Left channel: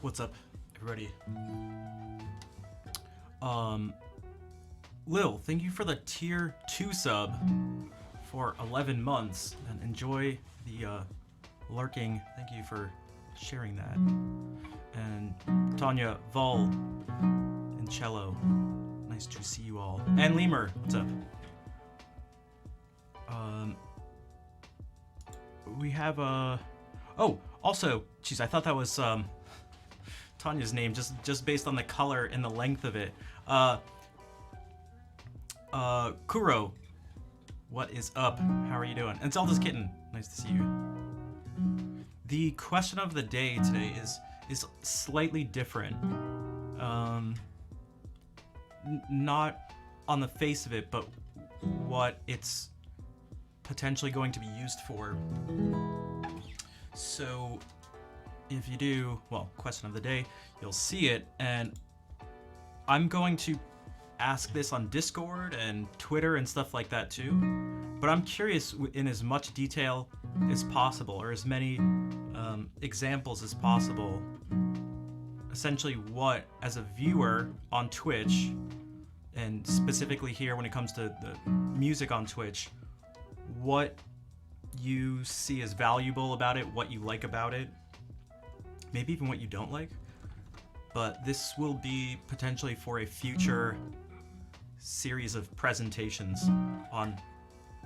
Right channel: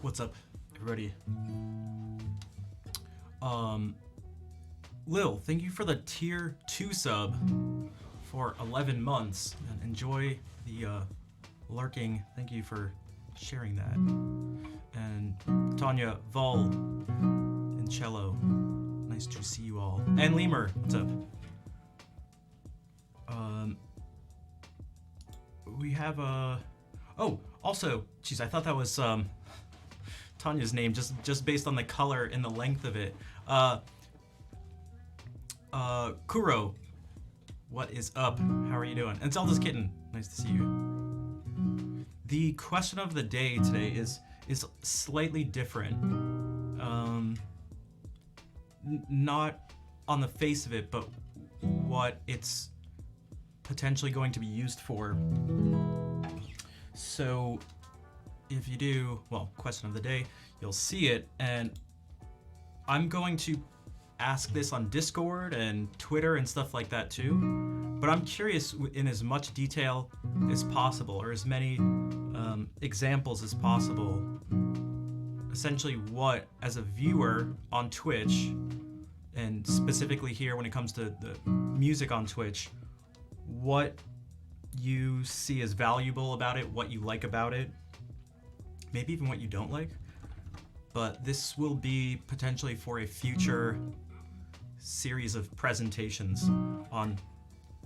What's up, everybody? Lil, thank you for the tier 2 sub for 11 months, and enjoy the lurking. Thank you for sharing that. And Tanya, Vol, and Cello, nice to see you all. And Lemur, what's up? We have oh, also, geez, I thought that was Tanya's name, just based on the color and the length of it. Kuro, what is up? How are you doing? And Zelda's Kitten, nice to see you. The question of the day today is slightly different. Not on the face of it, but what it's potentially going to be used for. So if you do, well, question of the day, you'll see it, and I'm going to ask this on Discord and Twitter and stuff like that too, but I'm curious in as much detail as possible, or as many examples as possible, essentially what, as a viewer on Twitch, and specifically here when it comes to the music on Twitch, what you see as valuable about it, what you like about it, maybe even what you don't like. But this will be potentially for a future series of presentations on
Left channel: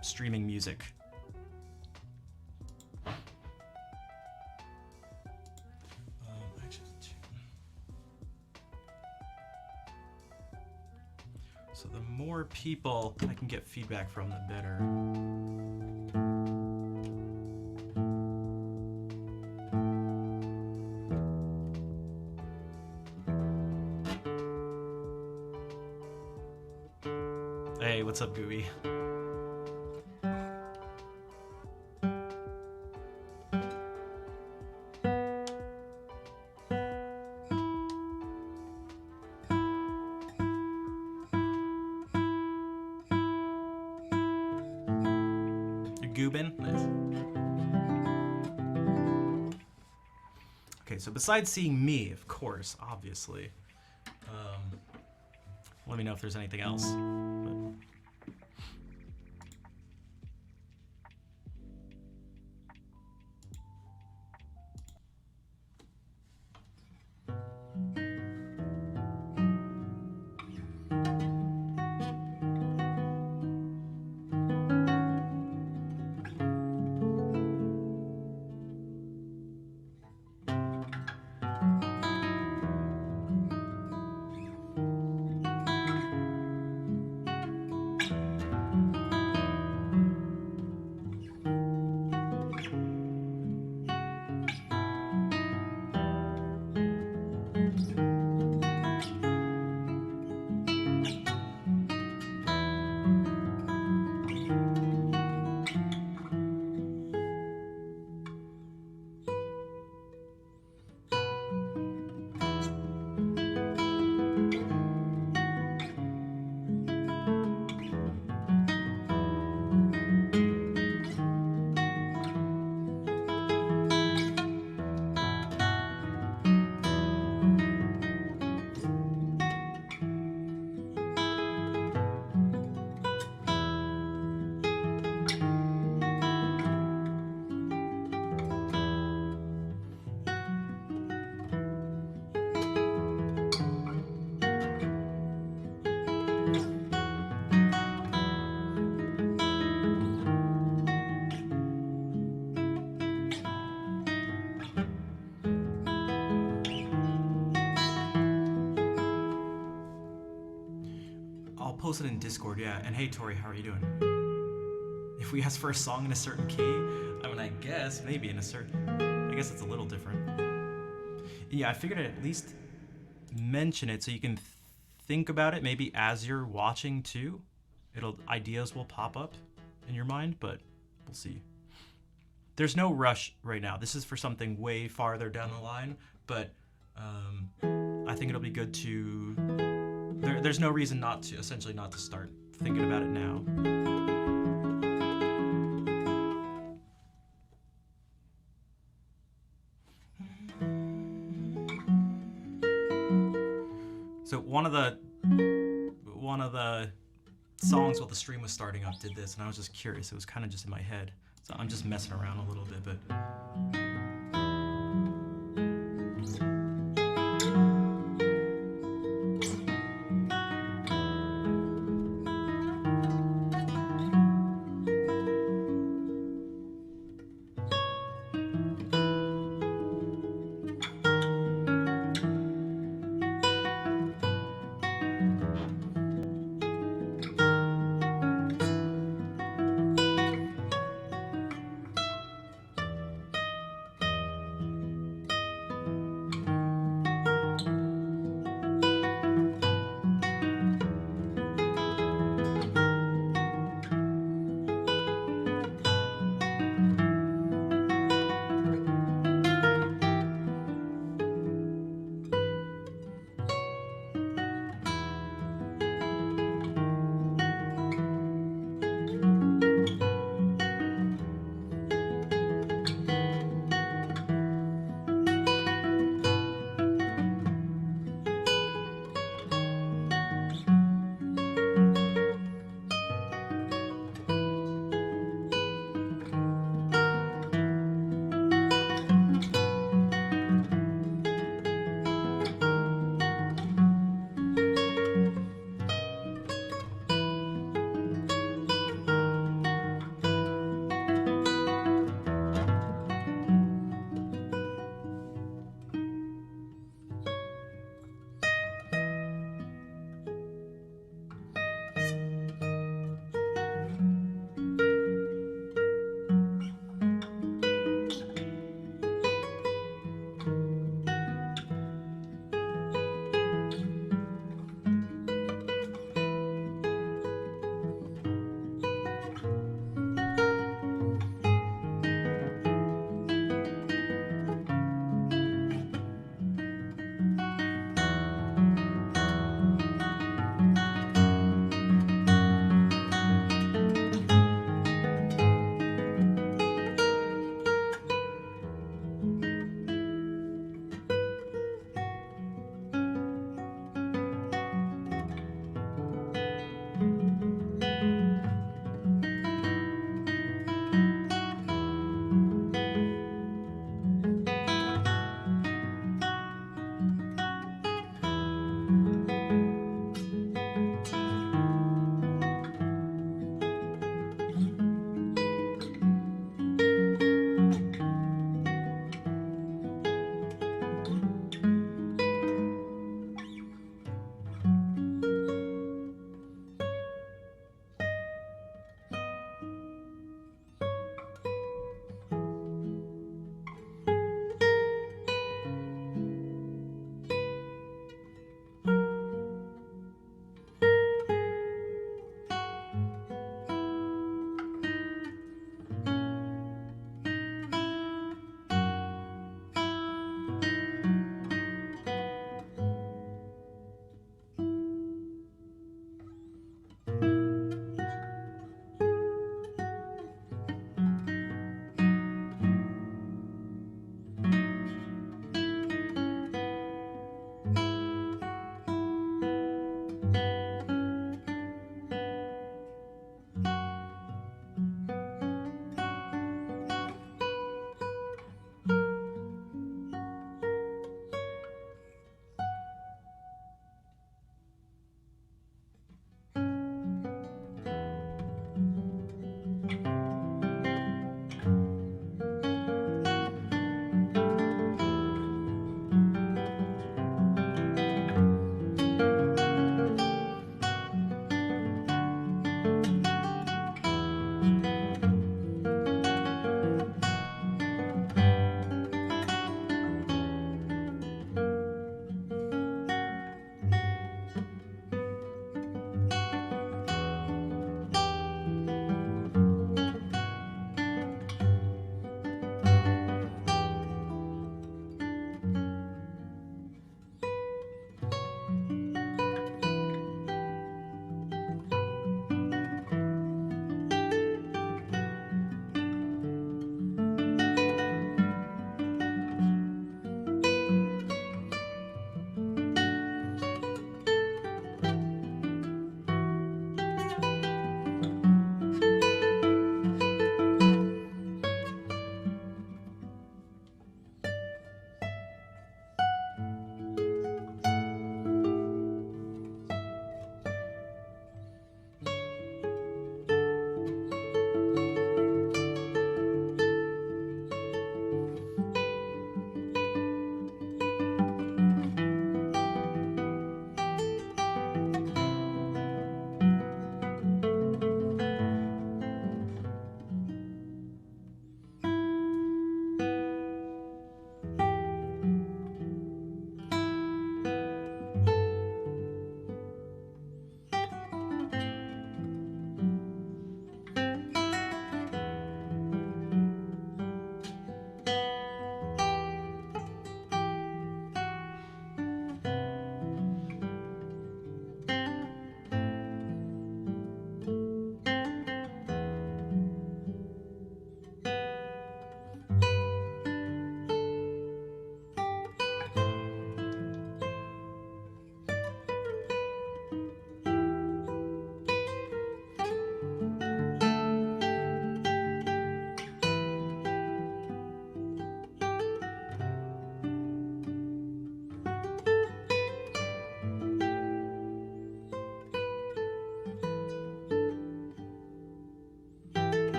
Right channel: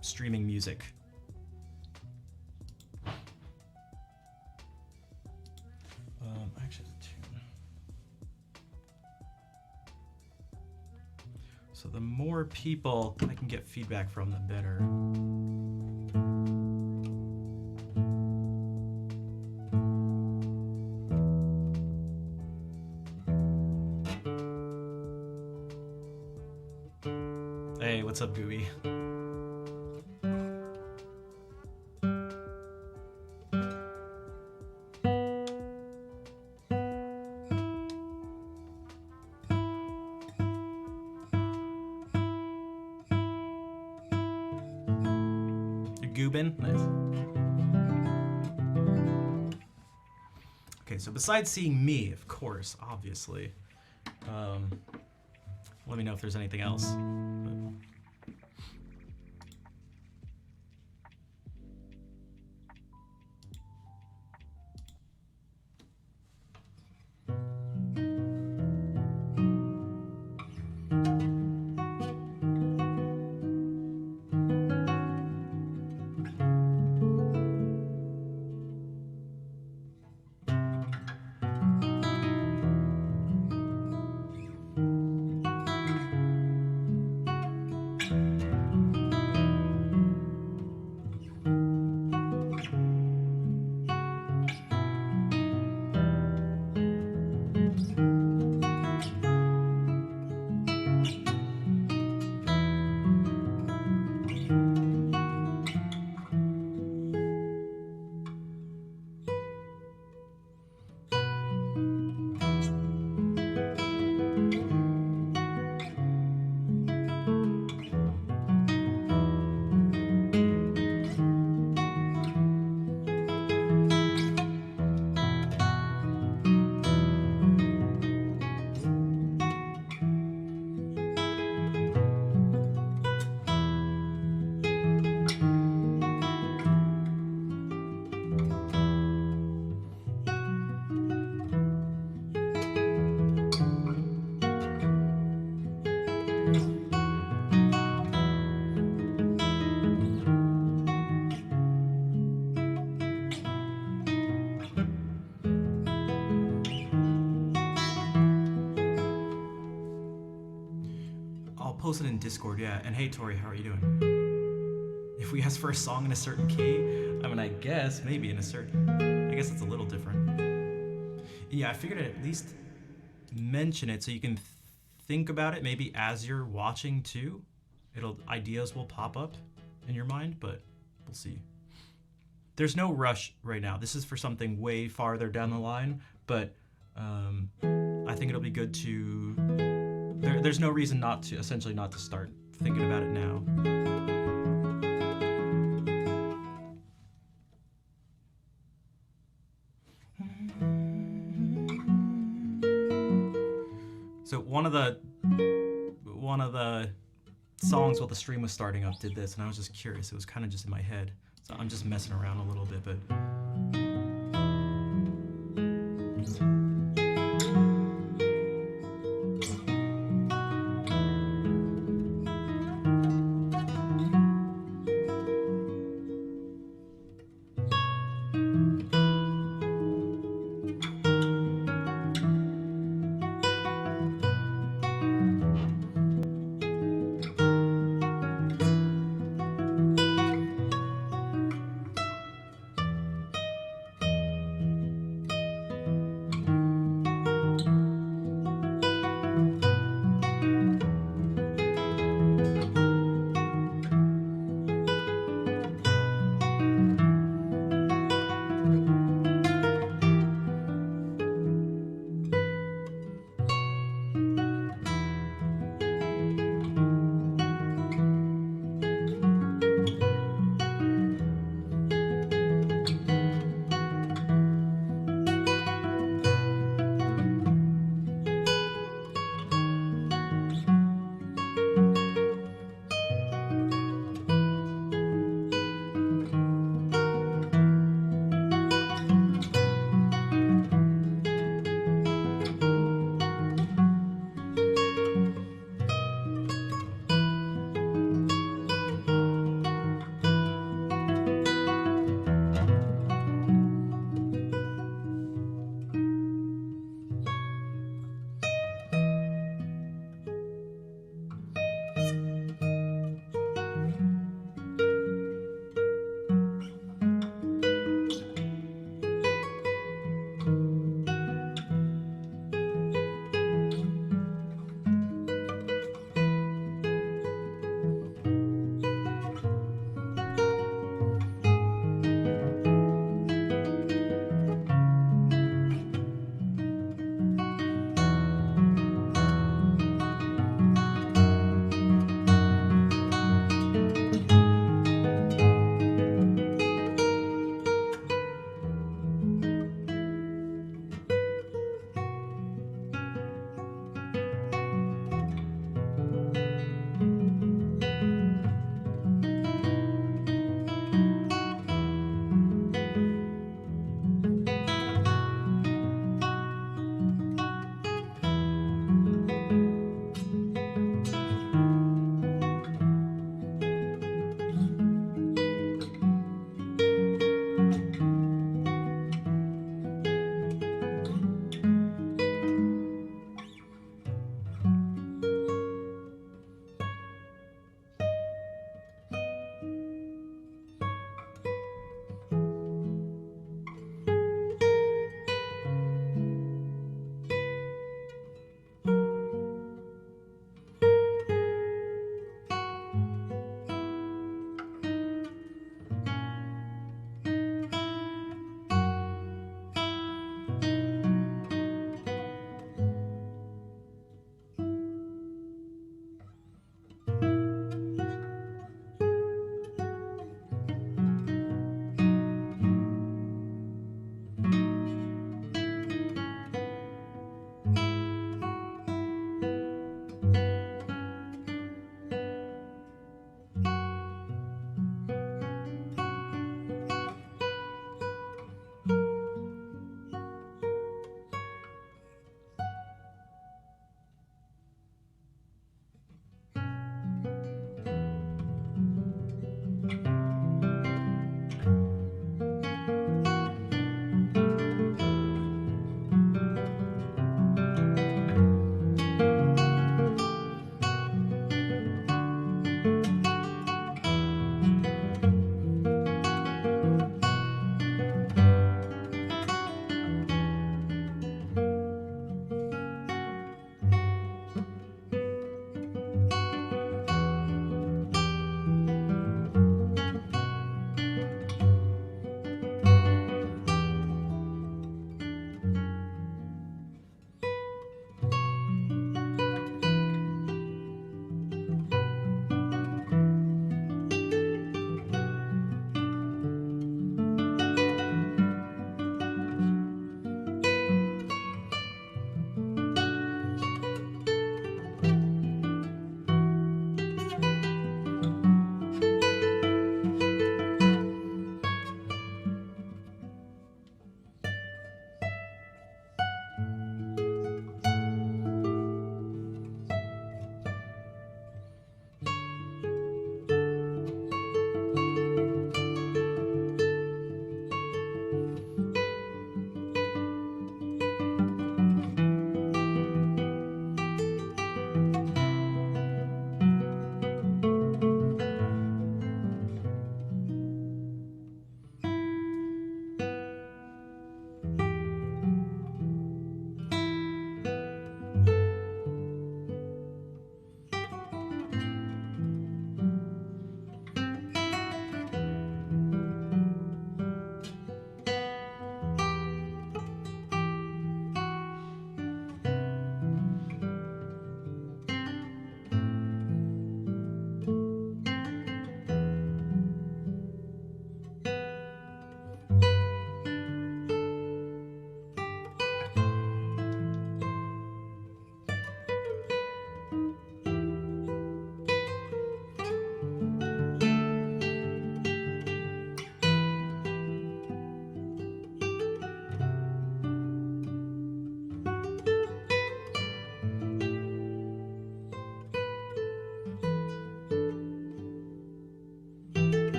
streaming music. So the more people I can get feedback from, the better. Hey, what's up, Gooey? Goobin? Nice. Okay, so besides seeing me, of course, obviously, let me know if there's anything else. post it in Discord, yeah. And hey, Tori, how are you doing? If we ask for a song in a certain key, I mean, I guess maybe in a certain. I guess it's a little different. Yeah, I figured I'd at least mention it so you can think about it maybe as you're watching too. Ideas will pop up in your mind, but we'll see. There's no rush right now. This is for something way farther down the line, but I think it'll be good to. There's no reason not to start thinking about it now. So one of the songs while the stream was starting up did this, and I was just curious. It was kind of just in my head, so I'm just messing around a little bit, but.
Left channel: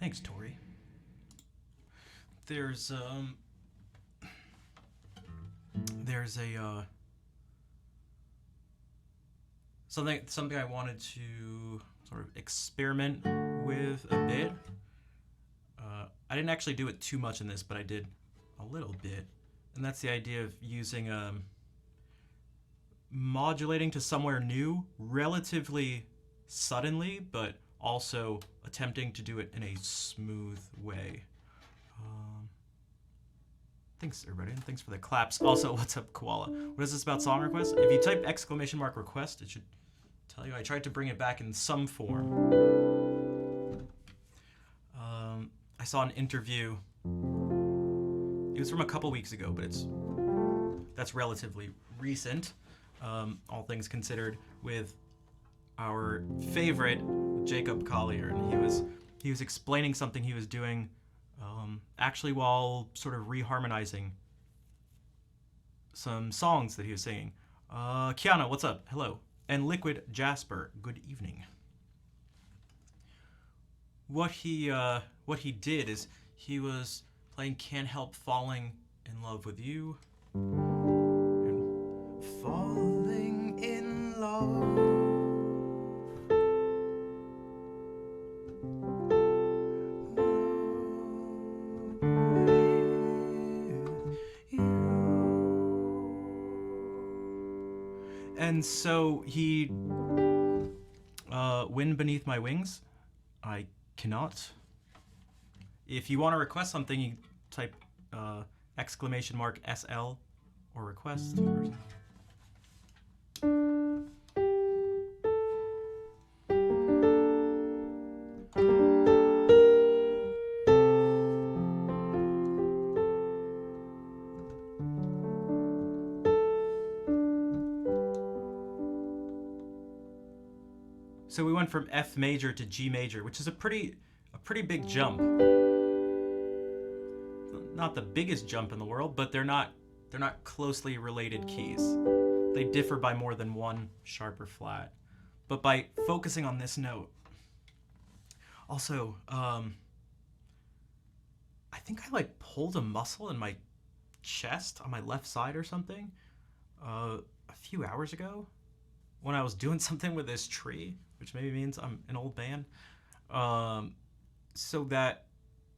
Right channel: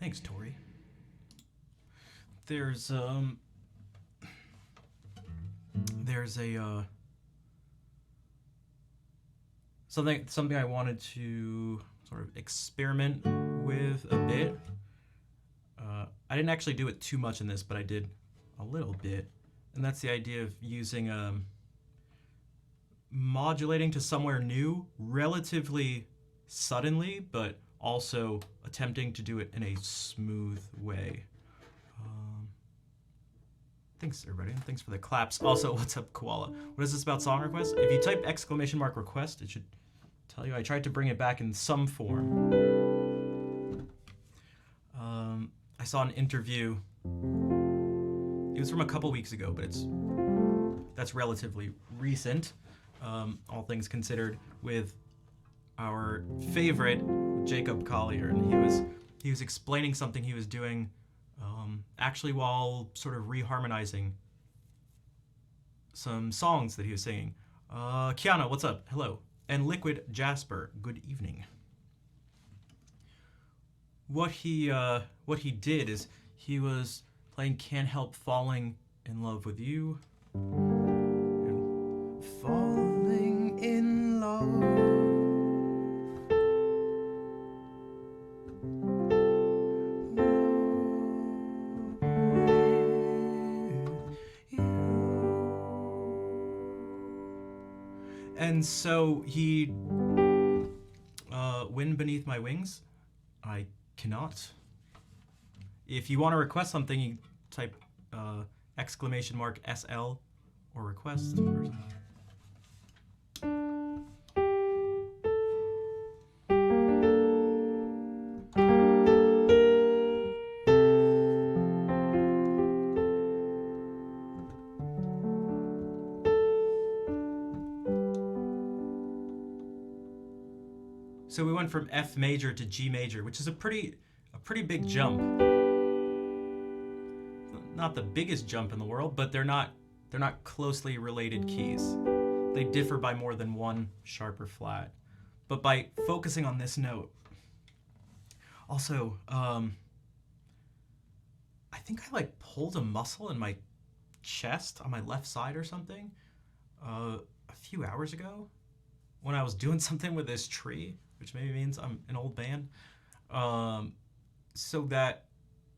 Thanks, Tori. There's there's a something I wanted to sort of experiment with a bit. I didn't actually do it too much in this, but I did a little bit, and that's the idea of using modulating to somewhere new relatively suddenly, but also attempting to do it in a smooth way. Thanks, everybody, and thanks for the claps. Also, what's up, Koala? What is this about song requests? If you type !! request, it should tell you. I tried to bring it back in some form. I saw an interview. It was from a couple weeks ago, but that's relatively recent, all things considered, with our favorite Jacob Collier, and he was explaining something he was doing, actually while sort of reharmonizing some songs that he was singing. Kiana, what's up? Hello. And Liquid Jasper, good evening. What he did is he was playing Can't Help Falling in Love with You. And falling in love. And so he, Wind Beneath My Wings, I cannot. If you want to request something, you type !SL or request. Or so we went from F major to G major, which is a pretty big jump. Not the biggest jump in the world, but they're not closely related keys. They differ by more than one sharp or flat. But by focusing on this note, also, I think I like pulled a muscle in my chest on my left side or something a few hours ago when I was doing something with this tree, which maybe means I'm an old man. So that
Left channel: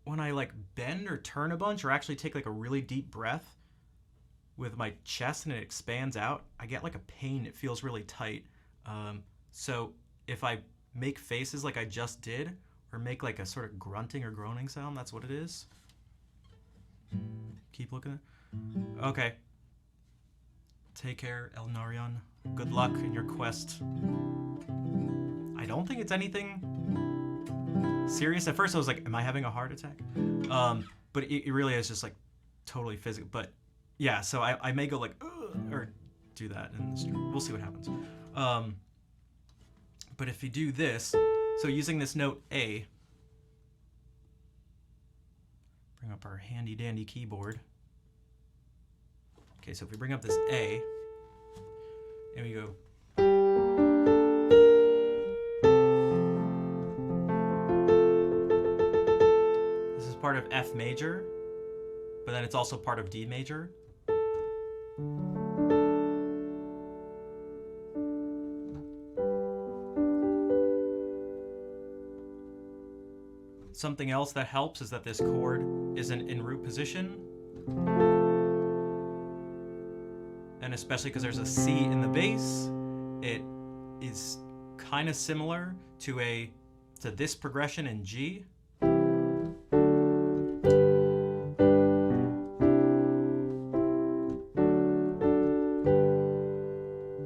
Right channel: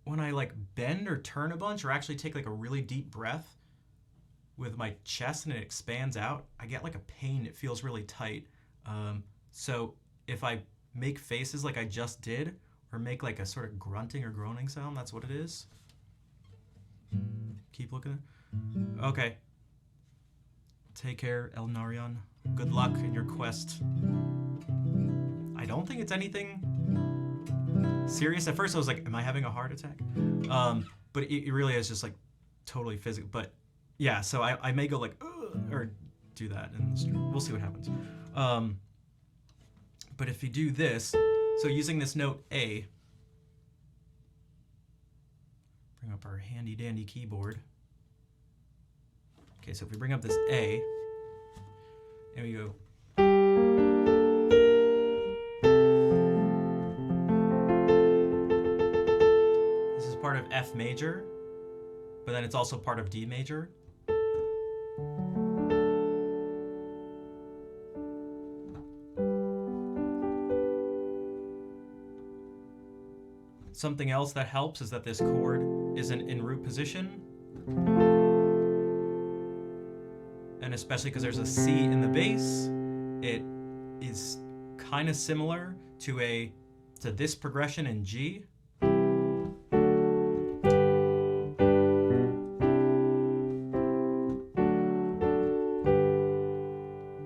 when I like bend or turn a bunch or actually take like a really deep breath with my chest and it expands out, I get like a pain. It feels really tight. So if I make faces like I just did or make like a sort of grunting or groaning sound, that's what it is. Keep looking. Okay. Take care, El Narion. Good luck in your quest. I don't think it's anything serious. At first I was like, am I having a heart attack? But it really is just like totally physical. But yeah, so I may go like, or do that in the stream. We'll see what happens. But if you do this, so using this note A, bring up our handy dandy keyboard. Okay, so if we bring up this A, and we go, this is part of F major, but then it's also part of D major. Something else that helps is that this chord isn't in root position. And especially because there's a C in the bass, it is kind of similar to this progression in G.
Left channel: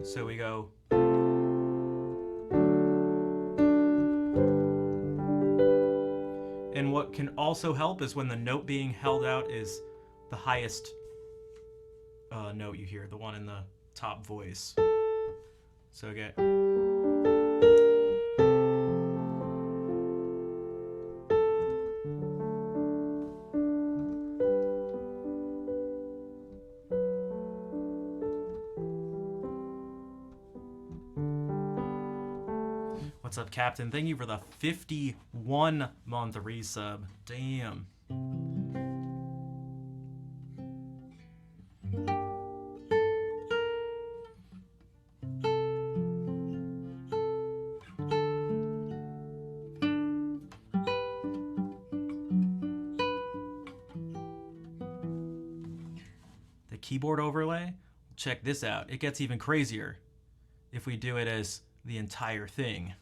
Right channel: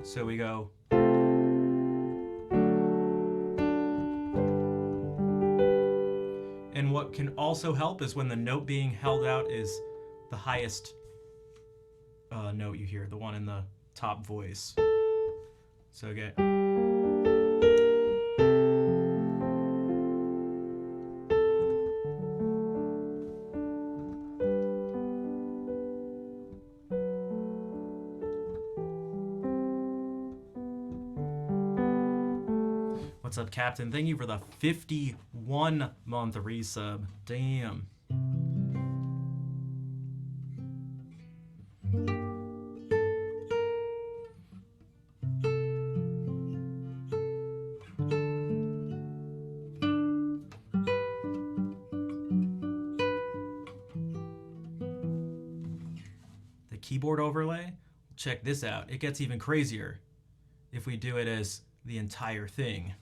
So we go. And what can also help is when the note being held out is the highest note you hear, the one in the top voice. So again. What's up, Captain? Thank you for the 51-month resub. Damn. The keyboard overlay, check this out. It gets even crazier if we do it as the entire thing.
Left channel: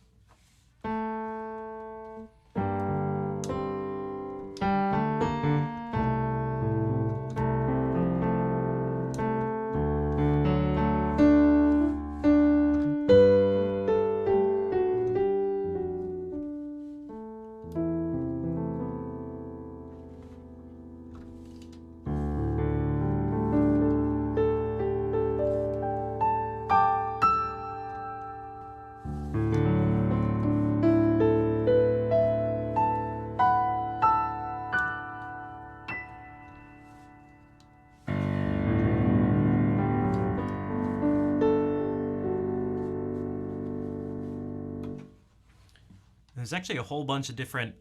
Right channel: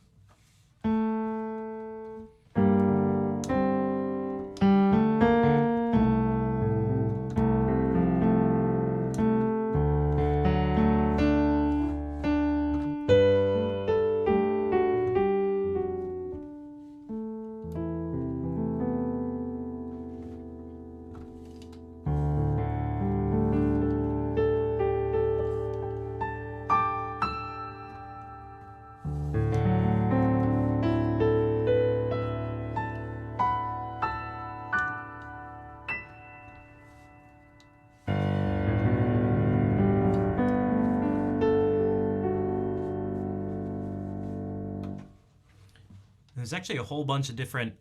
There's actually a whole bunch of different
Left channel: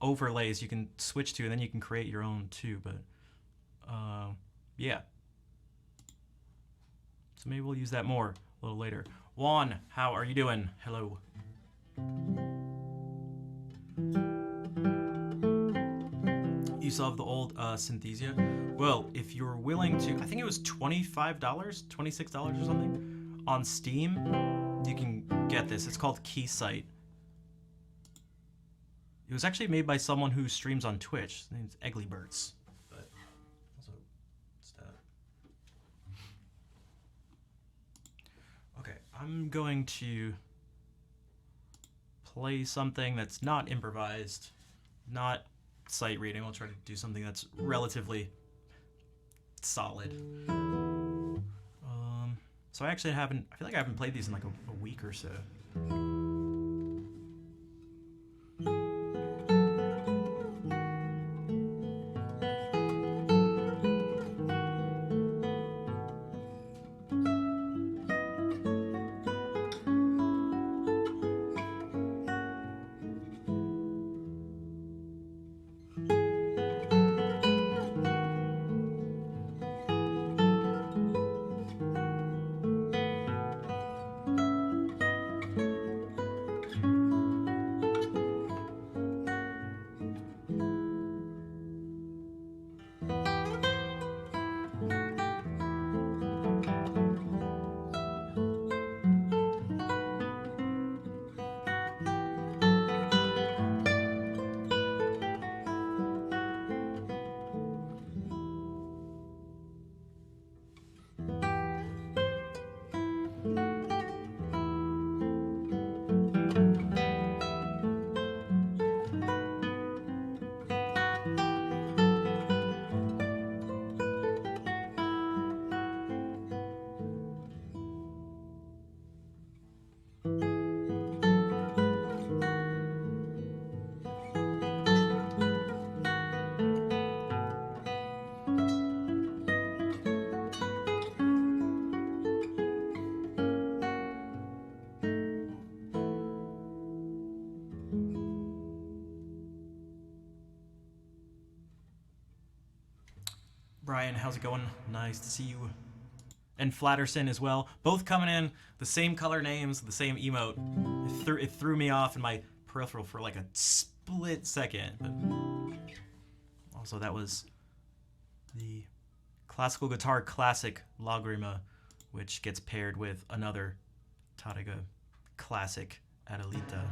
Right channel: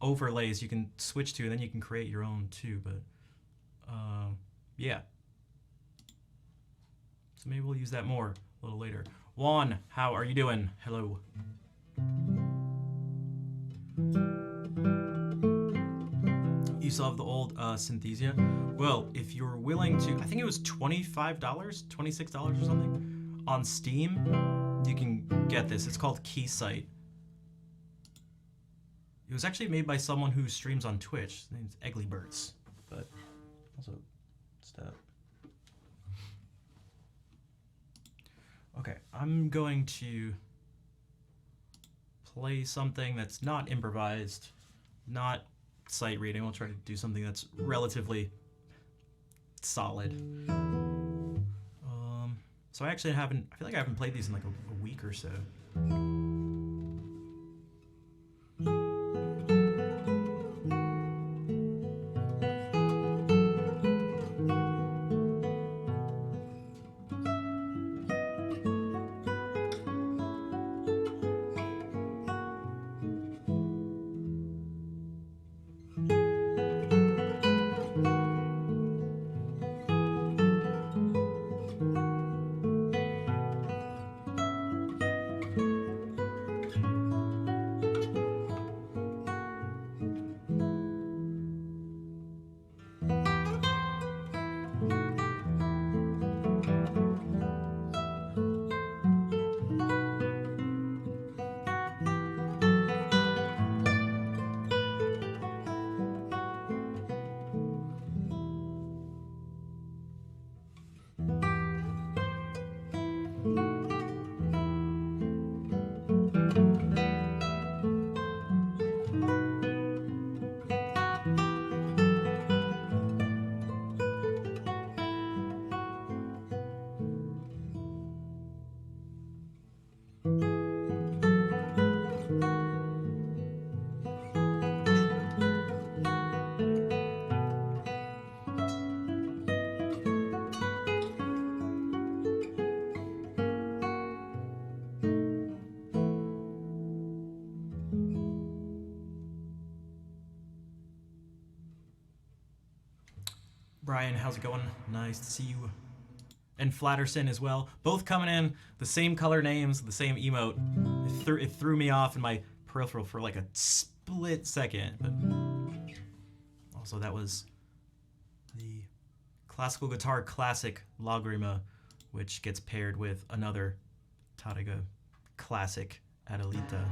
overlays you can switch to, and then you can create your own too, but yeah. So maybe we'll use that more a little later. Juan, how are you doing? Hello. You still have the old Synthesia? Well, if you're willing to, I think it was $25, $26 or something on Steam, you can get this. It's called Keysight. It was actually made by someone who streams on Twitch. His name's Egglyberts, but also stuff. Okay, I'm going to play something that's not improvised, not sight reading. We'll try to do something that's relatively solid. So I actually I feel like I haven't played these in like a week or so. Brian, how's it going? Nice to see you. And Flatterson as well. Both coming in, the same color names, the same emote. It threw me off in my peripheral for like a split second. But also that was the Classical Guitar Classic Lagrima, which gets paired with another Tarrega Classic Adelita.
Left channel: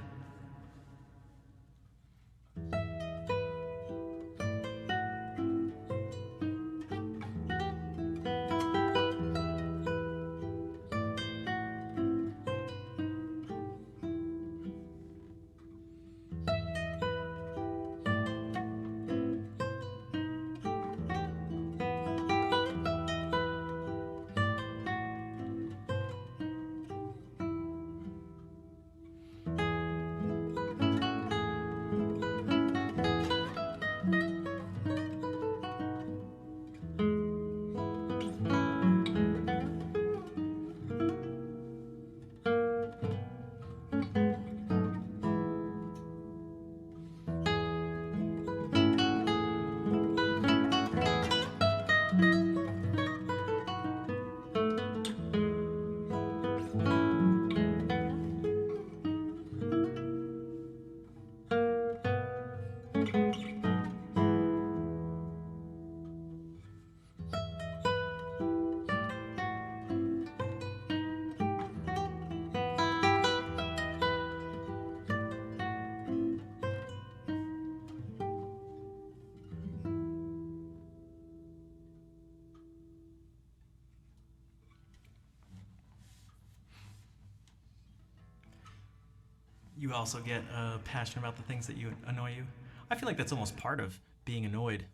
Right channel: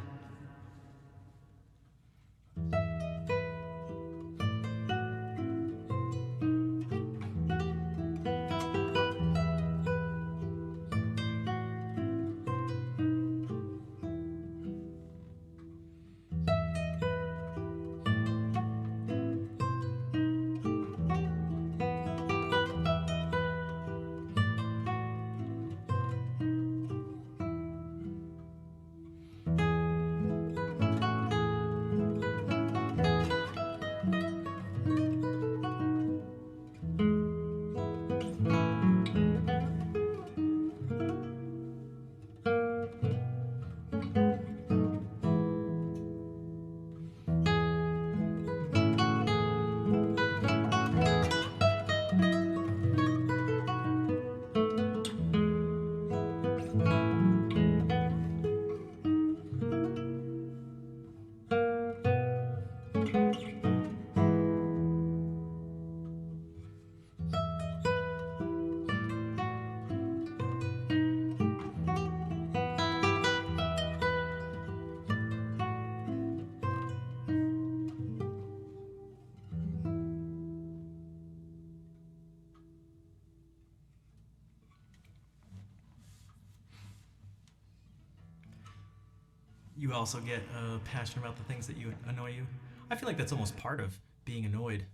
you also get passionate about the things that you annoy you. I feel like that's almost part of being annoyed.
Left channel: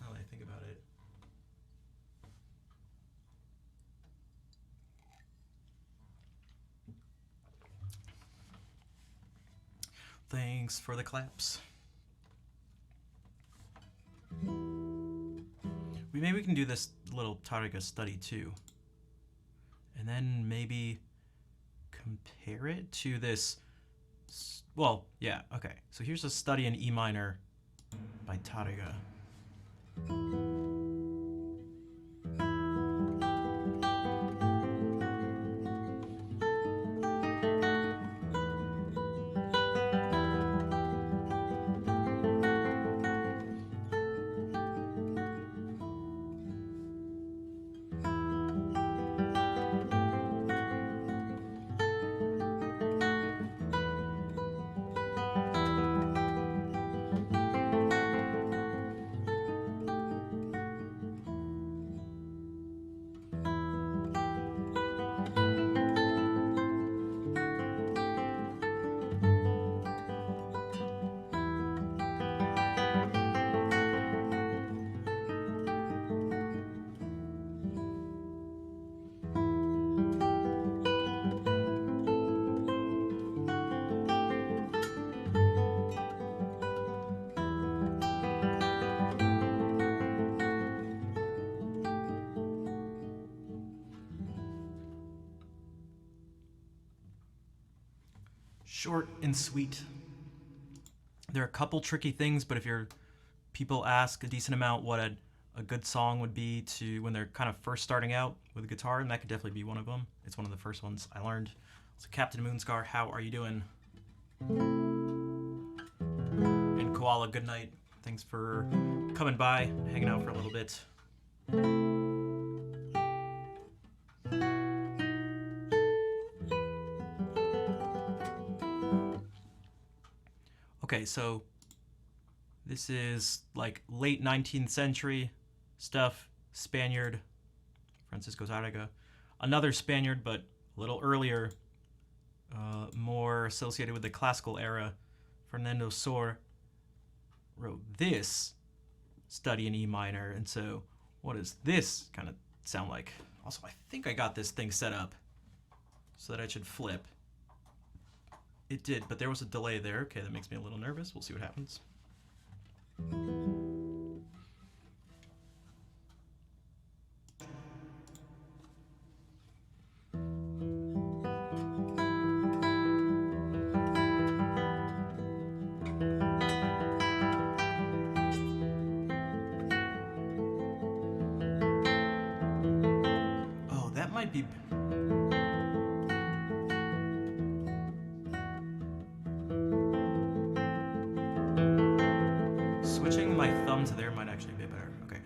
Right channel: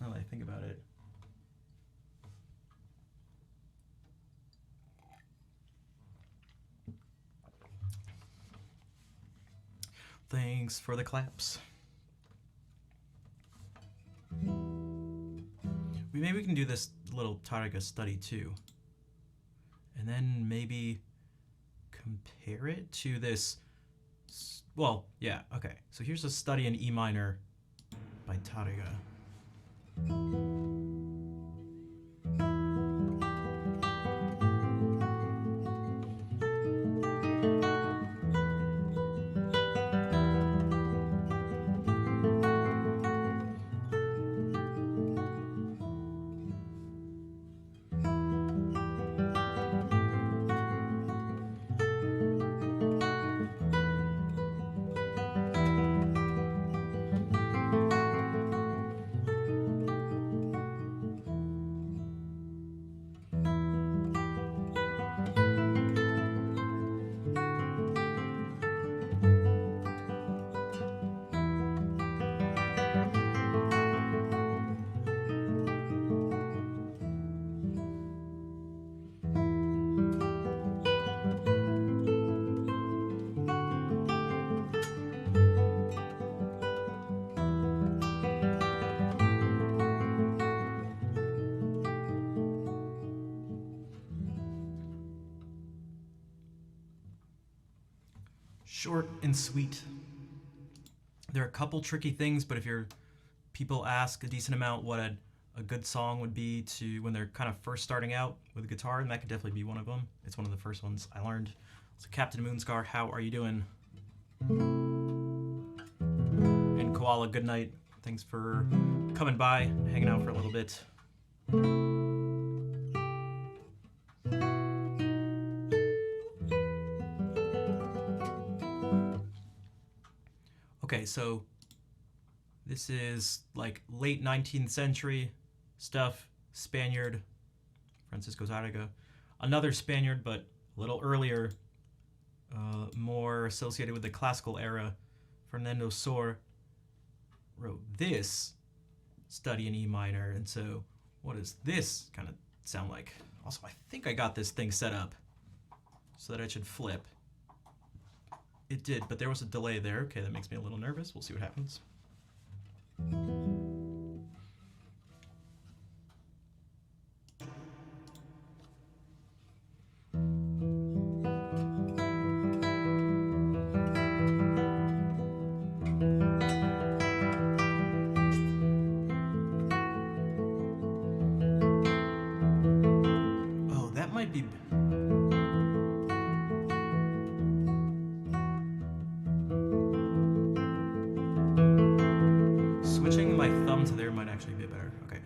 Now that I think about it. Thanks for the claps. Maybe we can do this little Tariga study too. And then maybe compare it to this. Well, yeah, okay. So here's a study in E minor by Tariga. Short and sweet. There are a couple tricky things, but if people ask a decent amount what a good song would be to when they're kind of first starting out with guitar, and that could definitely be one of them. It's one of the first ones I learned. So Captain Moonscar, how are you doing? And Koala, good night. Thanks for coming by, hanging out for a little bit. Okay, so this is like late 19th century stuff, Spaniard, Francisco Tárrega. Another Spaniard, but a little earlier, more associated with the classical era, Fernando Sor wrote this study in E minor. And so what does this kind of sound like? Also, I think I got this thing set up so that it should flip. It did, but there was a delay there. Okay, that makes me a little nervous. We'll see what happens. Oh, that might be... Switching my thumb to there might actually be better. Okay.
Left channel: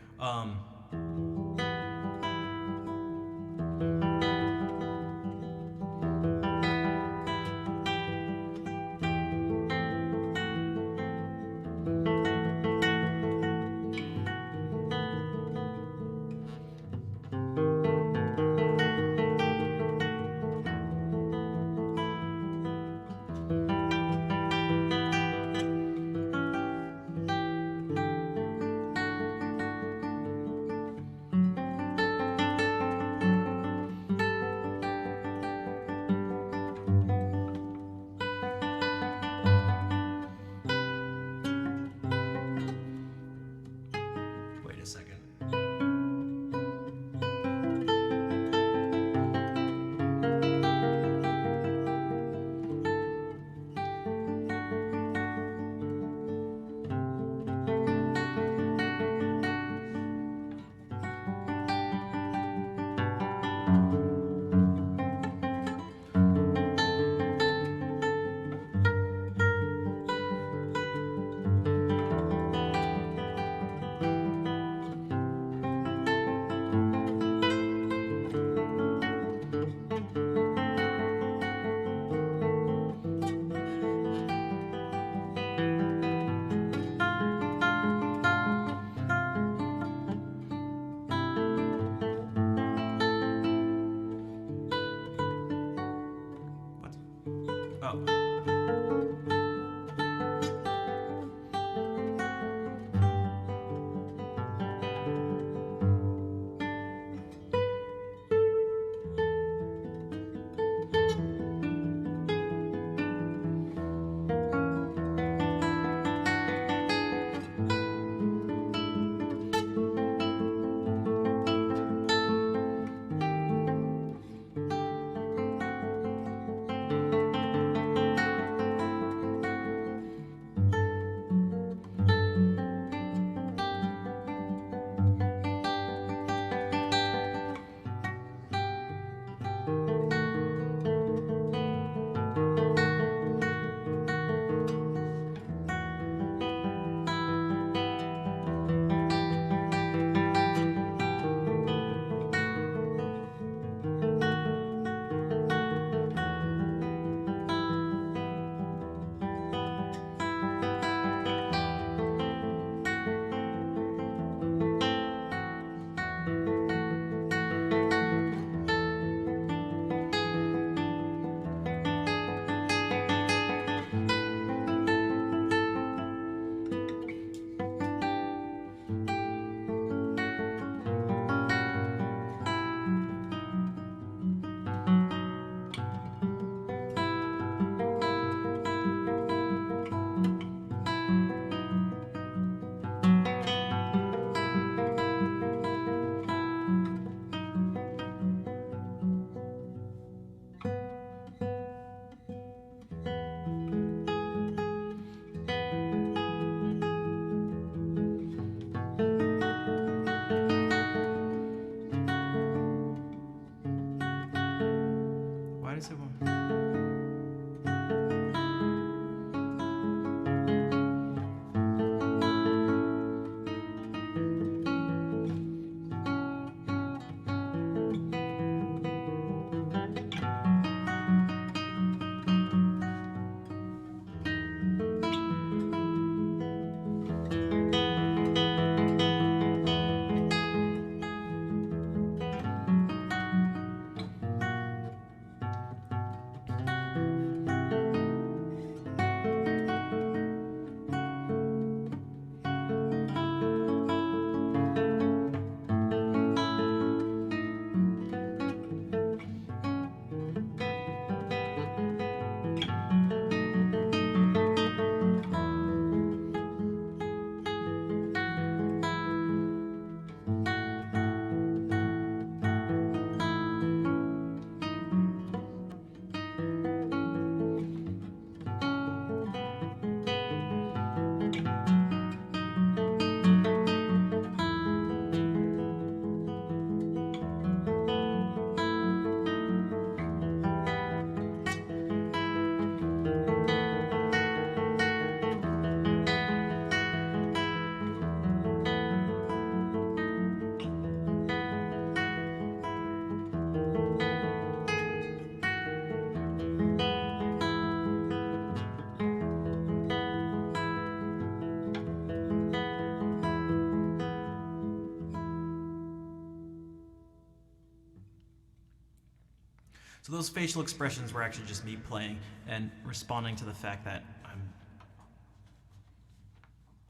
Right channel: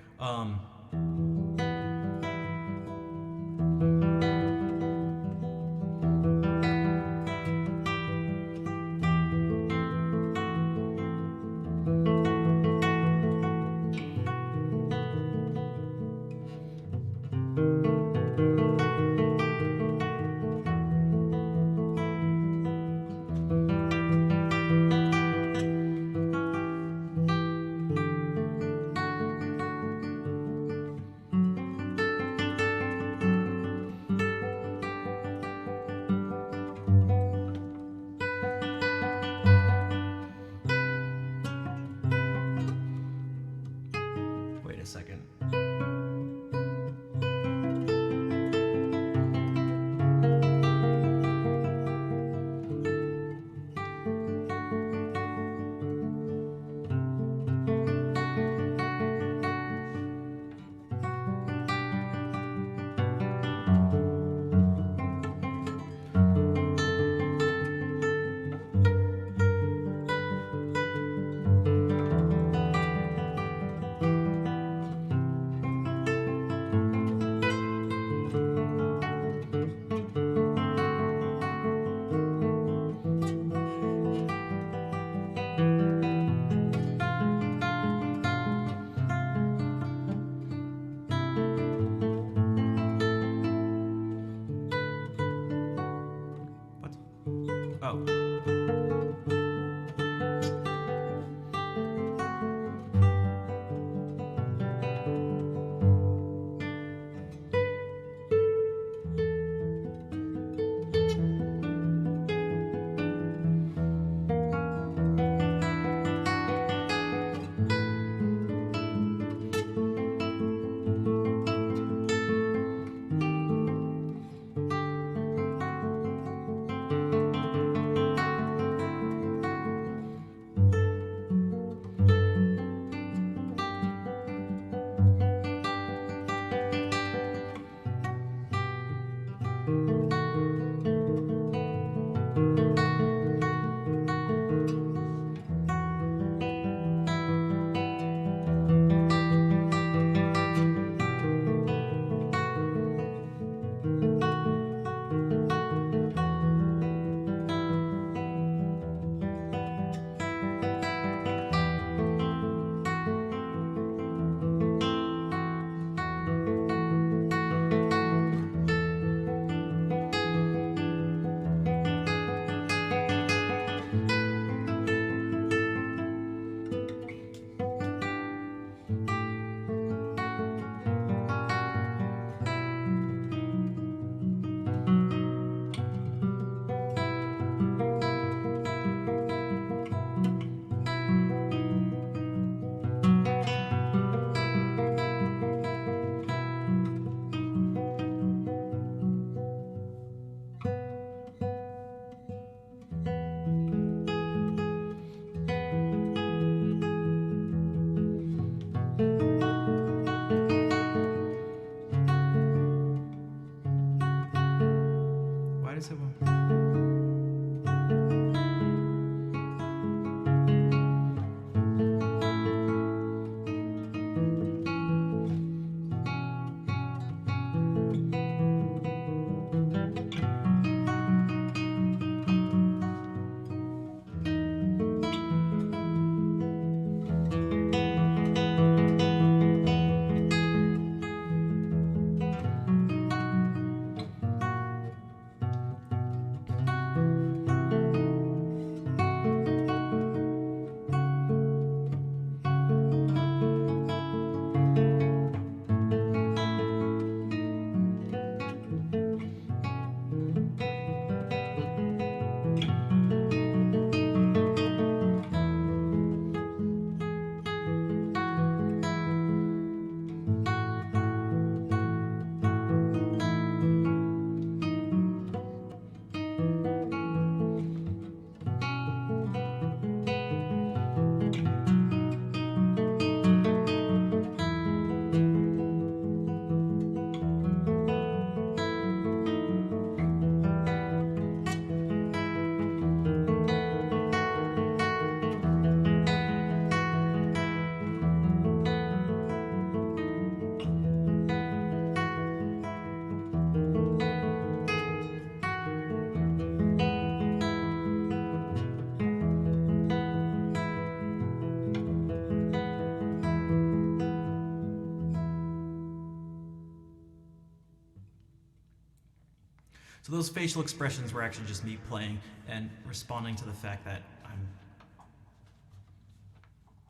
So those facial expressions were actually just me playing and responding to the fact that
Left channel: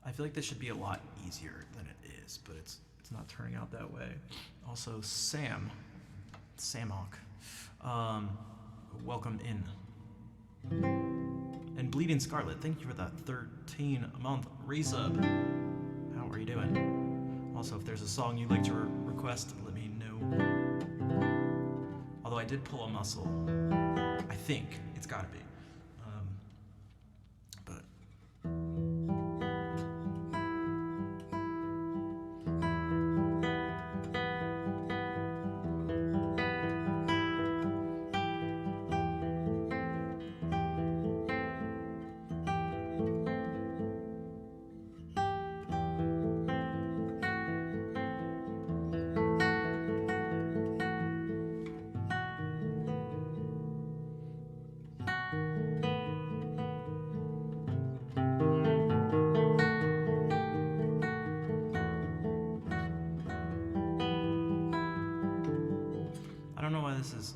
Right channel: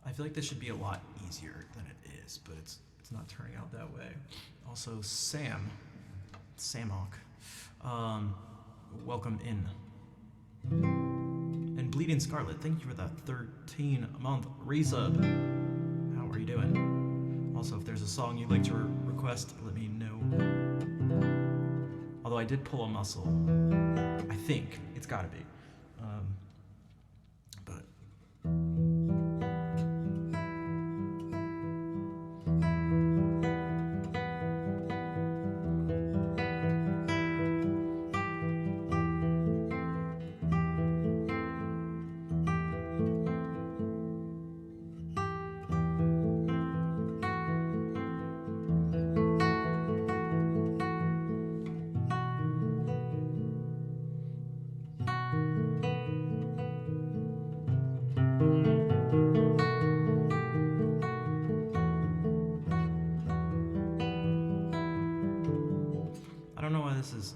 I feel like this should be a lot easier than it is, but it's not turning out that way. Also, Samok, welcome in. And Bleeding Scarlet, thank you for that 13-month resub. How are you doing? Also, if there's a song you'd like to request, let me know. Although I did pull a muscle. I think. It's gotta be. But... I don't know why this is...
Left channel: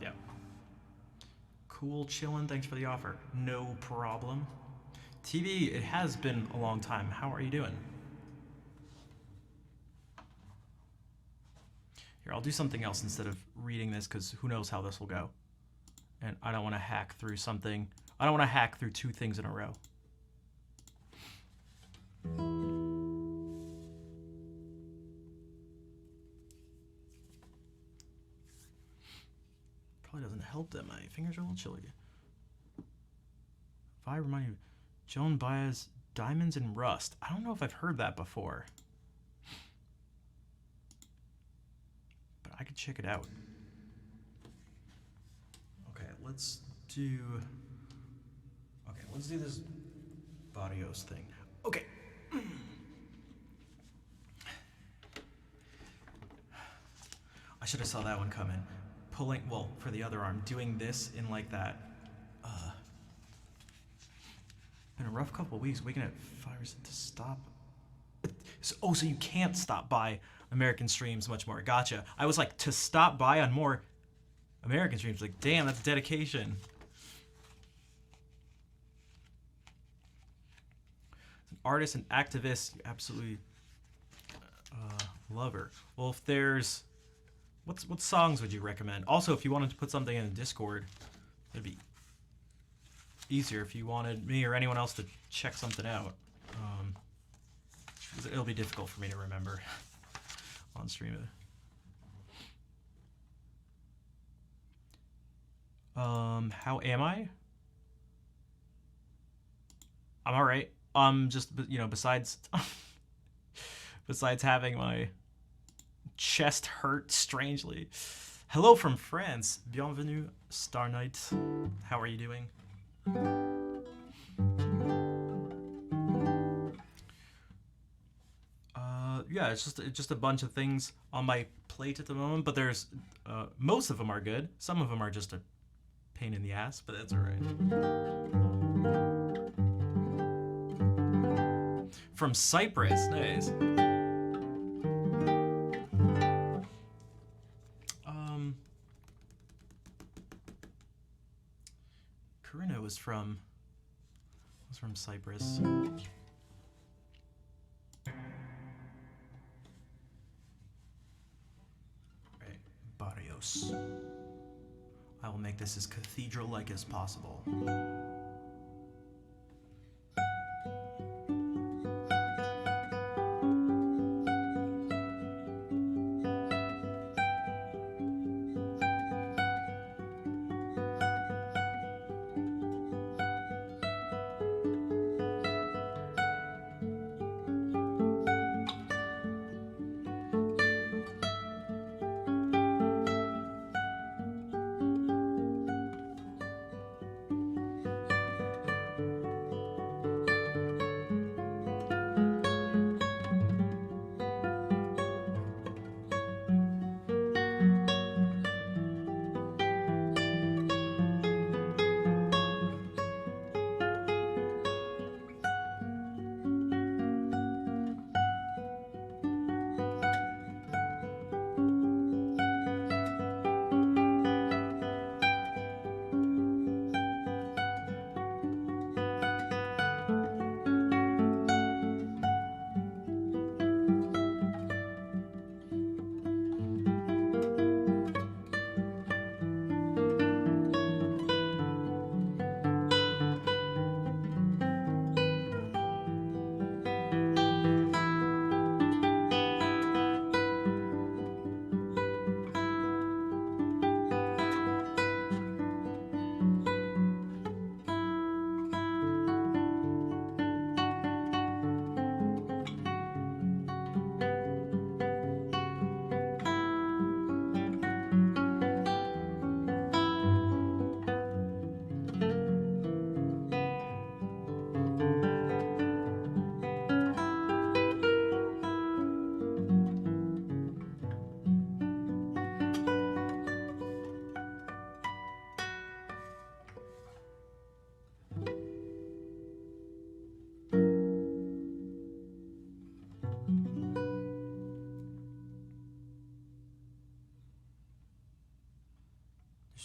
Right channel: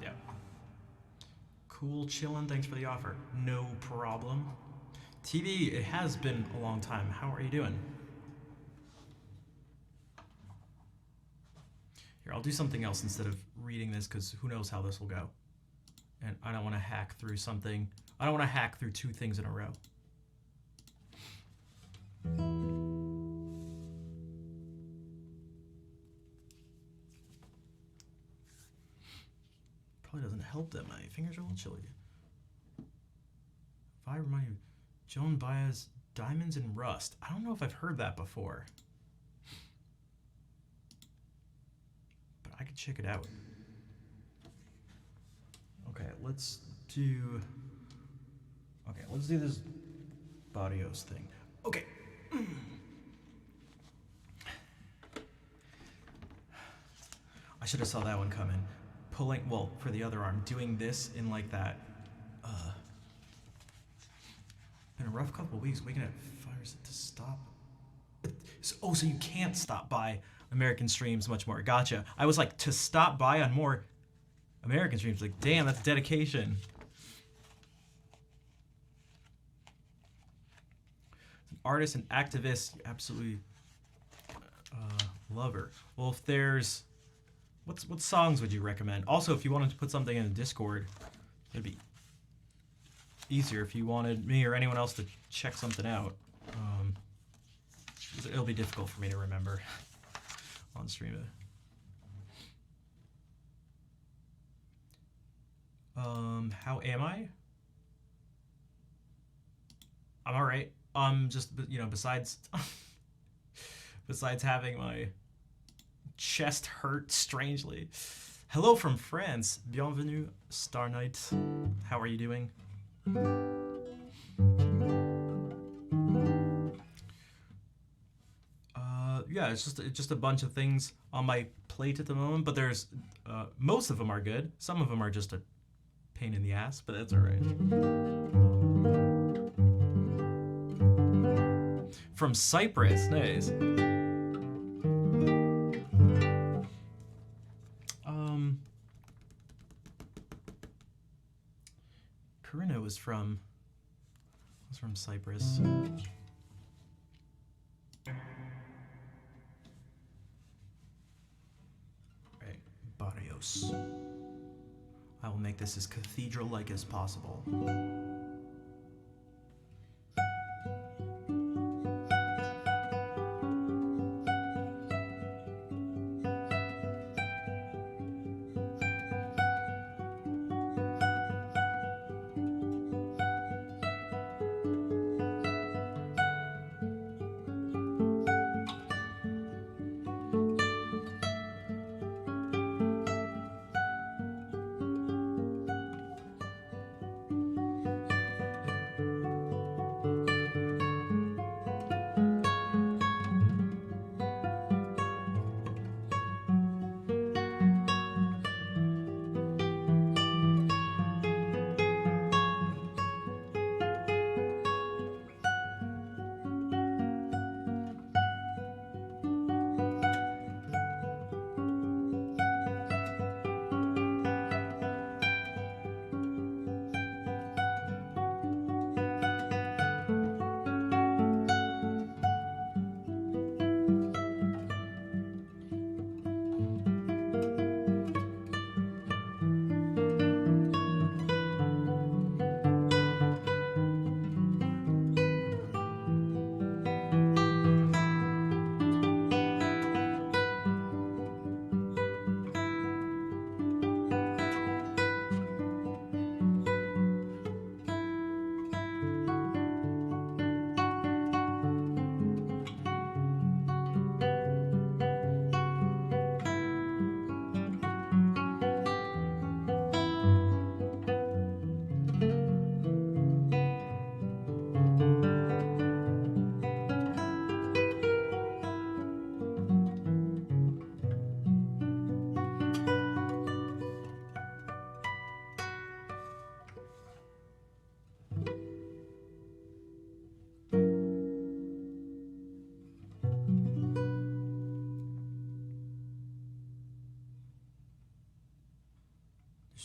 yeah. Cool, chillin', thanks for the offer. No problem. TV, it has been a long time. How are you doing? Here, I'll do something else instead of reading this, because who knows how this will go. And I don't want to hack through something. I don't want to hack through two things in a row. Probably doesn't help that my fingers are a little chilly. If I remind you, Joan Baez, Diamonds and Rust. I don't know if I've heard that before. But I could check it out. Okay, let's do this Barrios thing. Okay. I should have saw that one coming. Pulling, well, for the other arm, doing this in like that. Been a rough couple of weeks. Waking at fires to stop. So you can't stop by American streams much more. Gotcha. I was like, to stop by on more American streams. Like, damn, that's dedication. As an artist and activist, you absolutely love her. Well, if there's... What songs would you recommend? Also, if you wanted to put something in the Discord, it'd be easier if you wanted me or anyone else to check something out. It'll be difficult for me to remember on stream. How am I? I'm all right. Just, besides having my chest hurt strangely. Hello from France. Bienvenue, Star Knight. How are you doing? Yeah, it's just a bunch of things on my plate at the moment, but there's most of them are good. Some of them are just a pain in the ass, but that's all right. From Cyprus, nice. Karina was from Cyprus. Right, Barrios. I will make this as cathedral-like as possible.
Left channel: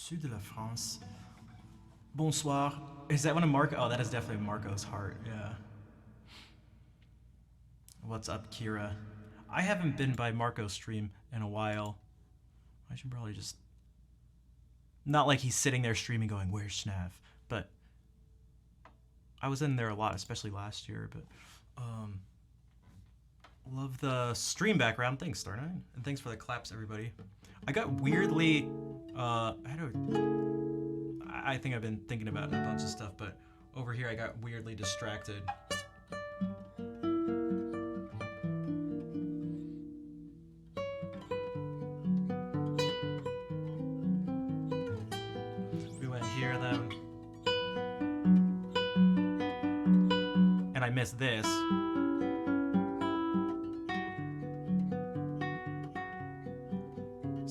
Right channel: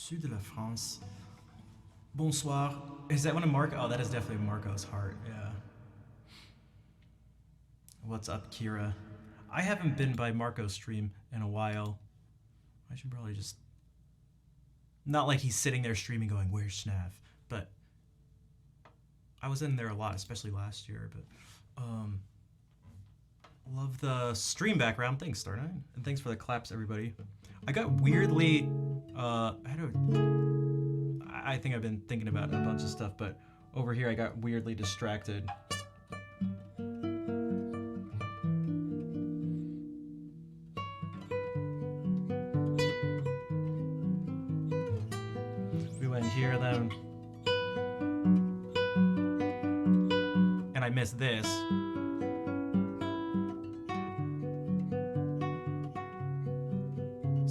Sud de la France. Bonsoir. Is that one of Marco? Oh, that is definitely Marco's heart. Yeah. What's up, Kira? I haven't been by Marco's stream in a while. I should probably just... Not like he's sitting there streaming going, where's Schnav? But I was in there a lot, especially last year. But love the stream background. Thanks, Star9. And thanks for the claps, everybody. I got weirdly... I think I've been thinking about a bunch of stuff, but over here I got weirdly distracted. We went here then. And I missed this.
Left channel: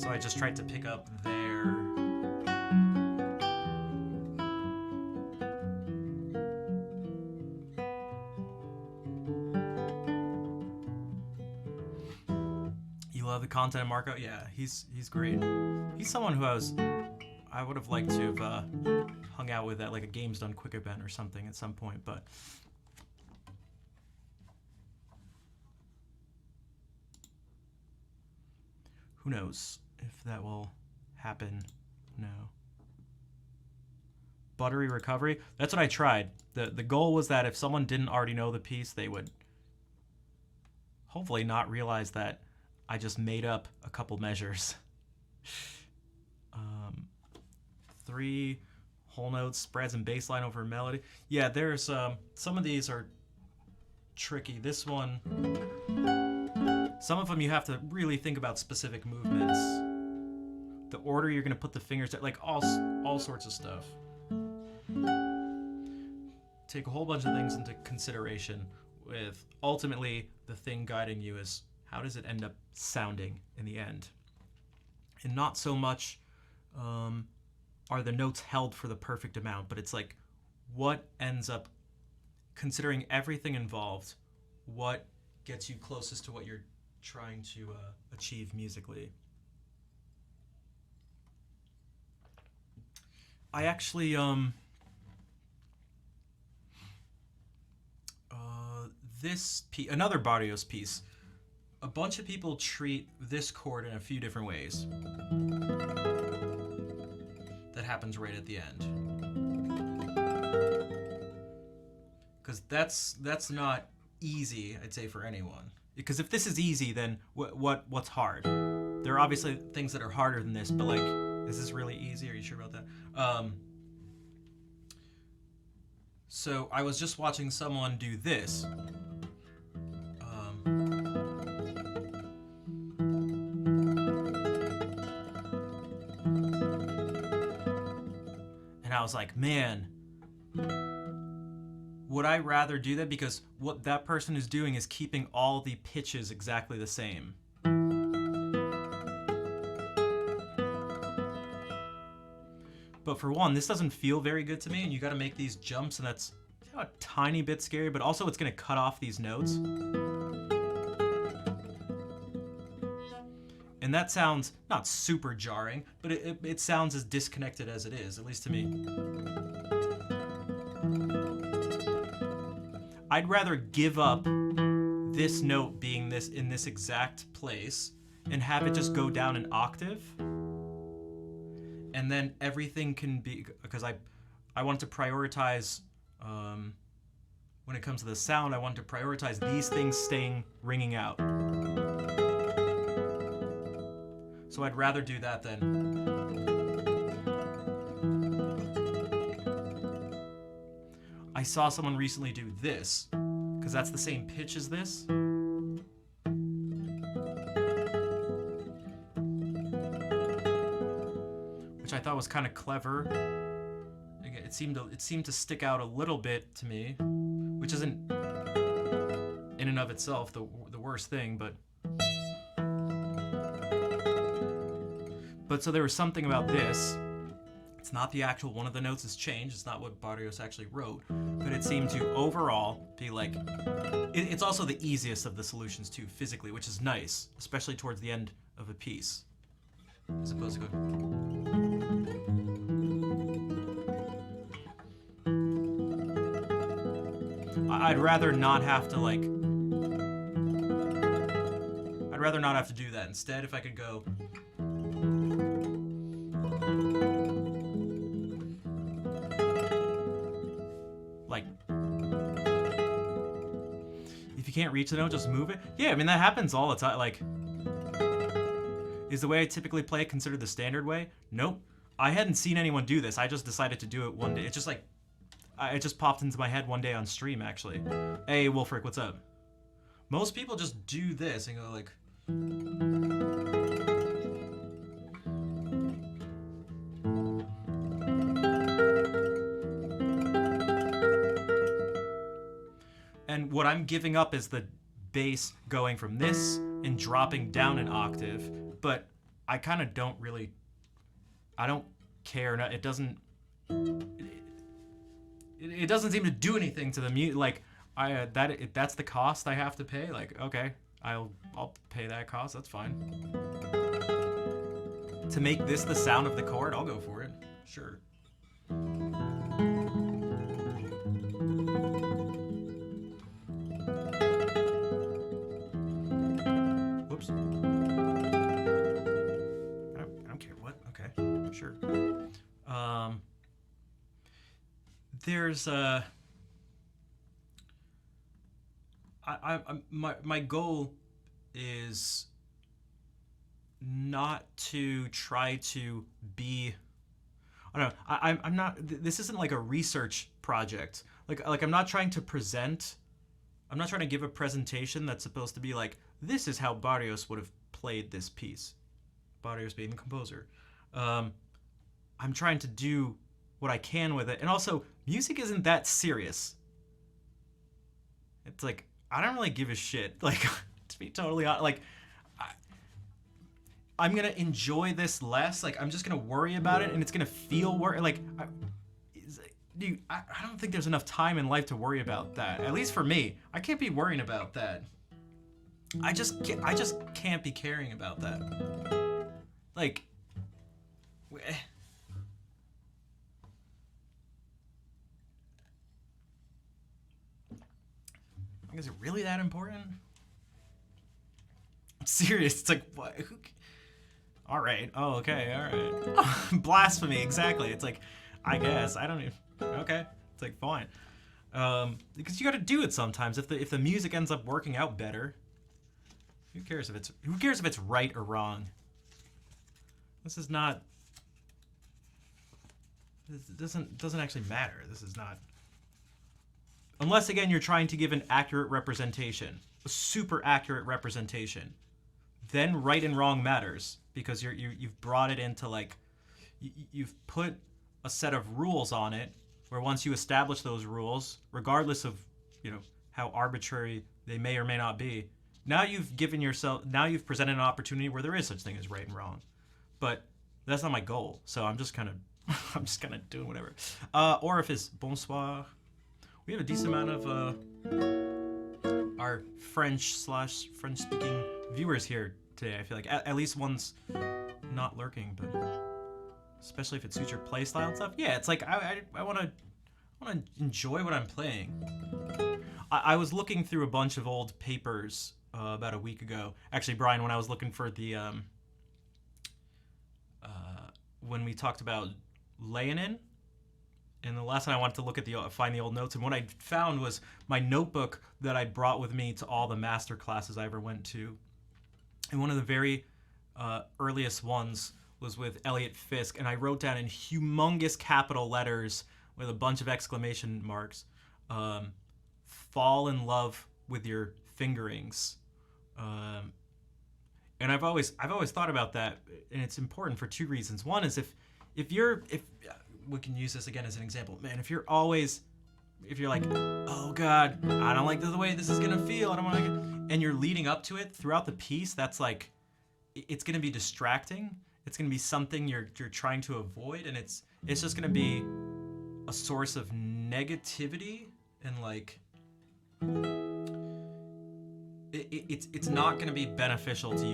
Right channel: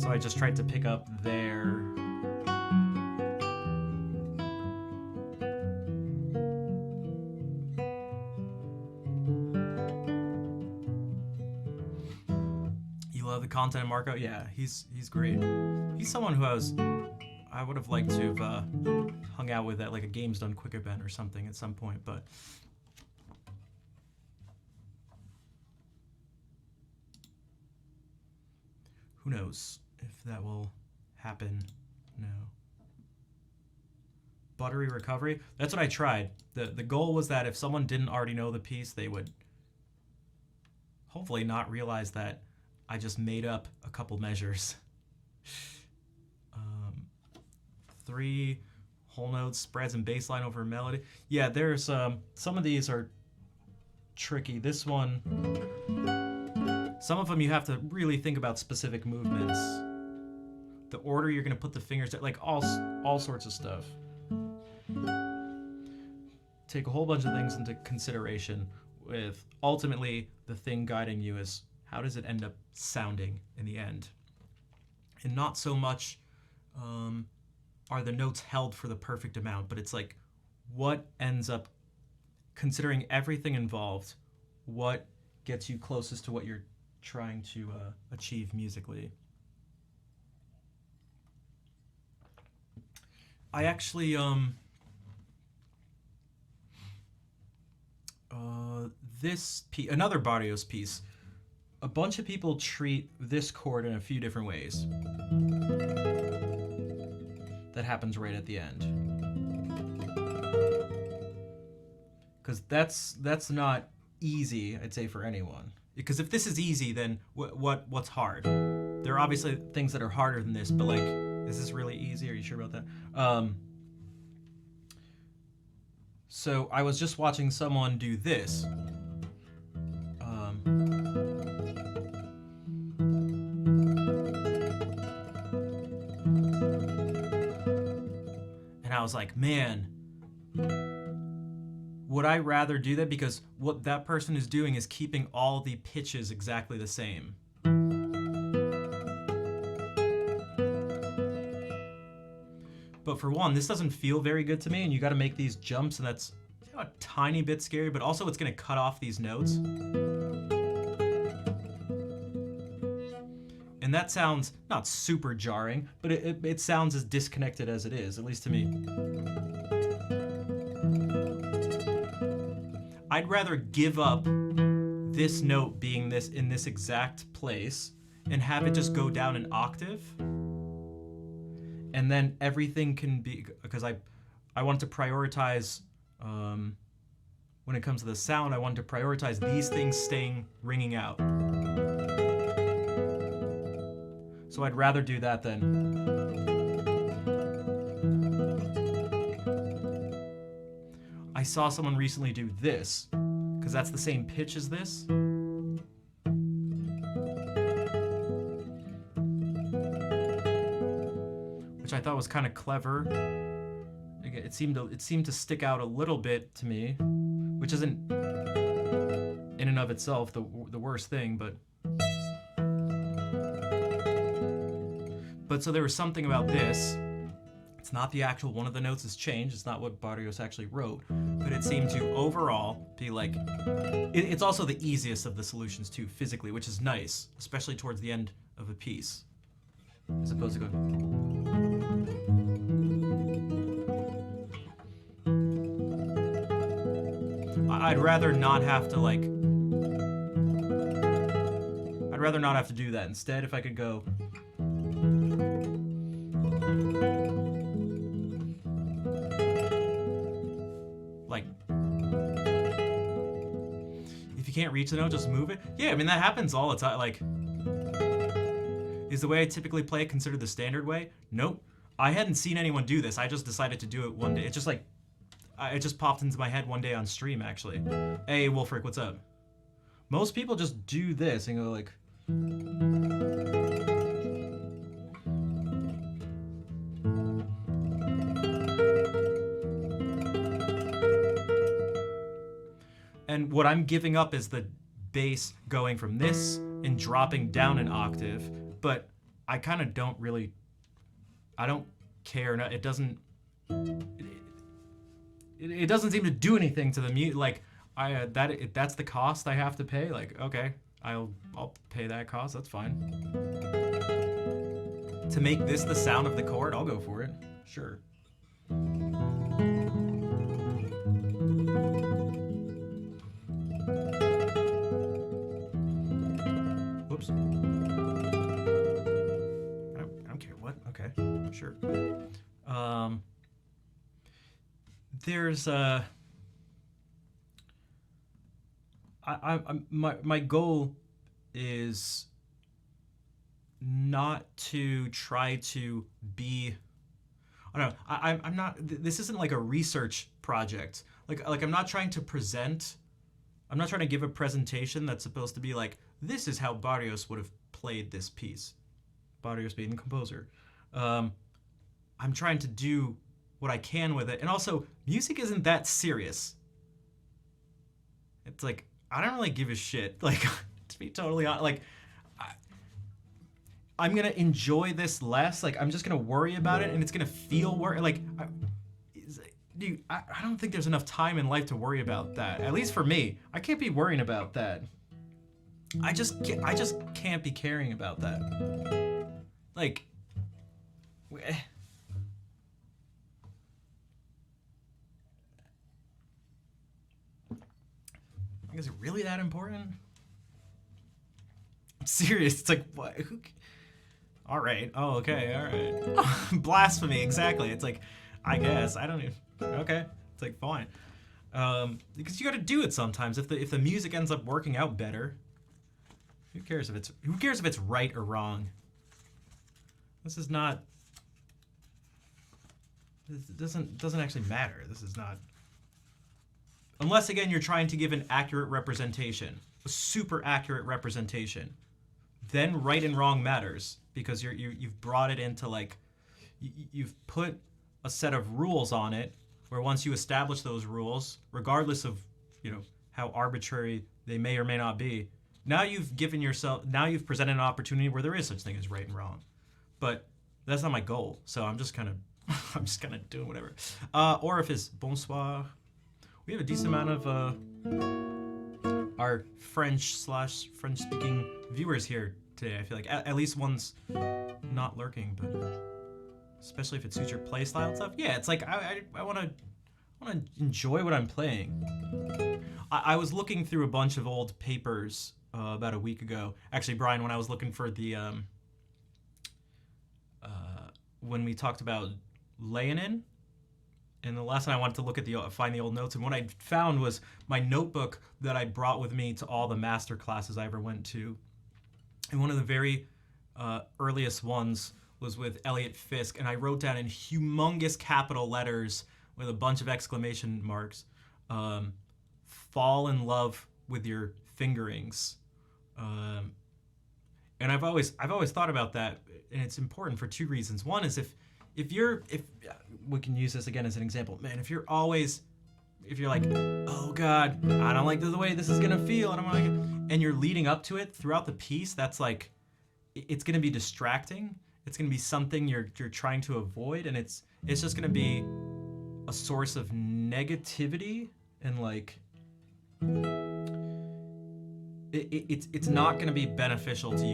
So I just tried to pick up there. The content of Marco, yeah, he's great. He's someone who I would have liked to have hung out with at like a Games Done Quick event or something at some point, but who knows if that will happen. No. Buttery recovery. That's what I tried. The goal was that if someone didn't already know the piece, they would hopefully not realize that I just made up a couple measures. 3 whole notes, spreads, and bass line over melody. Yeah, there's some of these are tricky. This one, some of them you have to really think about specific movements. The order you're gonna put the fingers at, like all sorts of stuff. Take a whole bunch of things into consideration with ultimately the thing guiding you is how does it end up sounding in the end? And not so much are the notes held for the perfect amount, but it's like what ends up, considering everything involved, what gets you closest to what you're trying to achieve musically. I actually, this piece, another Barrios piece, a bunch of people treat this chord in a few different ways. That happens right at the end. Because that's not easy, I'd say, for anyone. Because if this is easy, then what's hard? There are obviously things that are harder than this, but like, is this really easy? Are you sure about that? So I was just watching someone do this. And I was like, man, would I rather do that? Because what that person is doing is keeping all the pitches exactly the same. But for one, this doesn't feel very good to me, and you gotta make these jumps, and that's a tiny bit scary, but also it's gonna cut off these notes. And that sounds not super jarring, but it sounds as disconnected as it is, at least to me. I'd rather give up this note being in this exact place and have it just go down an octave. And then everything can be, because I want to prioritize, when it comes to the sound, I want to prioritize these things ringing out. So I'd rather do that than... I saw someone recently do this, because that's the same pitch as this. Which I thought was kind of clever. It seemed to stick out a little bit to me, which isn't in and of itself the worst thing, but so there was something about this. It's not the actual one of the notes has changed. It's not what Barrios actually wrote, but it seemed to overall be like, it's also the easiest of the solutions too, physically, which is nice, especially towards the end of a piece, as opposed to going. I'd rather not have to like. I'd rather not have to do that. Instead, if I could go. Like. If you can't reach the note, just move it. Yeah, I mean, that happens all the time. Like. Is the way I typically play considered the standard way? Nope. I hadn't seen anyone do this. I just decided to do it one day. It just like. It just popped into my head one day on stream, actually. Hey, Wolfric, what's up? Most people just do this and go like... And what I'm giving up is the bass going from this and dropping down an octave, but I kind of don't really... I don't care. No, it doesn't... It doesn't seem to do anything to the music. Like, that's the cost I have to pay. Like, okay, I'll pay that cost. That's fine. To make this the sound of the chord, I'll go for it. Sure. Whoops. I don't care what. Okay, sure. There's my goal is not to try to be, I don't know, I'm not, this isn't like a research project. Like I'm not trying to present, I'm not trying to give a presentation that's supposed to be like, this is how Barrios would have played this piece. Barrios being the composer. I'm trying to do what I can with it. And also, music isn't that serious. It's like, I don't really give a shit. Like, to be totally honest, like, I'm gonna enjoy this less. Like, I'm just gonna worry about it, and it's gonna feel dude, I don't think there's enough time in life to worry about that. At least for me, I can't be worrying about that. I just can't be caring about that. Like, is it really that important? I'm serious. It's like, what? All right. Oh, okay. All right. Blasphemy. Exactly. It's like, I guess. I don't even. Okay. It's like, fine. Because you got to do it sometimes. If the music ends up working out better, who cares if it's right or wrong? This is not. This doesn't actually matter. This is not. Unless, again, you're trying to give an accurate representation, a super accurate representation, then right and wrong matters because you've brought it into like, you've put a set of rules on it where once you establish those rules, regardless of, how arbitrary they may or may not be, now you've presented an opportunity where there is such thing as right and wrong. But that's not my goal, so I'm just kind of doing whatever. Orifice, bonsoir. We have a decent amount of our French/French-speaking viewers here today. I feel like at least one's not lurking, but especially if it suits your play style and stuff. Yeah, it's like I want to enjoy what I'm playing. I was looking through a bunch of old papers about a week ago. Actually, Brian, when I was looking for the when we talked about Leonin. And the last time I wanted to look at find the old notes, and what I found was my notebook that I brought with me to all the master classes I ever went to. And one of the very earliest ones was with Elliot Fisk, and I wrote down in humongous capital letters with a bunch of exclamation marks, "Fall in love with your fingerings." And I've always thought about that, and it's important for two reasons. One is if we can use this again as an example, man, if you're like, oh God, I don't like the way this is gonna feel, I don't want to, and you're leading up to it throughout the piece, that's like, it's gonna be distracting. It's gonna be something you're trying to avoid, and it's just gonna be a source of negativity, and like, it's not gonna be beneficial to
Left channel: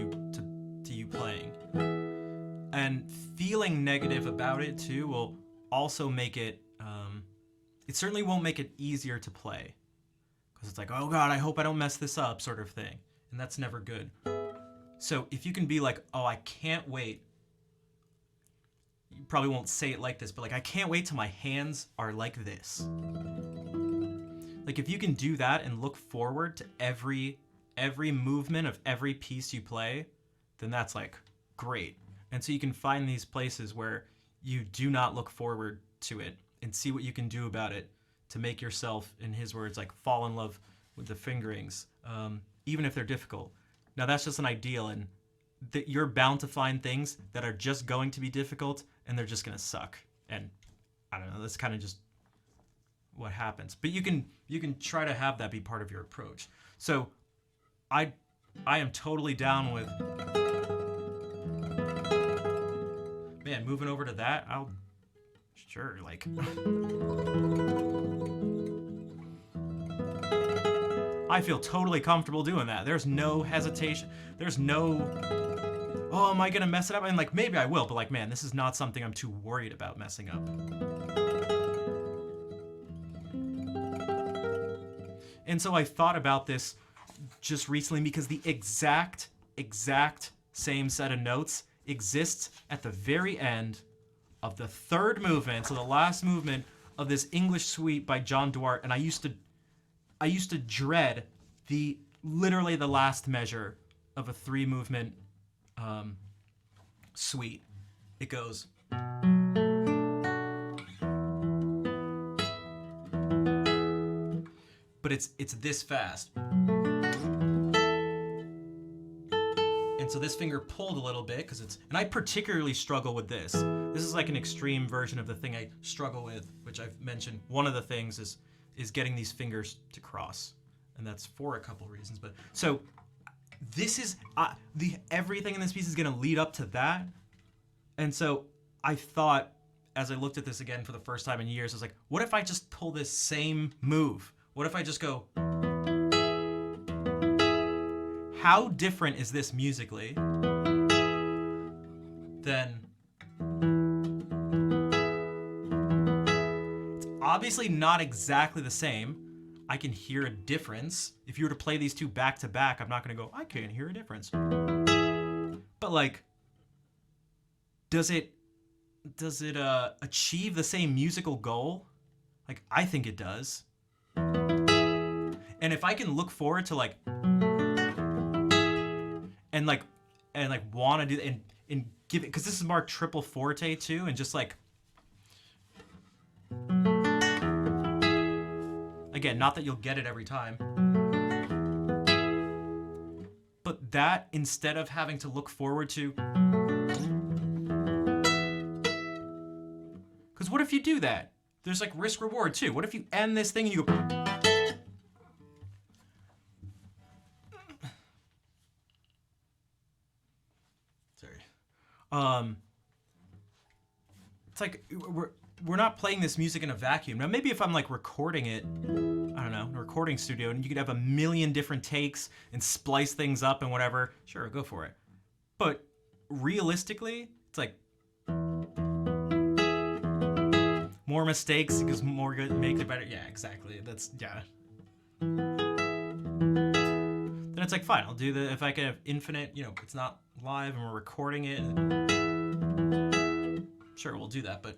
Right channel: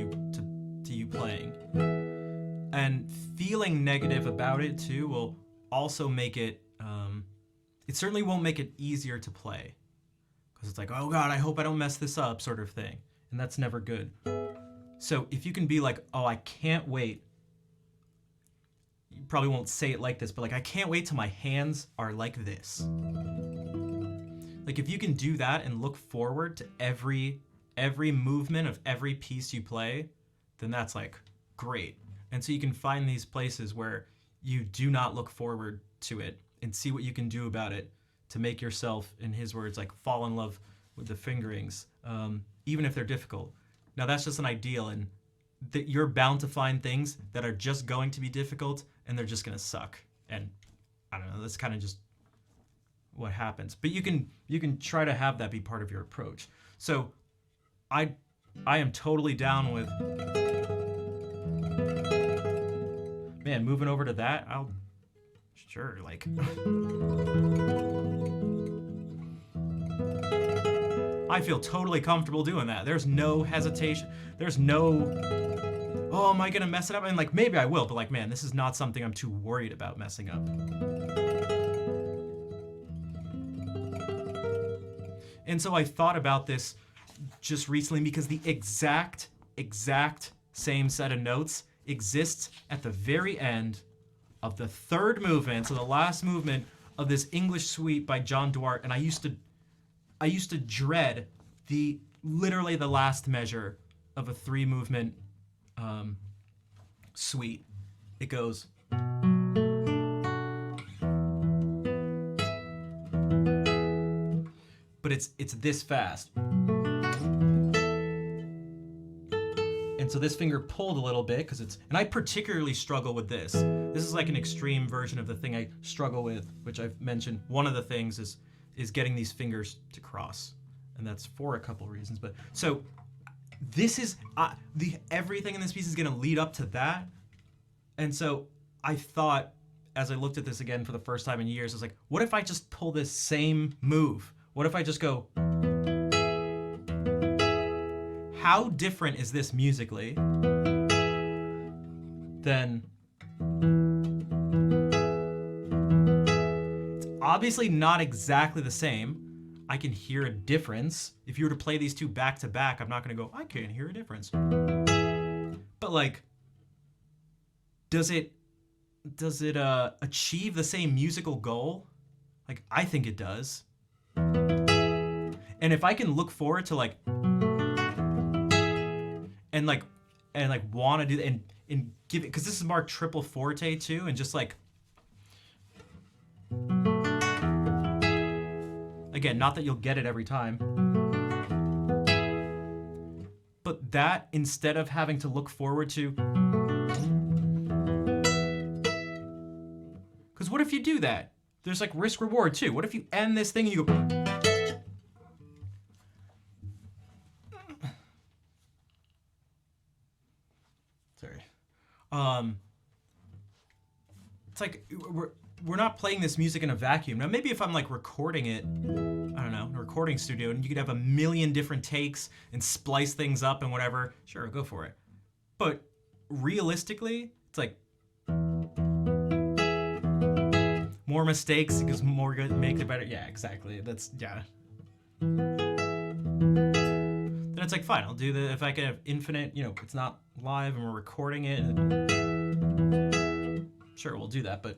you playing. And feeling negative about it too will also make it, it certainly won't make it easier to play. because it's like, oh God, I hope I don't mess this up, sort of thing. And that's never good. So if you can be like, oh, I can't wait. You probably won't say it like this, but like, I can't wait till my hands are like this. Like if you can do that and look forward to every movement of every piece you play, then that's like great. And so you can find these places where you do not look forward to it and see what you can do about it to make yourself, in his words, like fall in love with the fingerings, even if they're difficult. Now that's just an ideal, and you're bound to find things that are just going to be difficult and they're just gonna suck. And I don't know, that's kind of just what happens. But you can try to have that be part of your approach. So I am totally down with, man, moving over to that. Sure, like I feel totally comfortable doing that. There's no hesitation. There's no, oh, am I gonna mess it up? And like, maybe I will, but like, man, this is not something I'm too worried about messing up. And so I thought about this just recently because the exact same set of notes exists at the very end of the third movement, so the last movement of this English suite by John Duarte, and I used to dread literally the last measure of a 3-movement suite. It goes, but it's this fast. And so this finger pulled a little bit because and I particularly struggle with this. This is like an extreme version of the thing I struggle with, which I've mentioned. One of the things is getting these fingers to cross, and that's for a couple reasons. But so this is everything in this piece is going to lead up to that. And so I thought, as I looked at this again for the first time in years, I was like, what if I just pull this same move? What if I just go, how different is this musically than, it's obviously not exactly the same. I can hear a difference. If you were to play these two back to back, I'm not going to go, I can't hear a difference. But like, does it achieve the same musical goal? Like, I think it does. And if I can look forward to like, and want to do and give it, because this is marked triple forte too, and just like, again, not that you'll get it every time, but that instead of having to look forward to, because what if you do that? There's like risk reward too. What if you end this thing and you go, it's like we're not playing this music in a vacuum. Now maybe if I'm like recording it, I don't know, in a recording studio, and you could have a million different takes and splice things up and whatever, sure, go for it. But realistically, it's like more mistakes because more good makes it better. Yeah, exactly. That's, yeah. Then it's like, fine, I'll do if I can have infinite, it's not live and we're recording it. Sure, we'll do that, but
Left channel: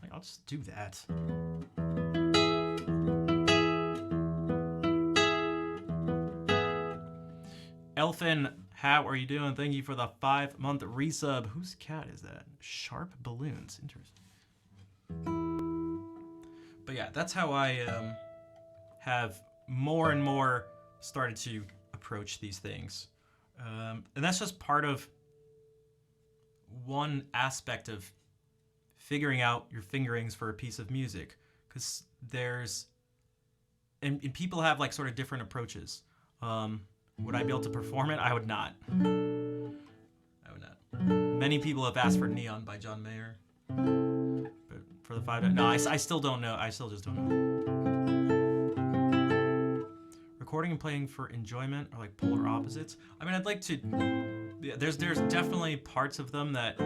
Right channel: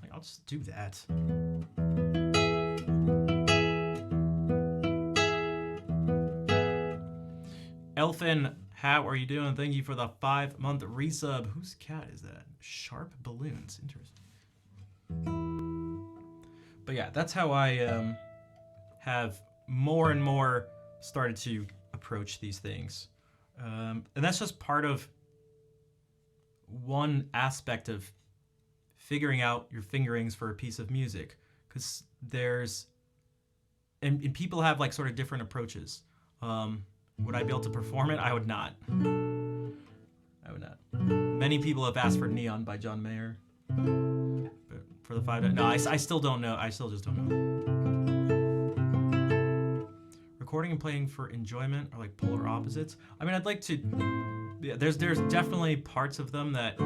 like, I'll just do that. Elfin, how are you doing? Thank you for the 5-month resub. Whose cat is that? Sharp Balloons. Interesting. But yeah, that's how I have more and more started to approach these things. And that's just part of one aspect of figuring out your fingerings for a piece of music. Because and people have like sort of different approaches. Would I be able to perform it? I would not. I would not. Many people have asked for Neon by John Mayer. But for the 5, no, I still don't know. I still just don't know. Recording and playing for enjoyment are like polar opposites. I mean, I'd like to, yeah, there's definitely parts of them that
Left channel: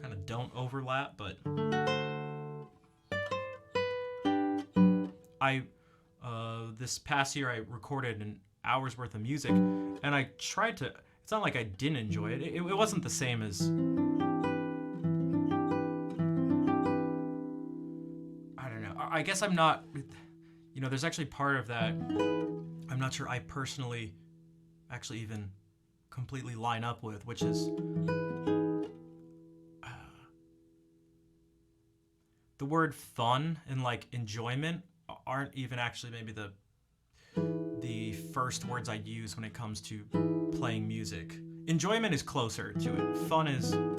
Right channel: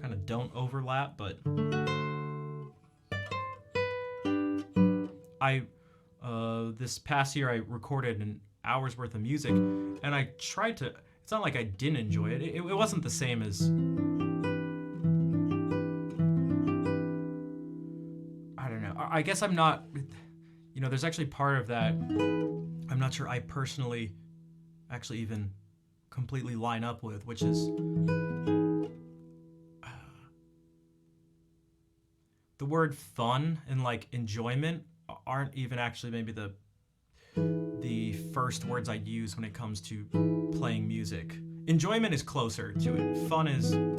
kind of that don't overlap, but this past year I recorded an hour's worth of music, and I tried to. It's not like I didn't enjoy it. It wasn't the same as. I don't know. I guess I'm not. You know, there's actually part of that. I'm not sure I personally actually even completely line up with, which is the word fun and like enjoyment aren't even actually maybe the first words I'd use when it comes to playing music. Enjoyment is closer to it. Fun is not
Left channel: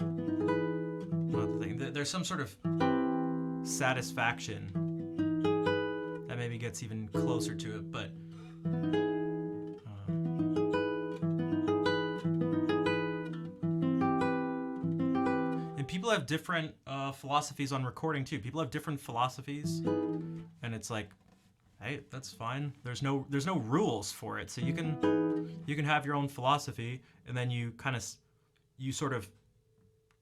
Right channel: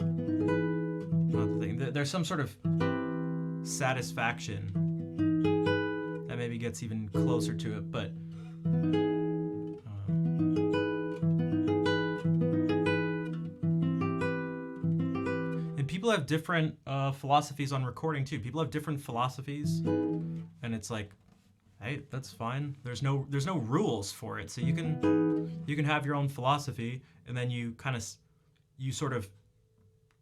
the thing. There's some sort of satisfaction that maybe gets even closer to it, but and people have different philosophies on recording too. People have different philosophies, and it's like, hey, that's fine. There's no rules for it, so you can have your own philosophy, and then you sort of,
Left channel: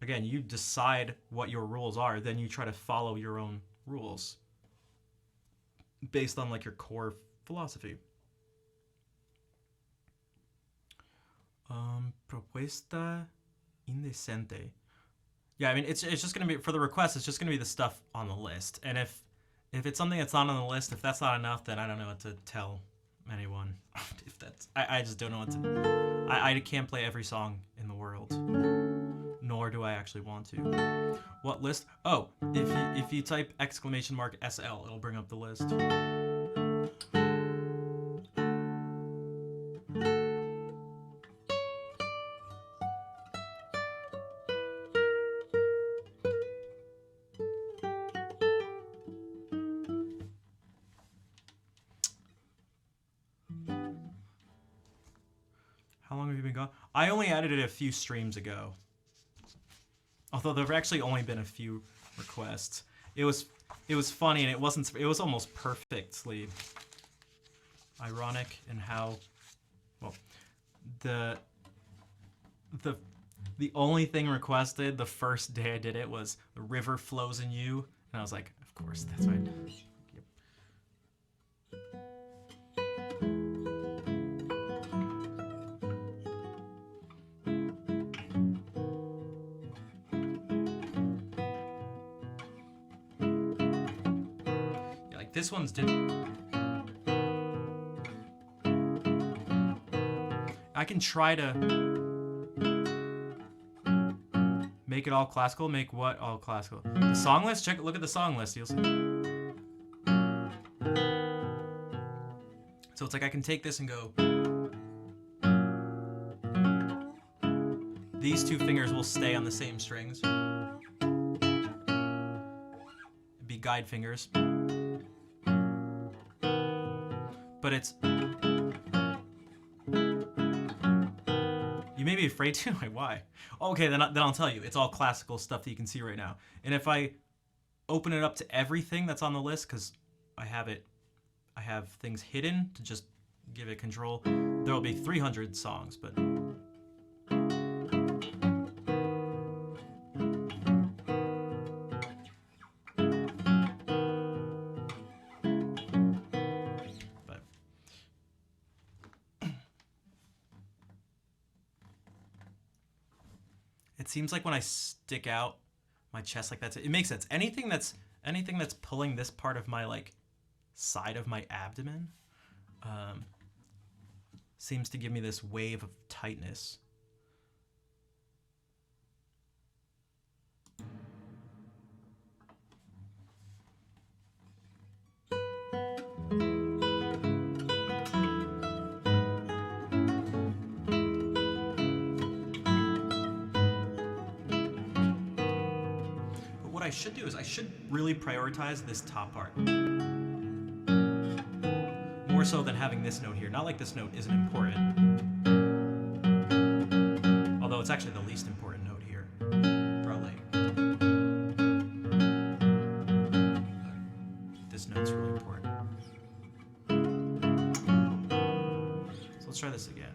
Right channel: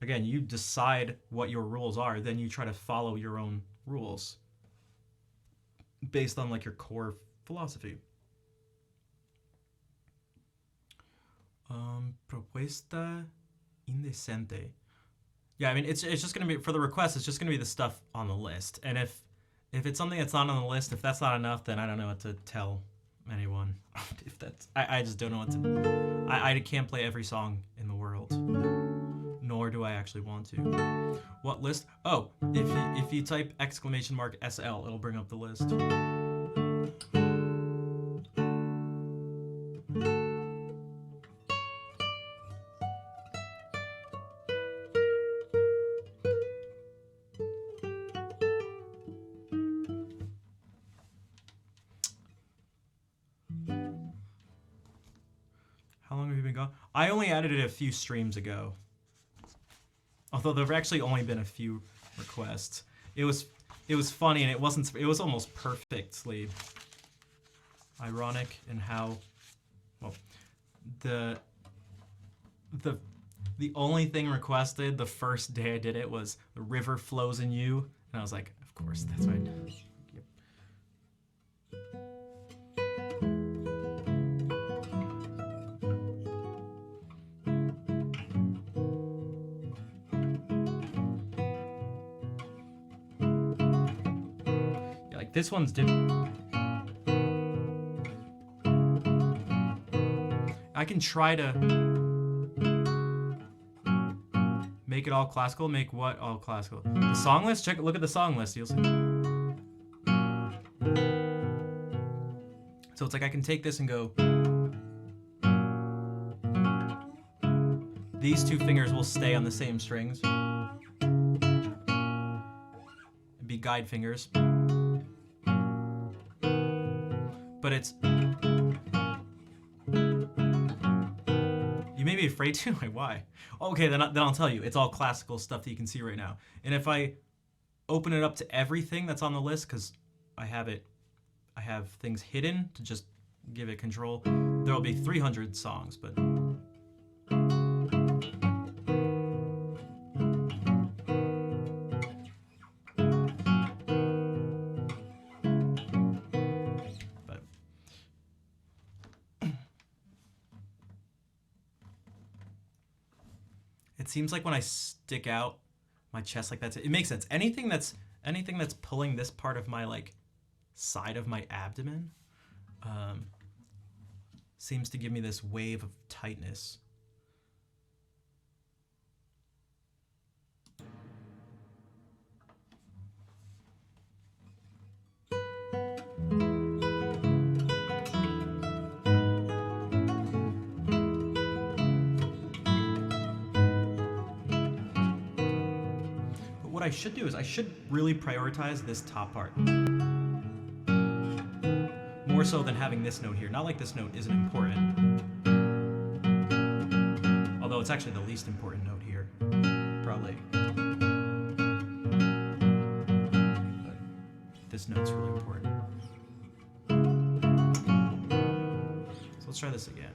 again, you decide what your rules are, then you try to follow your own rules based on like your core philosophy. Propuesta indecente. Yeah, I mean, it's just gonna be, for the request, it's just gonna be the stuff on the list, and if it's something that's not on the list, if that's not enough, then I don't know what to tell anyone. If that's, I just don't know what to. I can't play every song in the world, nor do I actually want to. What list? Oh, if you type !SL, it'll bring up the list. How long have you been gone? I only added it a few streams ago. Although there've actually only been a few requests. It was funny, and it was almost perfectly ironic in how, well, the only thing requested the first day I did it was "The River Flows in You," and I was like, of course, that's right. Yep. Yeah, like this one's different. I can try to make it all classical. Make what all classical? The song list? Look at the song list. You'll see. So it's like I can take this and go. These two fingers will stay on the same strings. It'd be guide fingers. But it's. You may be afraid to? Like, why? Okay, then I'll tell you. It's all classical stuff that you can see right now. And if I open it up to everything that's on the list, because I have things hidden to just give it control, there will be 300 songs, but... It seems like when I stick out my chest like that, it makes sense. Anything that's pulling this part of my like side of my abdomen seems to give me this wave of tightness. What I should do is I should really prioritize this top part. More so than having this note here. Not like this note isn't important. Although it's actually the least important note here. Probably. But this note's really important. So let's try this again.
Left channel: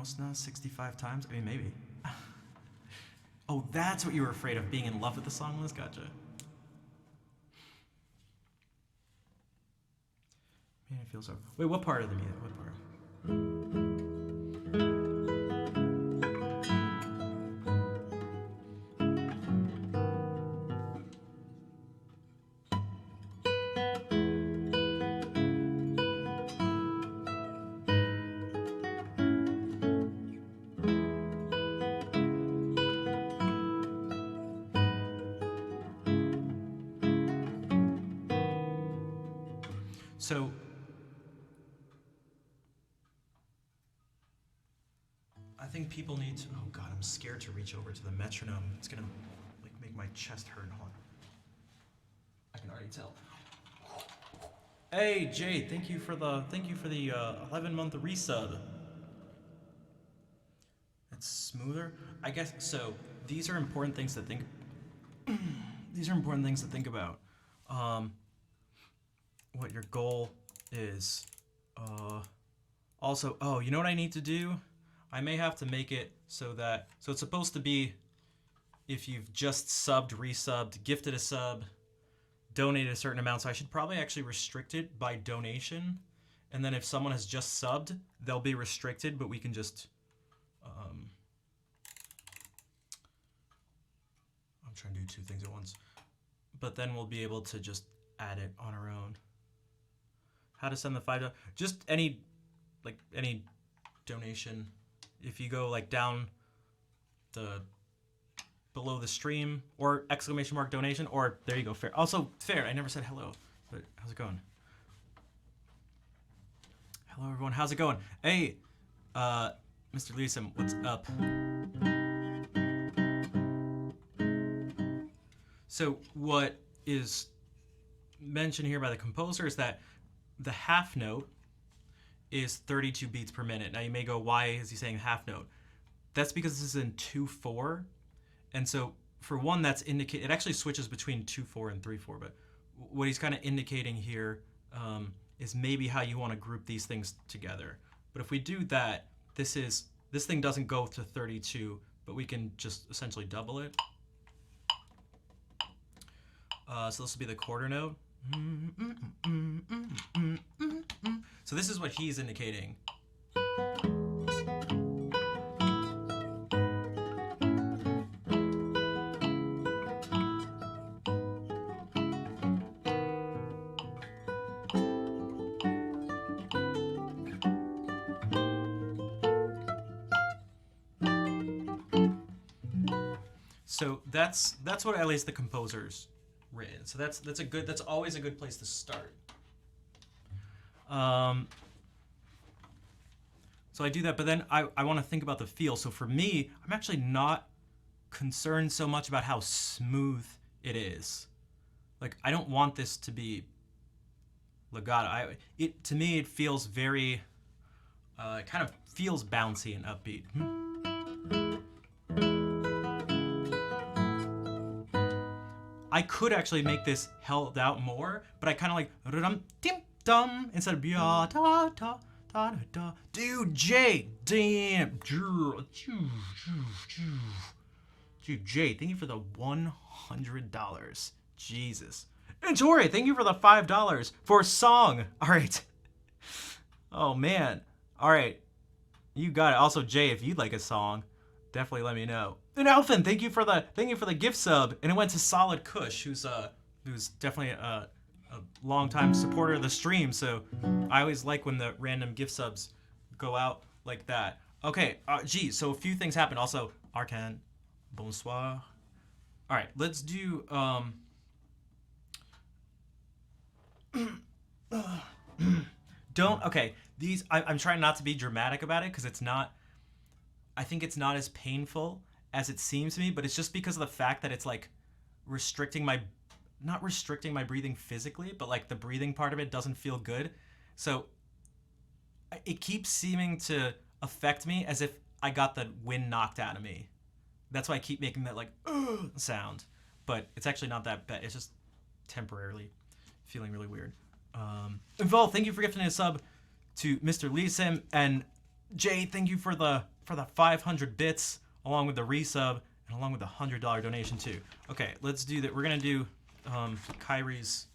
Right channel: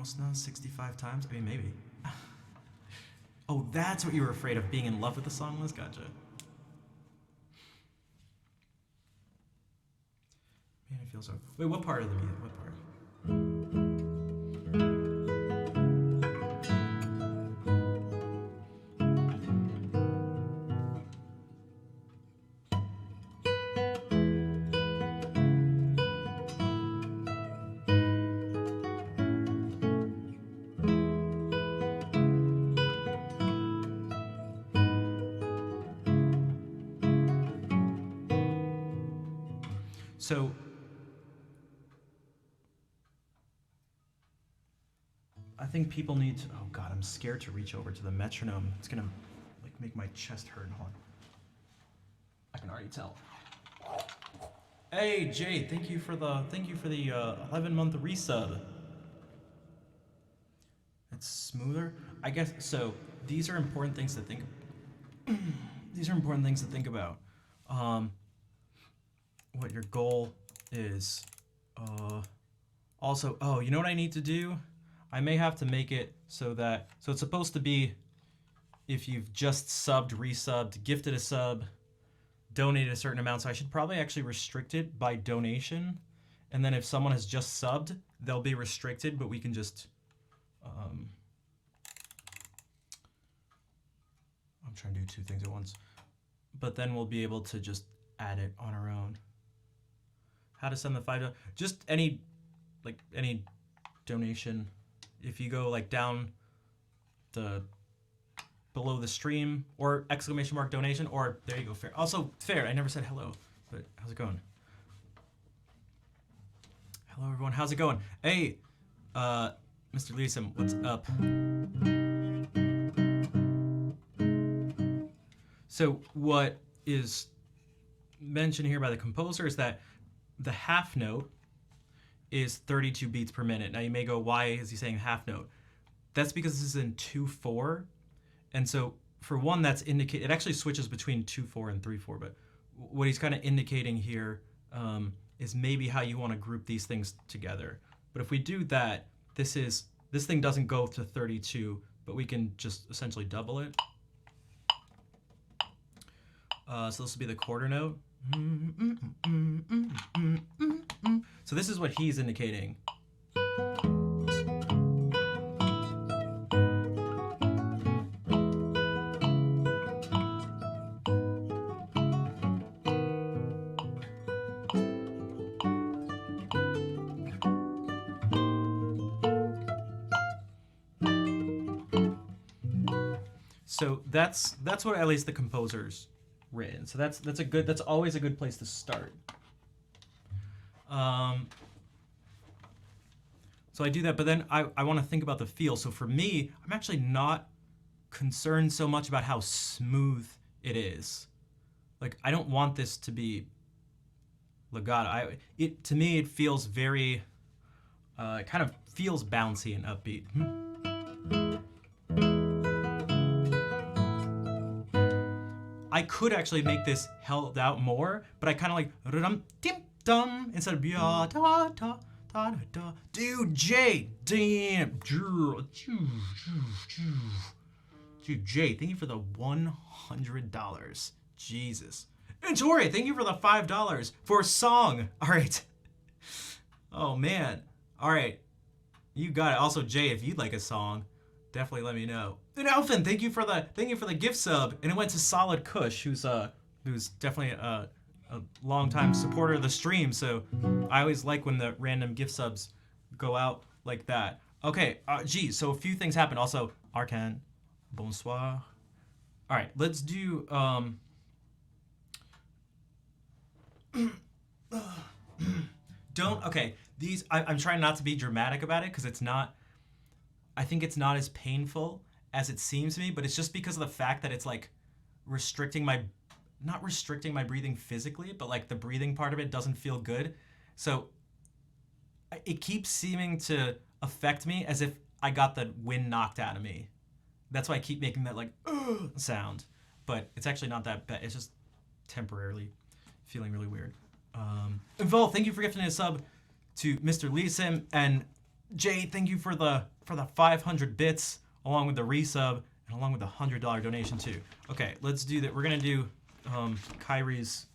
almost now 65 times. I mean, maybe. Oh, that's what you were afraid of, being in love with the song list? Gotcha. Man, it feels so. Wait, what part of the music? What part? So I think people need to, oh God, I'm scared to reach over to the metronome. It's gonna like make my chest hurt. Hold on. I can already tell. Hey Jay, thank you for the 11-month resub. It's smoother. I guess so. These are important things to think. These are important things to think about. What your goal is. Also, oh, you know what I need to do? I may have to make it so it's supposed to be if you've just subbed, resubbed, gifted a sub, donated a certain amount. So I should probably actually restrict it by donation. And then if someone has just subbed, they'll be restricted, but we can just, I'm trying to do two things at once. But then we'll be able to just add it on our own. How to send the $5, just any donation. If you go like down below the stream or ! donation, or there you go, fair. Also, fair, I never said hello, but how's it going? Hello everyone, how's it going? Hey, Mr. Leeson, what's up? So what is mentioned here by the composer is that the half note is 32 beats per minute. Now you may go, why is he saying half note? That's because this is in 2/4. And so for one, that's indicate, it actually switches between 2/4 and 3/4, but what he's kind of indicating here is maybe how you want to group these things together. But if we do that, this thing doesn't go to 32, but we can just essentially double it. So this will be the quarter note. So this is what he's indicating. So that's what at least the composer's written. So that's always a good place to start. So I do that, but then I want to think about the feel. So for me, I'm actually not concerned so much about how smooth it is. Like, I don't want this to be legato. To me, it feels very, it kind of feels bouncy and upbeat. I could actually make this held out more, but I kind of like rum dim dum instead of da da da da da. Dude, Jay, damn, dude, Jay, thank you for the $100. Jesus. And Tori, thank you for the $5 for a song. All right. Oh man. All right. You got it. Also, Jay, if you'd like a song, definitely let me know. And Alvin, thank you for the gift sub. And it went to Solid Kush, who's definitely a longtime supporter of the stream. So I always like when the random gift subs go out like that. Okay, geez, so a few things happened. Also, Arcan, bonsoir. All right, let's do okay, these I'm trying not to be dramatic about it because I think it's not as painful as it seems to me, but it's just because of the fact that it's like not restricting my breathing physically, but like the breathing part of it doesn't feel good. So it keeps seeming to affect me as if I got the wind knocked out of me. That's why I keep making that like sound, but it's actually not that bad. It's just temporarily feeling really weird. And Vol, thank you for gifting a sub to Mr. Lee Sim, and Jay, thank you for the 500 bits, along with the resub, and along with the $100 donation too. Okay, let's do that. We're gonna do Kyrie's.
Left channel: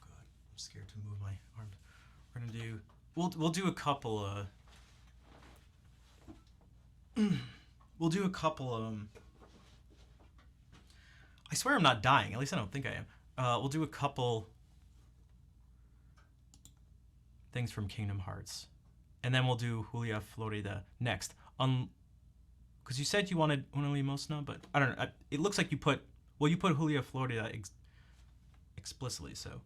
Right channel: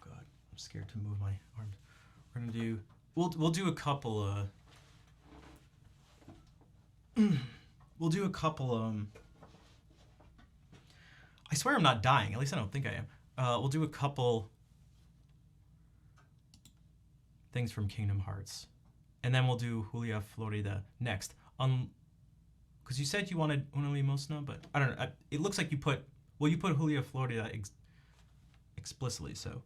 God, I'm scared to move my arms. We're gonna do. We'll do a couple. We'll do a couple. I swear I'm not dying. At least I don't think I am. We'll do a couple things from Kingdom Hearts, and then we'll do Julia Florida next. Because you said you wanted Una Limosna, but I don't know. It looks like you put Julia Florida explicitly. So.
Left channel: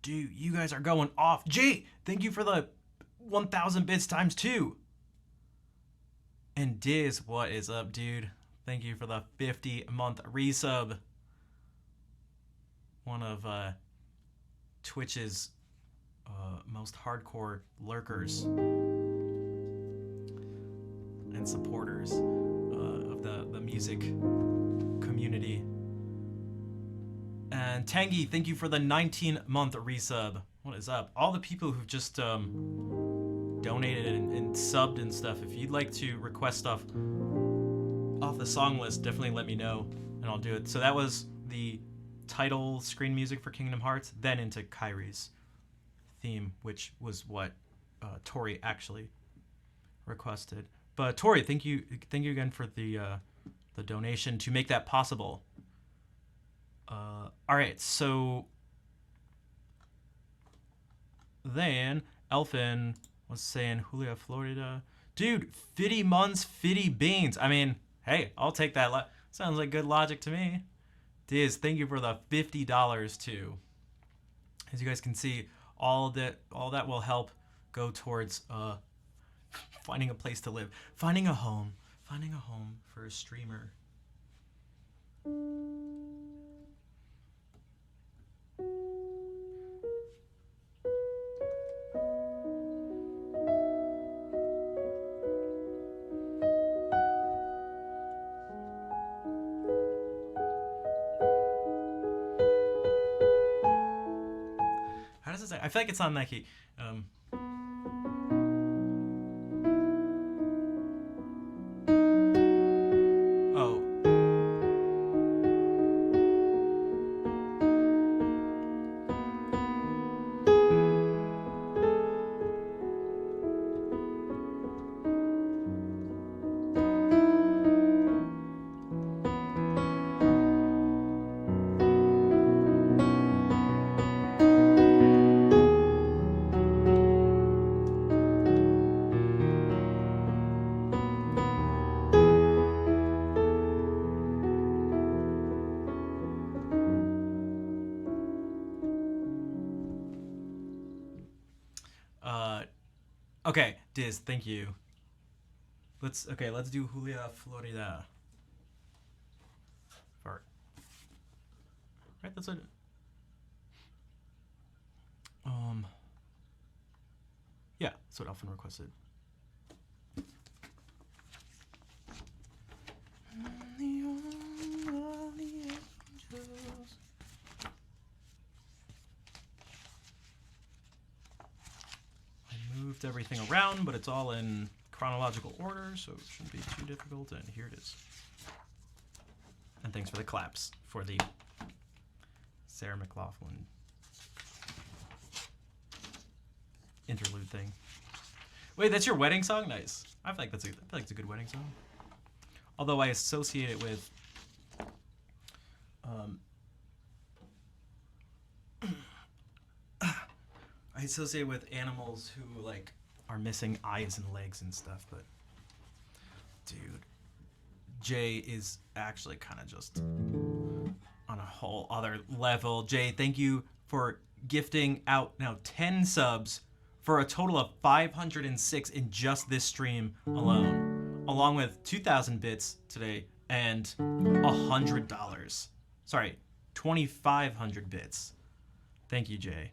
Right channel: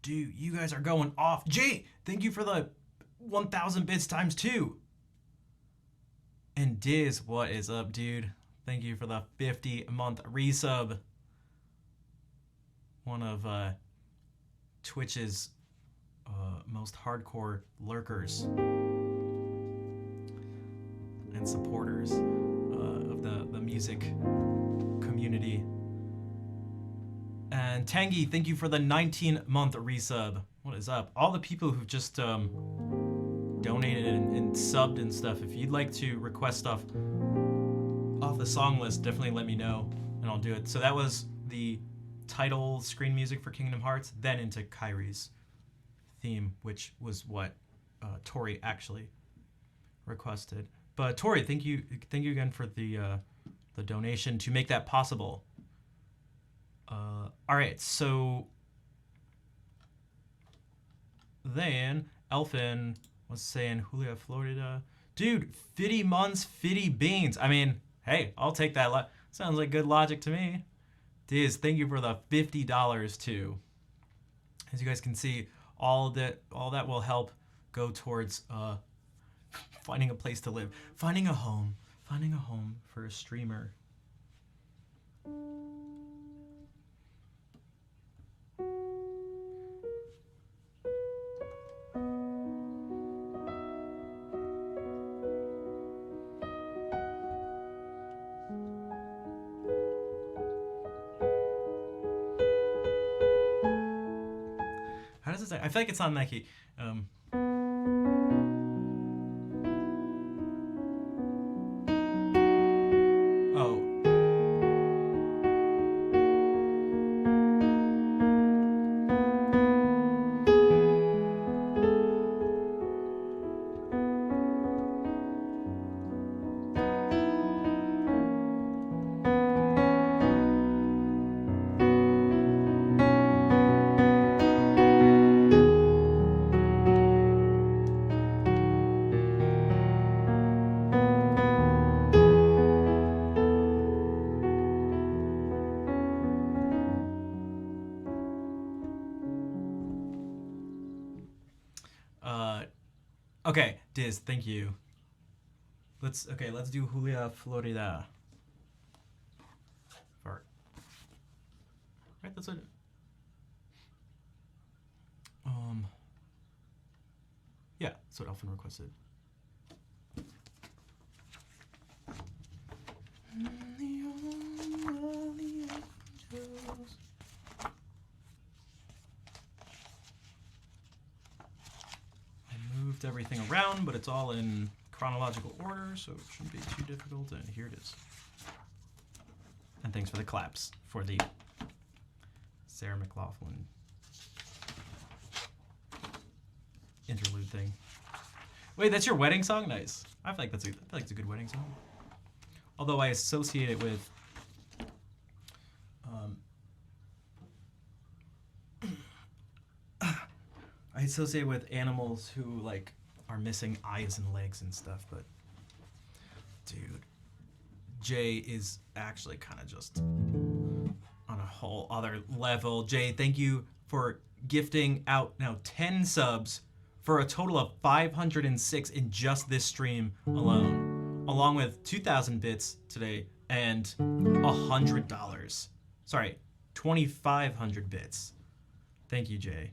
Dude, you guys are going off. Jay, thank you for the 1,000 bits times 2. And Diz, what is up, dude? Thank you for the 50-month resub. One of Twitch's most hardcore lurkers and supporters of the music community. And Tangy, thank you for the 19-month resub. What is up? All the people who've just donated and subbed and stuff. If you'd like to request stuff off the song list, definitely let me know and I'll do it. So that was the title screen music for Kingdom Hearts, then into Kyrie's theme, which was what Tori actually requested. But Tori, thank you again for the donation to make that possible. All right, so then Elfin was saying Julia, Florida. Dude, 50 months, 50 beans. I mean, hey, I'll take that. Sounds like good logic to me. Diz, thank you for the $50 too. As you guys can see, all that will help go towards finding a place to live, finding a home for a streamer. How does it say? I feel like it's on that key. Oh. Okay, Diz, thank you. Let's do Julia, Florida. Fart. Right, that's what. Yeah, that's what Elfin requested. Moved everything around, but it's all in chronological order, so it shouldn't be too difficult. And here it is. And thanks for the claps for the Sarah McLachlan interlude thing. Wait, that's your wedding song? Nice. I feel like it's a good wedding song. Although I associate it with animals who like are missing eyes and legs and stuff, but dude, Jay is actually kind of just on a whole other level. Jay, thank you for gifting out now 10 subs for a total of 506 in just this stream alone, along with 2,000 bits today and $100. Sorry, 2,500 bits. Thank you, Jay.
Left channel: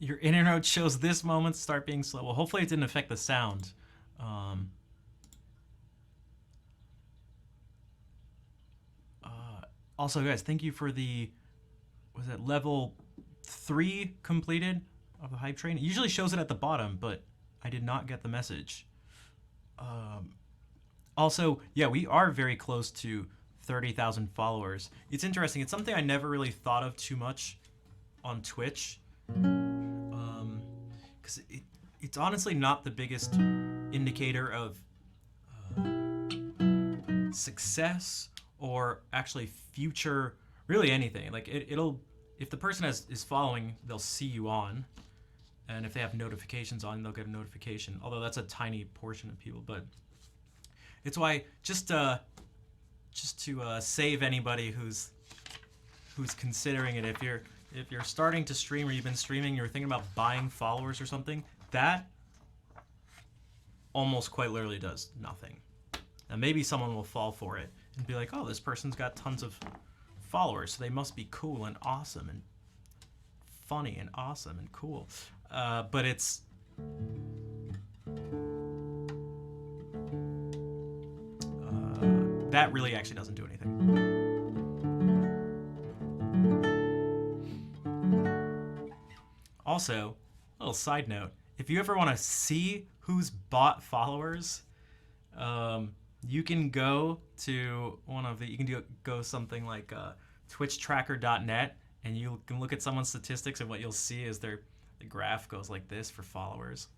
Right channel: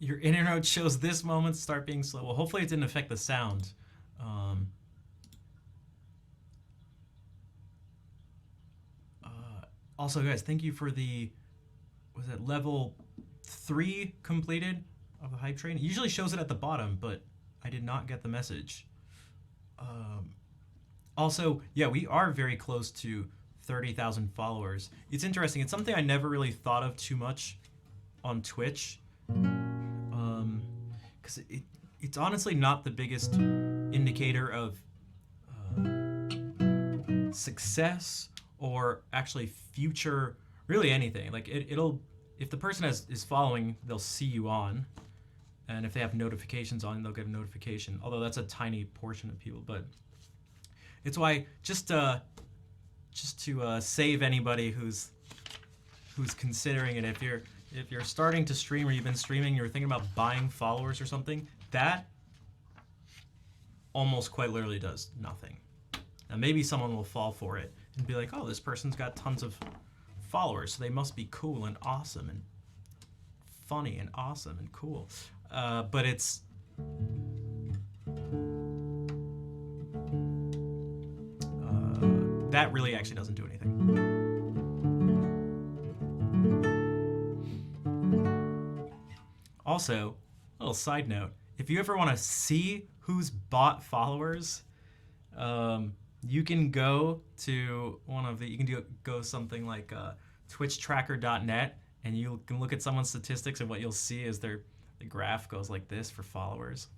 Your internet shows this moment start being slow. Well, hopefully it didn't affect the sound. Um, also, guys, thank you for the, was it level 3 completed of the hype train? It usually shows it at the bottom, but I did not get the message. Also, yeah, we are very close to 30,000 followers. It's interesting. It's something I never really thought of too much on Twitch. Because it's honestly not the biggest indicator of success or actually future, really anything. Like it'll, if the person is following, they'll see you on, and if they have notifications on, they'll get a notification. Although that's a tiny portion of people, but it's why just to save anybody who's considering it, if you're starting to stream or you've been streaming, you're thinking about buying followers or something, that almost quite literally does nothing. And maybe someone will fall for it and be like, oh, this person's got tons of followers, so they must be cool and awesome and funny and awesome and cool. But it's... that really actually doesn't do anything. Also, a little side note, if you ever want to see who's bought followers, you can go to go something like twitchtracker.net, and you can look at someone's statistics, and what you'll see is the graph goes like this for followers.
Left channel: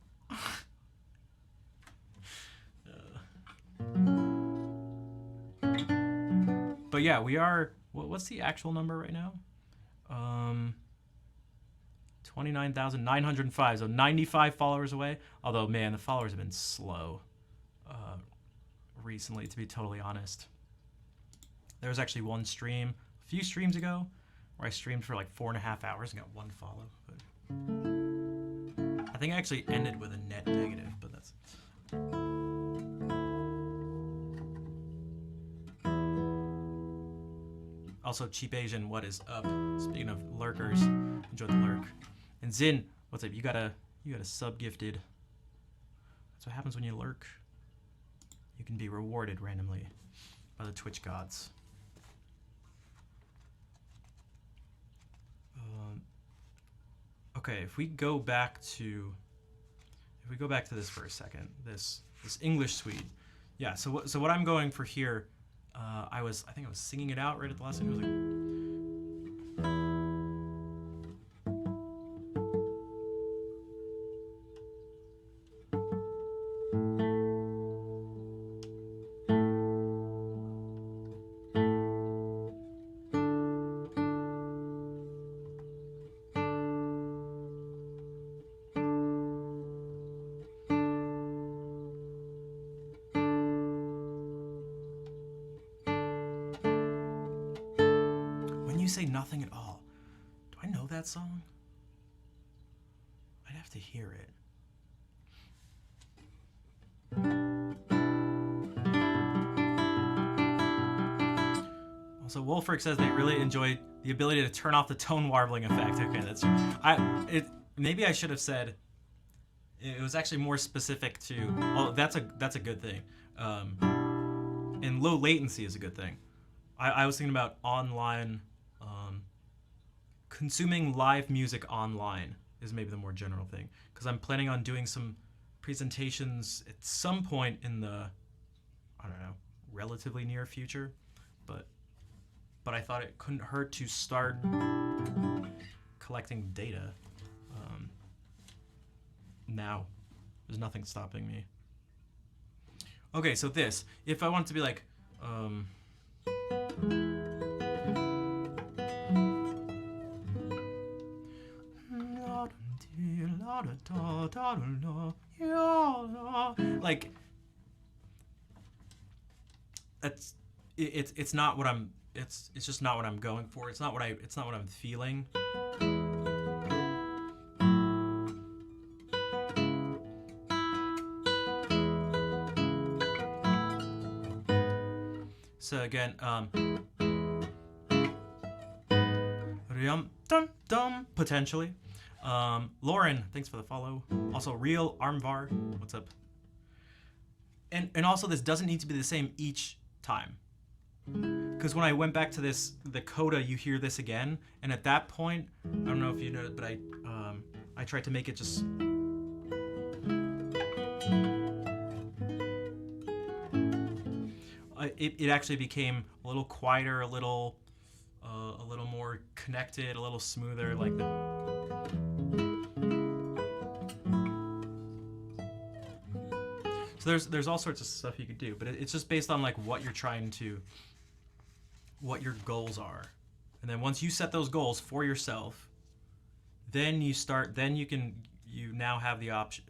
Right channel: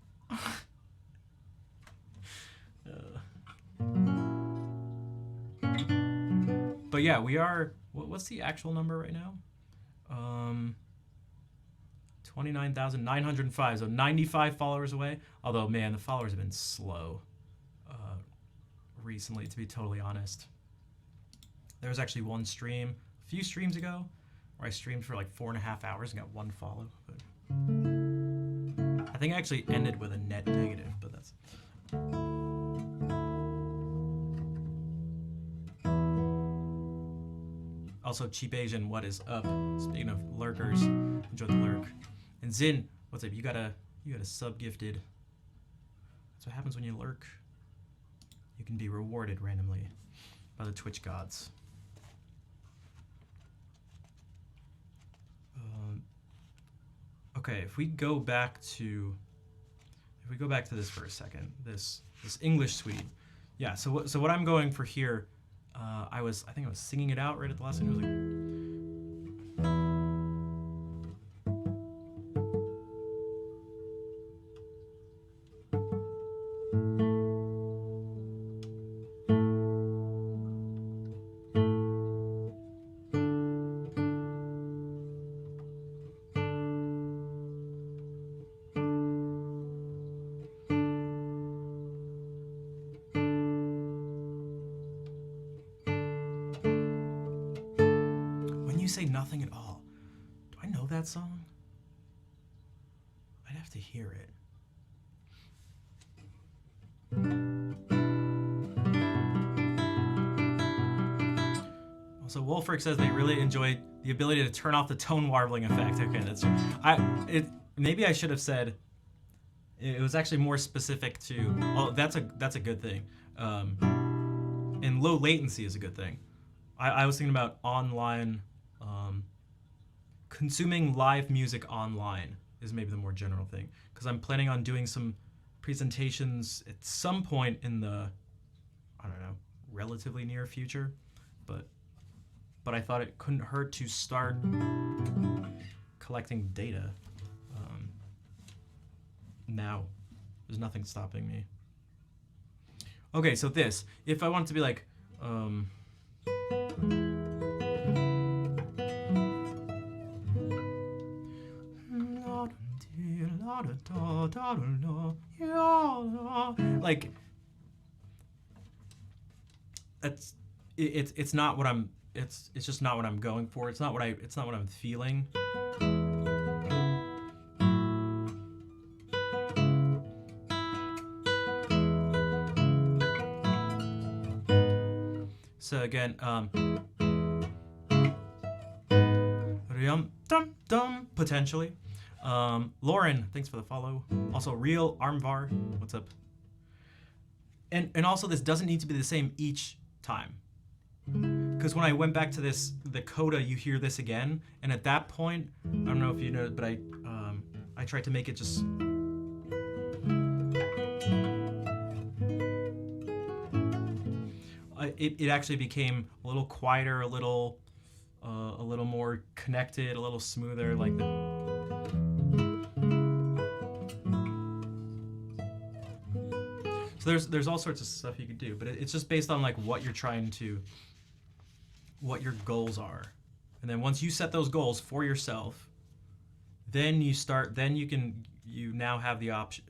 But yeah, we are, what's the actual number right now? 29,905, so 95 followers away. Although, man, the followers have been slow recently, to be totally honest. There was actually one stream a few streams ago where I streamed for like 4.5 hours and got 1 follow. But I think I actually ended with a net negative, but that's... Also, Cheap Asian, what is up? Speaking of lurkers, enjoy the lurk. And Zin, what's up? You got a sub gifted. That's what happens when you lurk. You can be rewarded randomly by the Twitch gods. Okay, if we go back to this for a second, this English suite. Yeah. So what I'm going for here. I think I was singing it out right at the last time. It was like, say nothing at all. Do I know that song? I'd have to hear it. Also, Wolfric says they really enjoyed the ability to turn off the tone warbling effect. Okay, that's true. Maybe I should have said it was actually more specific to. Oh, that's a good thing. And low latency is a good thing. I was thinking about online. Consuming live music online is maybe the more general thing, because I'm planning on doing some presentations at some point in the, I don't know, relatively near future, but I thought it couldn't hurt to start collecting data. Now, there's nothing stopping me. Okay, so this, if I want it to be like, like it's not what I'm it's just not what I'm going for. It's not what I'm feeling. So again, potentially. Lauren, thanks for the follow. Also, Real Armvar, what's up? And also, this doesn't need to be the same each time. Because when I went back to the coda, you hear this again, and at that point, I don't know if you know, but I tried to make it just. It actually became a little quieter, a little more connected, a little smoother, like the. So there's all sorts of stuff you could do, but it's just based on like what you're trying to, what your goals are, and then once you set those goals for yourself, then you now have the option.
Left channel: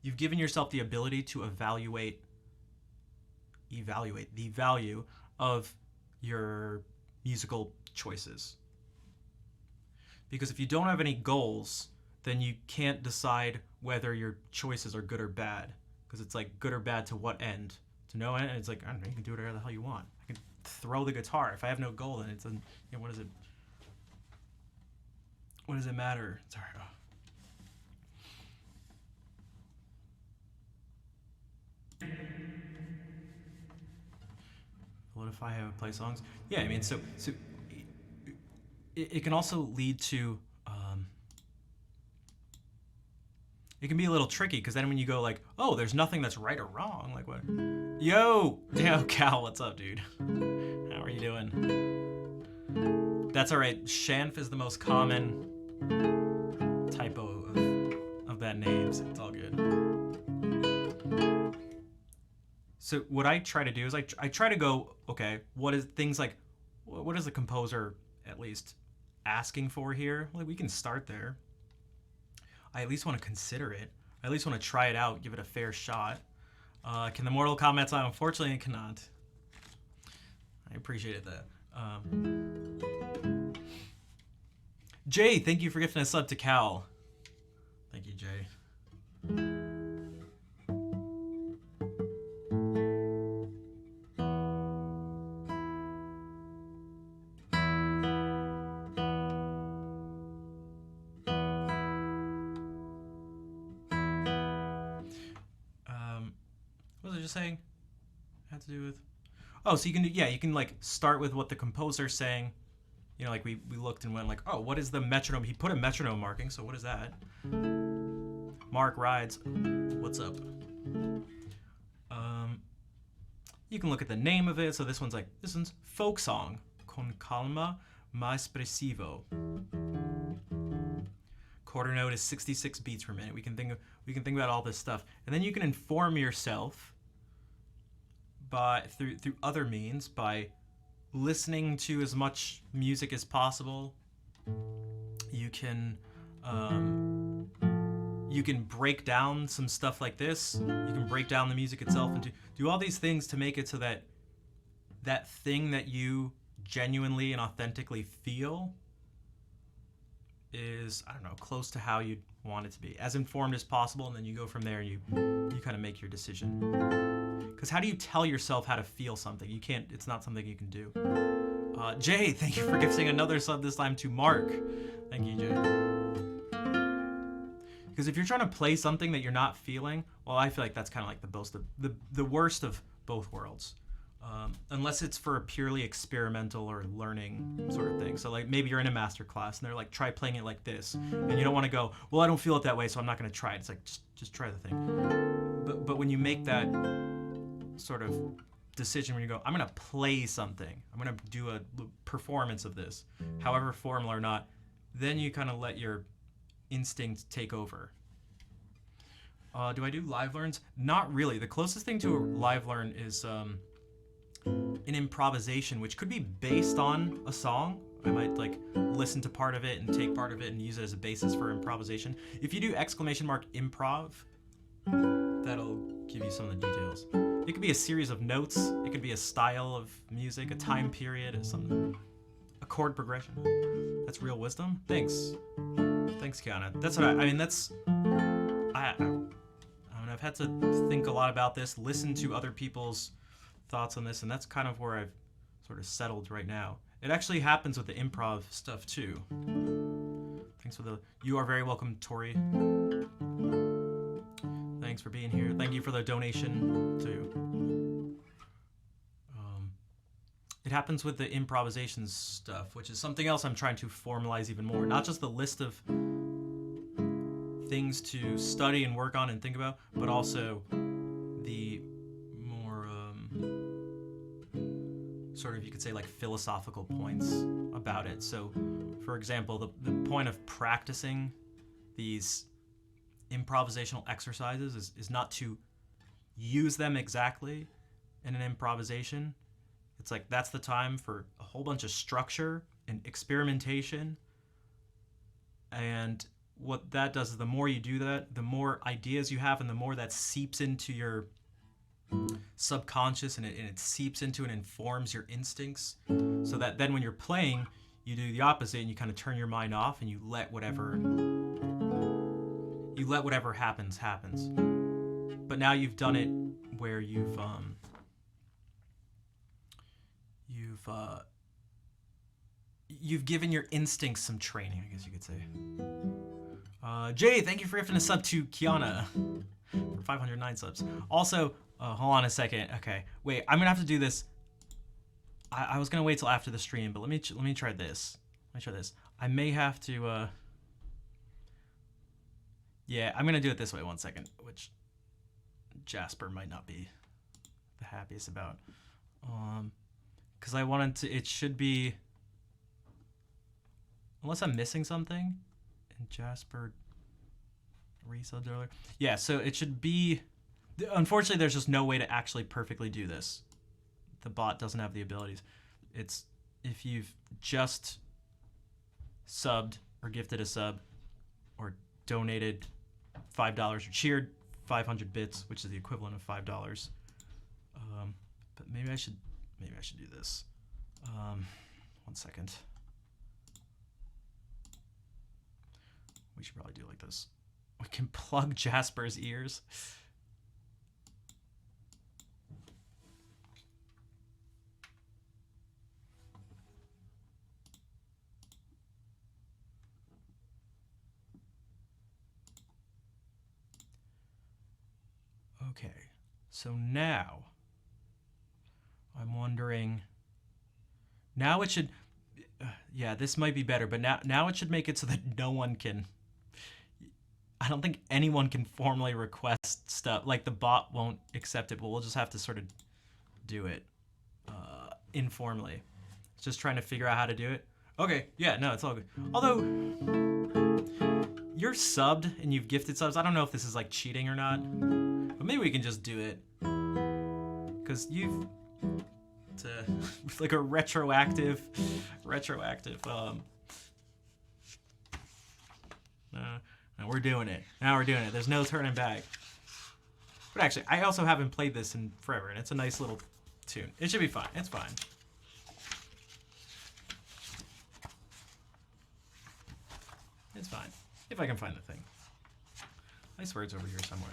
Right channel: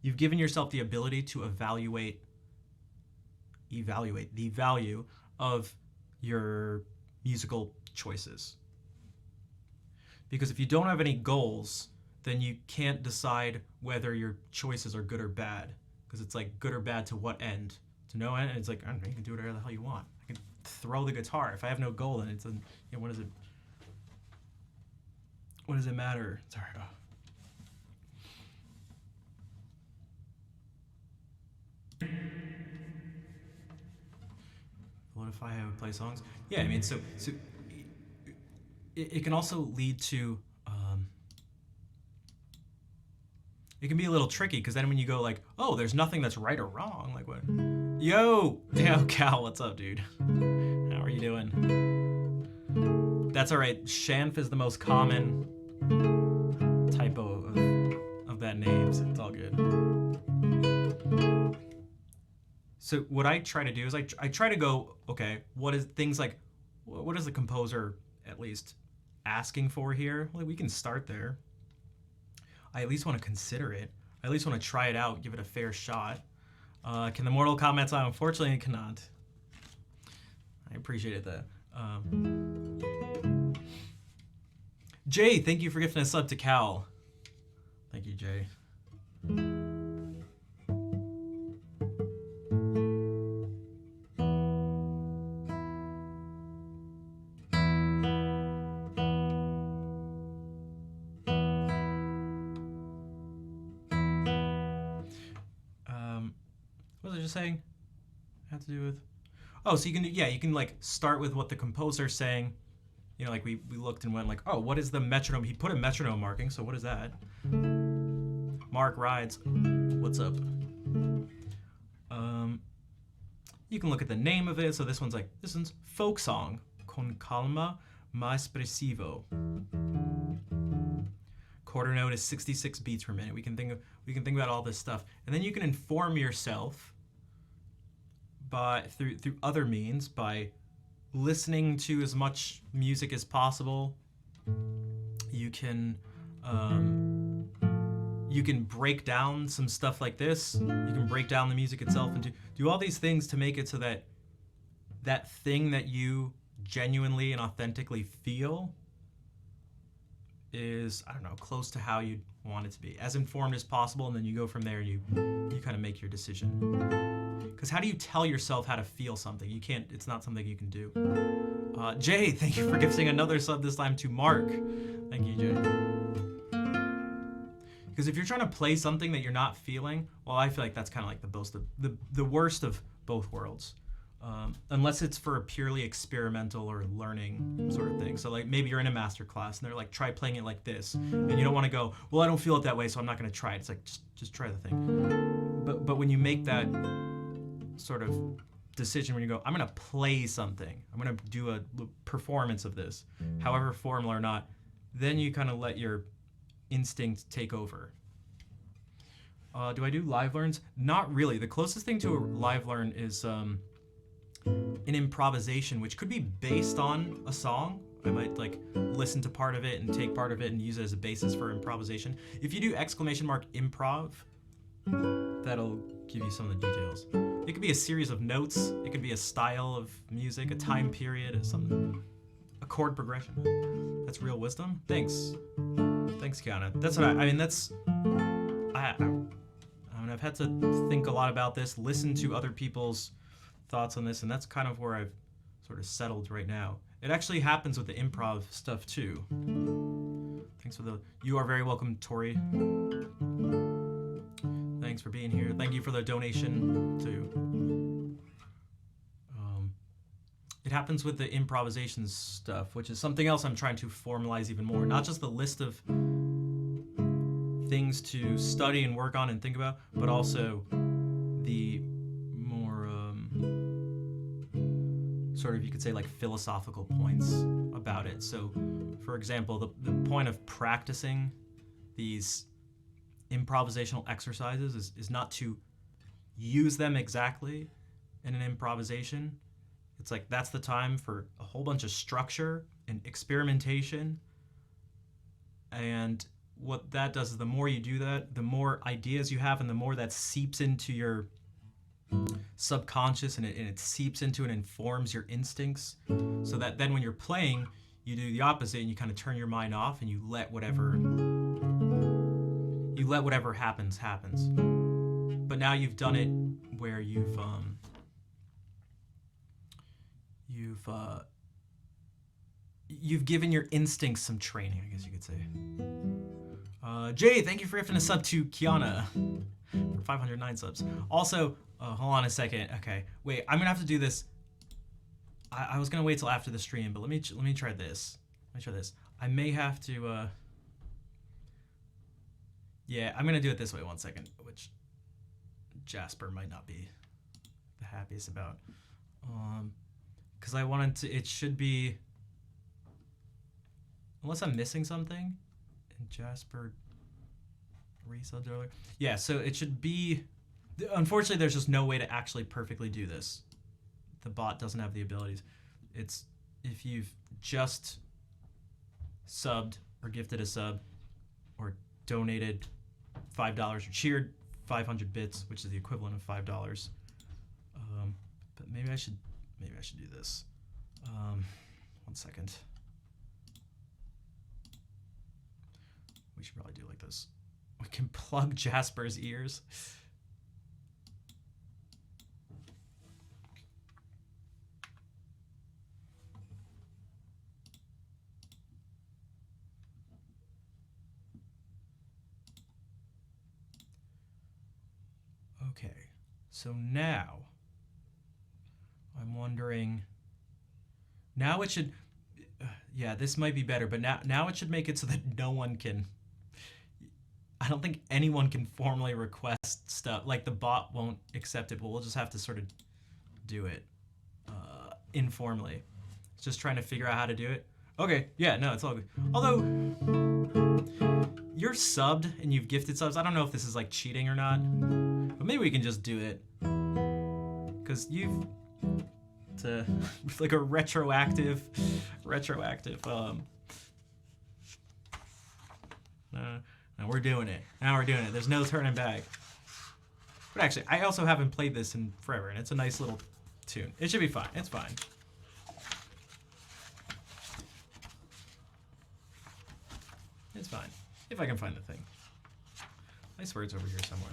You've given yourself the ability to evaluate the value of your musical choices. Because if you don't have any goals, then you can't decide whether your choices are good or bad. Because it's like good or bad to what end? To no end. And it's like, I don't know, you can do whatever the hell you want. I can throw the guitar. If I have no goal, then it's what does it matter? Sorry. Oh. What if I have play songs? Yeah, I mean, so it can also lead to. It can be a little tricky because then when you go like, oh, there's nothing that's right or wrong. Like what? Yo, Cal, what's up, dude? How are you doing? That's all right. Shanf is the most common typo of that name, so it's all good. So what I try to do is I try to go, okay, what is things like, what is the composer at least asking for here? Like we can start there. I at least want to consider it. I at least want to try it out, give it a fair shot. Can the Mortal Kombat song? Unfortunately, it cannot. I appreciate that. Jay, thank you for gifting a sub to Cal. Thank you, Jay. What was I just saying? Had to do with. Oh, so you can like start with what the composer's saying. You know, like we looked and went like, oh, what is the metronome? He put a metronome marking, so what is that? Mark Rides, what's up? You can look at the name of it. So this one's folk song, con calma ma espressivo. Quarter note is 66 beats per minute. We can think about all this stuff, and then you can inform yourself through other means by listening to as much music as possible. You can break down some stuff like this. You can break down the music itself and do all these things to make it so that that thing that you genuinely and authentically feel is, I don't know, close to how you'd want it to be, as informed as possible, and then you go from there and you kind of make your decision. Because how do you tell yourself how to feel something? You can't. It's not something you can do. Jay, thank you for gifting another sub, this time to Mark. Thank you, Jay. Because if you're trying to play something that you're not feeling, well, I feel like that's kind of like the worst of both worlds. Unless it's for a purely experimental or learning sort of thing. So like maybe you're in a master class and they're like, try playing it like this. And you don't want to go, well, I don't feel it that way, so I'm not going to try it. It's like, just try the thing. But when you make that sort of decision, when you go, I'm going to play something, I'm going to do a performance of this, however formal or not, then you kind of let your instinct take over. Do I do live learns? Not really. The closest thing to a live learn is an improvisation, which could be based on a song. I might like listen to part of it and take part of it and use it as a basis for improvisation. If you do !improv, that'll give you some of the details. It could be a series of notes. It could be a style of music, a time period, a chord progression. That's real wisdom. Thanks, Kiana. That's what I mean. That's I've had to think a lot about this, listen to other people's thoughts on this, and that's kind of where I've sort of settled right now. It actually happens with the improv stuff too. Thanks for the. You are very welcome, Tori. Thanks for being here. Thank you for the donation too. It happens with the improvisation stuff, which is something else I'm trying to formalize even more. Not just the list of things to study and work on and think about, but also the more sort of, you could say, like philosophical points about it. So, for example, the point of practicing these improvisational exercises is not to use them exactly in an improvisation. It's like that's the time for a whole bunch of structure and experimentation. And what that does is the more you do that, the more ideas you have and the more that seeps into your subconscious and it seeps into and informs your instincts, so that then when you're playing, you do the opposite and you kind of turn your mind off and you let whatever happens. But now you've done it where you've given your instincts some training, I guess you could say. Jay, thank you for gifting a sub to Kiana for 509 subs. Also, hold on a second. Okay, wait, I'm gonna have to do this. I was gonna wait till after the stream, but let me try this. I may have to. Yeah, I'm gonna do it this way. 1 second, which Jasper might not be the happiest about. Because I wanted to. It should be. Unless I'm missing something. And Jasper resubbed earlier. Yeah, so it should be. Unfortunately, there's just no way to actually perfectly do this. The bot doesn't have the abilities. It's if you've just subbed or gifted a sub or donated $5 or cheered 500 bits, which is the equivalent of $5. But maybe I should do this. 1 second. We should probably do it like this. We can plug Jasper's ears. Okay, so now I'm wondering. Now it should. Yeah, this might be better, but now it should make it so that no one can. I don't think anyone can formally request stuff. Like the bot won't accept it, but we'll just have to sort of do it informally. It's just trying to figure out how to do it. Okay, yeah, no, it's all good. Although you're subbed and you've gifted subs, I don't know if this is like cheating or not, but maybe we can just do it because you've like a retroactive. No, we're doing it. Now we're doing it. There's no turning back. But actually, I also haven't played this in forever, and it's a nice little tune. It should be fine. It's fine. It's fine. If I can find the thing. I swear it's over here somewhere.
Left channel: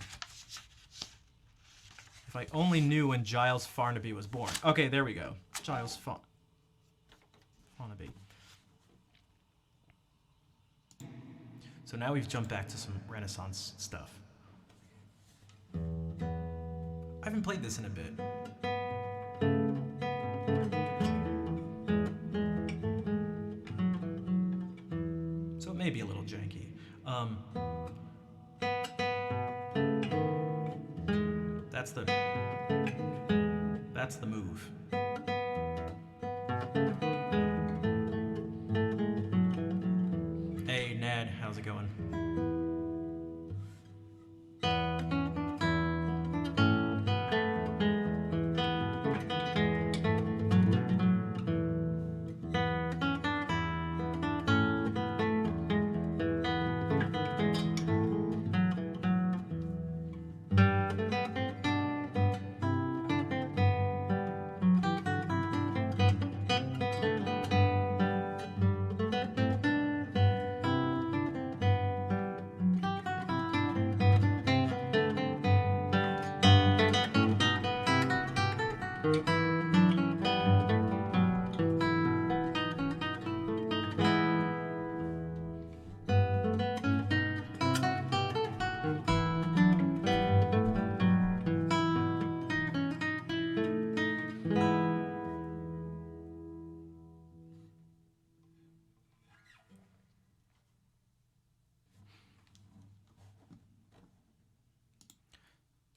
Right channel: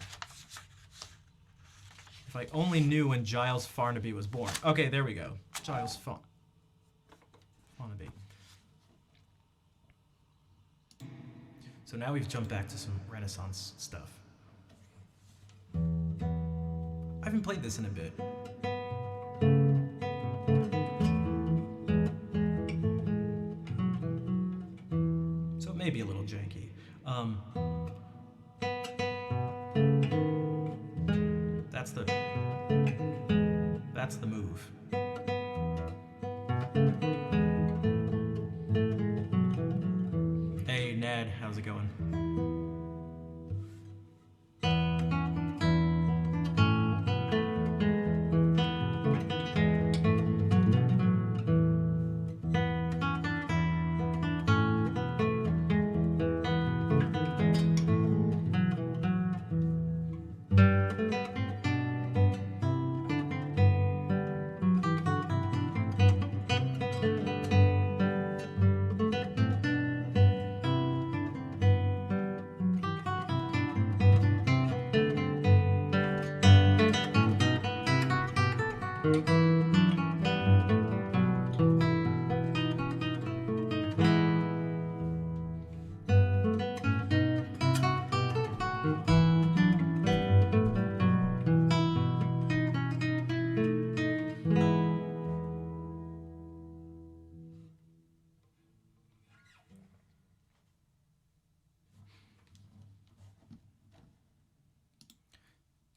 If I only knew when Giles Farnaby was born. Okay, there we go. Giles Farnaby. So now we've jumped back to some Renaissance stuff. I haven't played this in a bit. So it may be a little janky. That's the move. Hey, Ned, how's it going?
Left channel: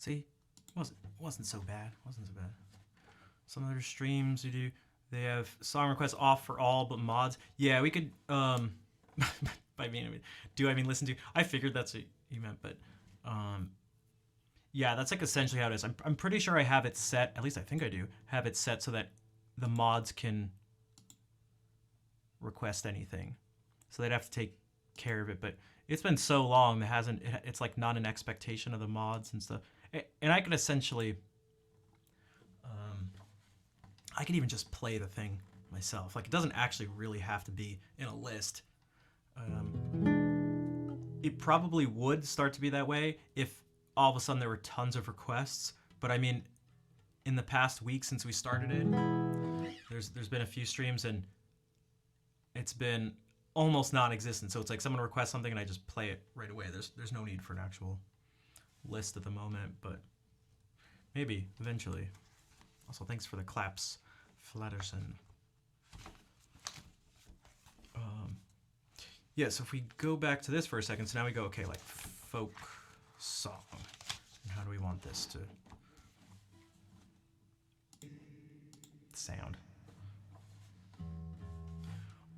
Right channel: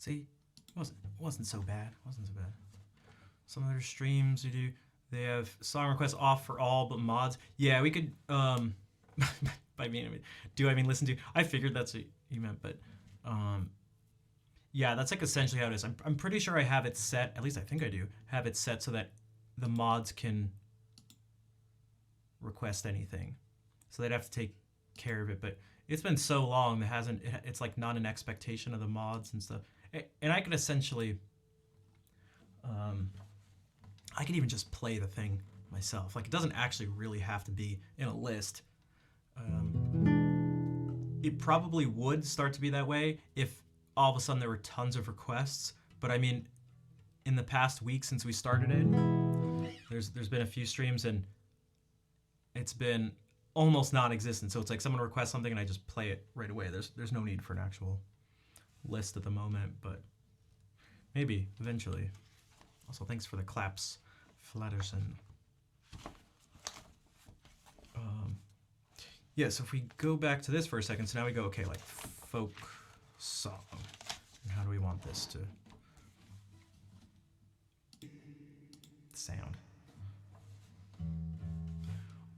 See, wasn't so bad. Wasn't so bad. Some other streams you do, they have song requests off for all but mods. Yeah, we could by mean, do I mean listen to? I figured that's what you meant, but yeah, that's like essentially how it is. I'm pretty sure I have it set, at least I think I do, have it set so that the mods can request anything. So they'd have to take care of it, but it's been so long that it's like not an expectation of the mods and stuff. And I could essentially I could even just play the thing myself. Like, it doesn't actually really have to be in a list. It probably would start to be that way if all of a sudden there were tons of requests. But I mean, in the past week since we started it, there's been a few streams and it's been almost non-existent. So it's like someone requests something and I just play it right away. There's no need for an actual list at the moment, but maybe eventually. Also, thanks for the claps, Flatterson. Yeah, so if we go back to this for a second, so now we go, okay, like folk song. And how do we want this to sound?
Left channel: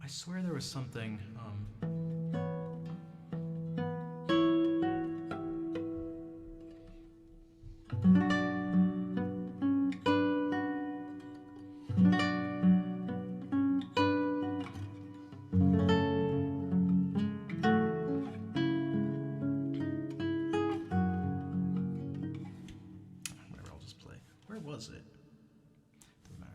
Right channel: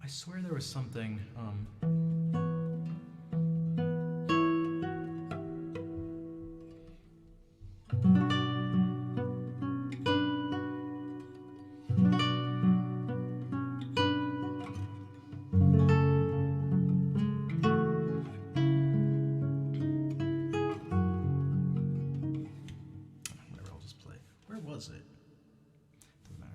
I swear there was something, whatever, I'll just play. Where was it? Doesn't matter.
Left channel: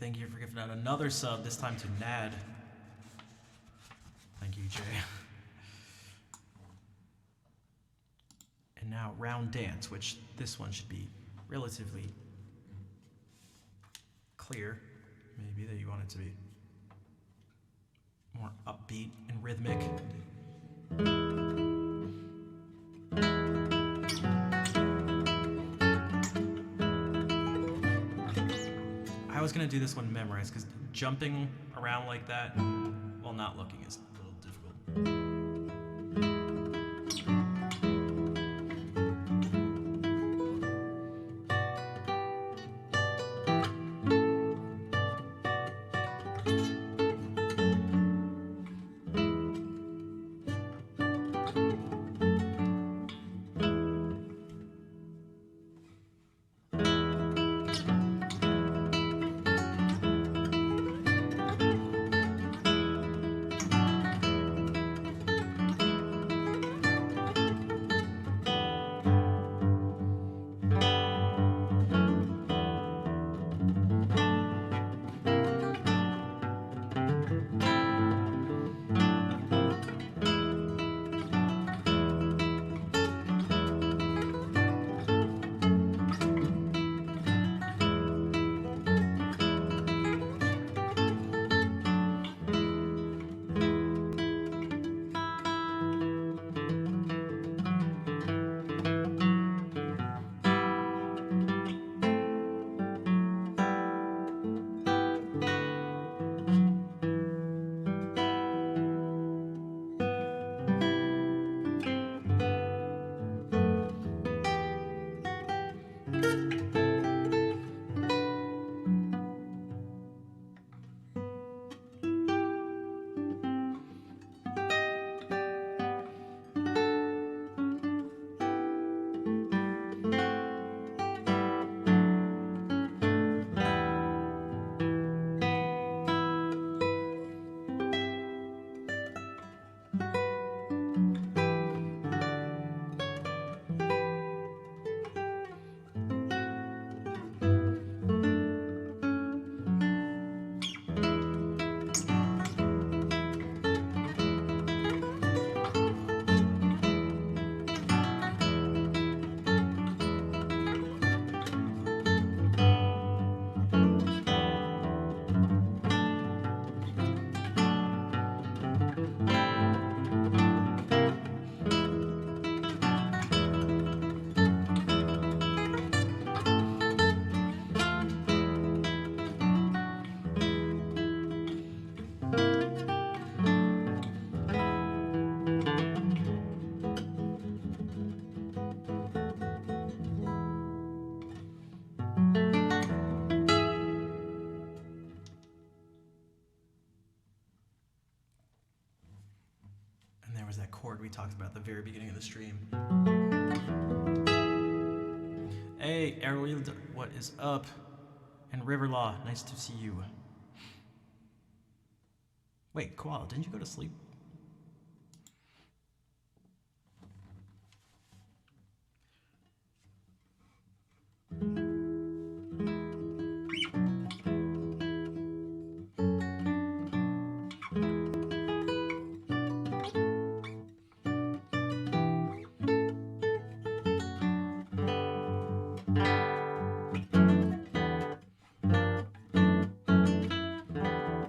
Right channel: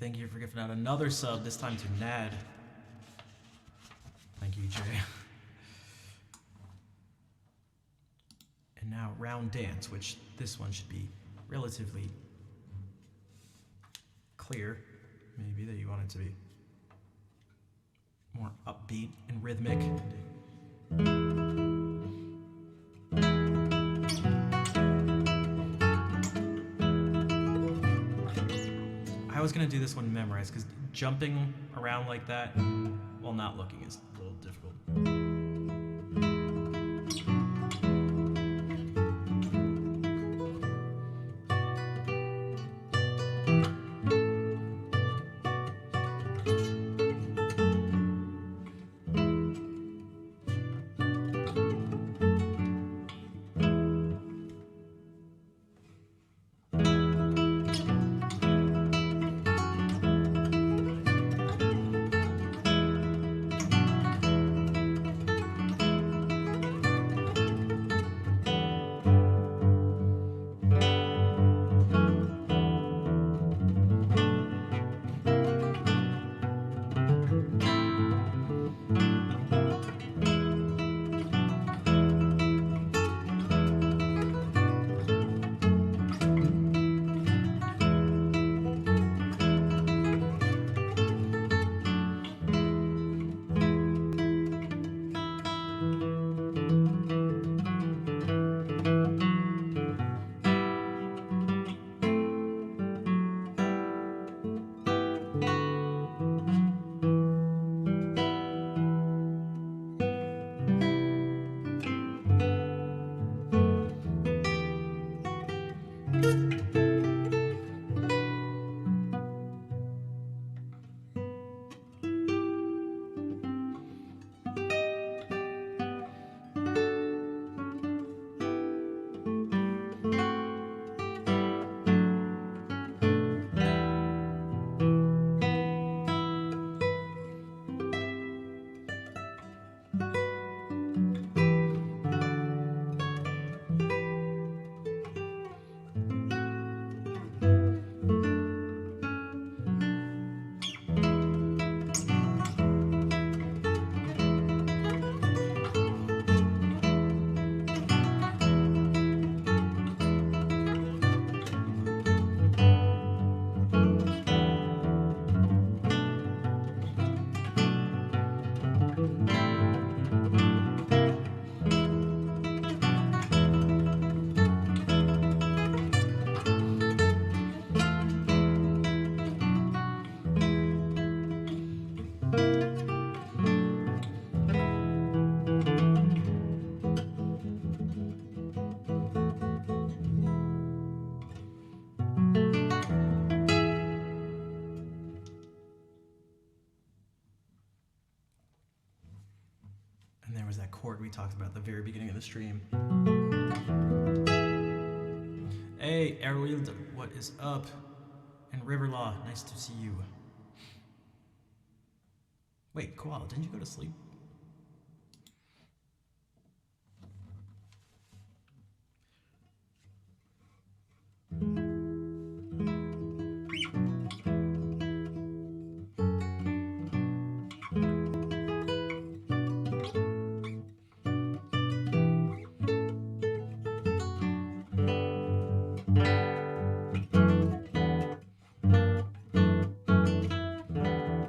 thank you for giving out another sub, this time to Nad. Thank you, Jay. And now round dance, which this one should be relatively clear, maybe, that you want it to be more upbeat and rhythmic. I was gonna do this one memorized because jumping around like that while not looking is a little difficult. Was that chord we talked about at the very beginning of the stream. Hey, Erwild, what is up? And Riverlaw, nice to see you. Wait, Koala, didn't you go to sleep?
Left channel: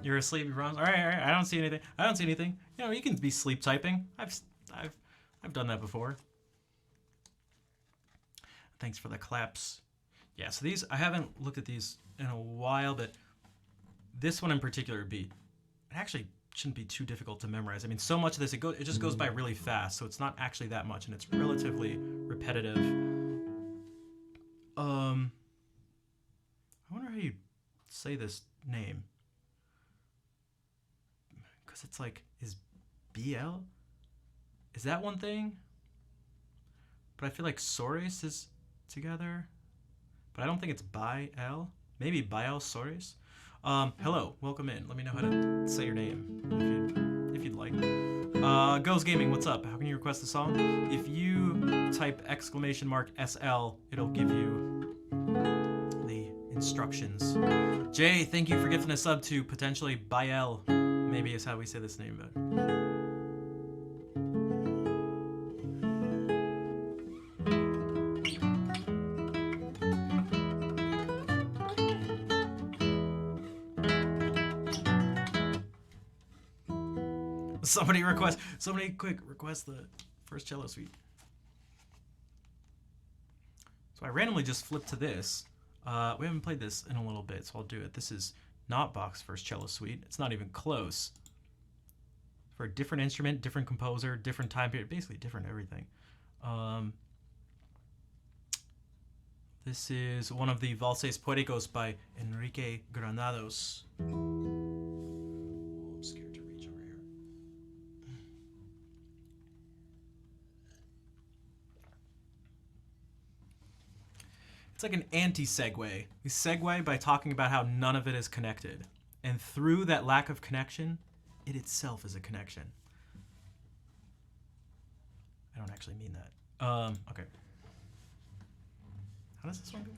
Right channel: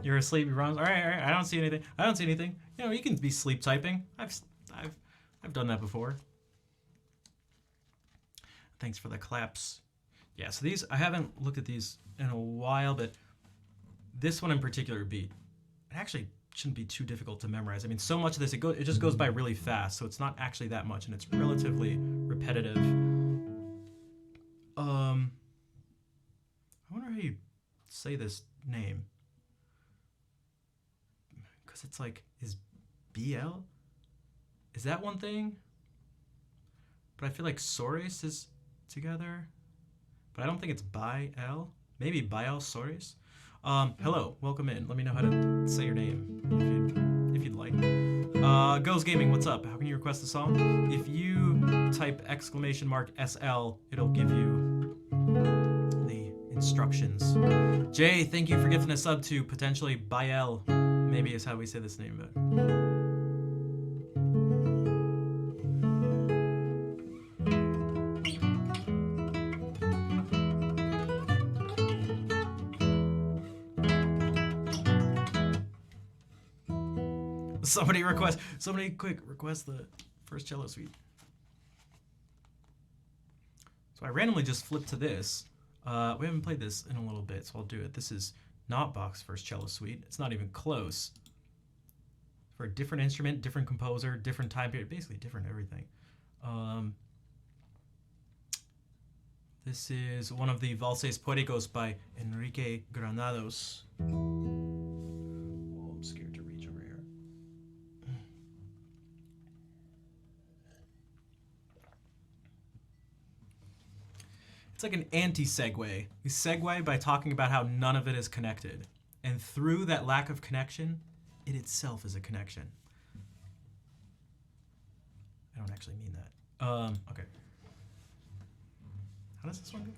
You're asleep, you All right. I don't see anything. You know, you can be sleep typing. I've done that before. Thanks for the claps. Yeah, so these, I haven't looked at these in a while, but this one in particular beat, it actually shouldn't be too difficult to memorize. I mean, so much of this, it just goes by really fast, so it's not actually that much, and it's relatively repetitive. I wonder how you say this name. Because it's like, is BL? Is that one thing? But I feel like Soris is together. But I don't think it's by L. Maybe by L Soris. Hello, welcome in. Let me know how to say your name if you'd like. Goes Gaming, what's up? How can you request a song? If you type !SL, it'll give you the instructions. Jay, thank you for gifting a sub to potentially Bael. Maybe is how we say this name, but. Somebody quick request the first cello suite. So I randomly just flipped to this. We haven't played this in a little bit, so I'll do it. This is not Bach's first cello suite. It's not even close. For a different instrument, different composer, different time period, basically different everything. This is one of the Valses Poéticos by Enrique Granados. I'm scared to reach over here. It's like an anti-segue. We segue by talking about how none of it is connected. And through that lack of connection, it itself is a connection. I don't actually mean that. Okay. How does this one go?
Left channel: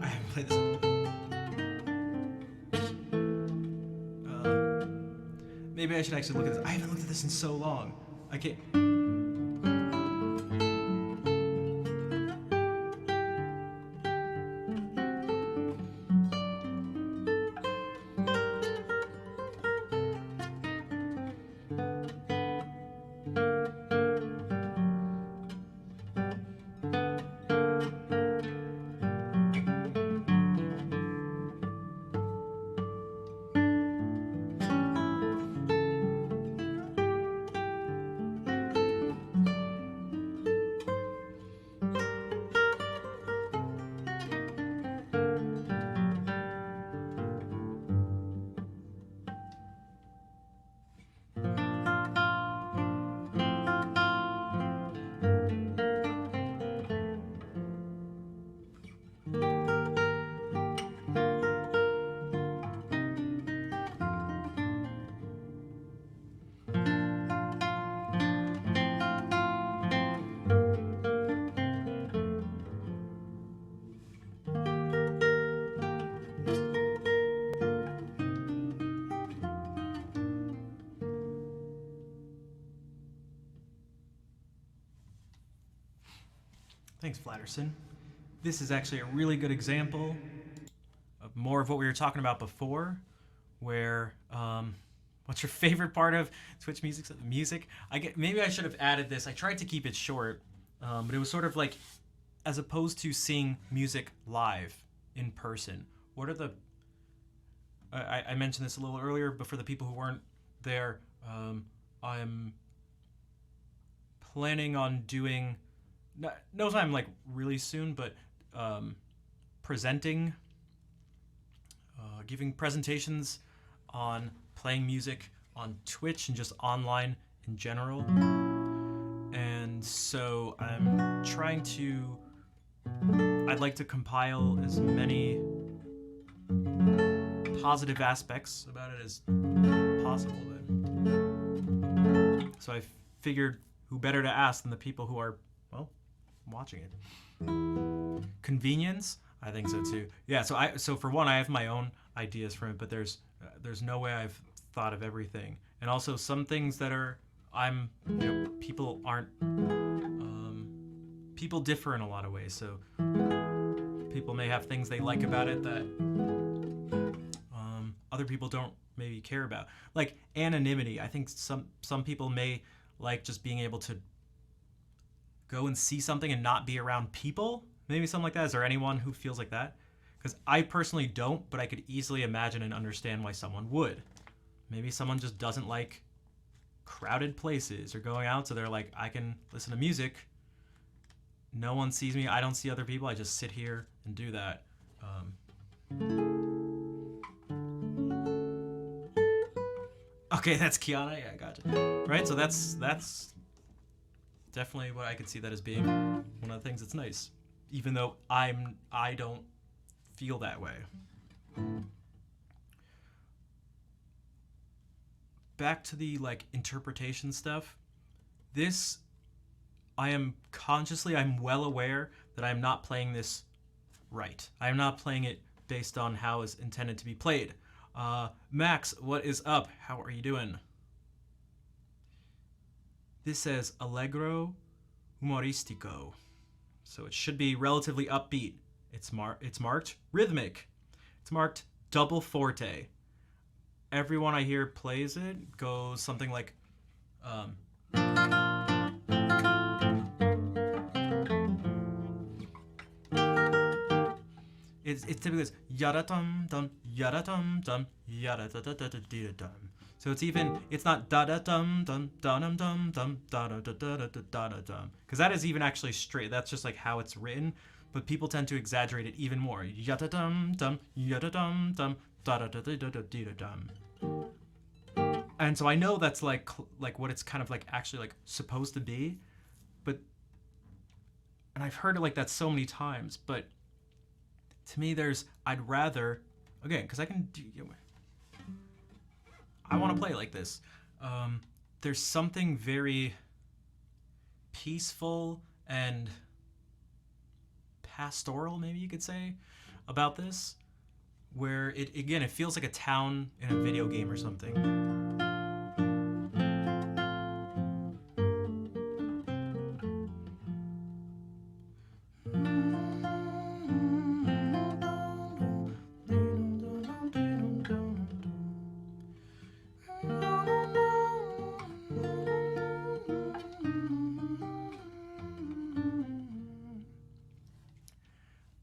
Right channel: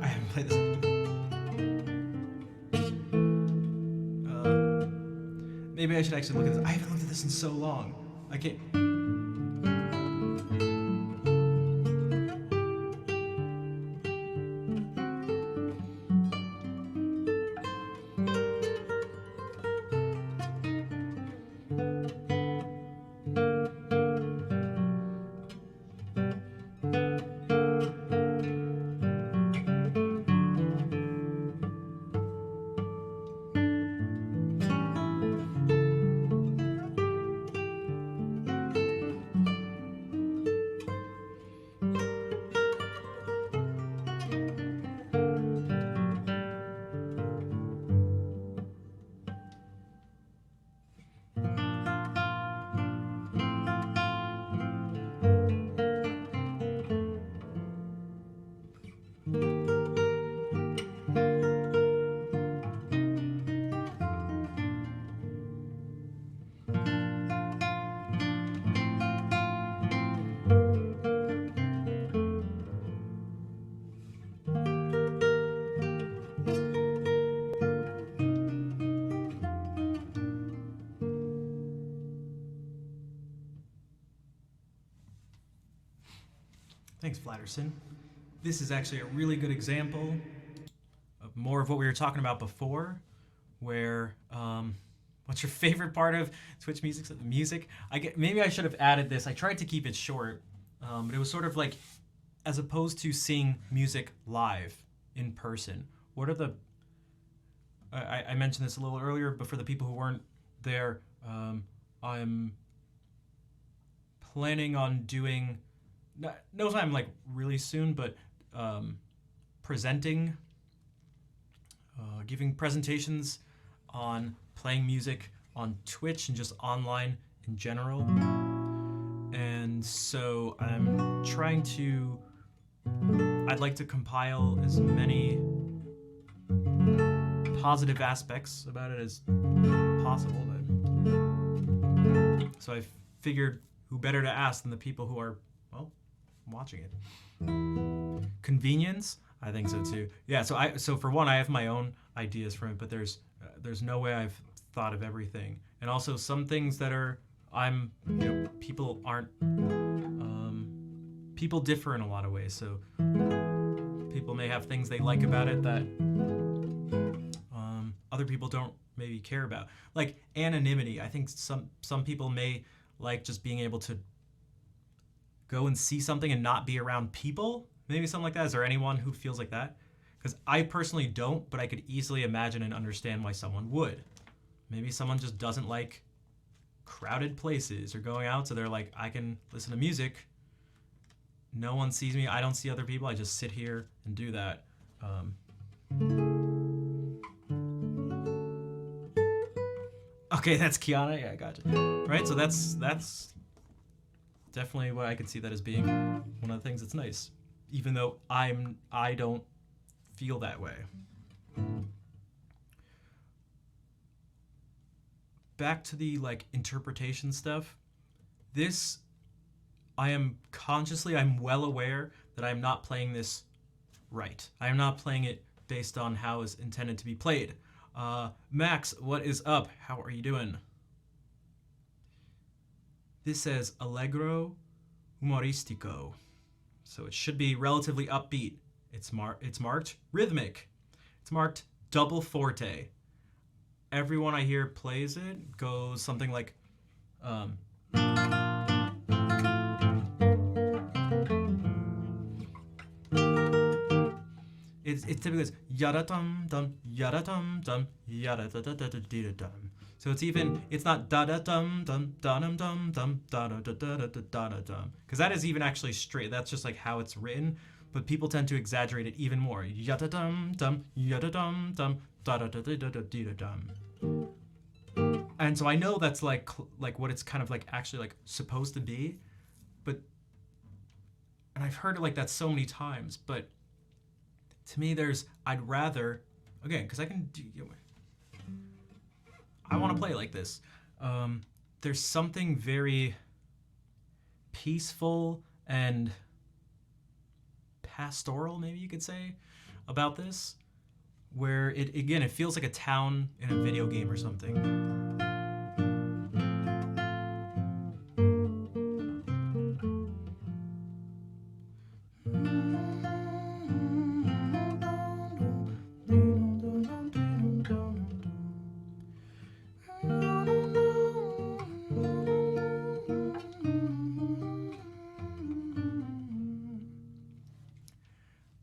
I haven't played this. Maybe I should actually look at this. I haven't looked at this in so long. I can't. Thanks, Flatterson. This is actually a really good example of more of what we were talking about before, where what's your favorite part of Twitch music? Music. Maybe I should have added this. I tried to keep it short, but it was sort of like, as opposed to seeing music live in person, what are the? I mentioned this a little earlier, but for the people who weren't there, I'm planning on doing. No time like really soon, but presenting, giving presentations on playing music on Twitch and just online in general. And so I'd like to compile as many positive aspects about it as possible. So I figured who better to ask than the people who are, well, watching it. Convenience, I think so too. Yeah, so for one, I have my own ideas from it, but there's no way I've thought of everything. And also some things that are people aren't people differ in a lot of ways. So people may have things they like about it that other people don't maybe care about. Like anonymity. I think some people may like just being able to go and see something and not be around people. Maybe something like that. Is there anyone who feels like that? Because I personally don't, but I could easily imagine and understand why someone would. Maybe someone just doesn't like crowded places or going out, so they're like, I can listen to music. No one sees me. I don't see other people. I just sit here and do that. Okay, that's Kiana. Yeah, I got you. Right, so that's definitely what I could see that as being one of the things that's nice, even though I don't feel that way. Back to the like interpretation stuff. This, I'm well aware that I'm not playing this right. I am not playing it based on how it's intended to be played. Max, what is up? How are you doing? This says Allegro Humoristico. So it should be relatively upbeat. It's marked rhythmic. It's marked double forte. Everyone I hear plays it goes something like it's typically this yada dum dum yada dum dum yada da da da da da dum. So it's not da da dum dum da dum dum dum da da da da da da da dum, because that is even actually straight. That's just like how it's written, but people tend to exaggerate it even more. Yada dum dum yada dum dum da da da da da da da dum. And so I know that's like what it's kind of like actually like supposed to be, but and I've heard it like that so many times, but to me I'd rather, again, because I can do, I want to play like this. There's something very peaceful and pastoral, maybe you could say, about this, where it feels like a town in a video game or something.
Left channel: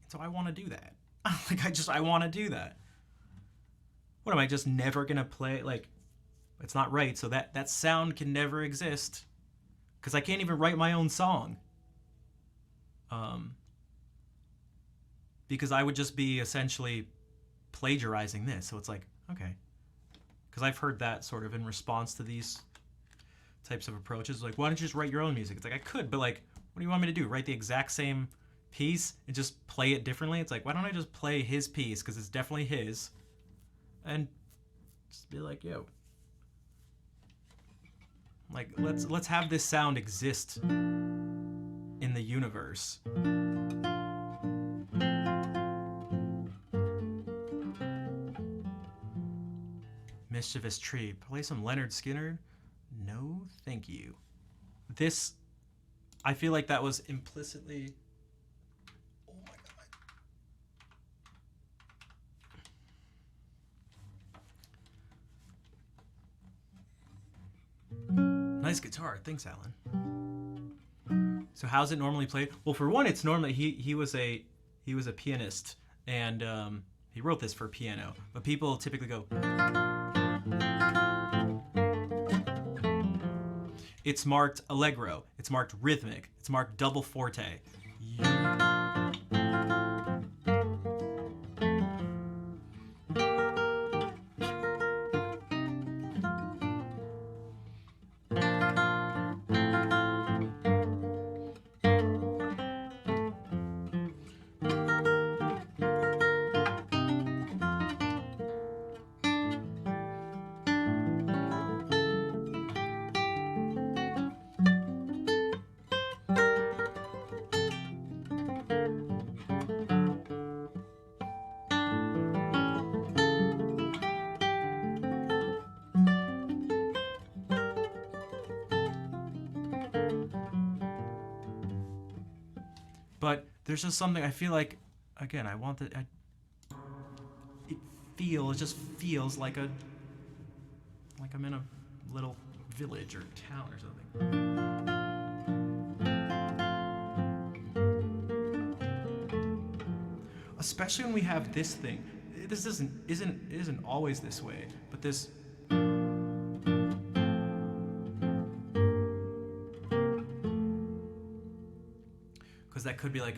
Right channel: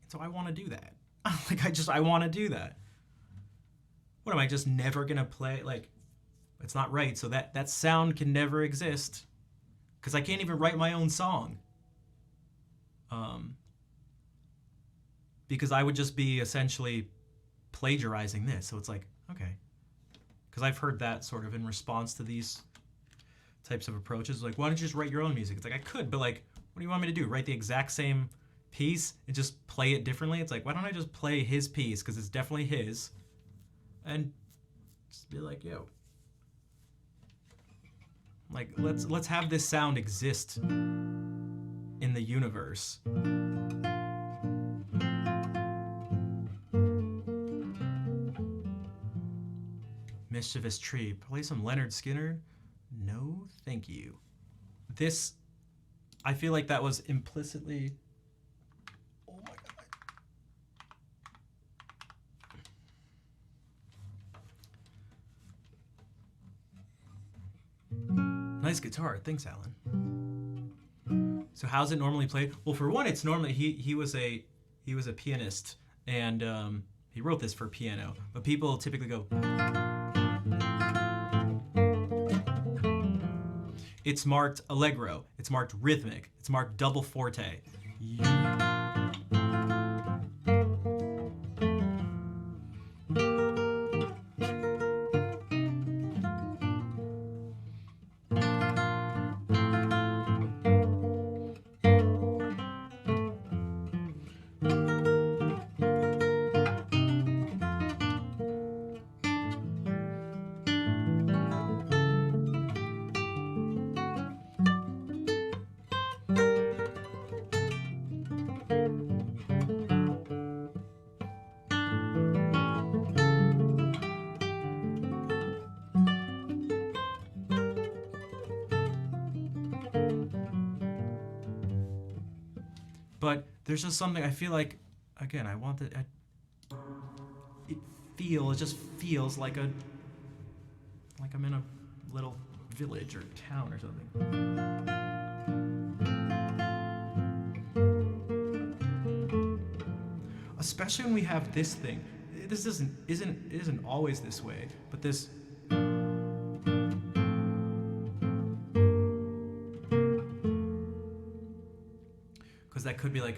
So I want to do that. I want to do that. What am I just never gonna play? Like, it's not right. So that sound can never exist, because I can't even write my own song. Because I would just be essentially plagiarizing this. So it's like, okay, because I've heard that sort of in response to these types of approaches. Like, why don't you just write your own music? It's like, I could, but like, what do you want me to do? Write the exact same piece and just play it differently? It's like, why don't I just play his piece, because it's definitely his, and just be like, yo, like, let's have this sound exist in the universe. Mischievous Tree. Play some Leonard Skinner? No, thank you. This, I feel like that was implicitly... Oh my god. Nice guitar. Thanks, Alan. So how's it normally played? Well, for one, it's normally... He was a pianist, and he wrote this for piano. But people typically go... It's marked allegro. It's marked rhythmic. It's marked double forte. But there's just something, I feel like, again, I want that, it just feels like I'm in a little village or town or something. especially when we have this thing. This isn't always this way, but this. Because that could be like.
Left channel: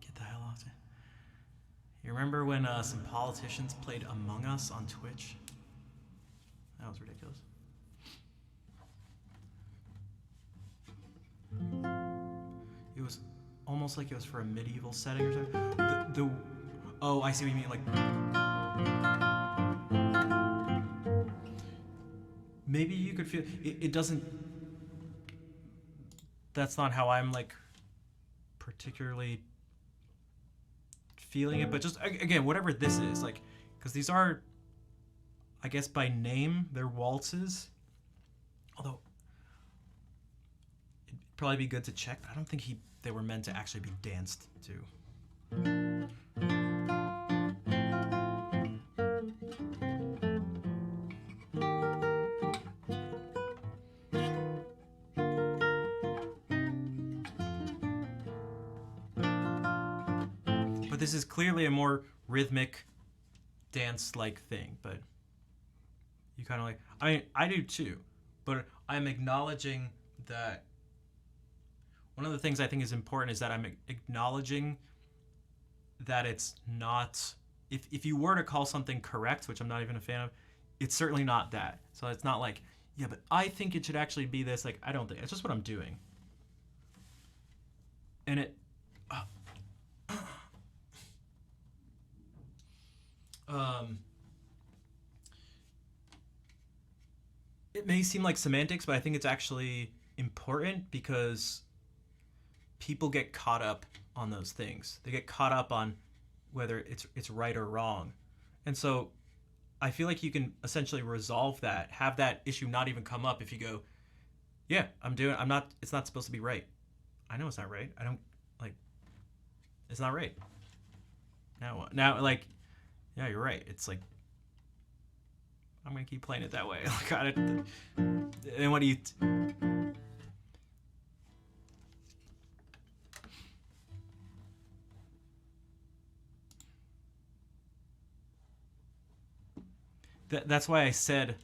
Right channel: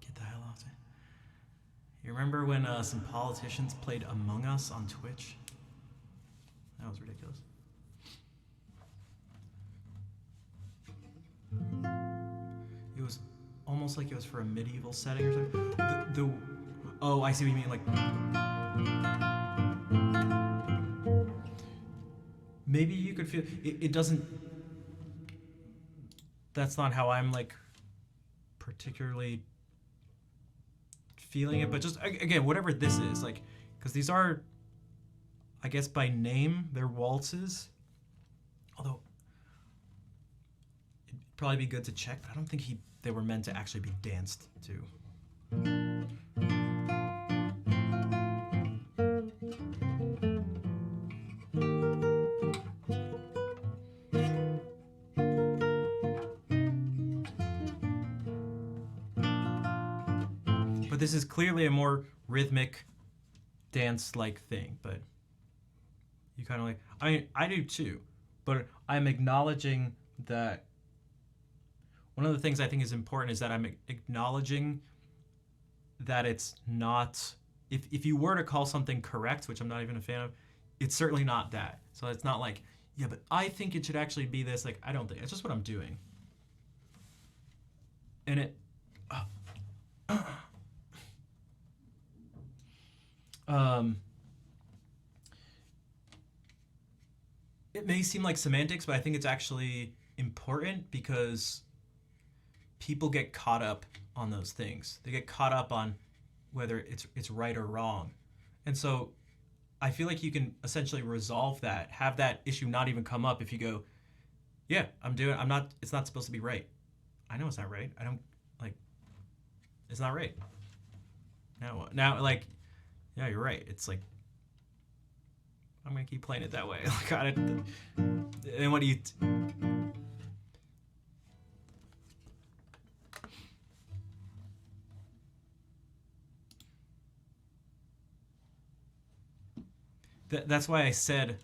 Get the hell out of it. You remember when some politicians played Among Us on Twitch? That was ridiculous. It was almost like it was for a medieval setting or something. Oh, I see what you mean. Like, maybe you could feel it doesn't. That's not how I'm like particularly feeling it, but just again, whatever this is, like, because these are, I guess by name, they're waltzes. Although it'd probably be good to check, but I don't think they were meant to actually be danced to. But this is clearly a more rhythmic dance-like thing, but you kind of like, I mean, I do too, but I'm acknowledging that one of the things I think is important is that I'm acknowledging that it's not, if you were to call something correct, which I'm not even a fan of, it's certainly not that. So it's not like, yeah, but I think it should actually be this. Like, I don't think, it's just what I'm doing. And it, it may seem like semantics, but I think it's actually important because people get caught up on those things. They get caught up on whether it's right or wrong. And so I feel like you can essentially resolve that, have that issue not even come up if you go, yeah, it's not supposed to be right. I know it's not right. I don't, like, it's not right. Now, like, yeah, you're right. It's like, I'm going to keep playing it that way. Like, and what do you... That's why I said,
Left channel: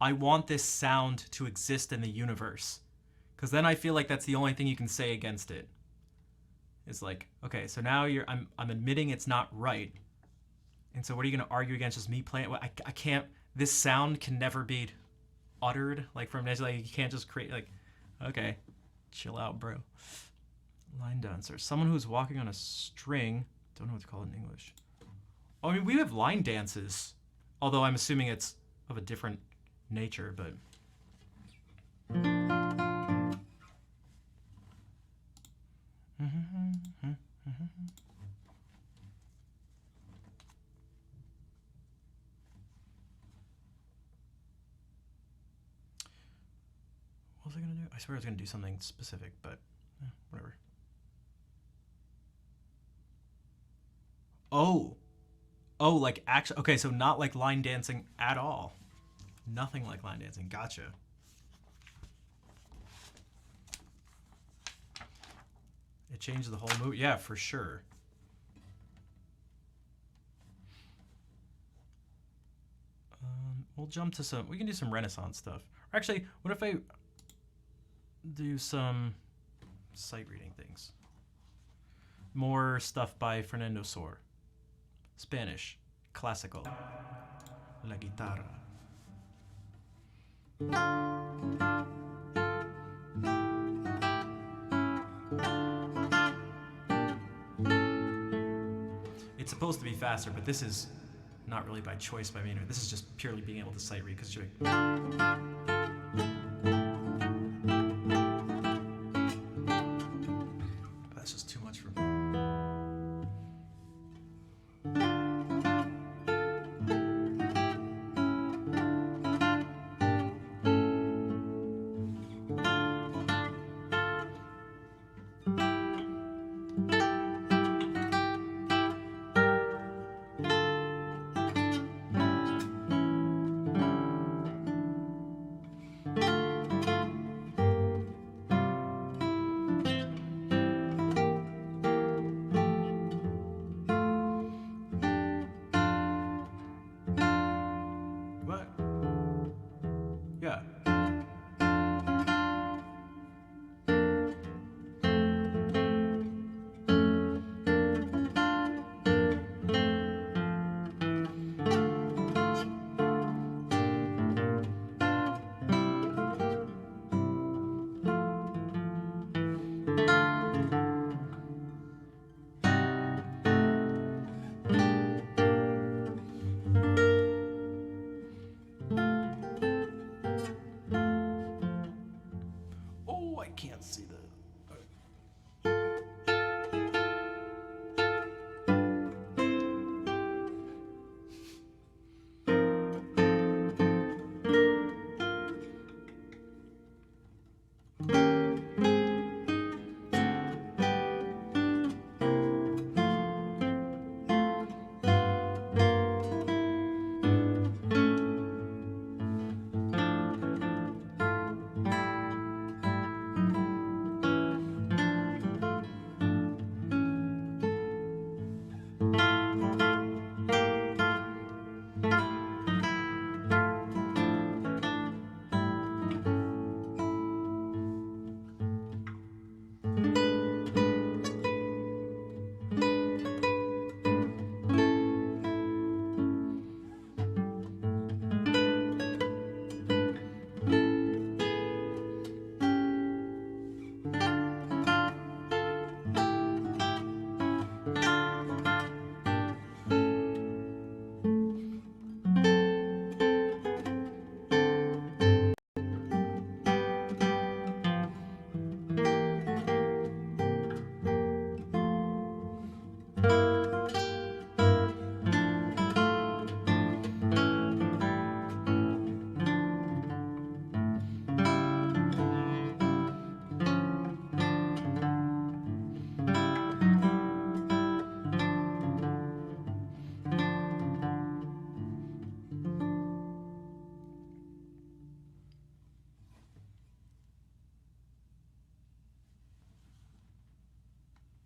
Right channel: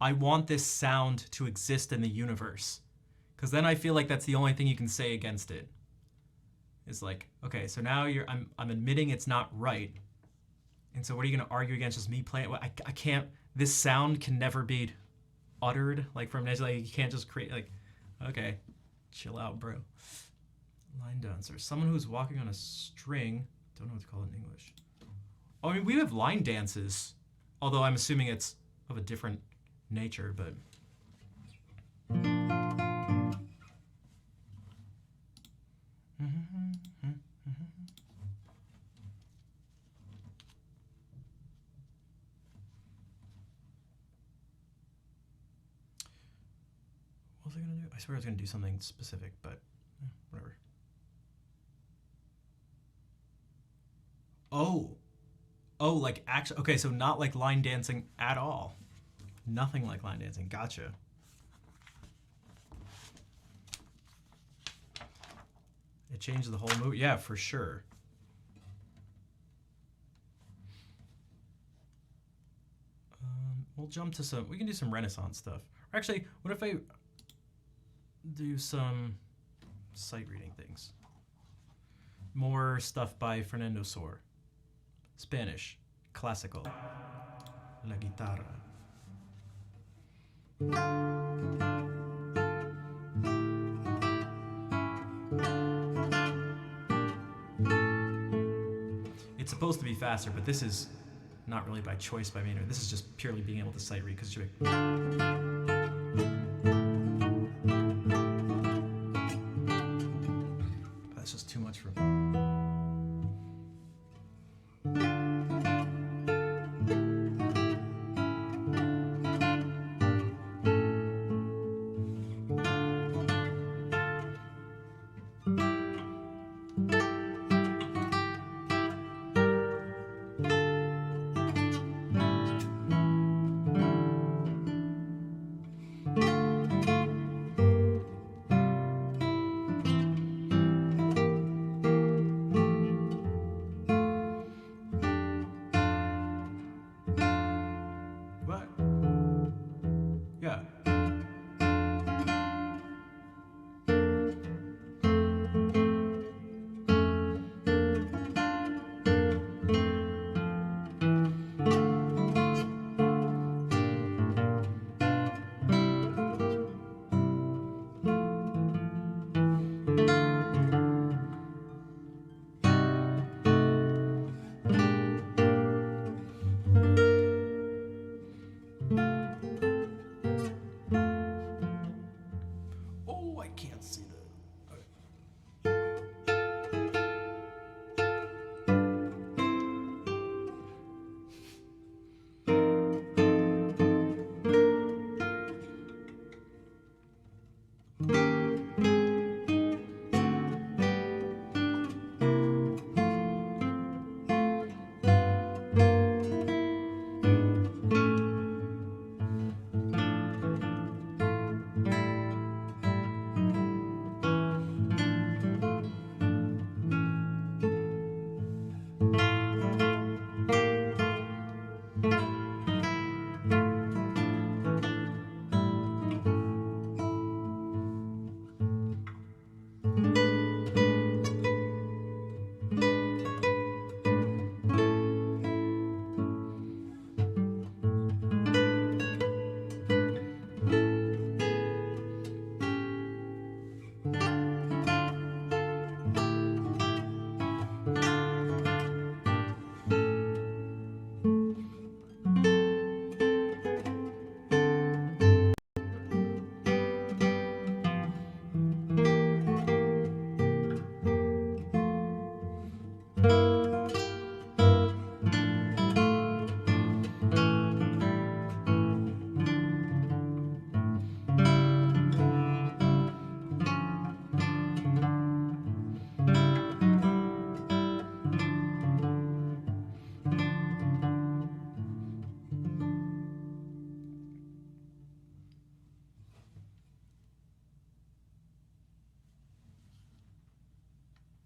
I want this sound to exist in the universe. Because then I feel like that's the only thing you can say against it. It's like, okay, so now I'm admitting it's not right. And so what are you going to argue against just me playing? Well, I can't, this sound can never be uttered, like from like you can't just create, like, okay, chill out, bro. Line dancer, someone who's walking on a string, don't know what to call it in English. Oh, I mean, we have line dances, although I'm assuming it's of a different nature, but. What was I gonna do? I swear I was gonna do something specific, but whatever. Oh, like actually, okay, so not like line dancing at all. Nothing like line dancing. Gotcha. It changed the whole movie. Yeah, for sure. We'll jump to we can do some Renaissance stuff. Or actually, what if I do some sight reading things? More stuff by Fernando Sor. Spanish, classical, la guitarra. It's supposed to be faster, but this is not really by choice by Maynard. This is just purely being able to sight read because you're that's just too much for me. What? Yeah. Oh, I can't see that.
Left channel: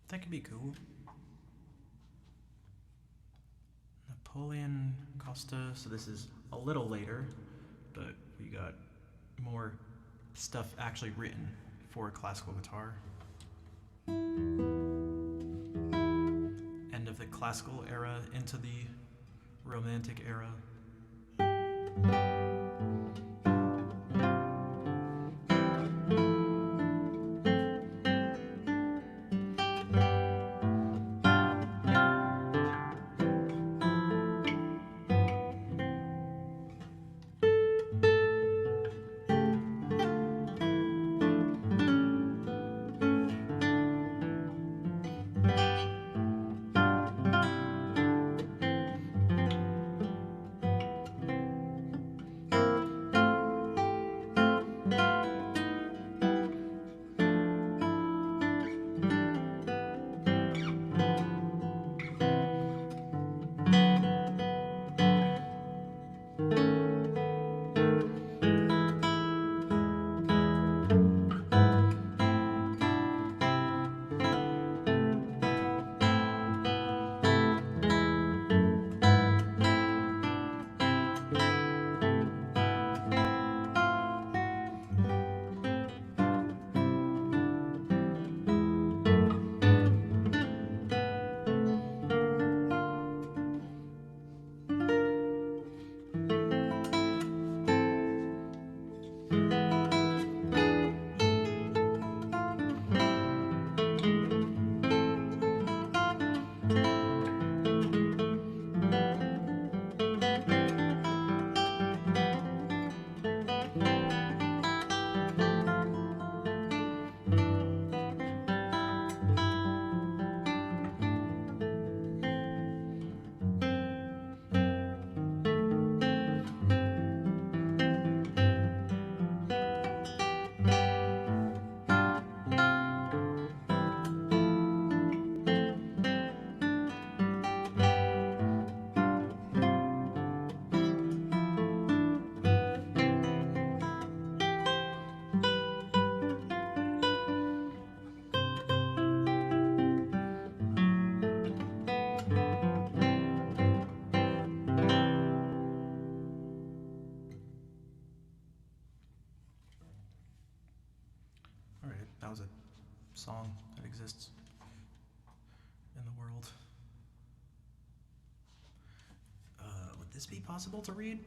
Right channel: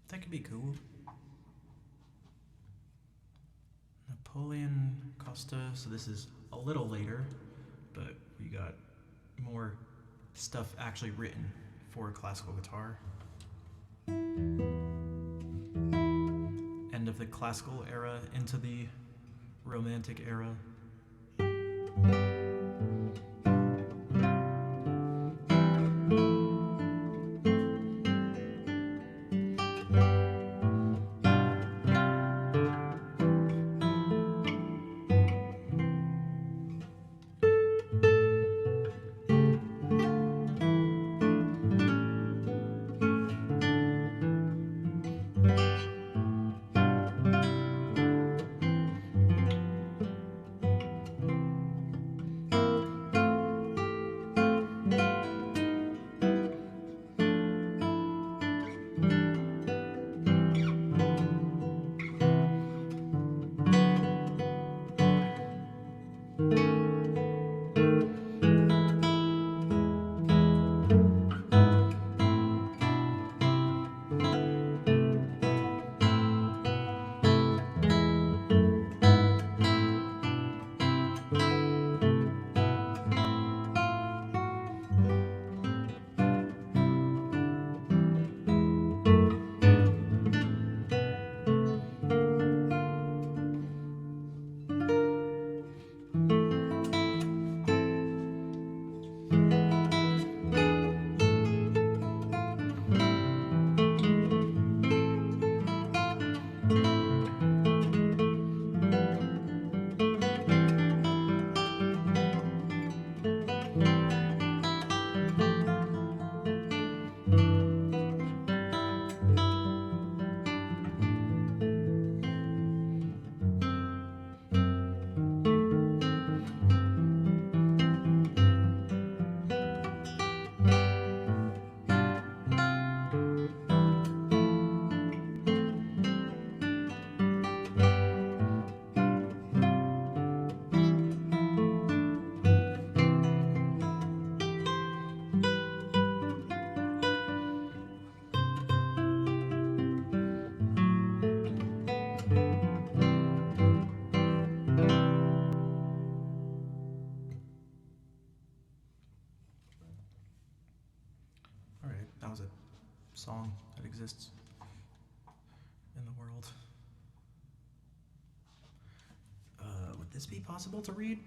That could be cool. Napoleon Costa. So this is a little later, but we got more stuff actually written for classical guitar. End of the classical era into the romantic era. that was a song that exists in the world. Would this be possible to read?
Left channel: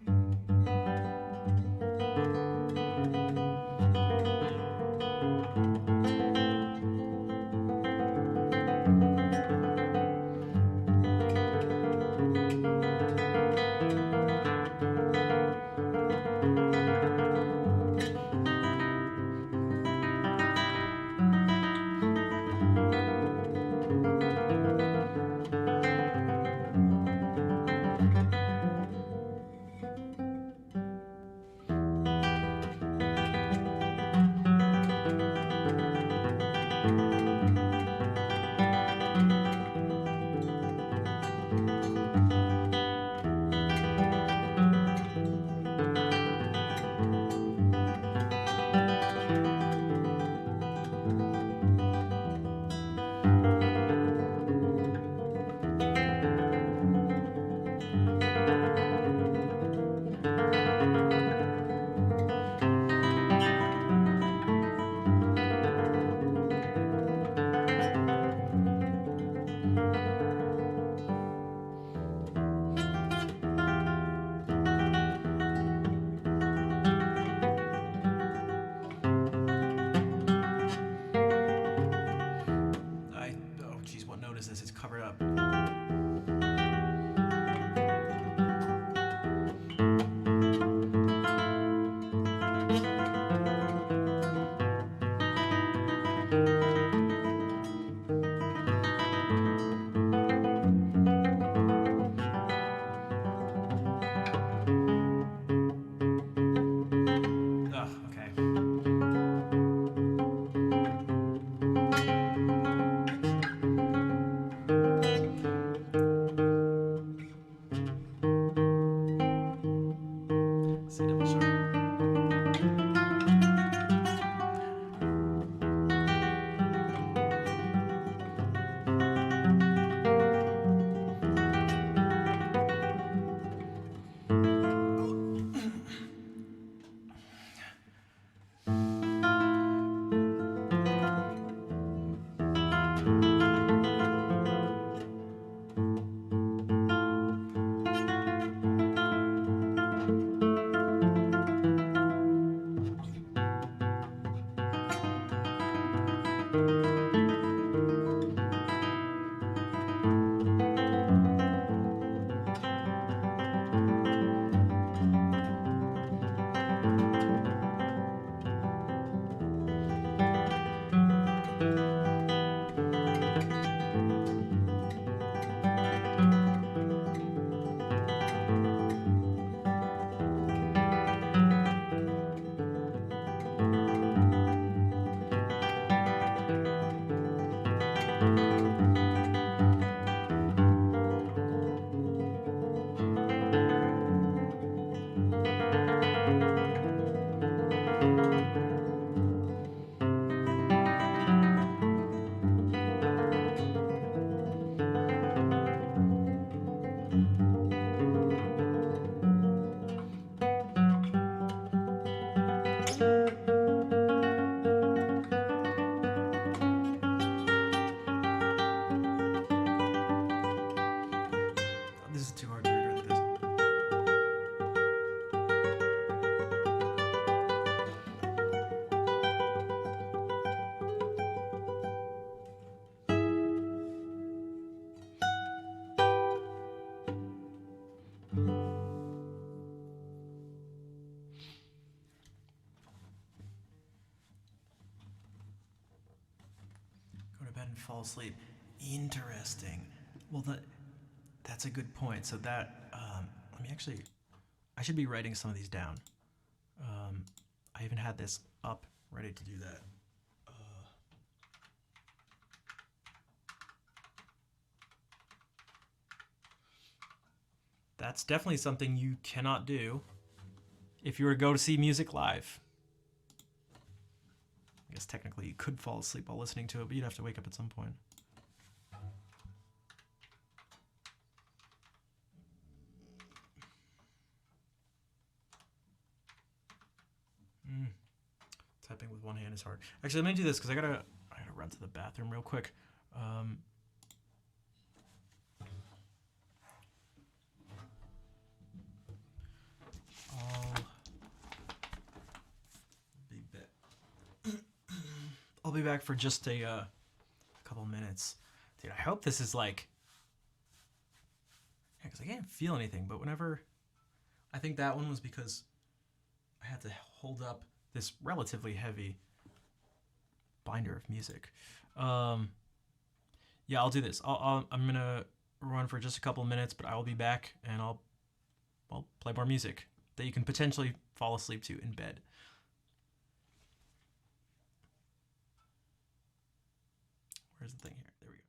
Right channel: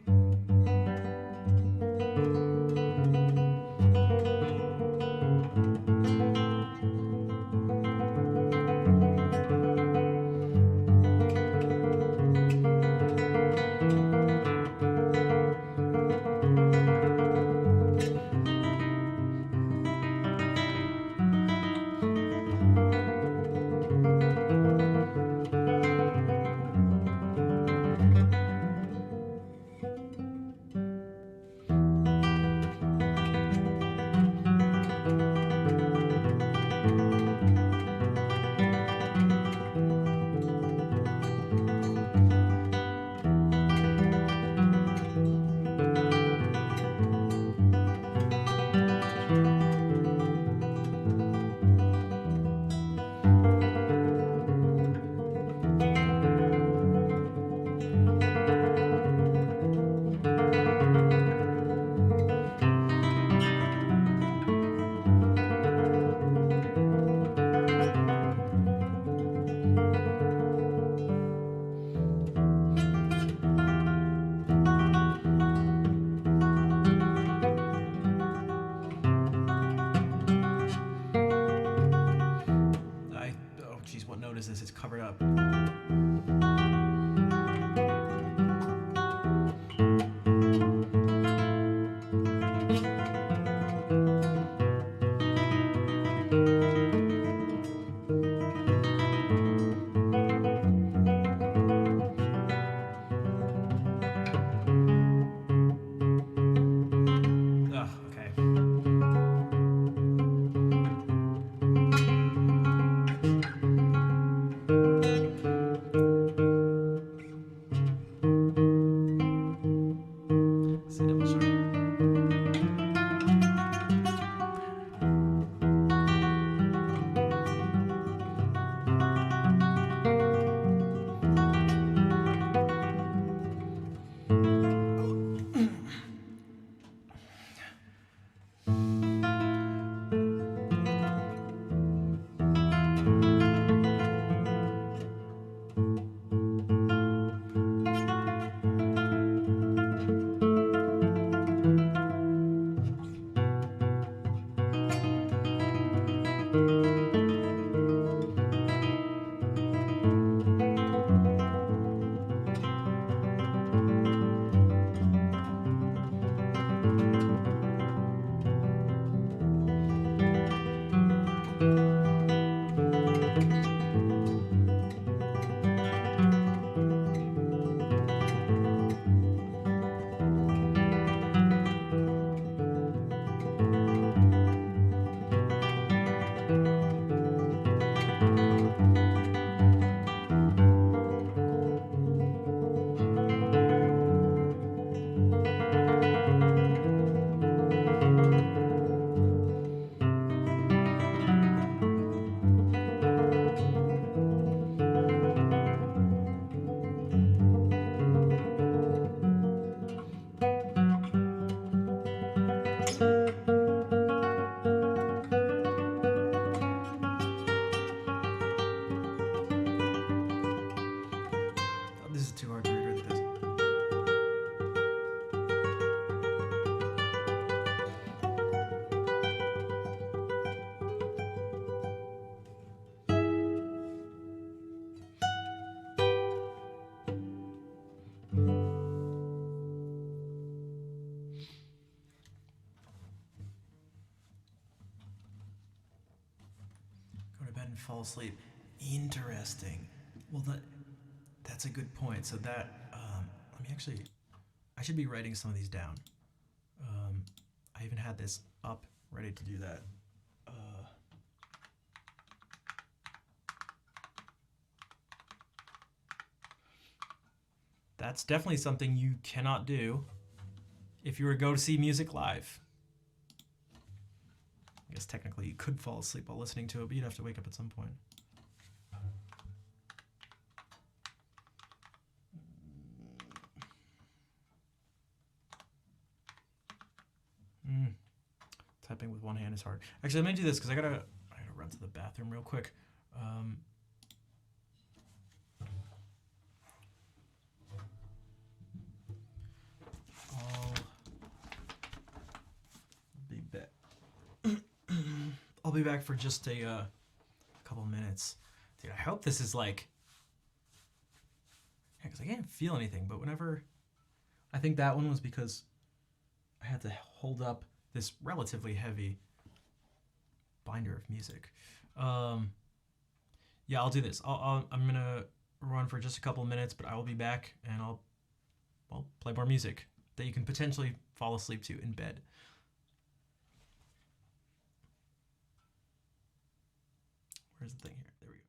Oh geez, what note is this? It's covered up. Ugh, okay. C double sharp. This is too hard to read with this. Go to bed and fall asleep. Interesting. Well, that's a good point. So that, let me actually, I should be writing some of these down. I even had this up, ready to do that. That's definitely something you cannot do if you were to go to see music live. I guess technically you could fall asleep while listening to it, but you'd have to wake up at some point. Typing with one hand is hard. Actually, let me do this because I gotta run to the bathroom real quick. I'll be back. I'll be back for just a couple minutes. Dude, I hope this is like... Yeah, because I can't feel anything, but whenever... I think that one was because I had to hold up this relatively heavy binder of music. Yeah, I'll do this. I'm gonna run for just a couple of minutes, but I will be back and I'll play more music that you can potentially fall asleep to in bed. Where's the thing here? There we go.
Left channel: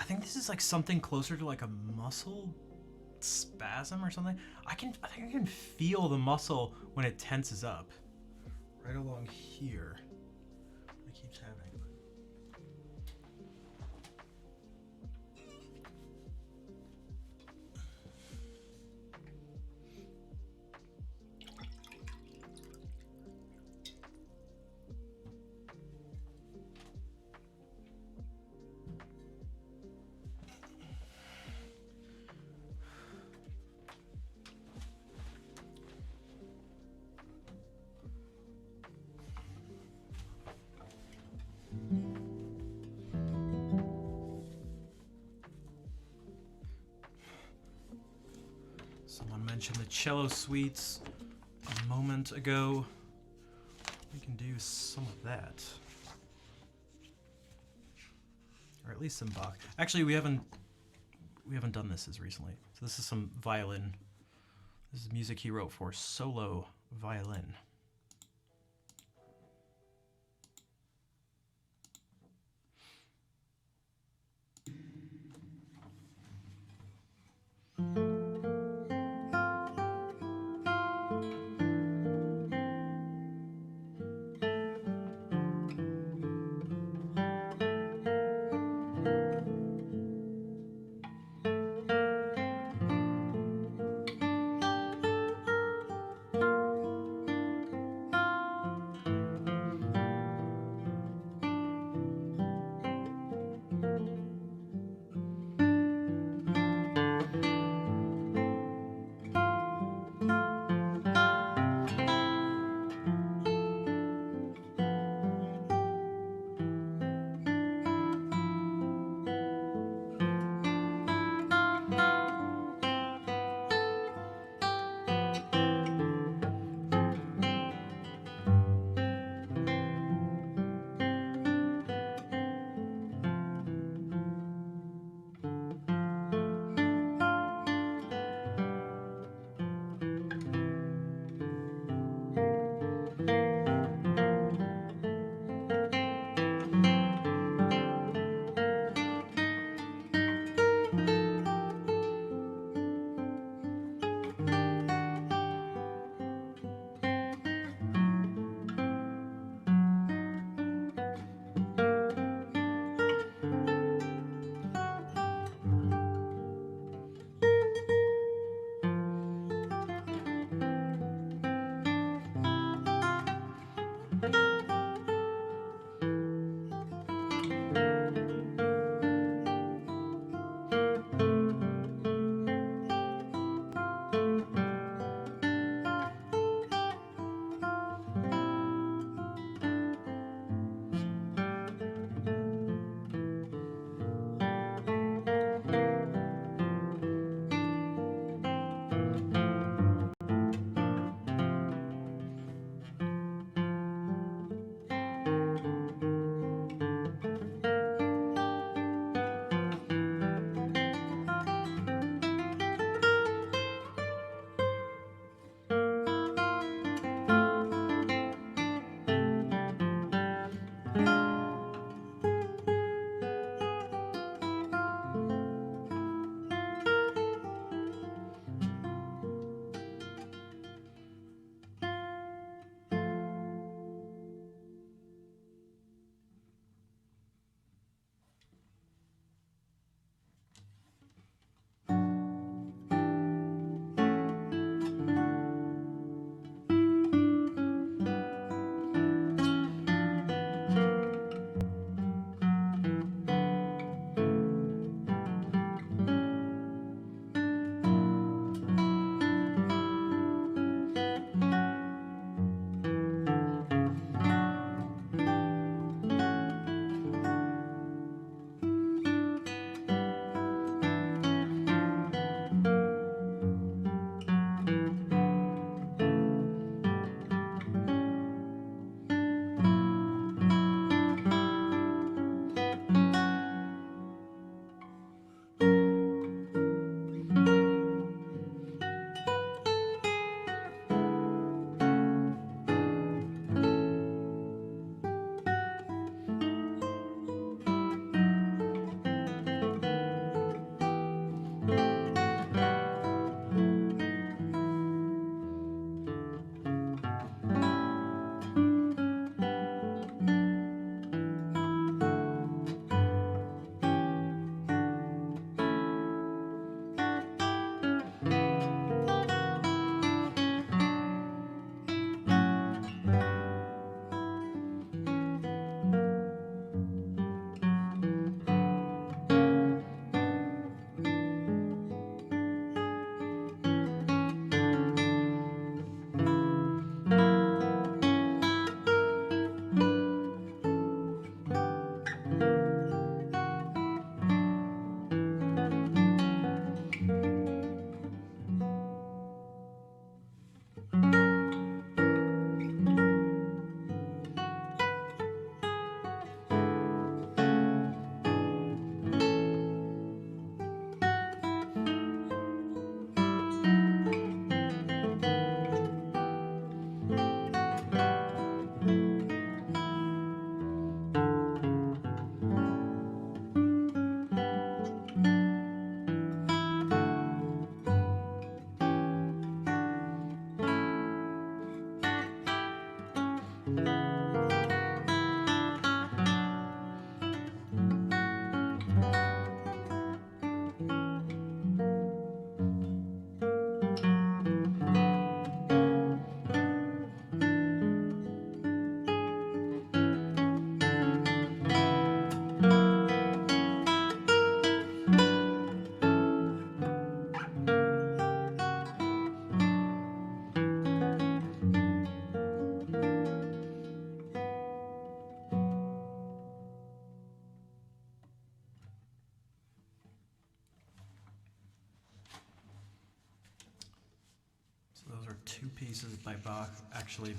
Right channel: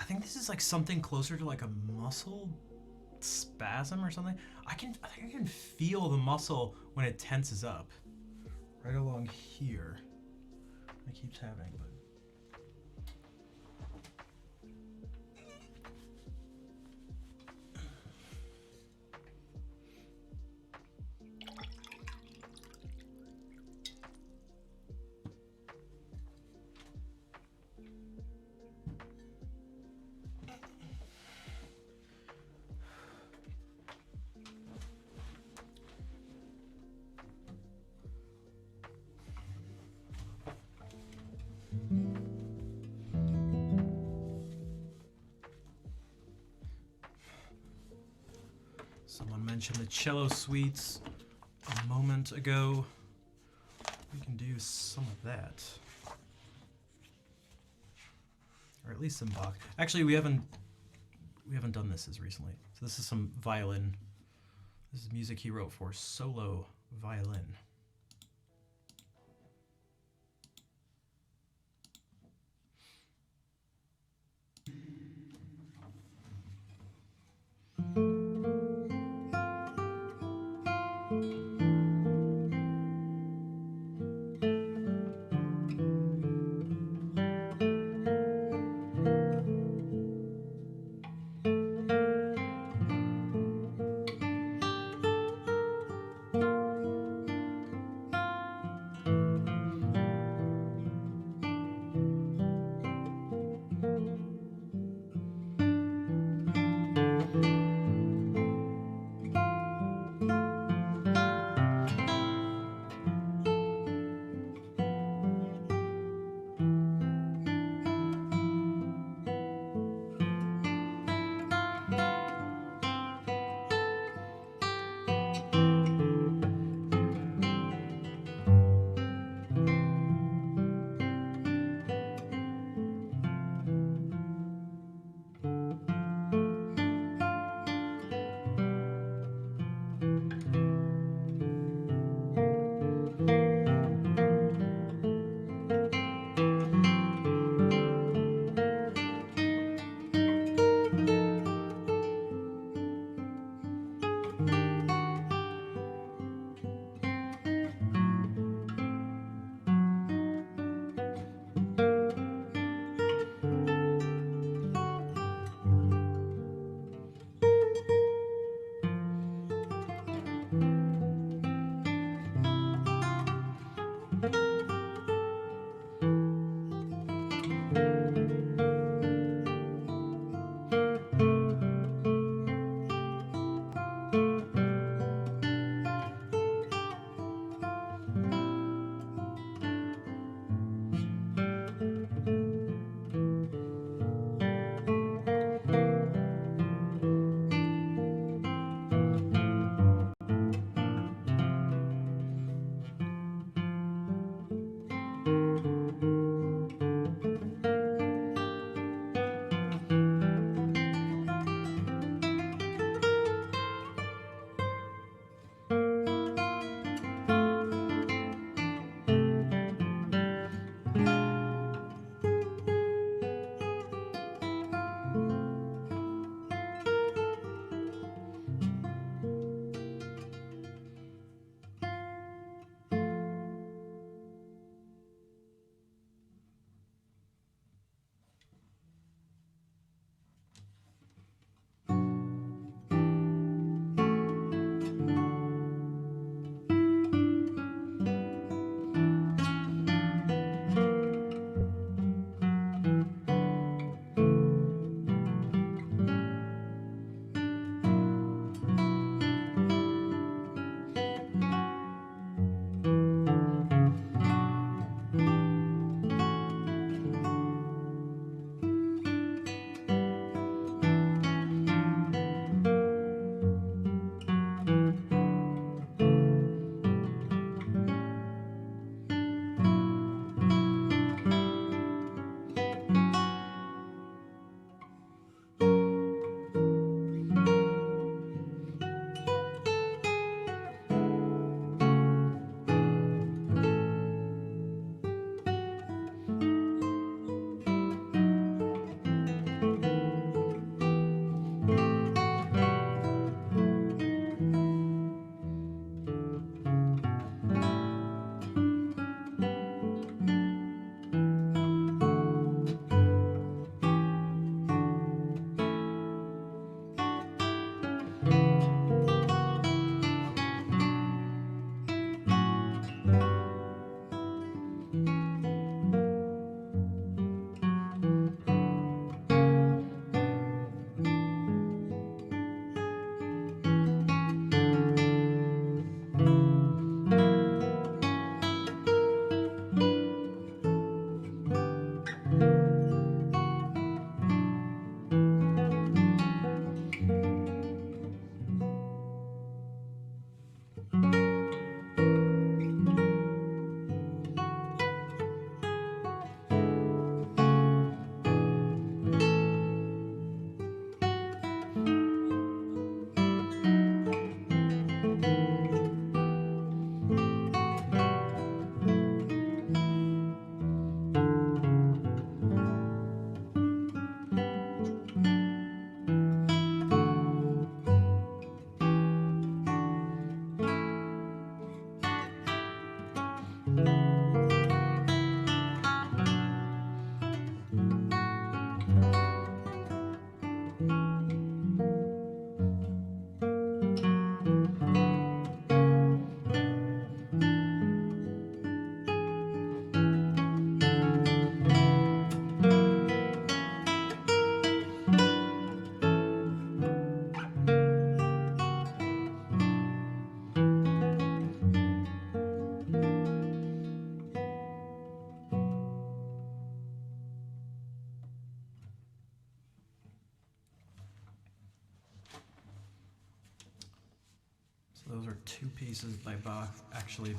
I think this is like something closer to like a muscle spasm or something. I think I can feel the muscle when it tenses up. Right along here. It keeps happening, but mentioned the cello suites a moment ago. We can do some of that. Or at least some Bach. Actually, we haven't done this as recently. So this is some violin. This is music he wrote for solo violin. 2 pieces by Bach, actually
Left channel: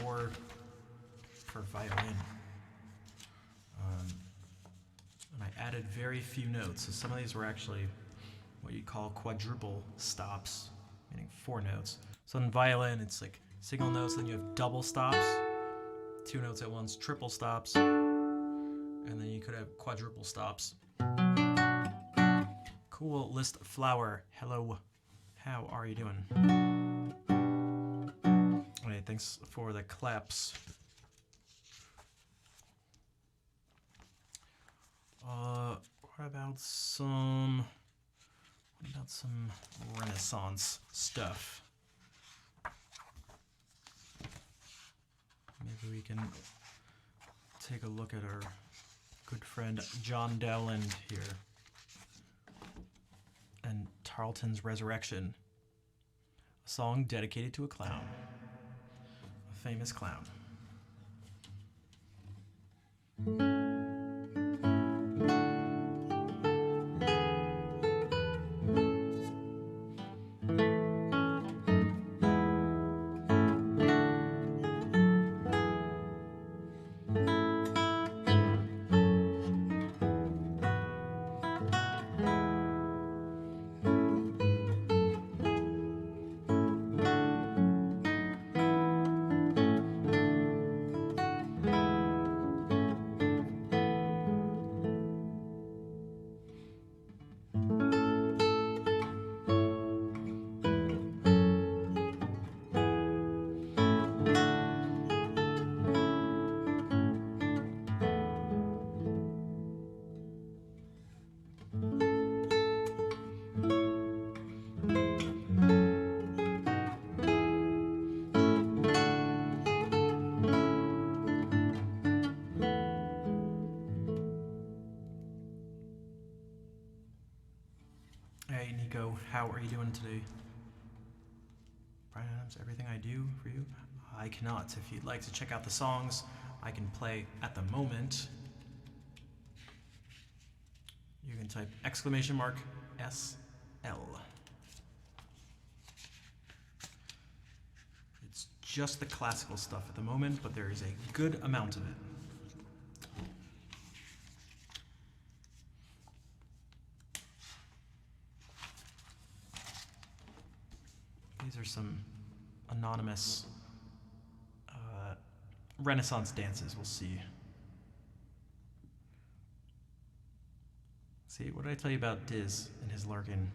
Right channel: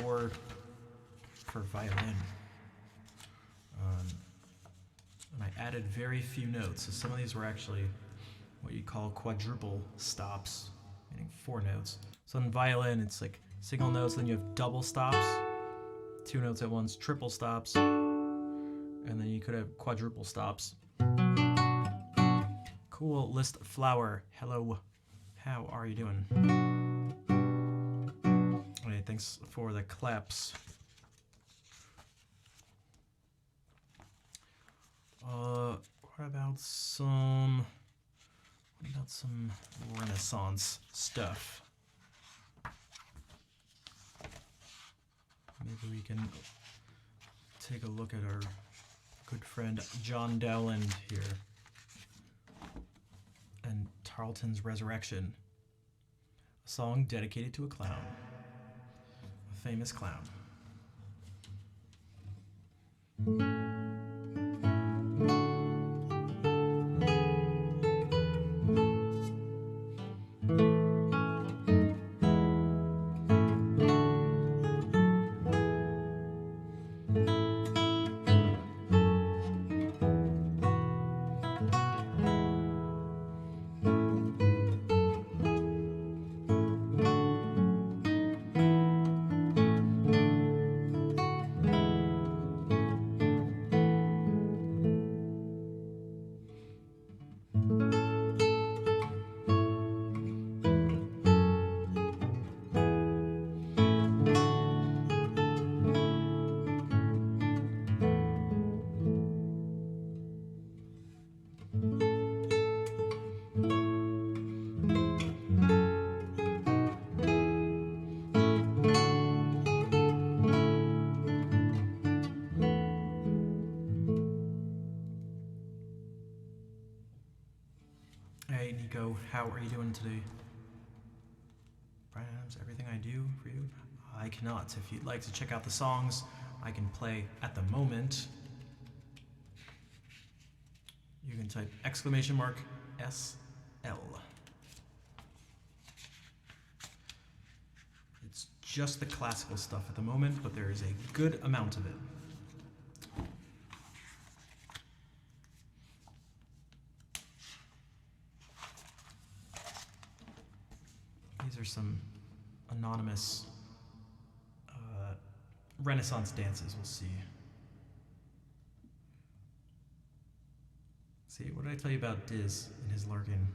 4 for violin. And I added very few notes, so some of these were actually what you call quadruple stops, meaning 4 notes. So in violin, it's like single notes, then you have double stops, 2 notes at once, triple stops, and then you could have quadruple stops. Cool List Flower, hello, how are you doing? Okay, thanks for the claps. What about some Renaissance stuff? Maybe we can take a look at our good friend John Dowland here. And Tarleton's Resurrection, a song dedicated to a clown, a famous clown. Hey Nico, how are you doing today? Brian Adams, everything I do for you? I cannot. If you'd like to check out the songs I can play at the moment, you can type !SL. It's just the classical stuff at the moment, but there is a good amount of it. These are some anonymous Renaissance dances. We'll see. See, what did I tell you about Diz and his Larkin?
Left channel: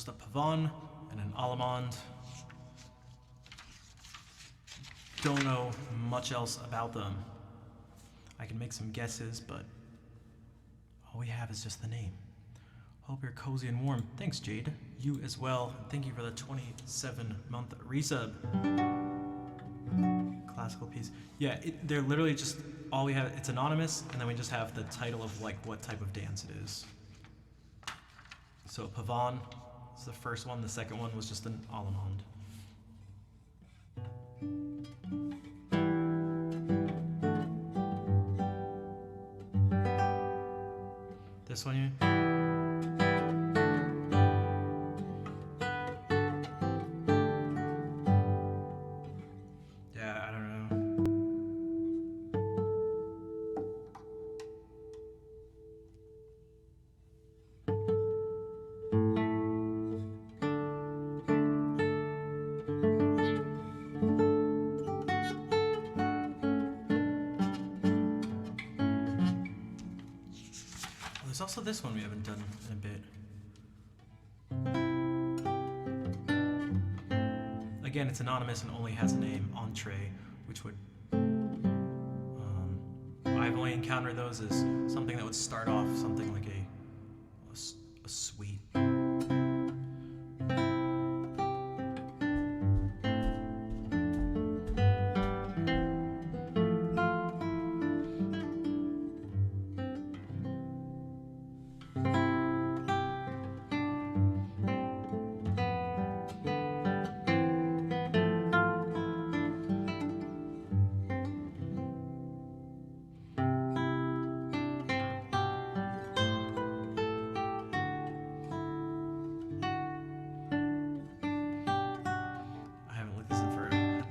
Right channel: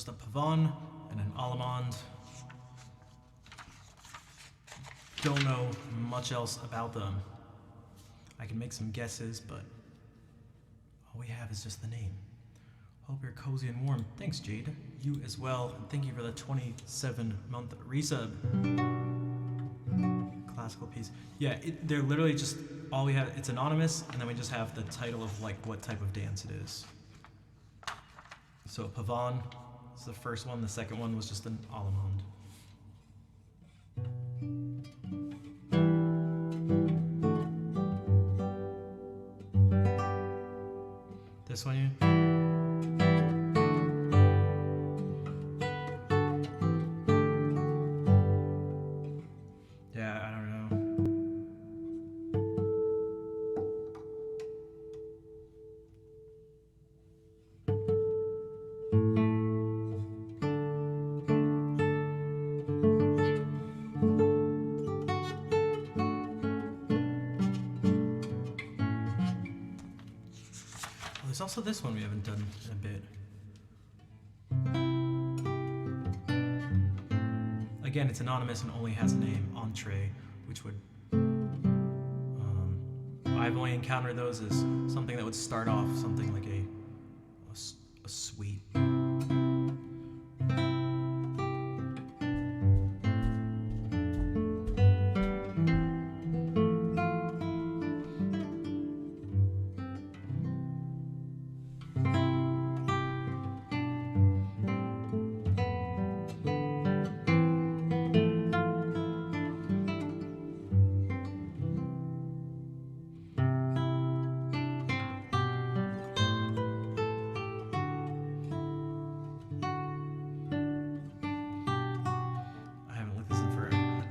just a Pavon and an Allemande. Don't know much else about them. I can make some guesses, but all we have is just the name. Hope you're cozy and warm. Thanks, Jade. You as well. And thank you for the 27-month resub. Classical piece. Yeah, they're literally just all we have. It's anonymous, and then we just have the title of like what type of dance it is. So Pavon is the first one. The second one was just an Allemande. This one here? Yeah, I don't know. Oh, there's also this one we haven't done in a bit. Again, it's anonymous and only has a name, Entree, which would... I've only encountered those as something that would start off something like a suite.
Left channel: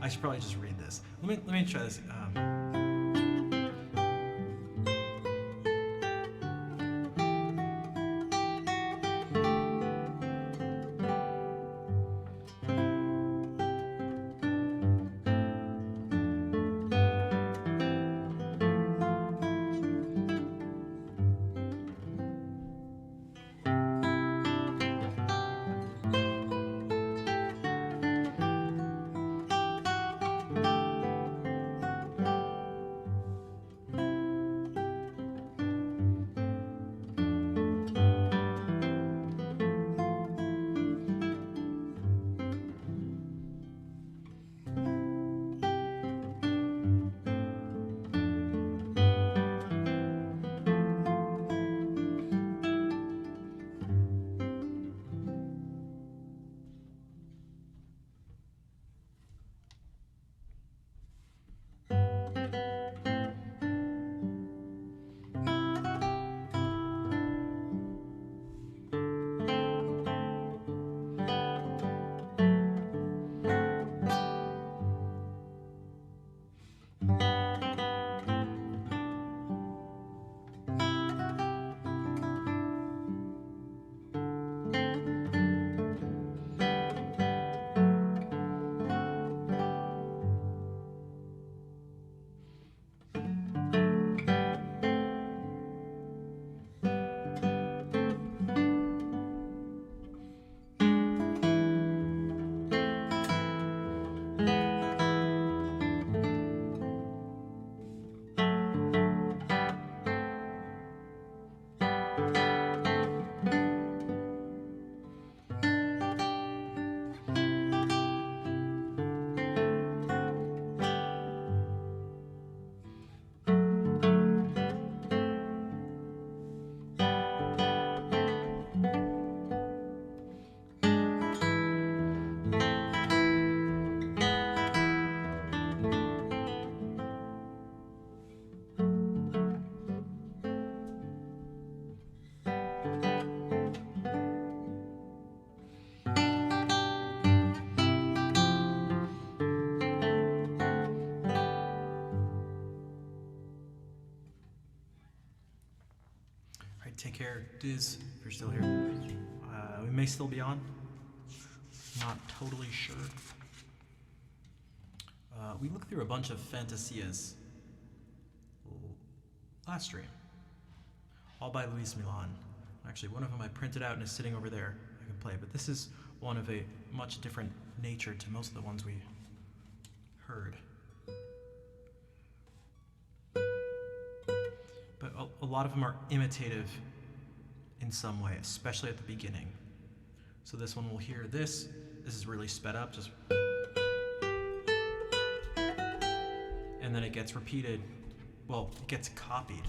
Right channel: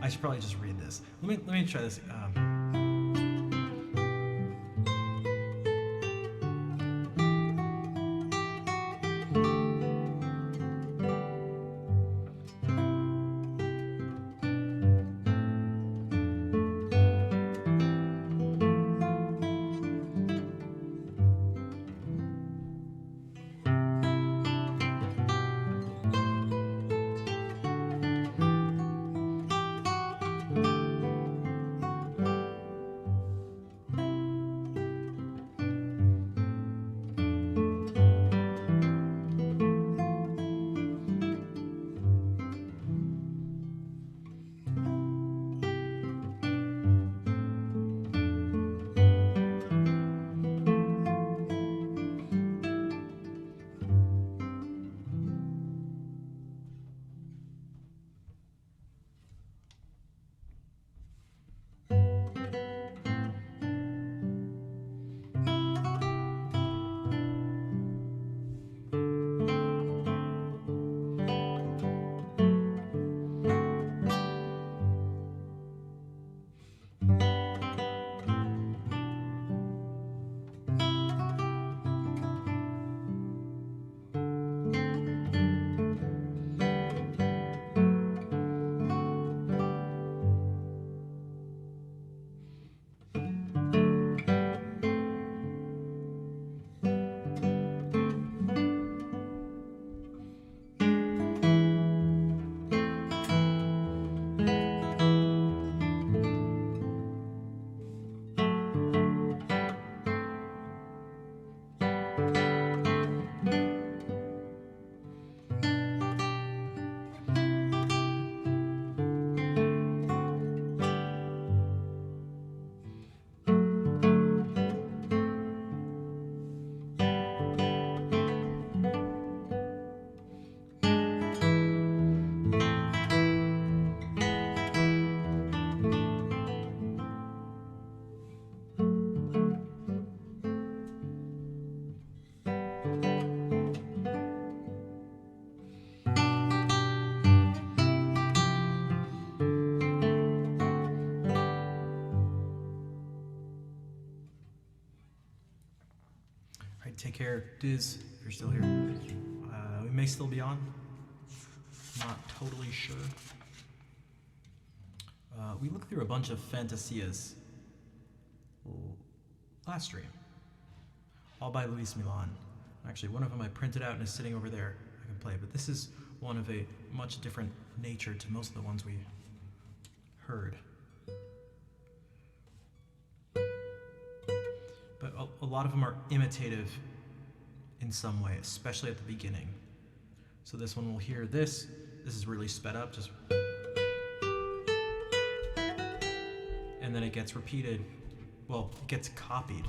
I should probably just read this. Let me try this. Take care, Diz, if you're still here. We may still be on. Not totally sure. We looked through a bunch of Fantasias last stream. All by Luis Milan. Actually, one of them I printed out and is sitting over there. I can play, but this is one of a much different nature to most of the ones we heard. But a lot of them are imitative in some way, especially at the beginning. So this one we'll hear this. This is really sped up, just, and then it gets repeated. Well, it gets copied.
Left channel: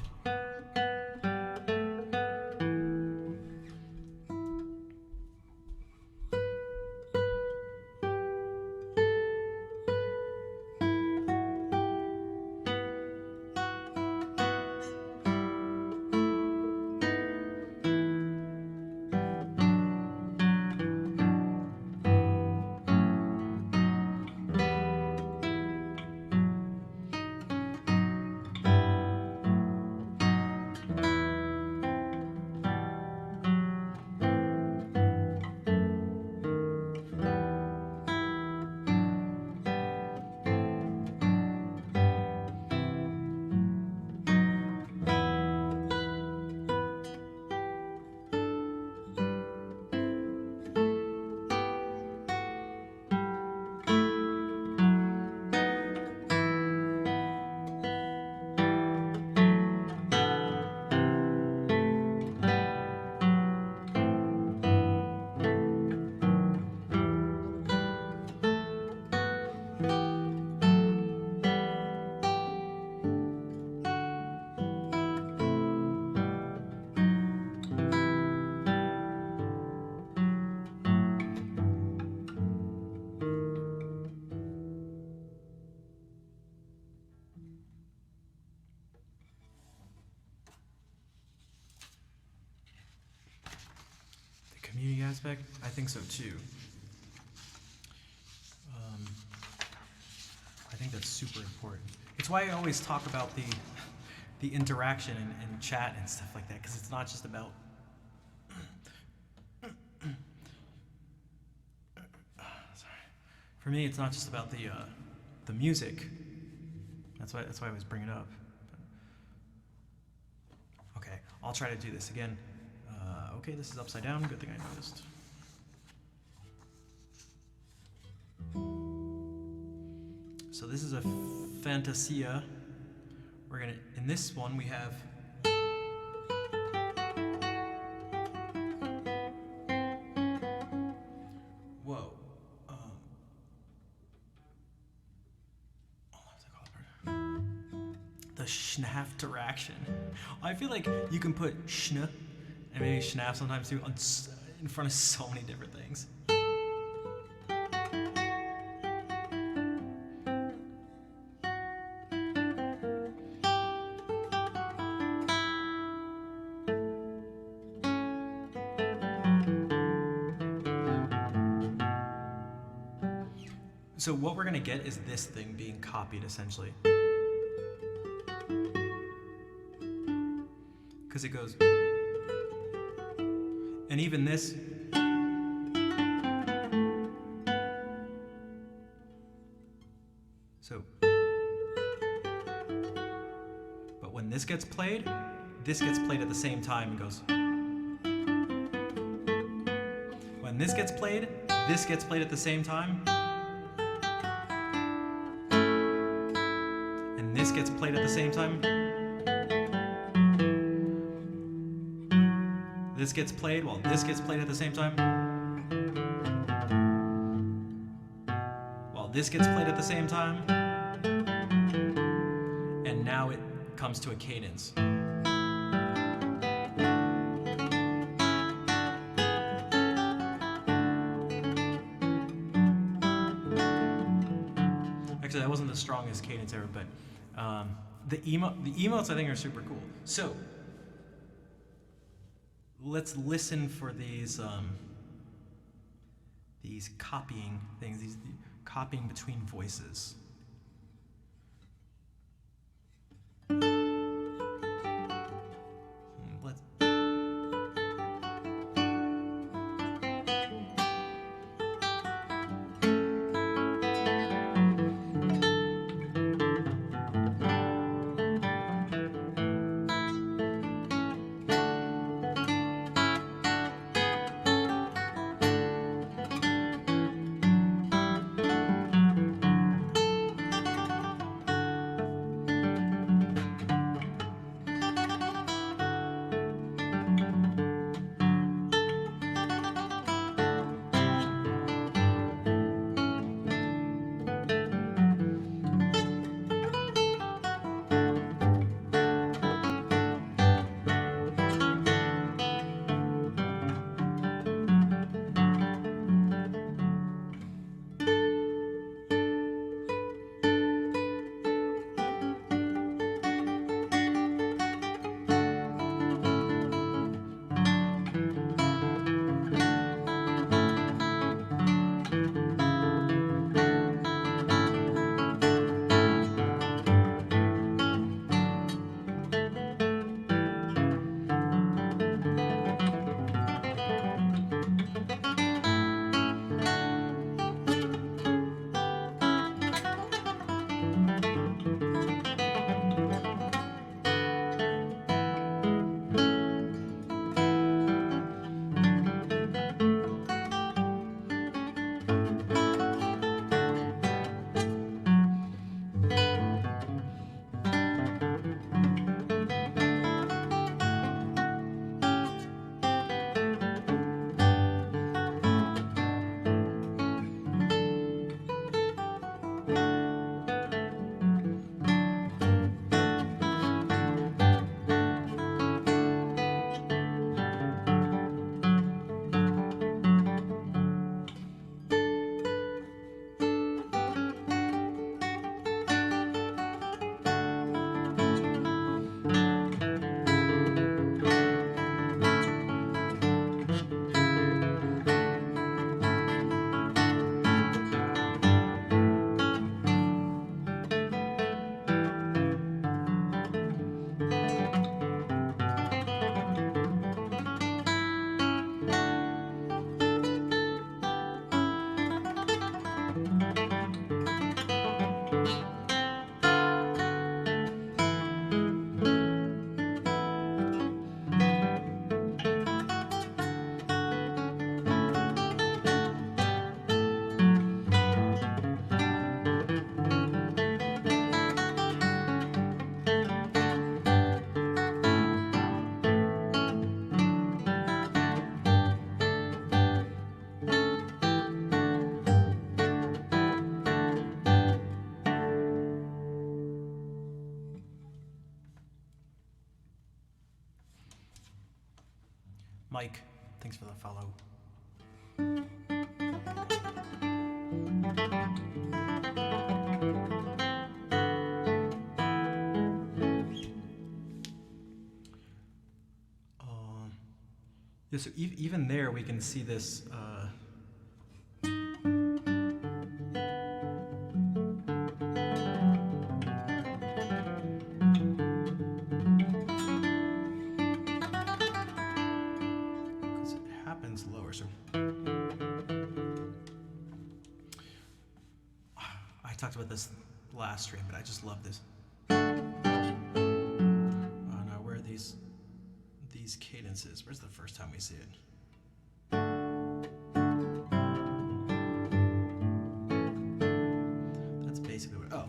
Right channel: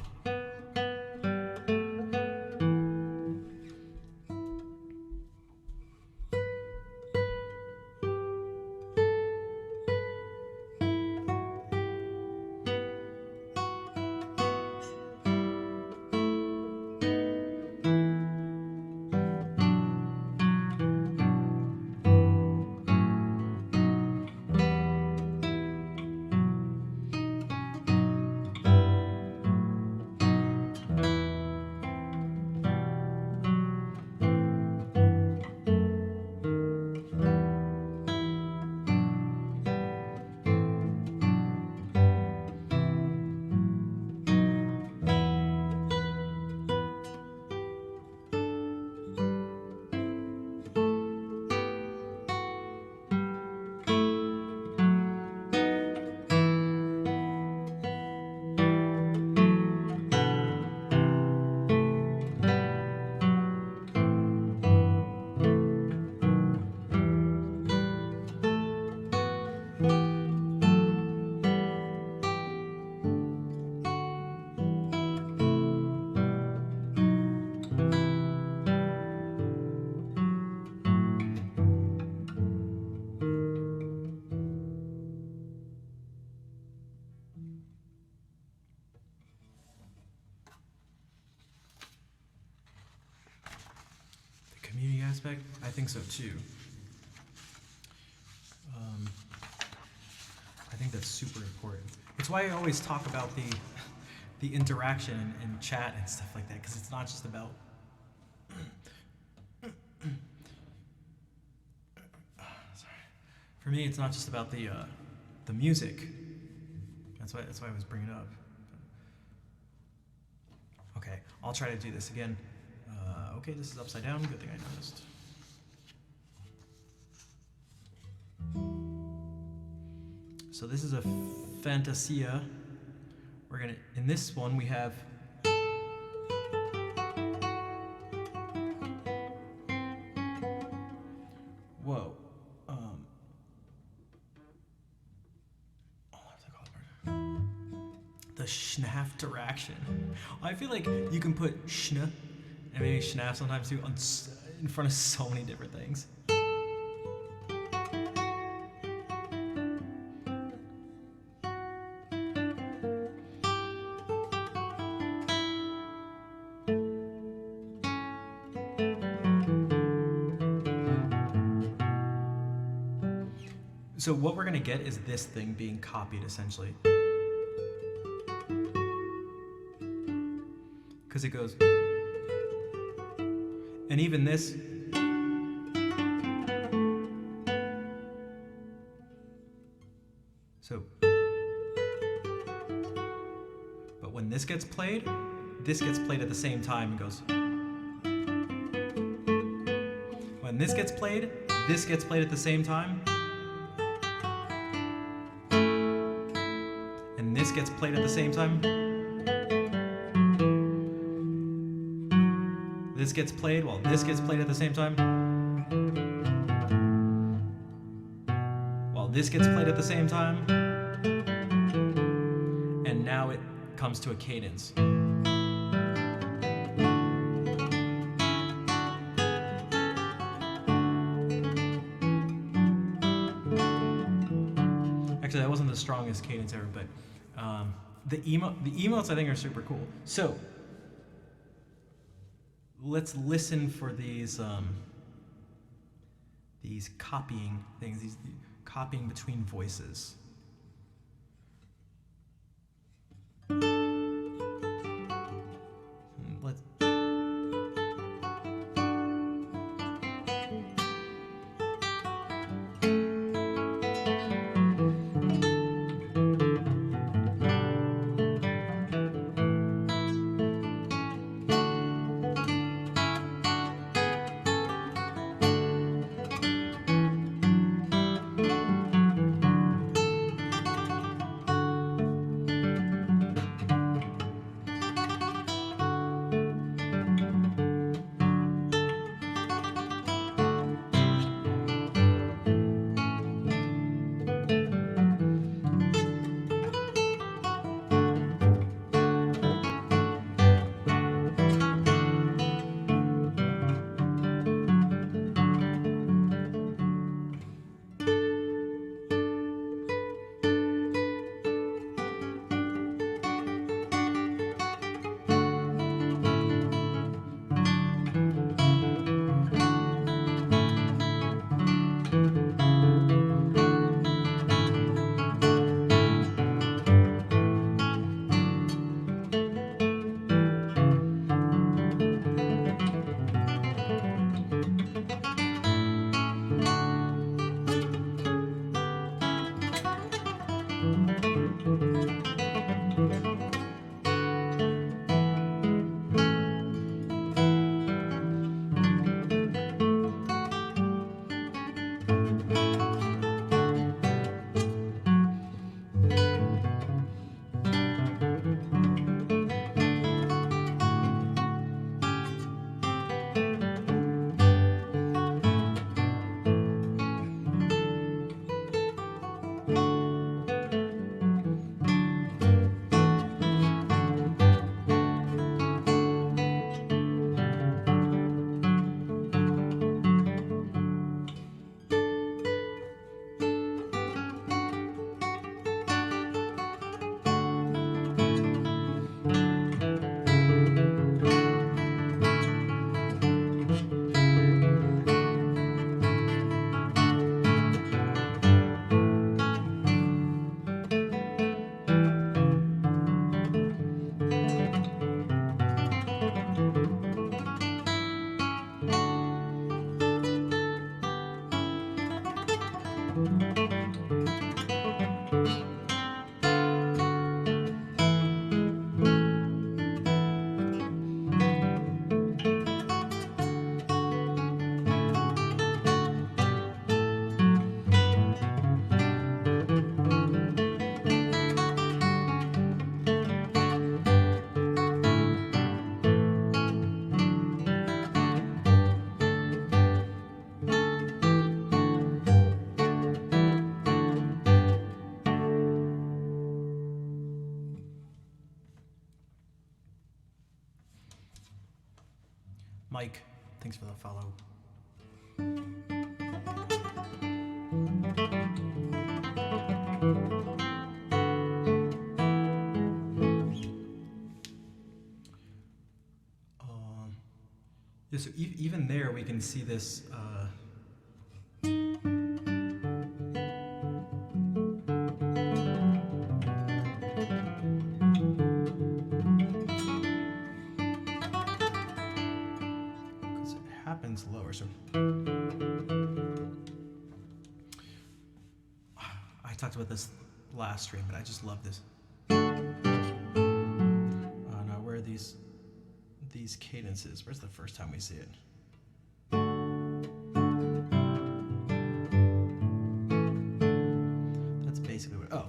Community aspect? I think so too. I think that's super important. It's why I always talk about the interaction and chat and stuff like that, because it's not just about sorry. For me, it's not just about the music. That's why I always bring it up. Okay, I'll try to do this again. Okay, this is upside down. Good thing I noticed. So this is a Fantasia. We're gonna, in this one we have whoa. The Schnaff direction. I feel like you can put schna and maybe schnaff sometimes too in front of so many different things. So what we're gonna get is this thing being copied essentially. Because it goes, and even this, so, but when this gets played at the same time and goes, when this gets played at the same time, and this gets played at the same time. This gets played while this gets played at the same time. While this gets played at the same time. And now it comes to a cadence. Actually, that wasn't the strongest cadence ever, but the emotes I think are super cool. So let's listen for these copying things, these copying between voices. Let's. Mike, thanks for the follow. Yeah, so even there we can see this. Because it happens lower. So I talked about this last stream, but I just love this. Now where are these cadences? Where's the first time we see it? That's basically what. Oh.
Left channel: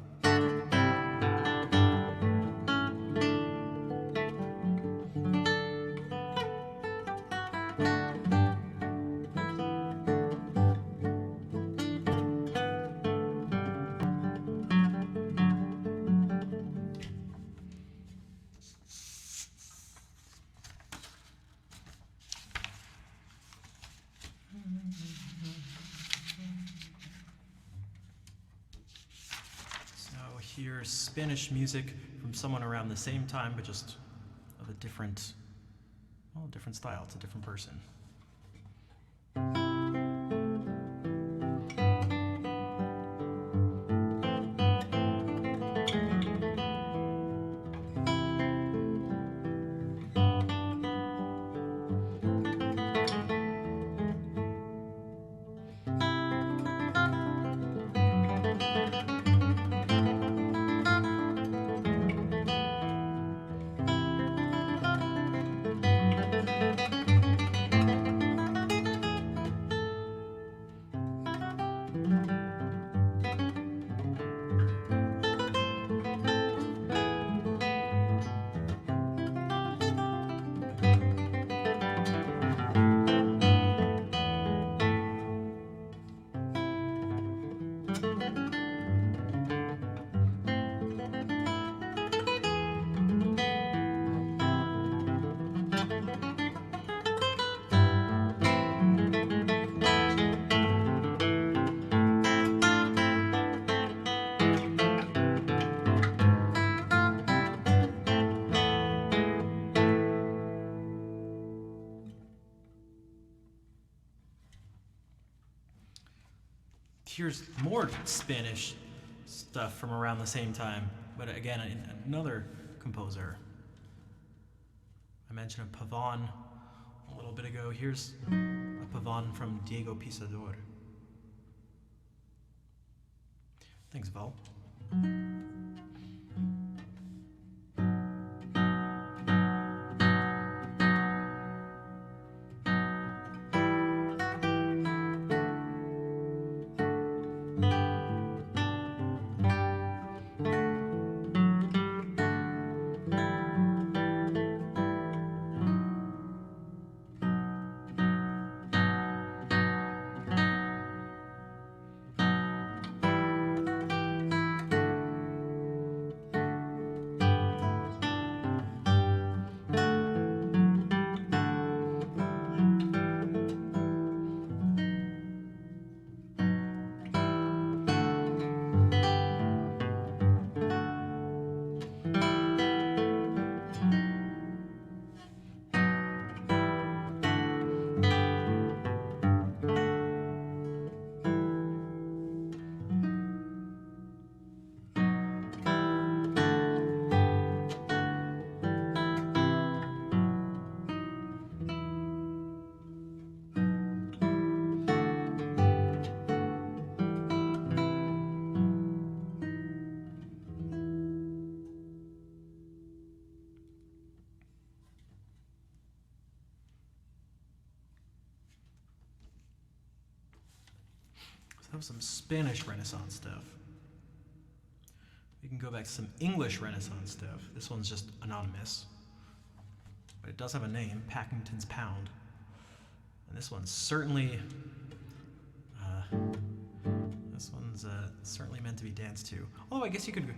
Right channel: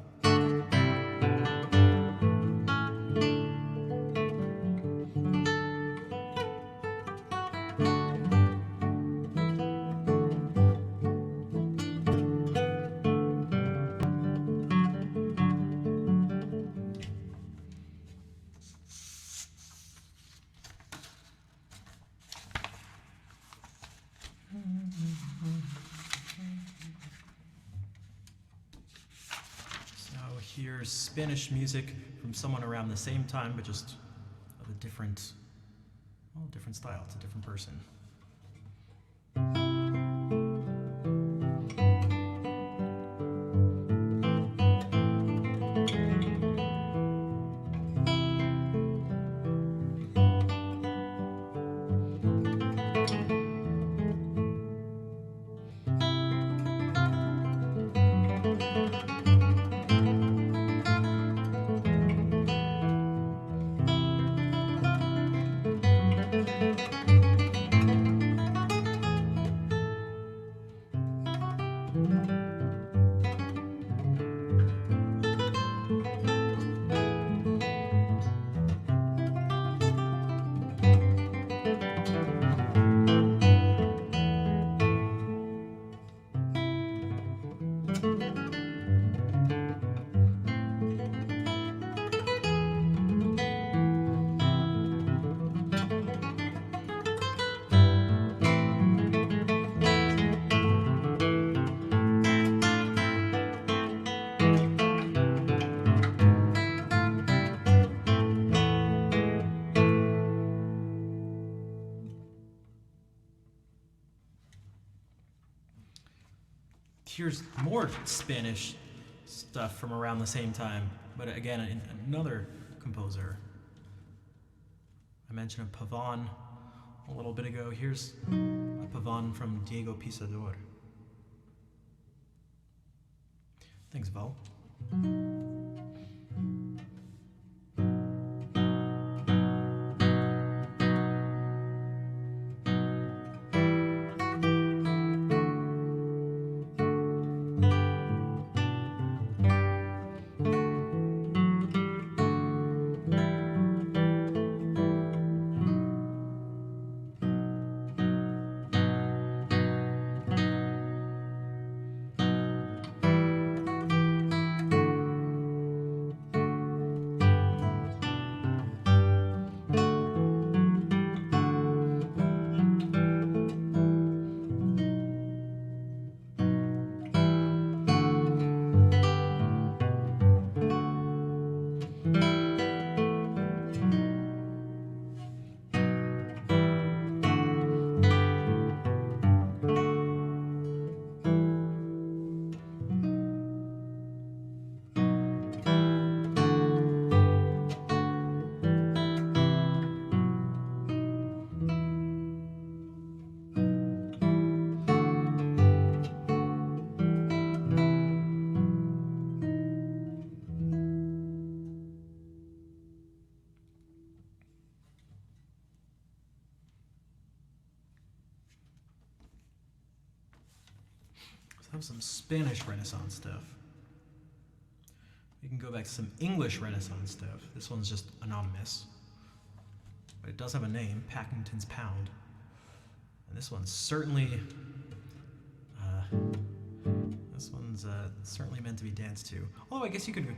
Here's Spanish music from someone around the same time, but just of a different style. It's a different person. Here's more Spanish stuff from around the same time, but again, another composer. I mentioned a Pavon a little bit ago. Here's a Pavon from Diego Pisador. Thanks, Val. That was some Spanish Renaissance stuff. We can go back to some English Renaissance stuff. This one's just anonymous, but it does have a name, Packington's Pound. And this one's certainly, certainly meant to be danced to. Although I guess you could go.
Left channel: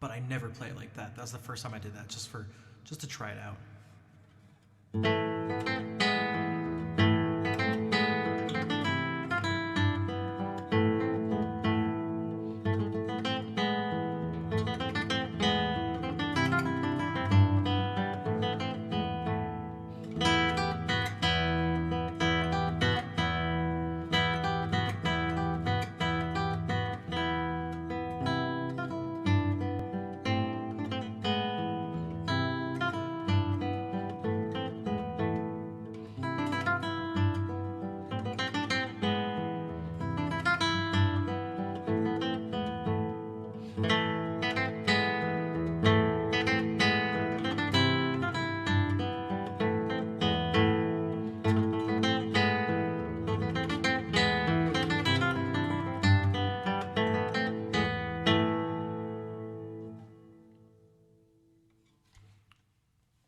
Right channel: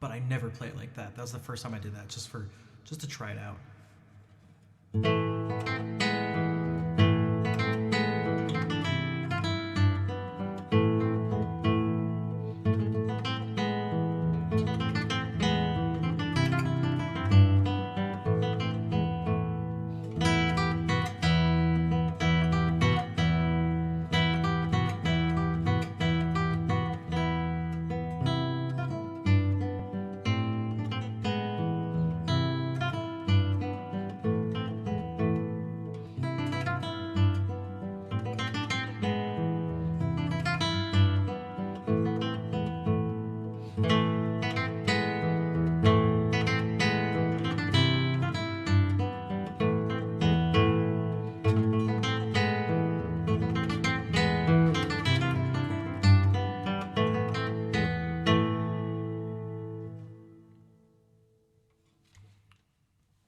But I never play it like that. That was the first time I did that, just to try it out.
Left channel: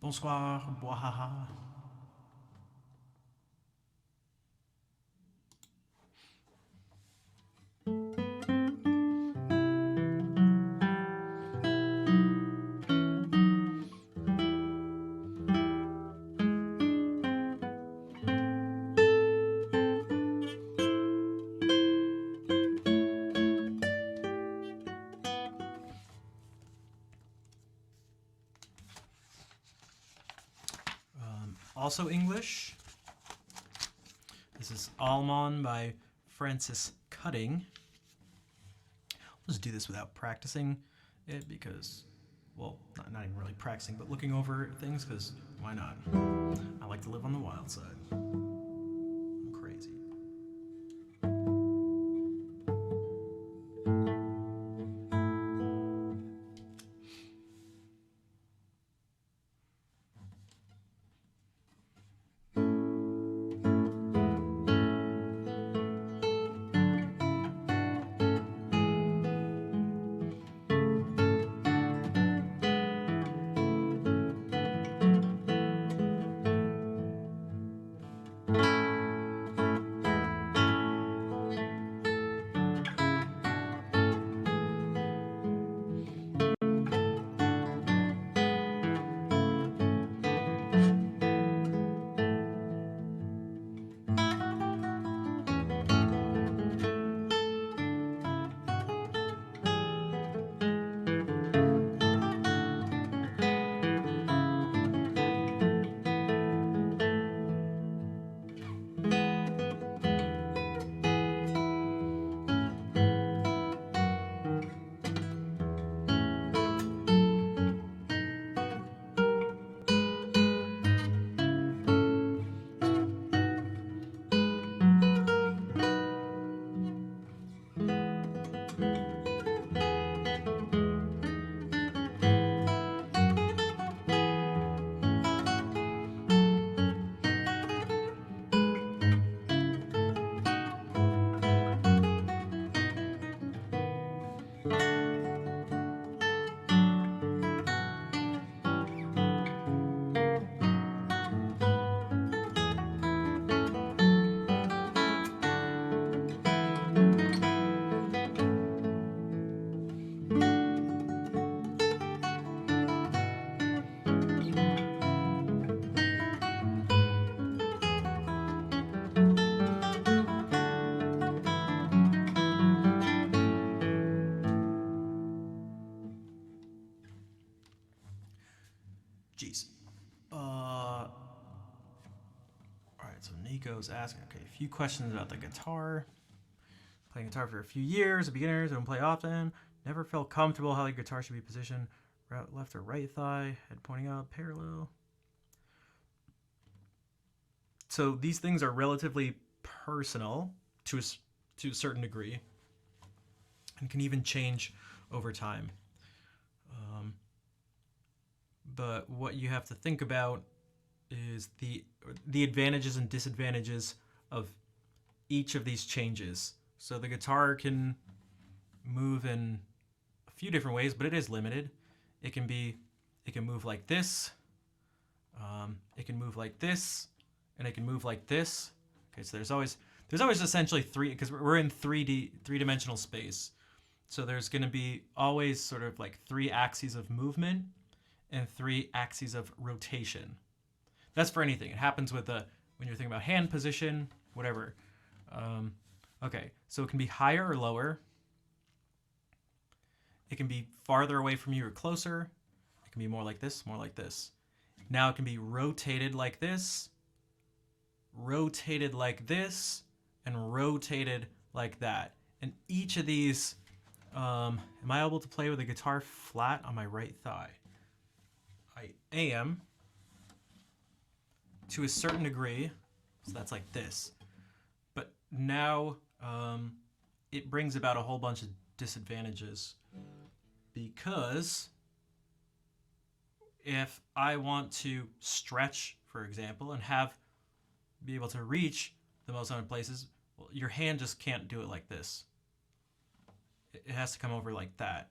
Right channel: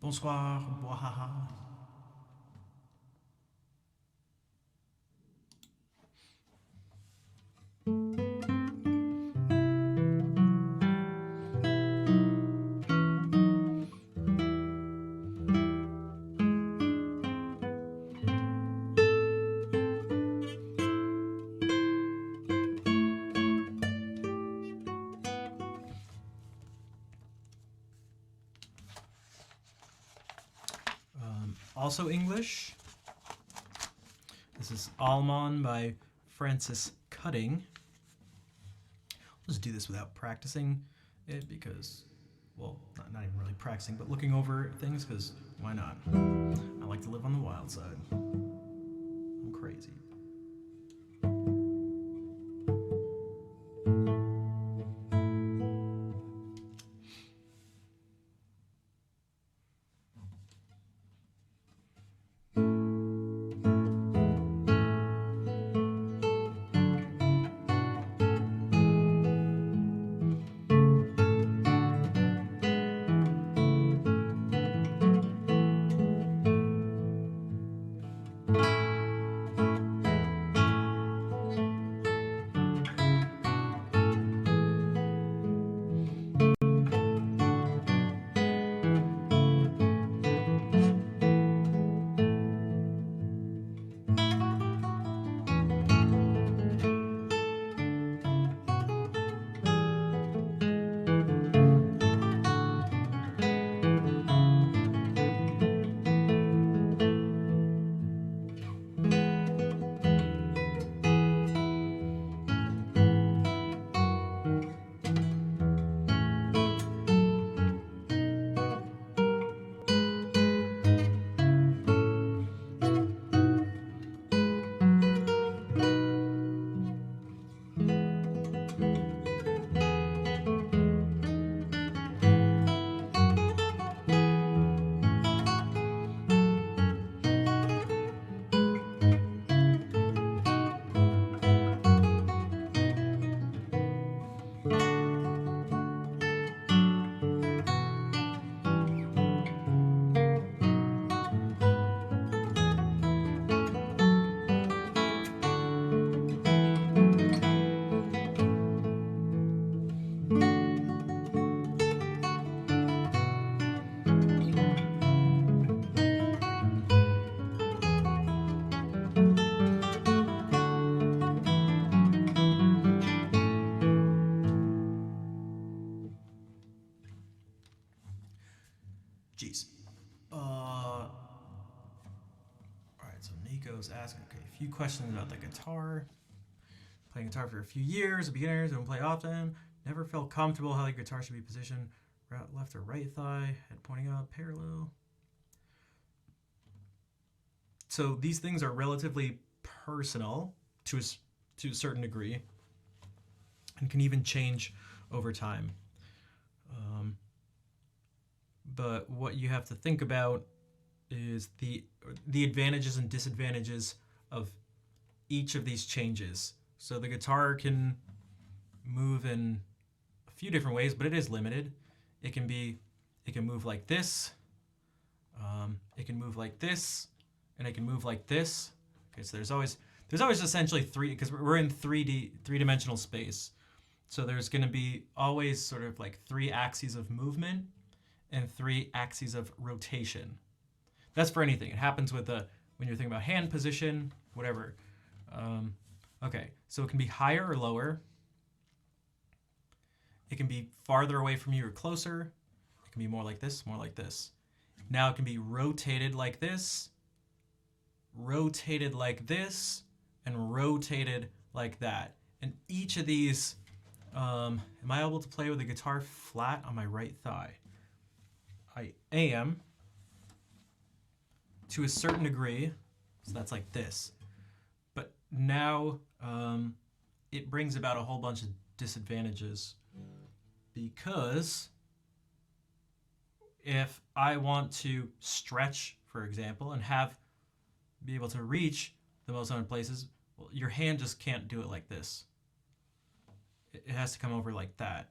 Bonsoir, boahaha. Also English. This is Almond by Francis Cutting. I'll just do this without practicing it because, well, not even really practicing, but looking over things because why not? I like to live on the wild side. I'm crazy. Jeez. All right, so Nico's asking, okay, a few questions about the guitar. Playing guitar for a few years, a beginner, don't play often. Never felt comfortable how the guitar should be positioned. left or right thigh, head pointing up, parallel. So these things are relatively personal to a certain degree and can even change over time. But what you have to think about is the advantages and disadvantages of each of these changes. So the guitar can move in a few different ways, but it is limited. It can move like this. It can move like this, and it can move like this. Okay, so there's always essentially three, because we're in three-dimensional space. So there's going to be always sort of like 3 axes of movement and 3 axes of rotation. That's for anything. It happens with when you're thinking about hand position, whatever. Okay, so it can be higher or lower. It can be farther away from you or closer. It can be more like this, more like this. Now it can be rotated like this, rotated like this, and rotated like that. And each of these, am I able to play with a guitar flat on my right thigh? I am, to a certain degree. So that's like this. But now it brings about a whole bunch of disadvantages, because if I want to stretch, for example, and be able to reach the most amount of places, well, your hand just can't do it like this. It has to come over like that.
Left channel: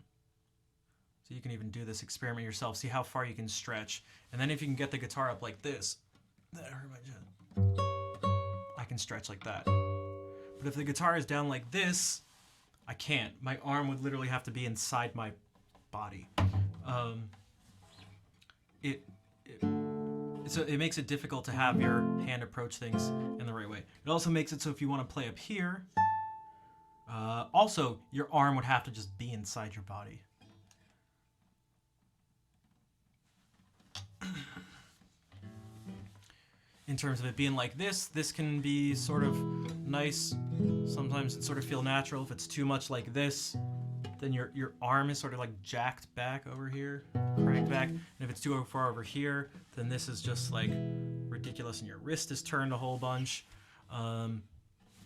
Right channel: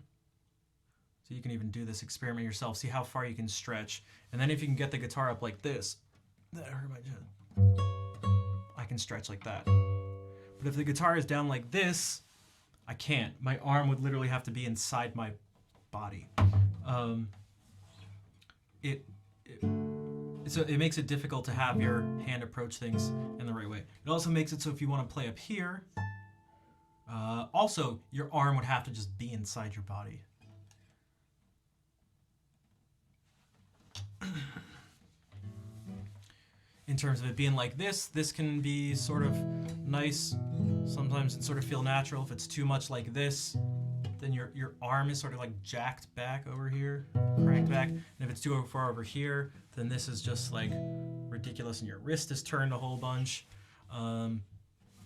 So you can even do this experiment yourself, see how far you can stretch. And then if you can get the guitar up like this, that hurt my chin, I can stretch like that. But if the guitar is down like this, I can't. My arm would literally have to be inside my body. So it makes it difficult to have your hand approach things in the right way. It also makes it so if you want to play up here, also your arm would have to just be inside your body. In terms of it being like this can be sort of nice. Sometimes it sort of feel natural. If it's too much like this, then your arm is sort of like jacked back over here, cranked back. And if it's too far over here, then this is just like ridiculous and your wrist is turned a whole bunch.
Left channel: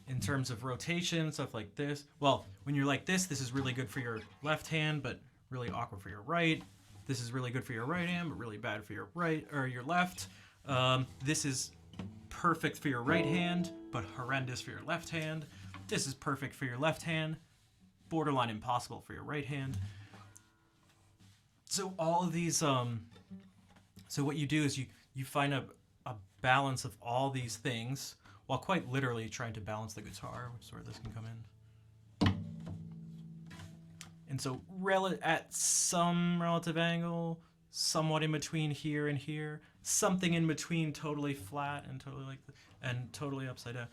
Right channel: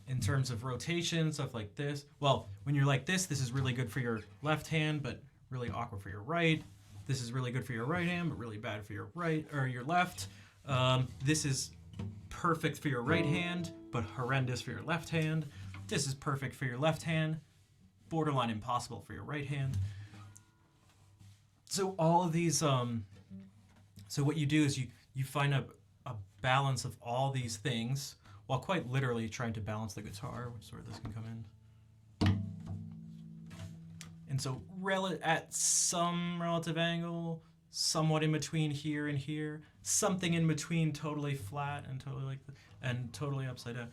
In terms of rotation, stuff like this. Well, when you're like this is really good for your left hand, but really awkward for your right. This is really good for your right hand, but really bad for your right or your left. This is perfect for your right hand, but horrendous for your left hand. This is perfect for your left hand, borderline impossible for your right hand. So all of these, so what you do is you find a balance of all these things, while quite literally trying to balance the guitar, which is where this can come in. And so at some relative angle, somewhat in between here and here, something in between totally flat and totally and totally upside down.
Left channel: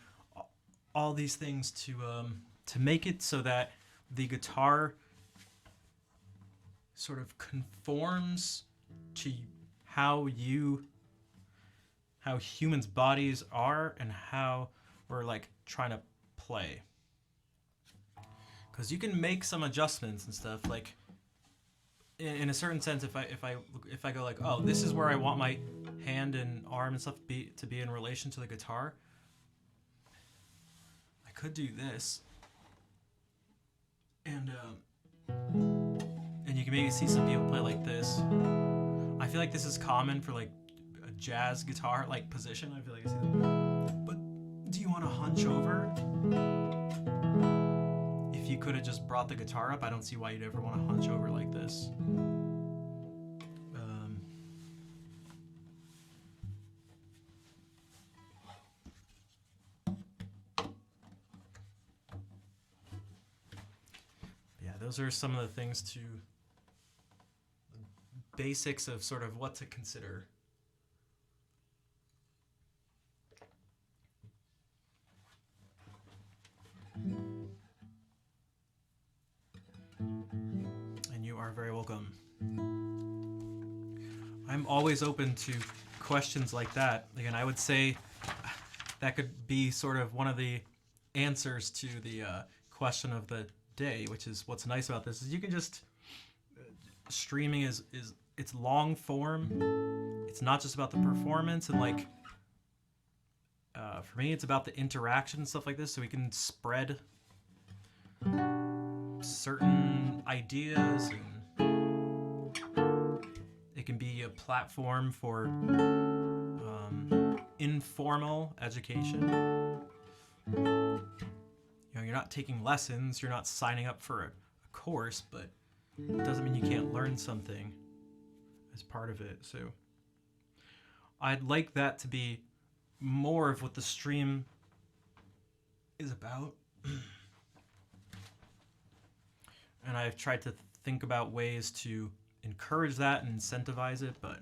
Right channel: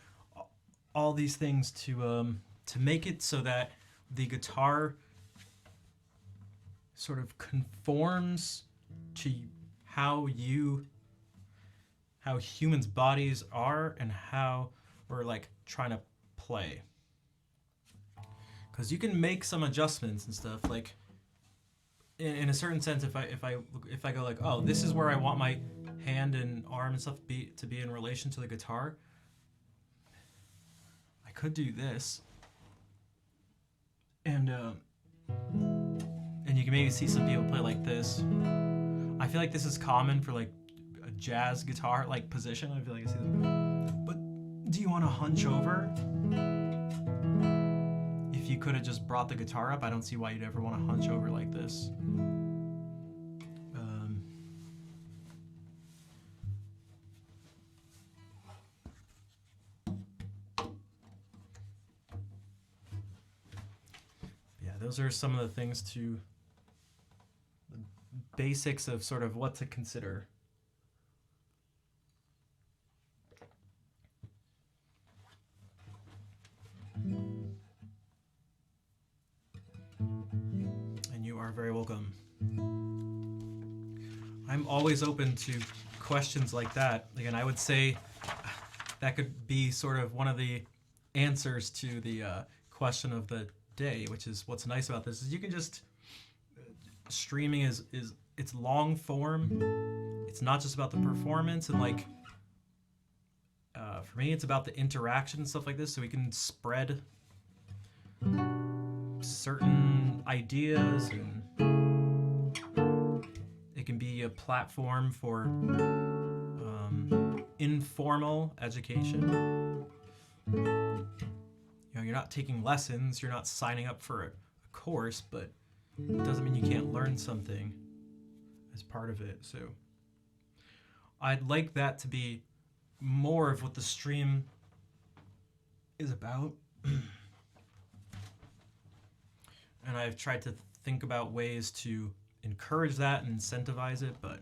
All these things to make it so that the guitar sort of conforms to how humans' bodies are and how we're like trying to play. Because you can make some adjustments and stuff, like in a certain sense. If I go like, oh, this is where I want my hand and arm and stuff to be in relation to the guitar, I could do this, and you can maybe see some people play like this. I feel like this is common for like a jazz guitar like position. I feel like I see them. But do you want to hunch over? If you could have just brought the guitar up, I don't see why you'd ever want to hunch over like this. Yeah, those are some of the things the basics of sort of what to consider. And you are very welcome. I'm always open to questions like that. Again, I would say that could be sort of one of the answers to the question of the day, which is what's nice about this is you can just streaming is it's long form. It's not just about the performance and like for me, it's about the interaction and stuff like this, so we can spread certain ideas, and it can be a platform for informal education. You know, you're not taking lessons, you're not signing up for a course, but it doesn't mean you can't learn something as part of it. So I'd like that to be more of what the stream is about. And I've tried to think about ways to encourage that and incentivize it, but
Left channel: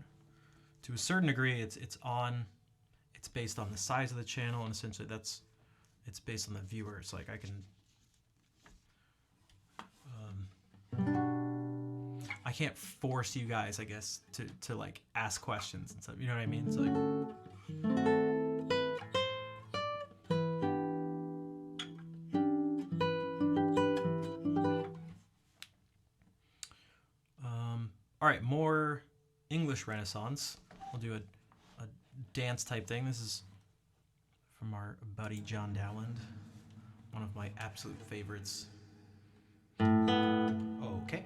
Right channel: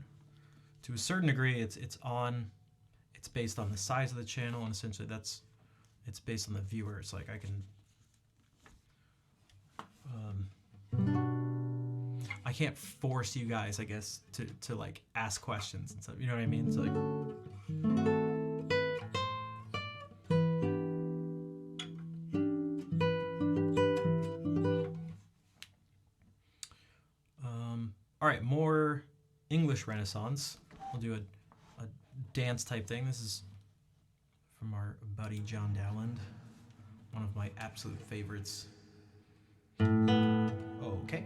to a certain degree it's based on the size of the channel, and essentially it's based on the viewers. Like I can't force you guys, I guess, to like ask questions and stuff. You know what I mean? It's like all right, more English Renaissance. We'll do a dance type thing. This is from our buddy John Dowland, one of my absolute favorites. Okay.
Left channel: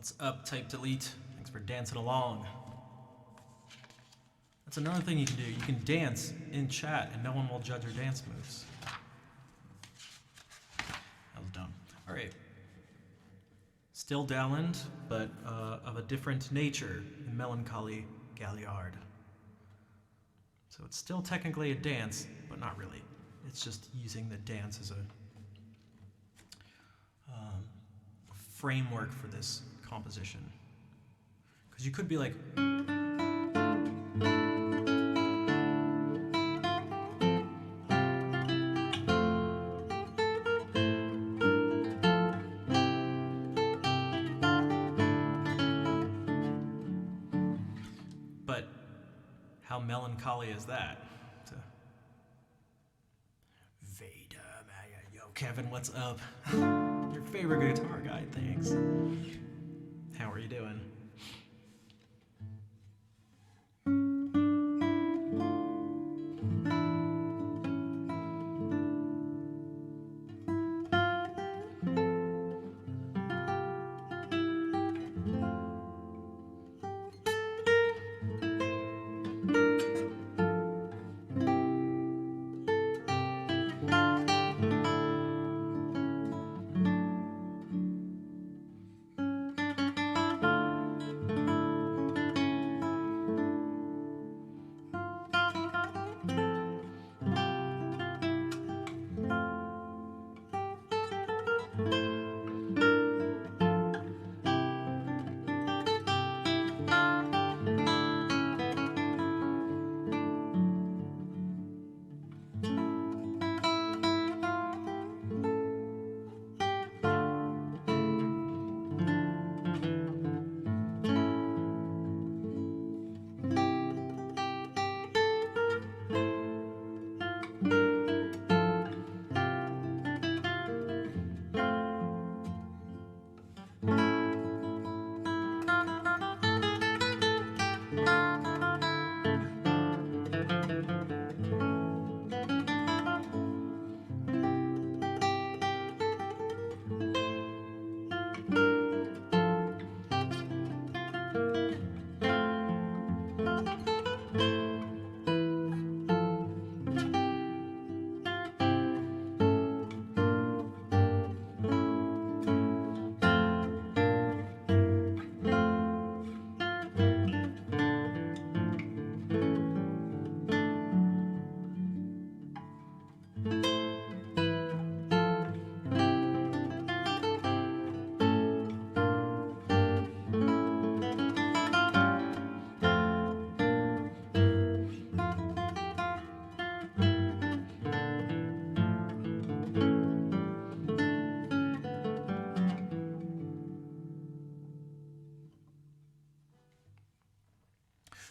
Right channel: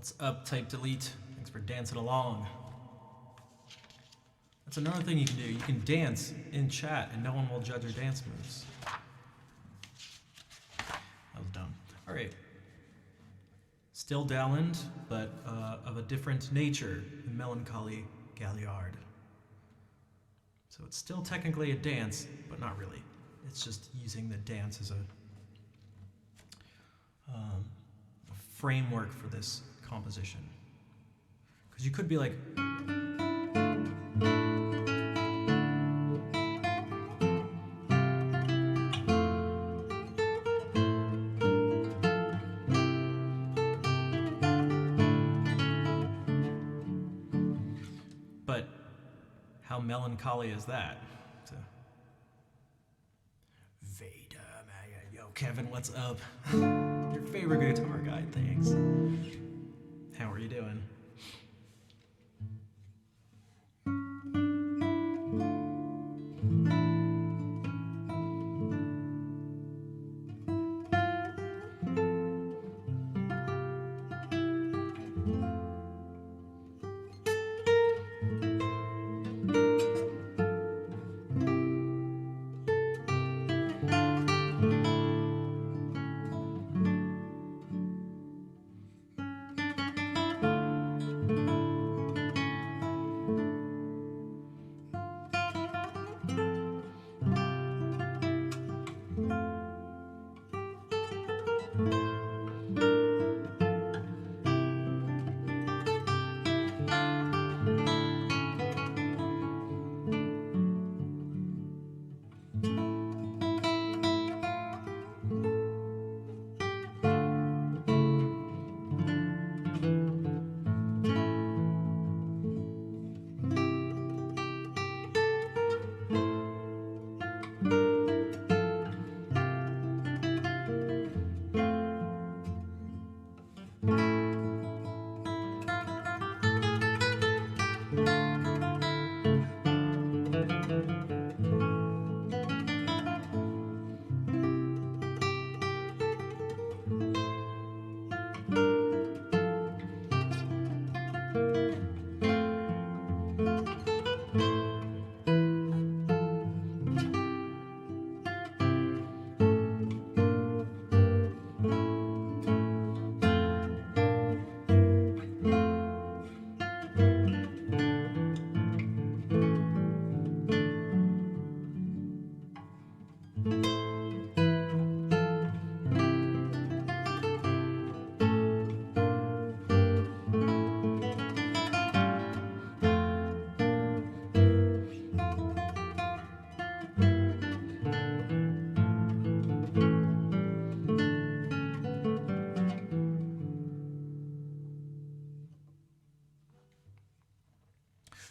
What's up, Type Delete? Thanks for dancing along. That's another thing you can do. You can dance in chat and no one will judge your dance moves. That was dumb. All right. Still Dowland, but of a different nature, the Melancholy Galliard. So it's still technically a dance, but not really. It's just using the dance as a framework for this composition. Because you could be like, but how melancholy is that? Veda, yo, Kevin, what's up? Your favorite guitar guy, thanks. How are you doing?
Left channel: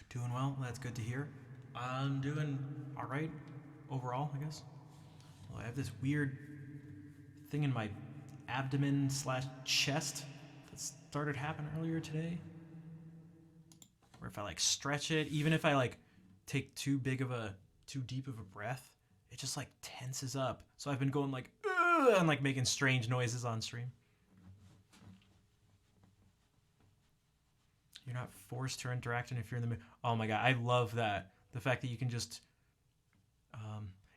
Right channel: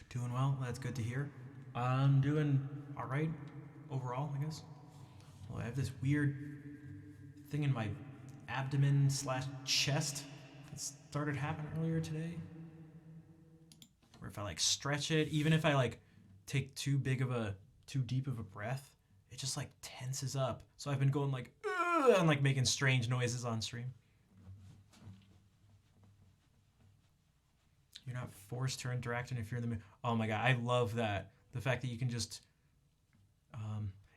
Doing well. That's good to hear. I'm doing all right overall, I guess. Well, I have this weird thing in my abdomen slash chest that started happening earlier today. Where if I like stretch it, even if I like take too deep of a breath, it just like tenses up. So I've been going like, ugh, and like making strange noises on stream. You're not forced to interact and if you're in the mood. Oh my god, I love that. The fact that you can just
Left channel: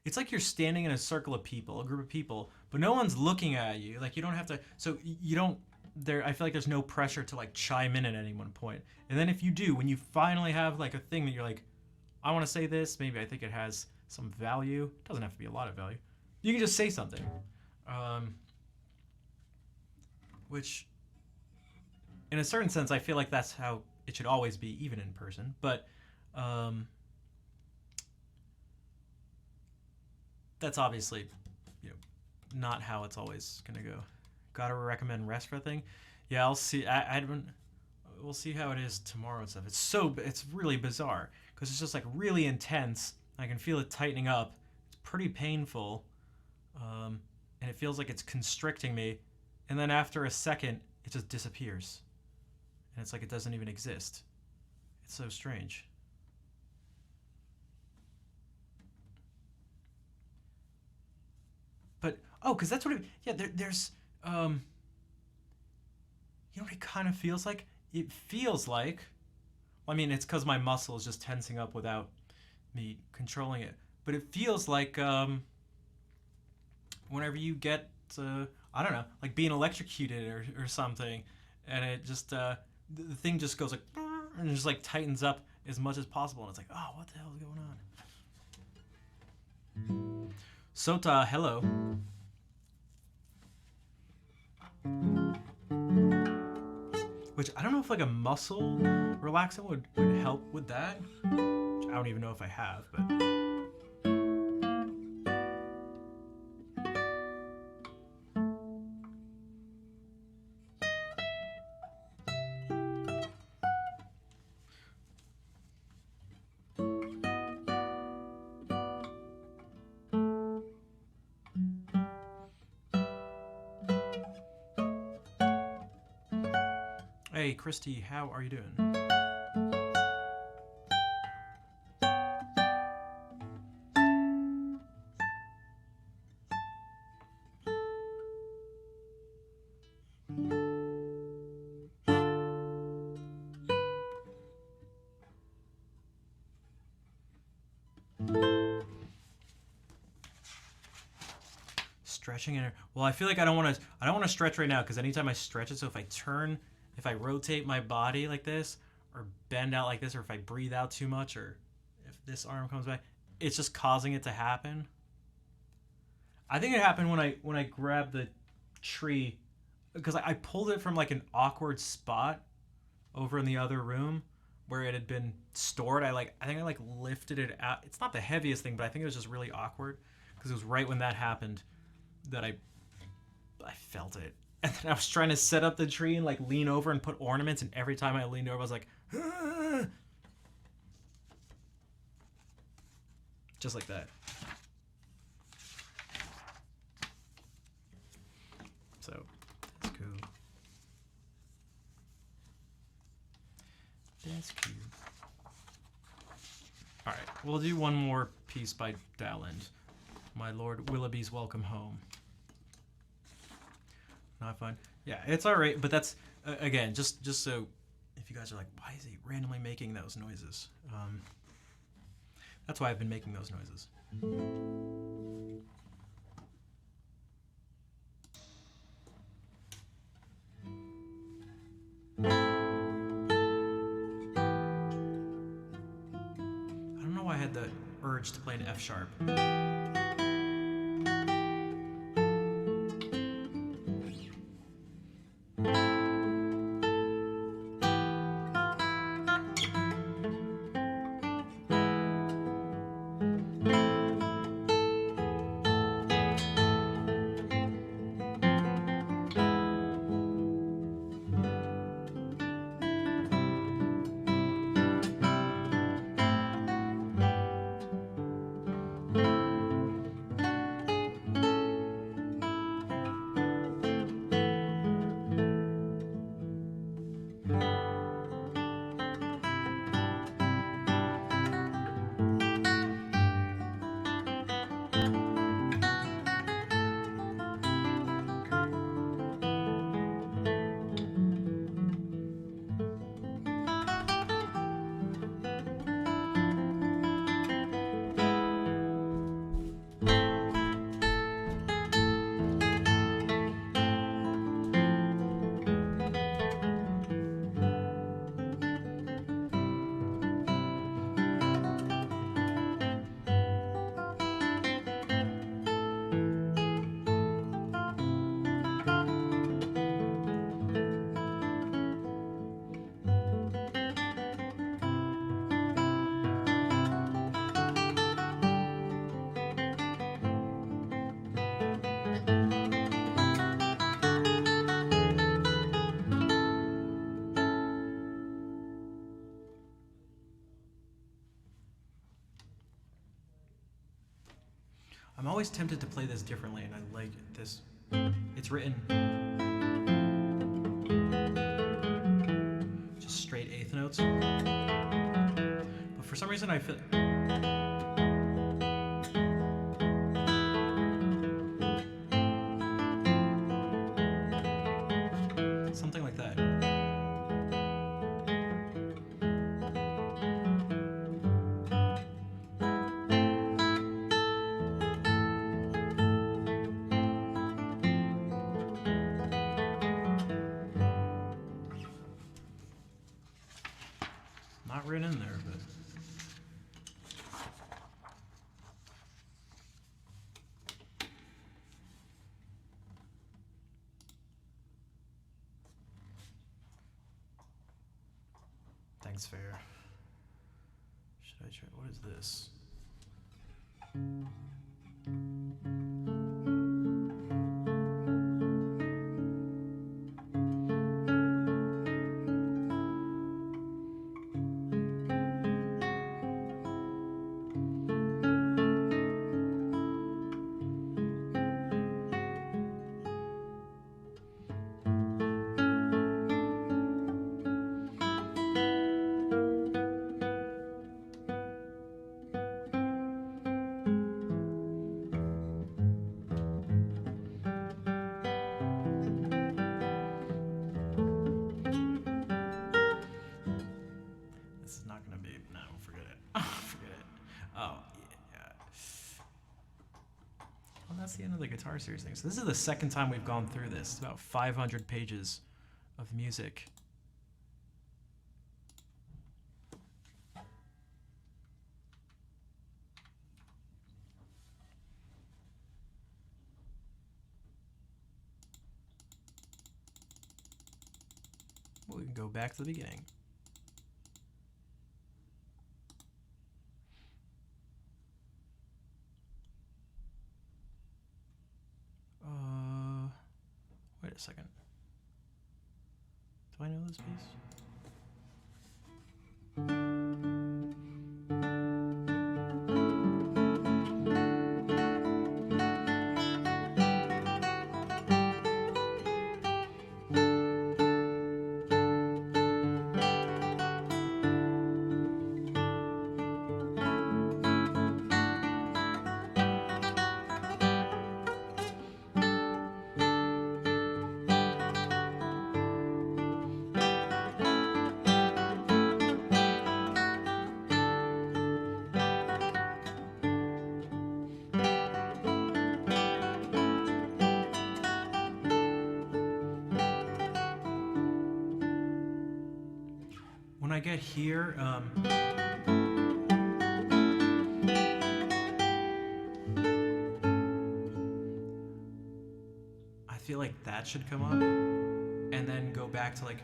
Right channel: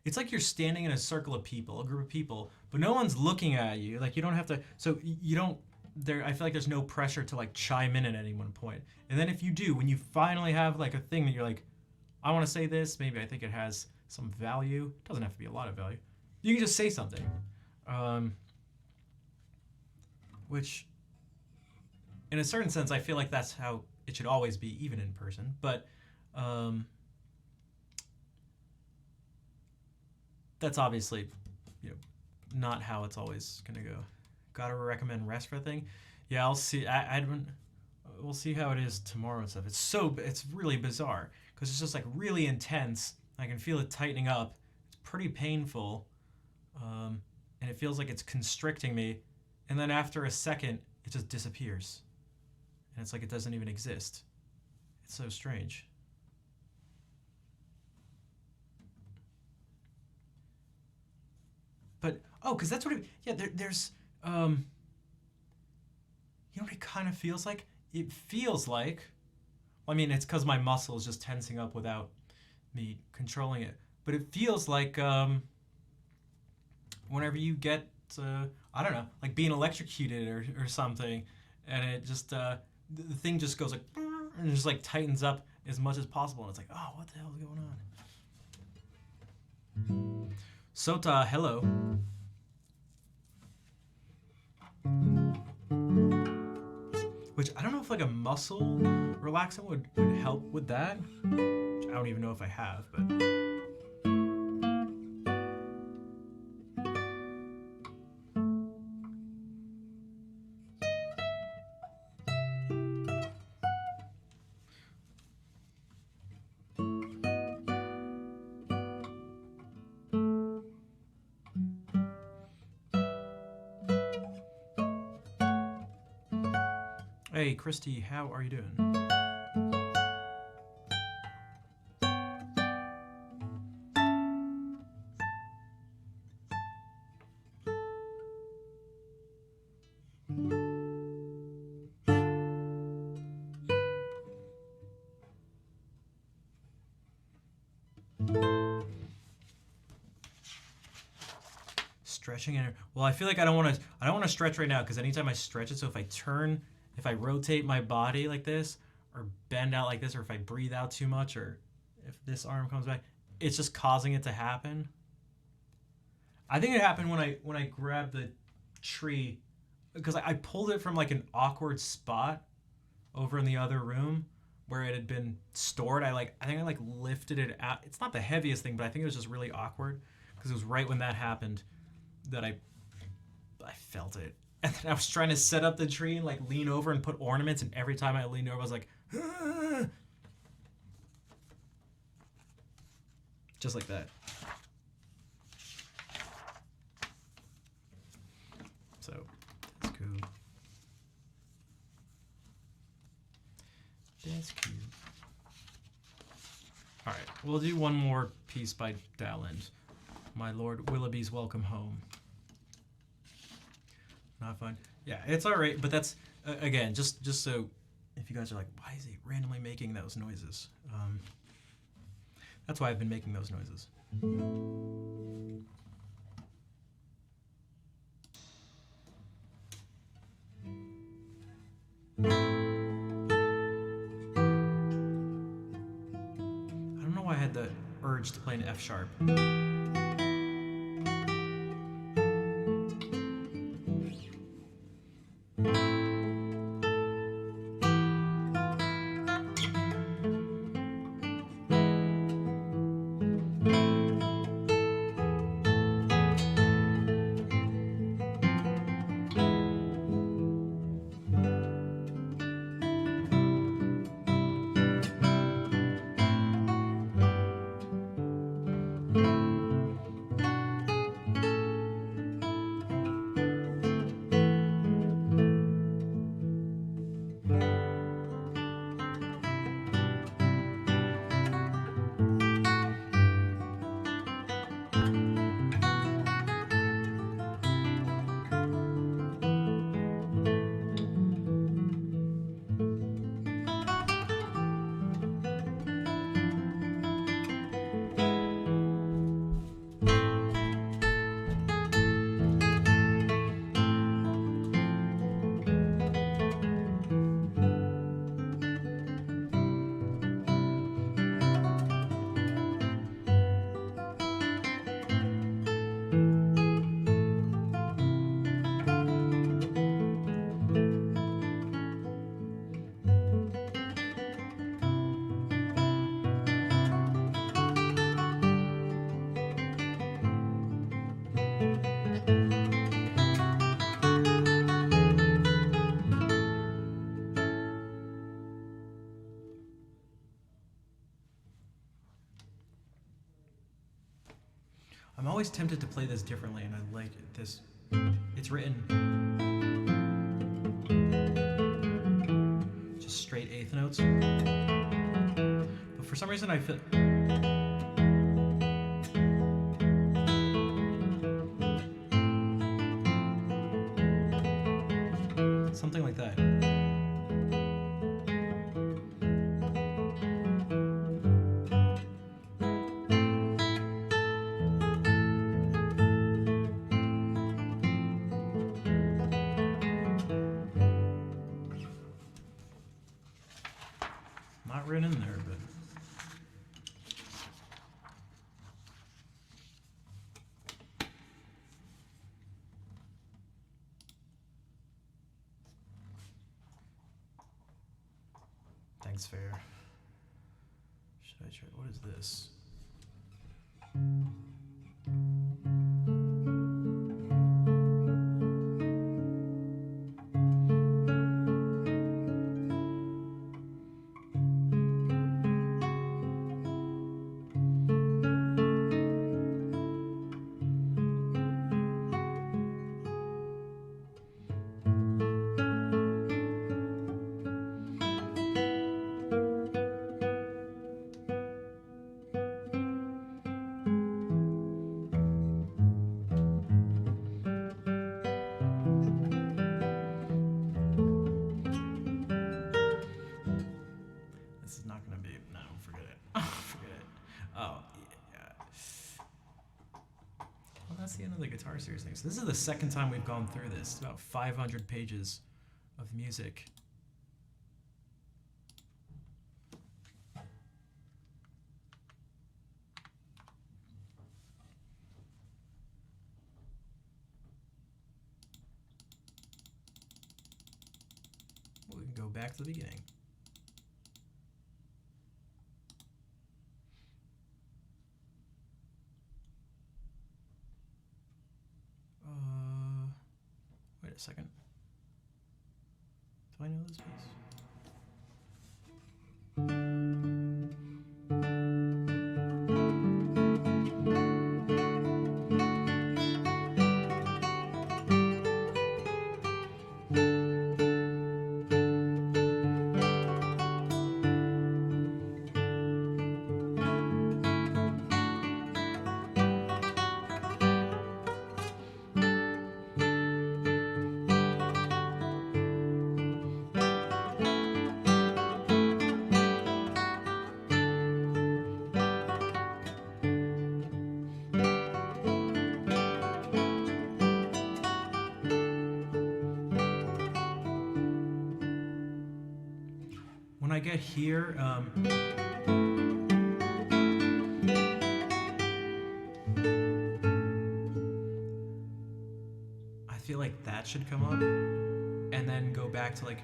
it's like you're standing in a circle of people, a group of people, but no one's looking at you. Like you don't have to so you don't there I feel like there's no pressure to like chime in at any one point. And then if you do, when you finally have like a thing that you're like, I want to say this, maybe I think it has some value. It doesn't have to be a lot of value. You can just say something. Which in a certain sense, I feel like that's how it should always be, even in person. But that's obviously, not how it's always gonna go. Gotta recommend rest for a thing. Yeah, I'll see. We'll see how it is tomorrow and stuff. It's really bizarre because it's just like really intense. I can feel it tightening up. It's pretty painful, and it feels like it's constricting me. And then after a second, it just disappears. And it's like it doesn't even exist. It's so strange. But, because that's what there's, you know what it kind of feels like? It feels like, well, I mean, it's because my muscle is just tensing up without me controlling it. But it feels like whenever you get, I don't know, like being electrocuted or something, and it just, the thing just goes like, and it just like tightens up as much as possible. And it's like, oh, what the hell is going on? Sota, hello. Which I don't know if like a muscle relaxant would help with that. Which I don't even know if I have, but. Hey, Christy, how are you doing? Stretching and well, I feel like I don't want to stretch right now because anytime I stretch it, so if I rotate my body like this or bend out like this, or if I breathe out too much, or if this arm comes back, it's just causing it to happen. I think it happened when I grabbed the tree because I pulled it from like an awkward spot over in the other room where it had been stored. I think I lifted it out. It's not the heaviest thing, but I think it was just really awkward because it was right when that happened that I felt it. And then I was trying to set up the tree and like lean over and put ornaments, and every time I leaned over, I was like, ah! Just like that. So that's cool. That's cool. All right, we'll do one more piece by Dowland. My Lord Willoughby's Welcome Home. Not fun. Yeah, it's all right, but that's again just so if you guys are like, why is he randomly making those noises? That's why I've been making those noises. I don't know why I had the urge to play an F sharp. I'm always tempted to play this differently, and I like this. It's written just straight eighth notes, but for some reason I feel something like that. Not written in there, but thanks, Fair. Should I try? What is this? This is not gonna be. No, forget it. Forget it. Oh, yeah. Well, that's the end of the guitar series thing. So this is the second time we've gone through this. It's about 500 pages of music. Well, we can go back to the beginning. Wait a second. Do I know this piece? When I get here, I feel like that should come up, and then go back to like.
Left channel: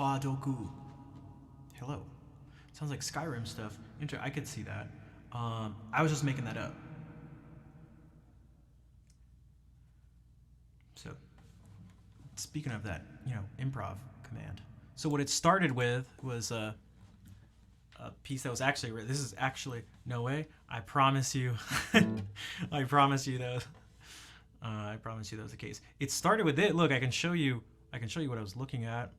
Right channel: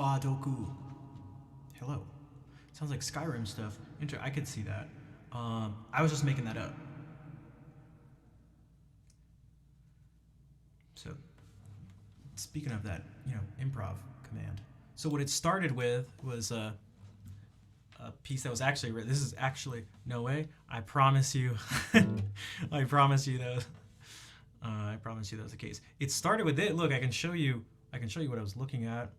Wadoku. Hello. Sounds like Skyrim stuff. I could see that. I was just making that up. So, speaking of that, improv command. So what it started with was a piece that was actually written. This is actually no way. I promise you. I promise you that. I promise you that was the case. It started with it. Look, I can show you. I can show you what I was looking at.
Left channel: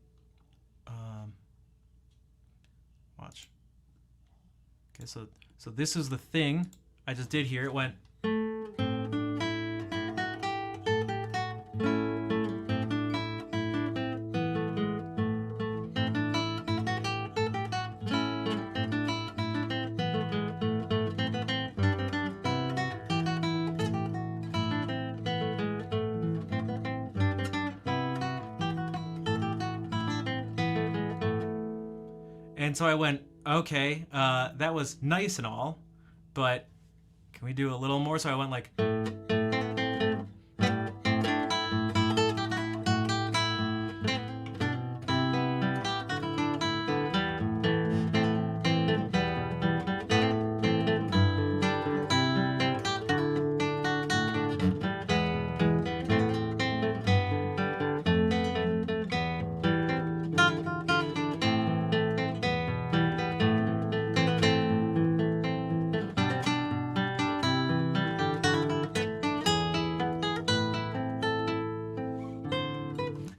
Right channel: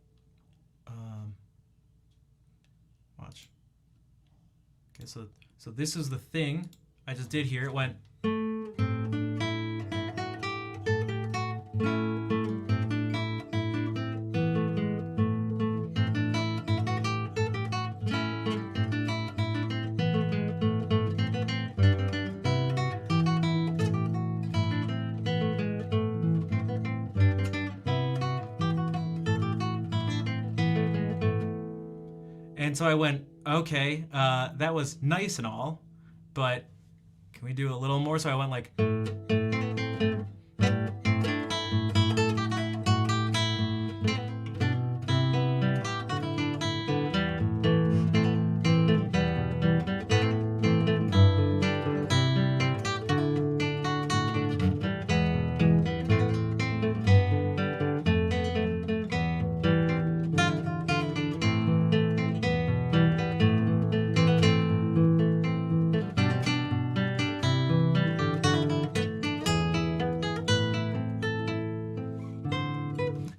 Watch. Okay, so this is the thing I just did here. It went. And so I went, okay, that was nice and all, but can we do a little more? So I went like.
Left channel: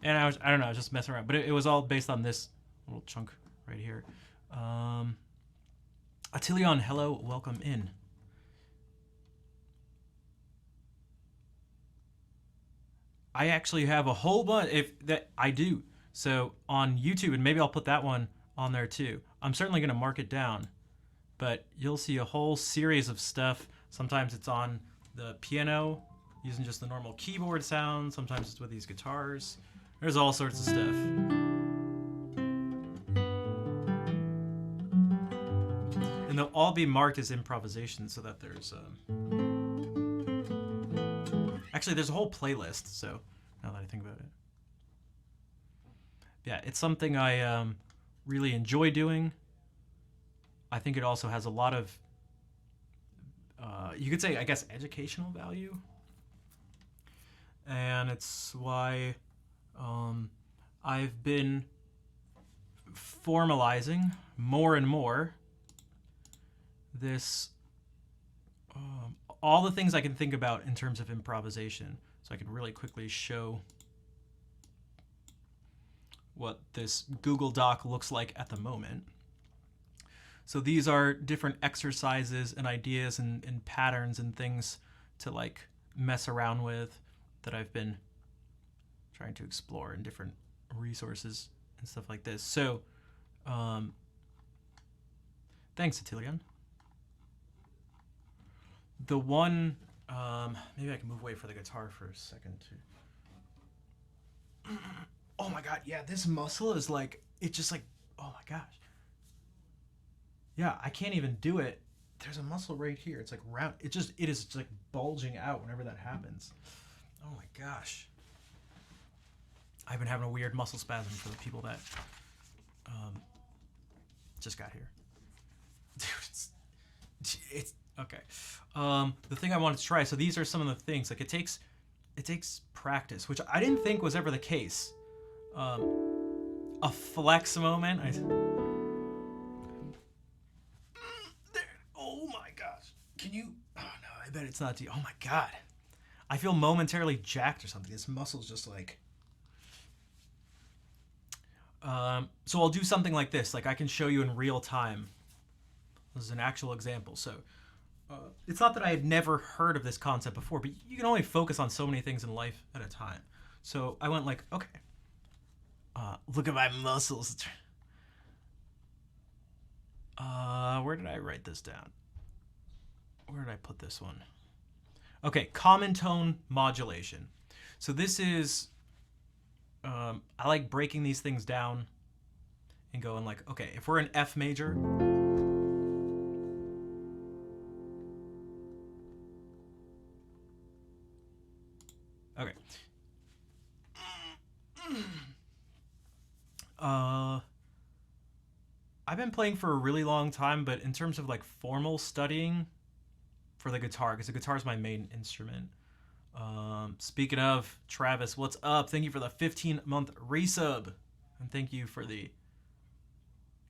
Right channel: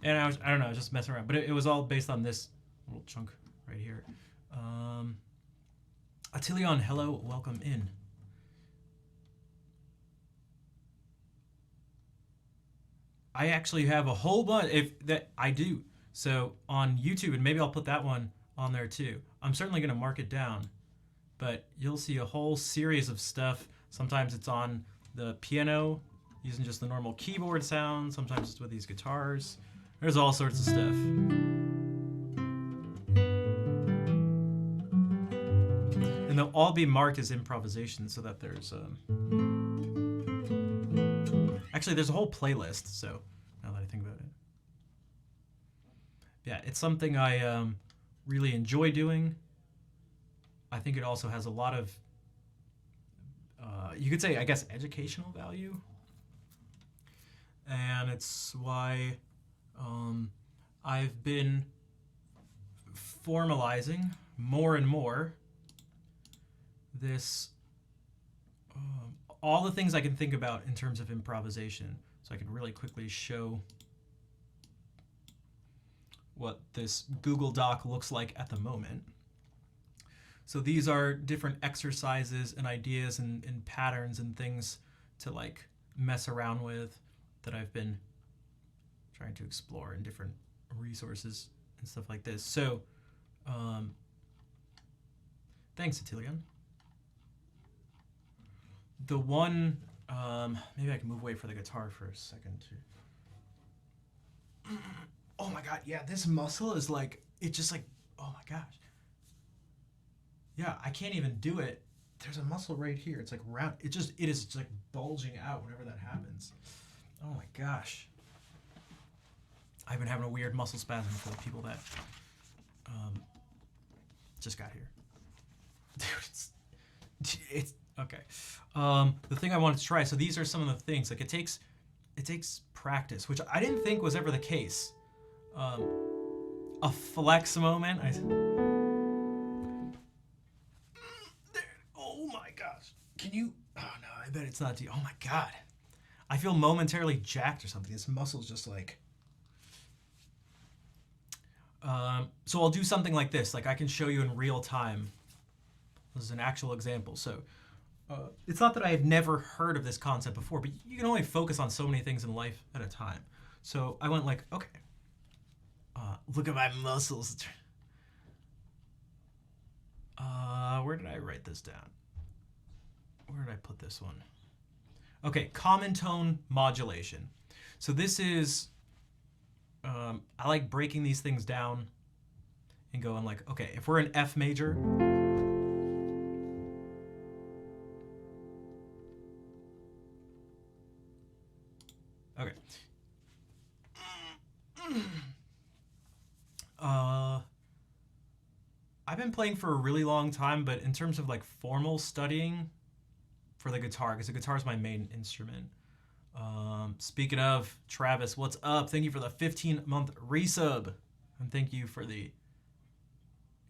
And I don't know, I was just messing around. But it was all based on this little chunk right here. Atilion, hello, welcome in. I actually have a whole bunch, I do. So on YouTube, and maybe I'll put that one on there too. I'm certainly going to mark it down. But you'll see a whole series of stuff. Sometimes it's on the piano, using just the normal keyboard sound. Sometimes it's with these guitars. There's all sorts of stuff. And they'll all be marked as improvisation so that there's... Actually, there's a whole playlist, so now that I think about it. Yeah, it's something I really enjoy doing. I think it also has a lot of, you could say, I guess, educational value. And it's why I've been formalizing more and more this, all the things I can think about in terms of improvisation. So I can really quickly show what this Google Doc looks like at the moment. So these are different exercises and ideas and patterns and things to like mess around with that I've been trying to explore in different resources and stuff like this. So thanks, Atilion. The one, maybe I can move away for the guitar for a second too. Oh my God, yeah, this muscle is like, it just like, oh my gosh. Yeah, I can't even do it. There's a muscle right here. It's like round. It is just like bulging out whenever that happens. Oh my gosh. I've been having a weird muscle spasm for the people that just got here. Dude, it's okay. The thing I wanted to try. So these are some of the things. Like it takes practice, which I didn't think was ever the case. A flex moment. Oh my gosh. Can you? Oh no, I bet it's not. Oh my God. I feel momentarily jacked or something. This muscle's just like. So I'll do something like this. Like I can show you in real time. This is an actual example. So it's not that I had never heard of this concept before, but you can only focus on so many things in life at a time. So I went like, okay, look at my muscles. Where did I write this down? Where did I put this one? Okay, common tone modulation. So this is, I like breaking these things down and going like, okay, if we're in F major, okay. I've been playing for a really long time, but in terms of like formal studying for the guitar, because the guitar is my main instrument. Speaking of, Travis, what's up? Thank you for the 15-month resub. And thank you for the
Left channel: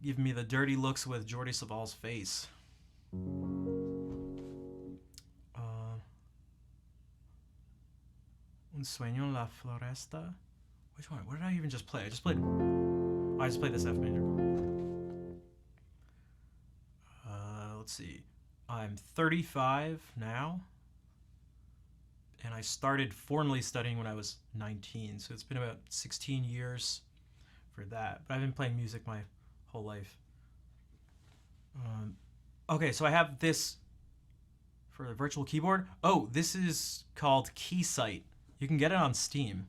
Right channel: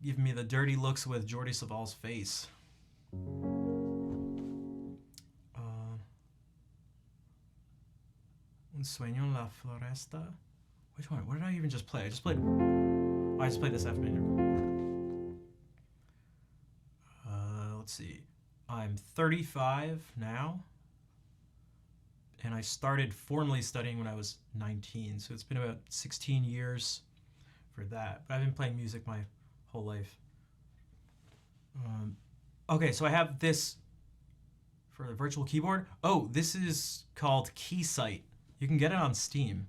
giving me the dirty looks with Jordi Saval's face. Un sueño en la floresta. Which one? What did I even just play? I just played this F major. Let's see. I'm 35 now. And I started formally studying when I was 19. So it's been about 16 years for that. But I've been playing music my whole life. Okay, so I have this for the virtual keyboard. Oh, this is called Keysight. You can get it on Steam.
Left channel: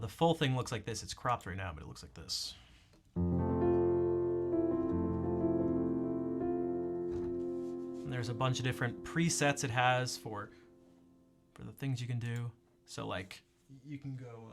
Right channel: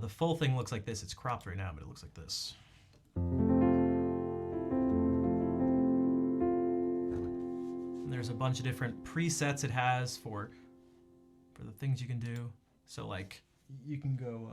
The full thing looks like this. It's cropped right now, but it looks like this. And there's a bunch of different presets it has for the things you can do. So like you can go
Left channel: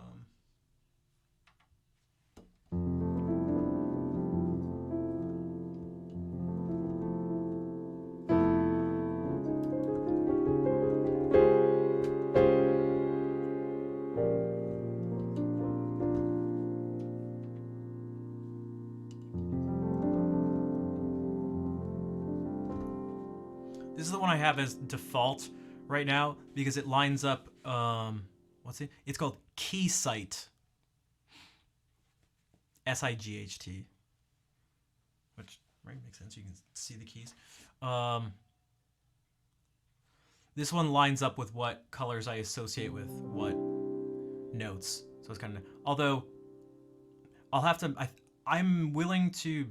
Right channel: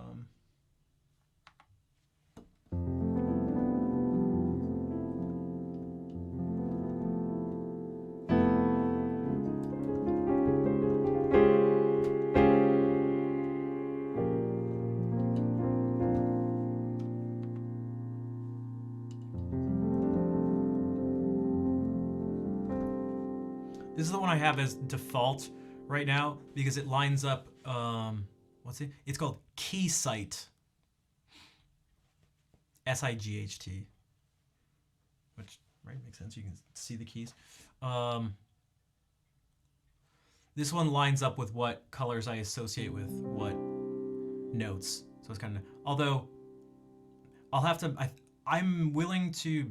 This is the one I have as default right now because it lines up, it's called Keysight. S-I-G-H-T. Which, right, makes sense. You can see the keys. This one lines up with what colors I associate with what notes. So it's kind of, although I'll have to, I'm willing to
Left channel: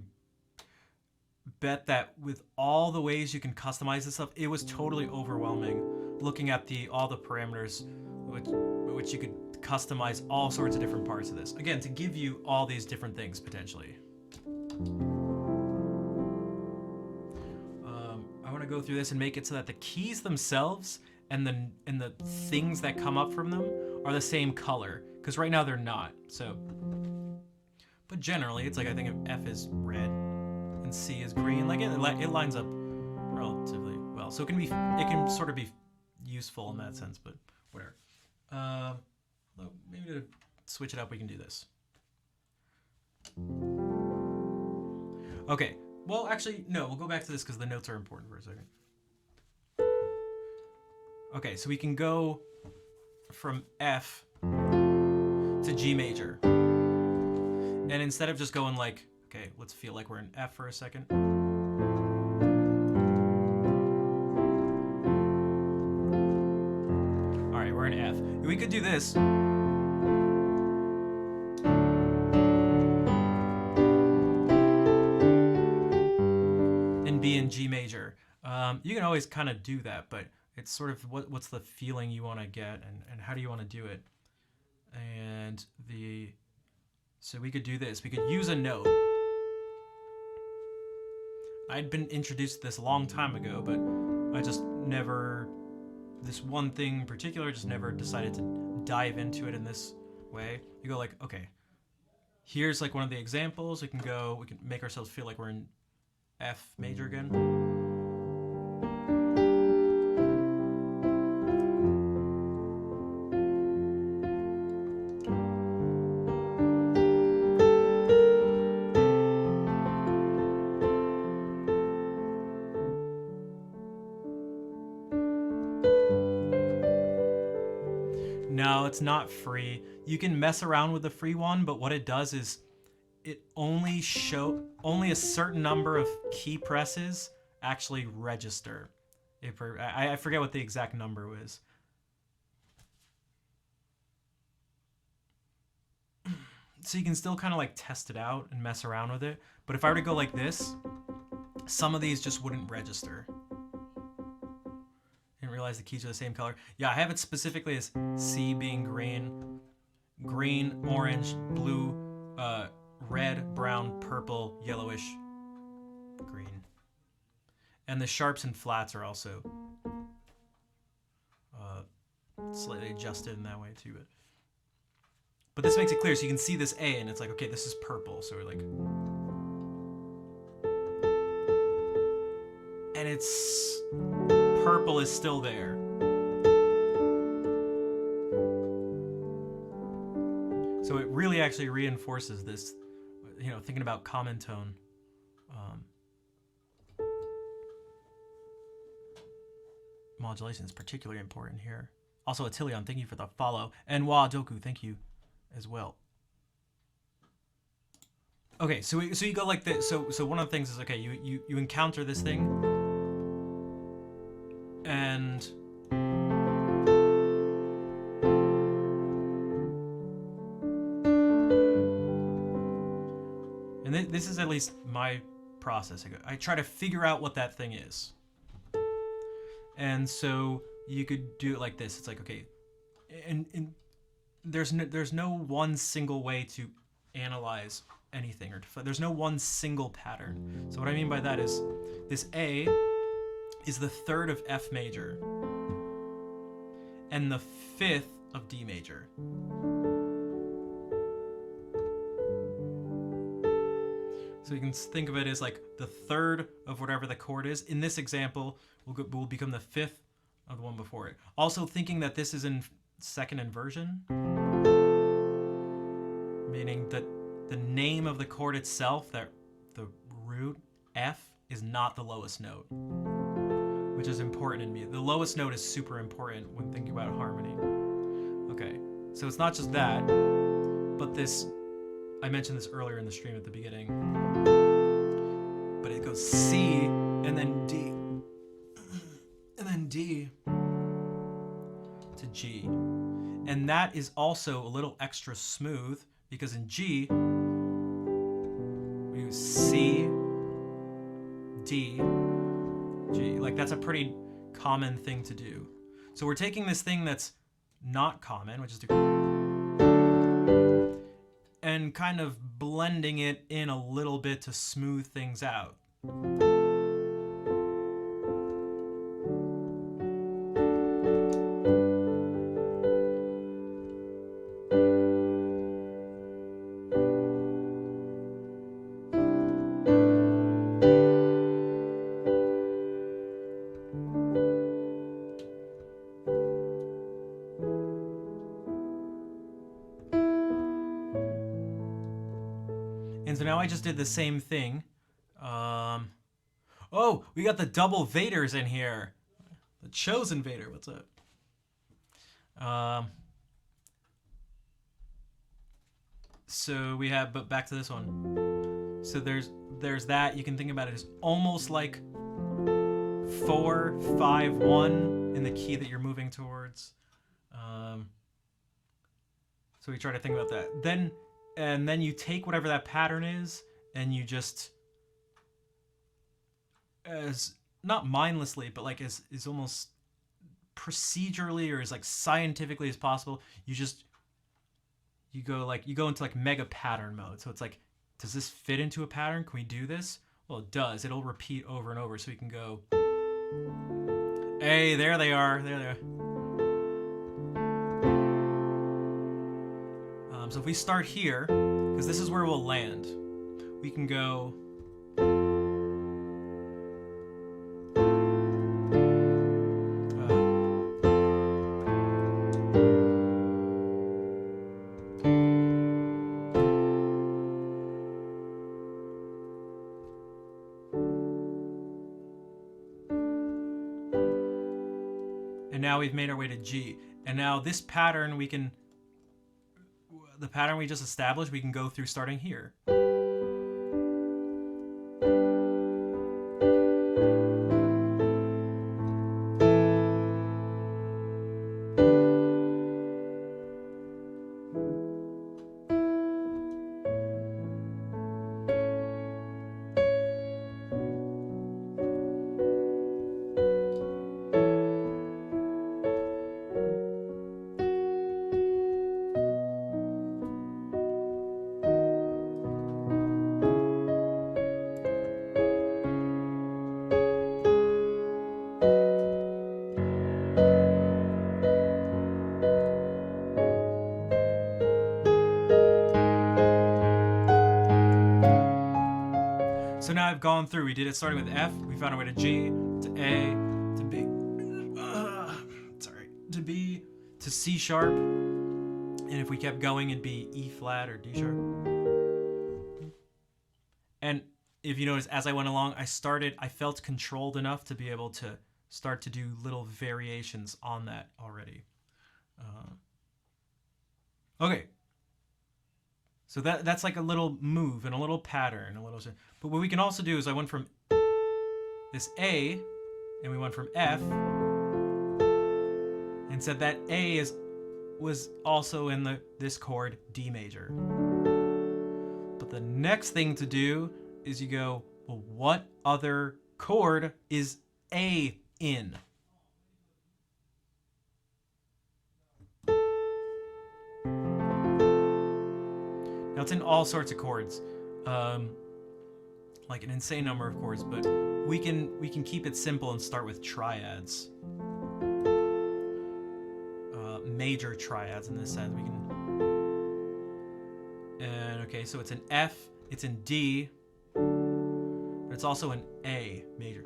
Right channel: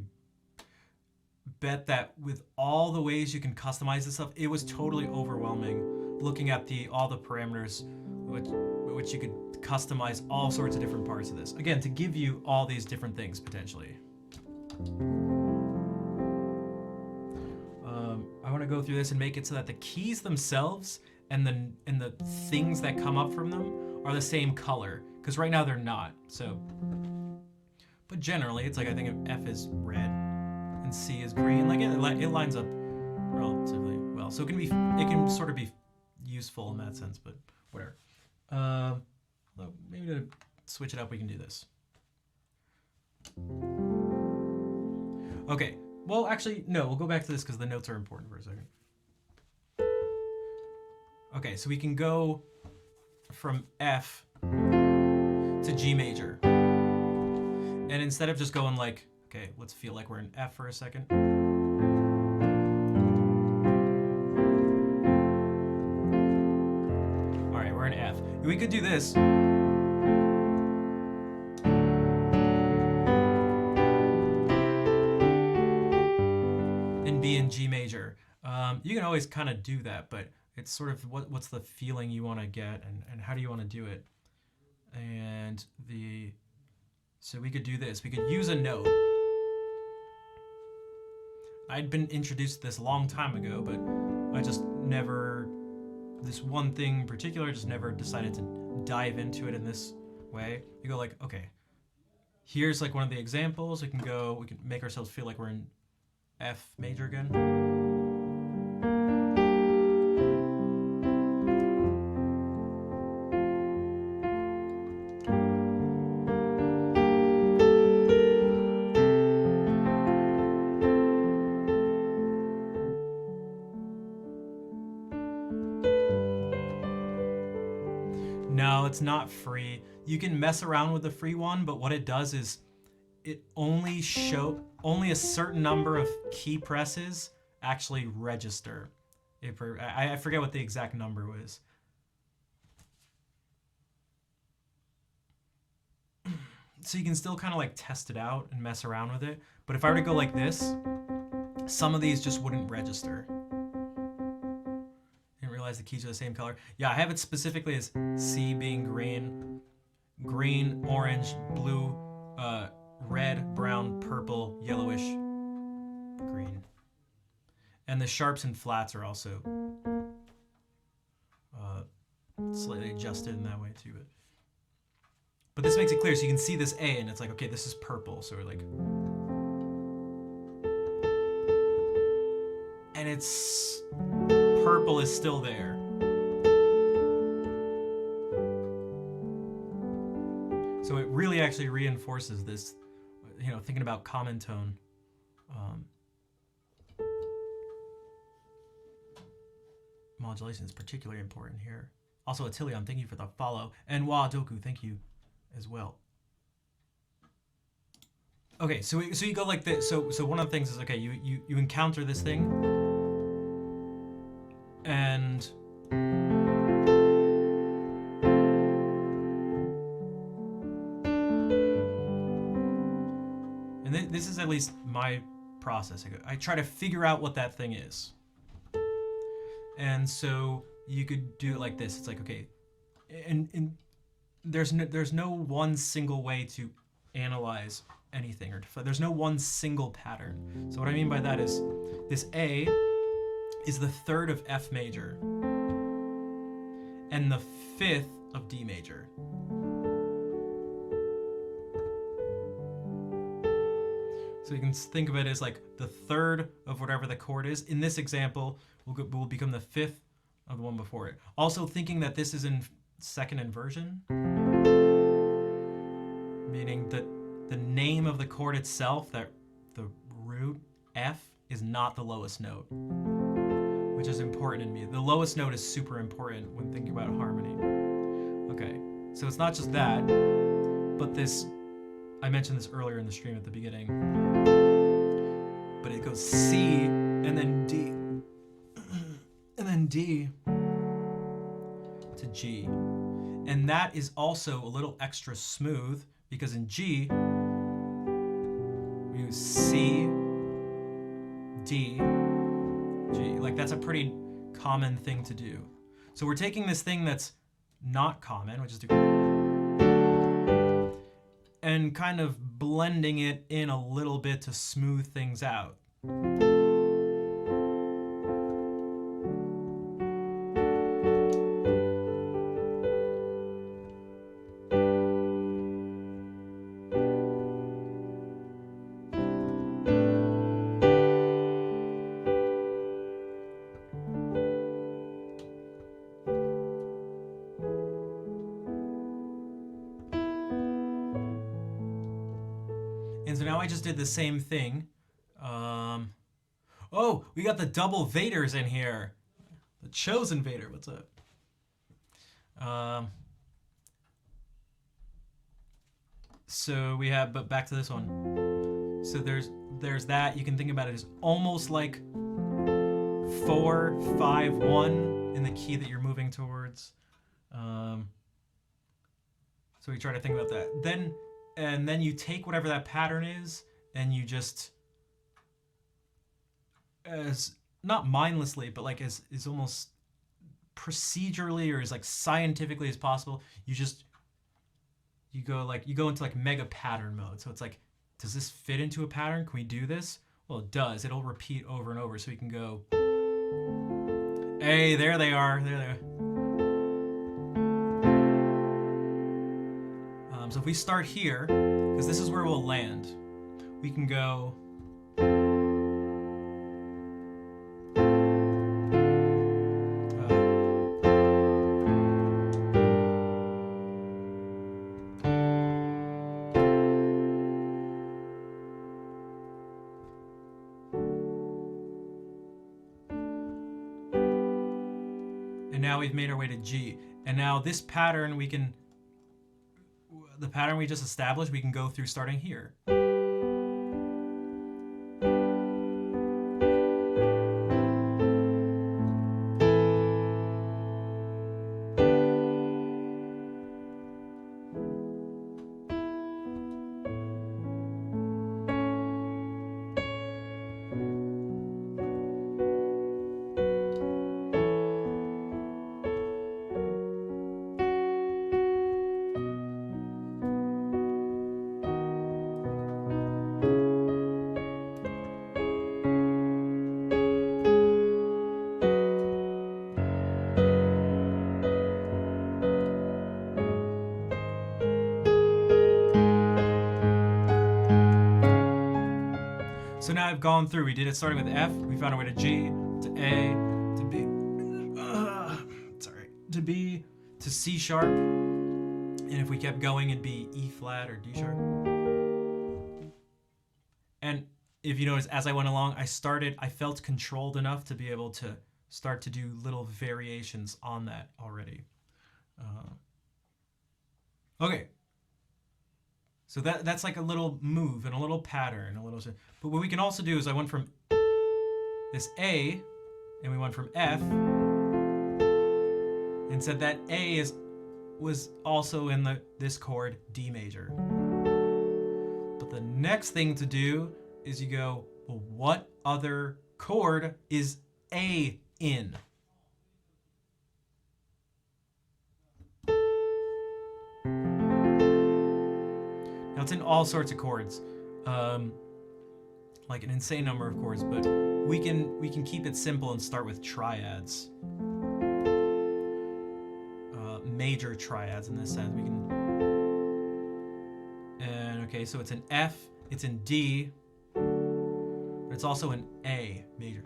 bet that with all the ways you can customize this stuff, it was totally overwhelming looking at all the parameters which you could customize all sorts of different parts of this. Again, to give you all these different things potentially. I want to go through this and make it so that the keys themselves and the things that come up from them are the same color, because right now they're not. So, but generally it's like I think F is red and C is green. Like it lines up relatively well. So it can sort of be useful in that sense, but whatever. Maybe to switch it up, we can do this. Okay. Well, actually, no. We'll go back to this because the notes are important for a second. Okay, so we can go from F to G major, and instead of just going like, okay, let's feel like we're in F for a second. All right, we're in F. We could do this. And be in G major. You can always kind of do that, but it's sort of what's the feeling you want to get, and how do you want to do it? And so we could do this. We could use a note. I'd been introduced to this a long time ago, but I just never, this one thing in particular, just never decided to dive into it in this way. You go like, okay, here's like one of the examples. We can make ourselves feel like we're in F major again. No, it's not free. You can mess around with the free one, but what it does is it only a certain number of key presses actually register. I forget what the exact number was. So you can still kind of like test it out and mess around with it. But if I were to go like this, some of these just wouldn't register. Didn't realize the keys are the same color. Yeah, I have it specifically as C being green, orange, blue, red, brown, purple, yellowish, green. And the sharps and flats are also slightly adjusted in that way too. But this makes it clear, so you can see this A, and it's like, okay, this is purple. So we're like, and it's purple is still there. So it really actually reinforces this, you know, thinking about common tone. Modulation is particularly important here. Also, Attilion, thank you for the follow. And Doku, thank you as well. Okay, so you go like this. So one of the things is, okay, you encounter this thing, and this is at least my process. I try to figure out what that thing is. And so you could do it like this. It's like, okay, and there's no one single way to analyze anything, or there's no one single pattern. So what I mean by that is this A is the third of F major and the fifth of D major. So you can think of it as like the third of whatever the chord is. In this example, will become the fifth of the one before it. Also thinking that this is in second inversion, meaning that the name of the chord itself, that the root F, is not the lowest note, which is important in me. The lowest note is super important when thinking about harmony. Okay, so it's not just that, but this, I mentioned this earlier in the stream at the beginning, but it goes C and then D, and then D to G. And that is also a little extra smooth because in G, we use C, D, G. Like, that's a pretty common thing to do. So we're taking this thing that's not common, which is the, and kind of blending it in a little bit to smooth things out. And so now I just did the same thing. Oh, we got the double Vaders in here. The Chosen Vader, what's up? So we have, but back to this one. So there's that. You can think about it as almost like 4, 5, 1 in the key that you're moving towards. So we try to think about that. And then you take whatever that pattern is, and you just, as not mindlessly, but like as almost procedurally or as like scientifically as possible, you go into like mega pattern mode. So it's like, does this fit into a pattern? Can we do this? Well, it does. It'll repeat over and over. So we can go, hey, there they are. There they are. So if we start here, because this is where we'll land, we can go. And now we've made our way to G. And now this pattern the pattern we just established, we can go through starting here. So now I've gone through, we did it starting with F, we found our way to G, to A, to B, to B, to C sharp, and if we kept going, it'd be E flat or D sharp. And if you notice, as I went along, I felt controlled enough to be able to start to do little variations on that already. Okay. So that's like a little move and a little pattern, but what we can also do is I went from this A, and we went from F, and said that A was also in this chord D major. But the next thing to do is you go, well, what other chord is A in? Now it's in all sorts of chords, like an insane number of chords, but we can keep it simple and start with triads, major triads in this sense. We can, and okay, so it's an F, it's in D, but it's also an A major.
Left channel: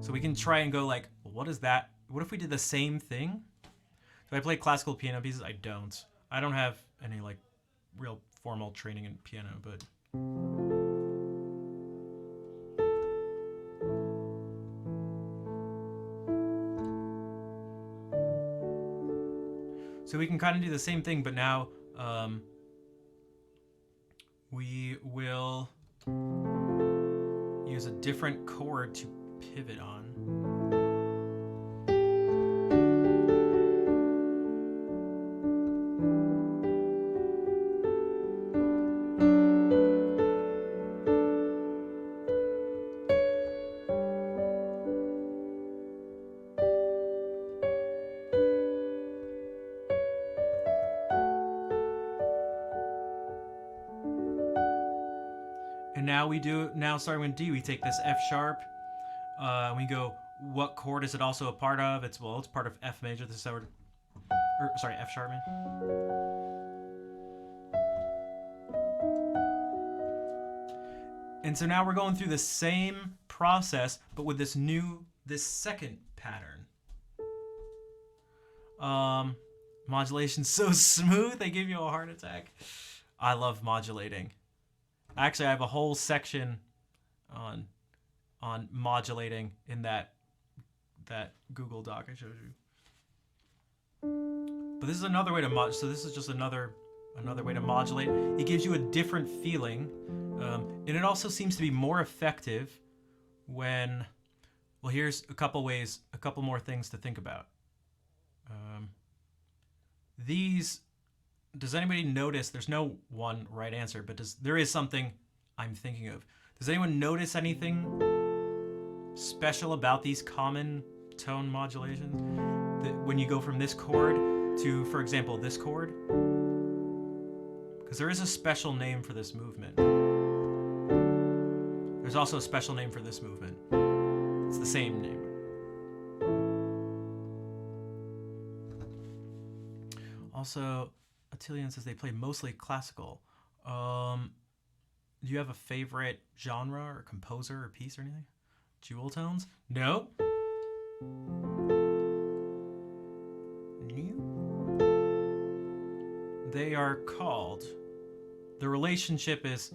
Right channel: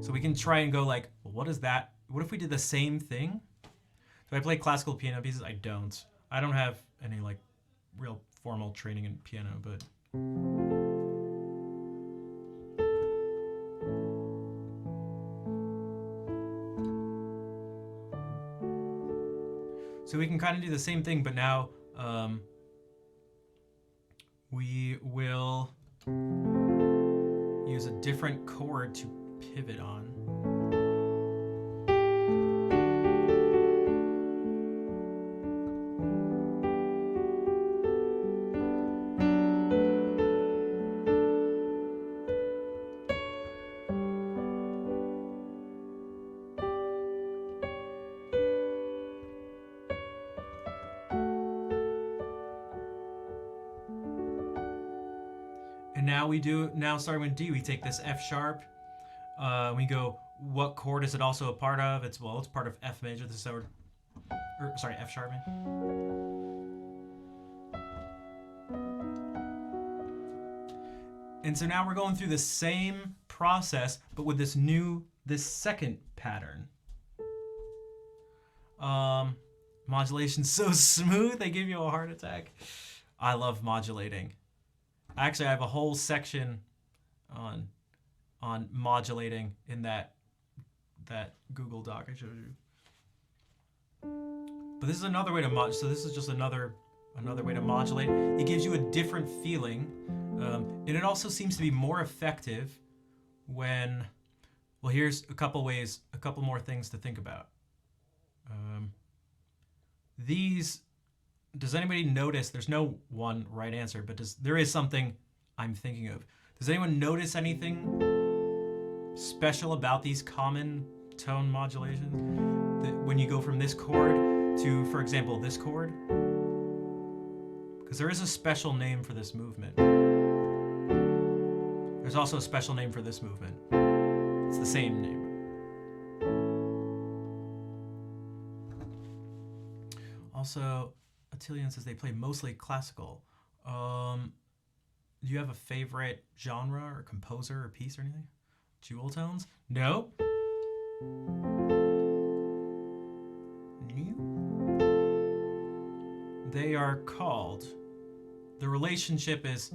So we can try and go like, well, what is that? What if we did the same thing? Do I play classical piano pieces? I don't. I don't have any like real formal training in piano, but so we can kind of do the same thing, but now we will use a different chord to pivot on. And now starting with D, we take this F sharp, we go, what chord is it also a part of? It's part of F major, this is F sharp, man. And so now we're going through the same process, but with this second pattern. Modulation's so smooth, they give you a heart attack. I love modulating. Actually, I have a whole section on modulating in that Google Doc I showed you. But this is another way to modulate. So this is just another way to modulate. It gives you a different feeling, and it also seems to be more effective when. Well, here's a couple more things to think about. Does anybody notice? There's no one right answer, but there is something I'm thinking of. Does anyone notice anything special about these common tone modulations? That when you go from this chord to, for example, this chord? Because there is a special name for this movement. There's also a special name for this movement. It's the same name. Also, Attilian says they play mostly classical. Do you have a favorite genre or composer or piece or anything? Jewel tones? No. They are called. The relationship is.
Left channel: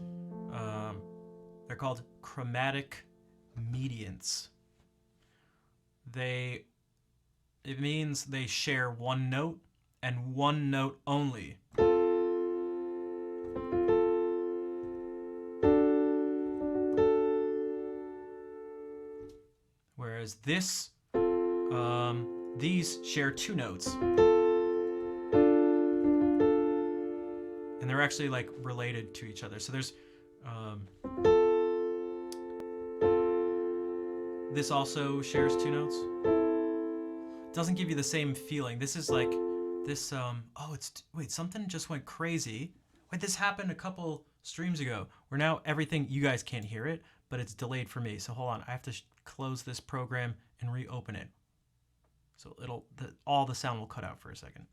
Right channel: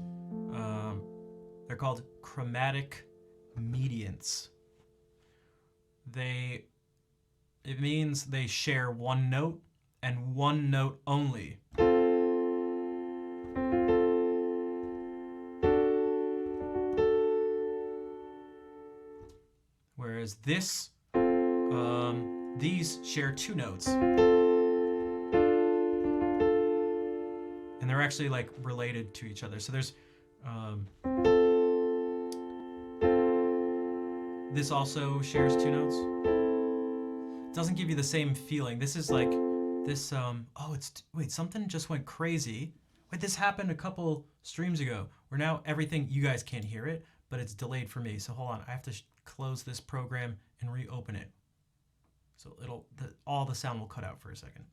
They're called chromatic mediants. It means they share one note and one note only. Whereas these share two notes. And they're actually like related to each other. So there's, this also shares two notes. It doesn't give you the same feeling. This is like, wait, something just went crazy. Wait, this happened a couple streams ago where now everything, you guys can't hear it, but it's delayed for me. So hold on, I have to close this program and reopen it. So all the sound will cut out for a second.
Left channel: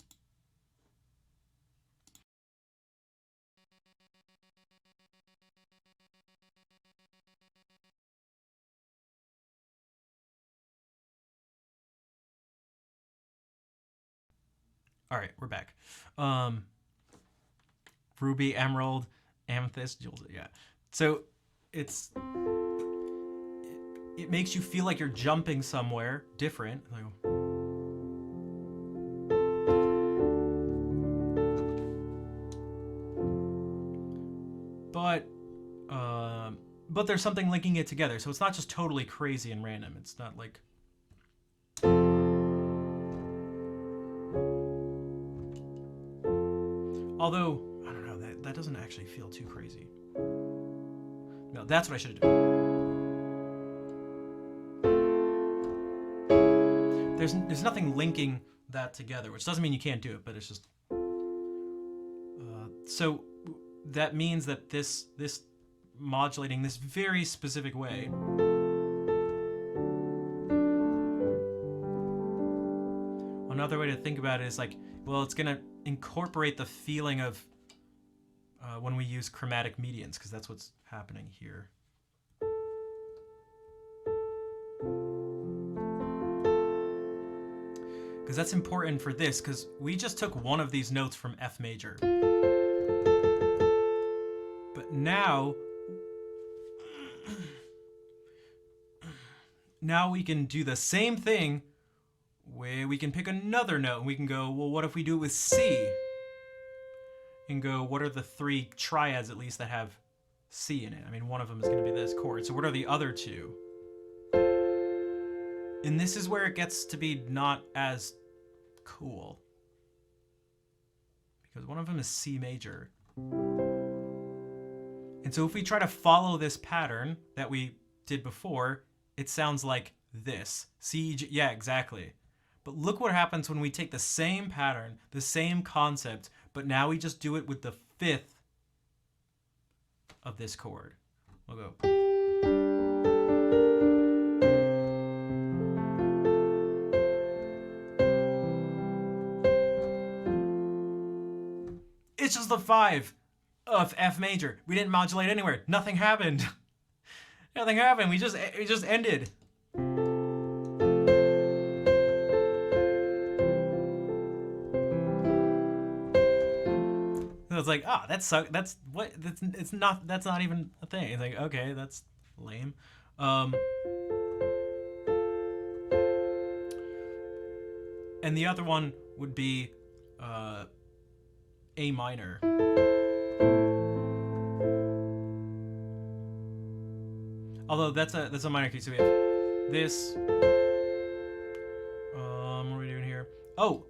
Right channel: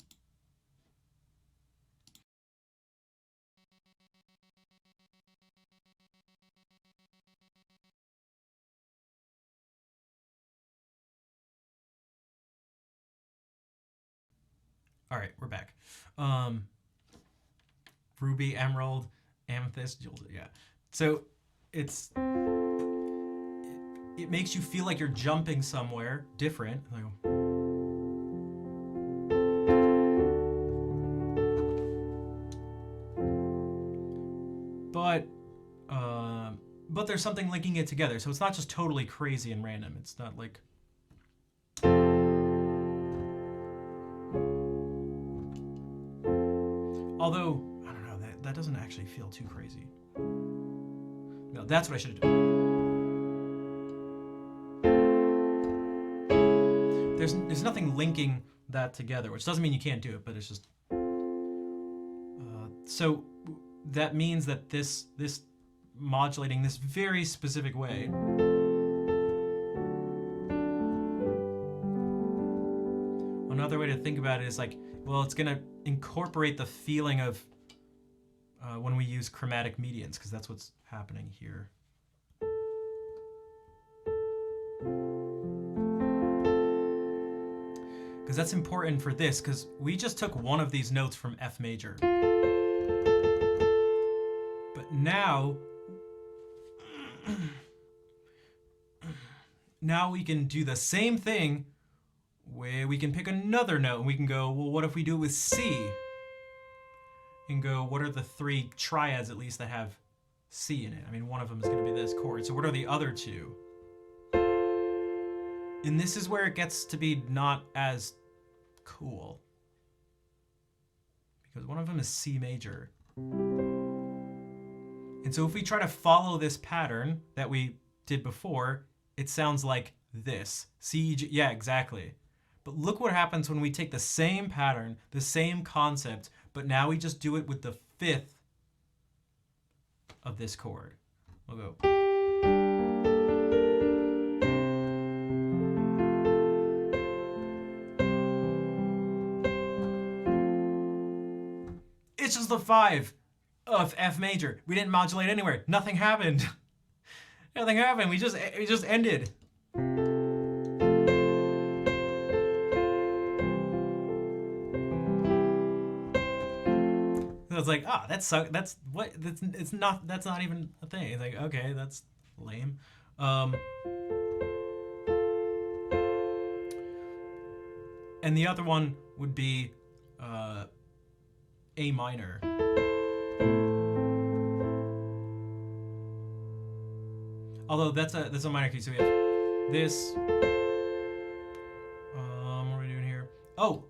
All right, we're back. Ruby, emerald, amethyst, jewels. Yeah. So it makes you feel like you're jumping somewhere different. But there's something linking it together, so it's not just totally crazy and random. It's not like. Although, I don't know, that doesn't actually feel too crazy. No, that's what I should have done. There's nothing linking that together, which doesn't mean you can't do it, but it's just. So that means that this modulating this very specific way. Another way to think about it is like, well, it's gonna incorporate the feeling of when we use chromatic medians, because that's what's happening here. Because that's important for this, because we just took one of these notes from F major. But now we can do the same thing where we can pick another note and we can go, well, what if we do it with C? And go, what are the three triads at least that have C in it? I mean, one of them is going to be this chord. So what are the other two? And this is where it gets to be not as cool. Because one of them is C major. And so if we try to follow this pattern that we did before, it sounds like this. C, G, yeah, exactly. But look what happens when we take the same pattern, the same concept, but now we just do it with the fifth of this chord. We'll go. It's just the 5 of F major. We didn't modulate anywhere. Nothing happened. Nothing happened. We just ended. It's like, that's what that's not even a thing. It's like, okay, that's lame. And the other one would be A minor. Although that's a minor key, so we have this. What are we doing here? Oh,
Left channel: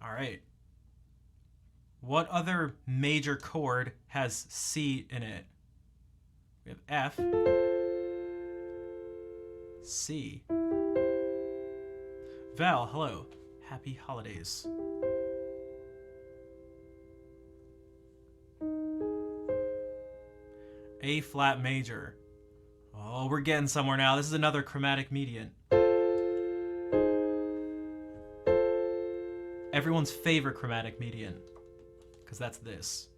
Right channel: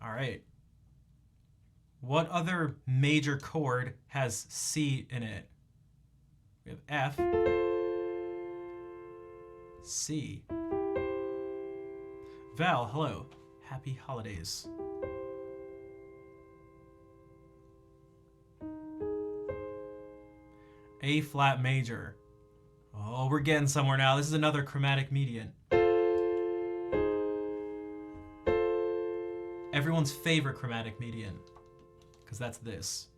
all right. What other major chord has C in it? We have F, C. Val, hello. Happy holidays. A flat major. Oh, we're getting somewhere now. This is another chromatic median. Everyone's favorite chromatic median. Because that's this.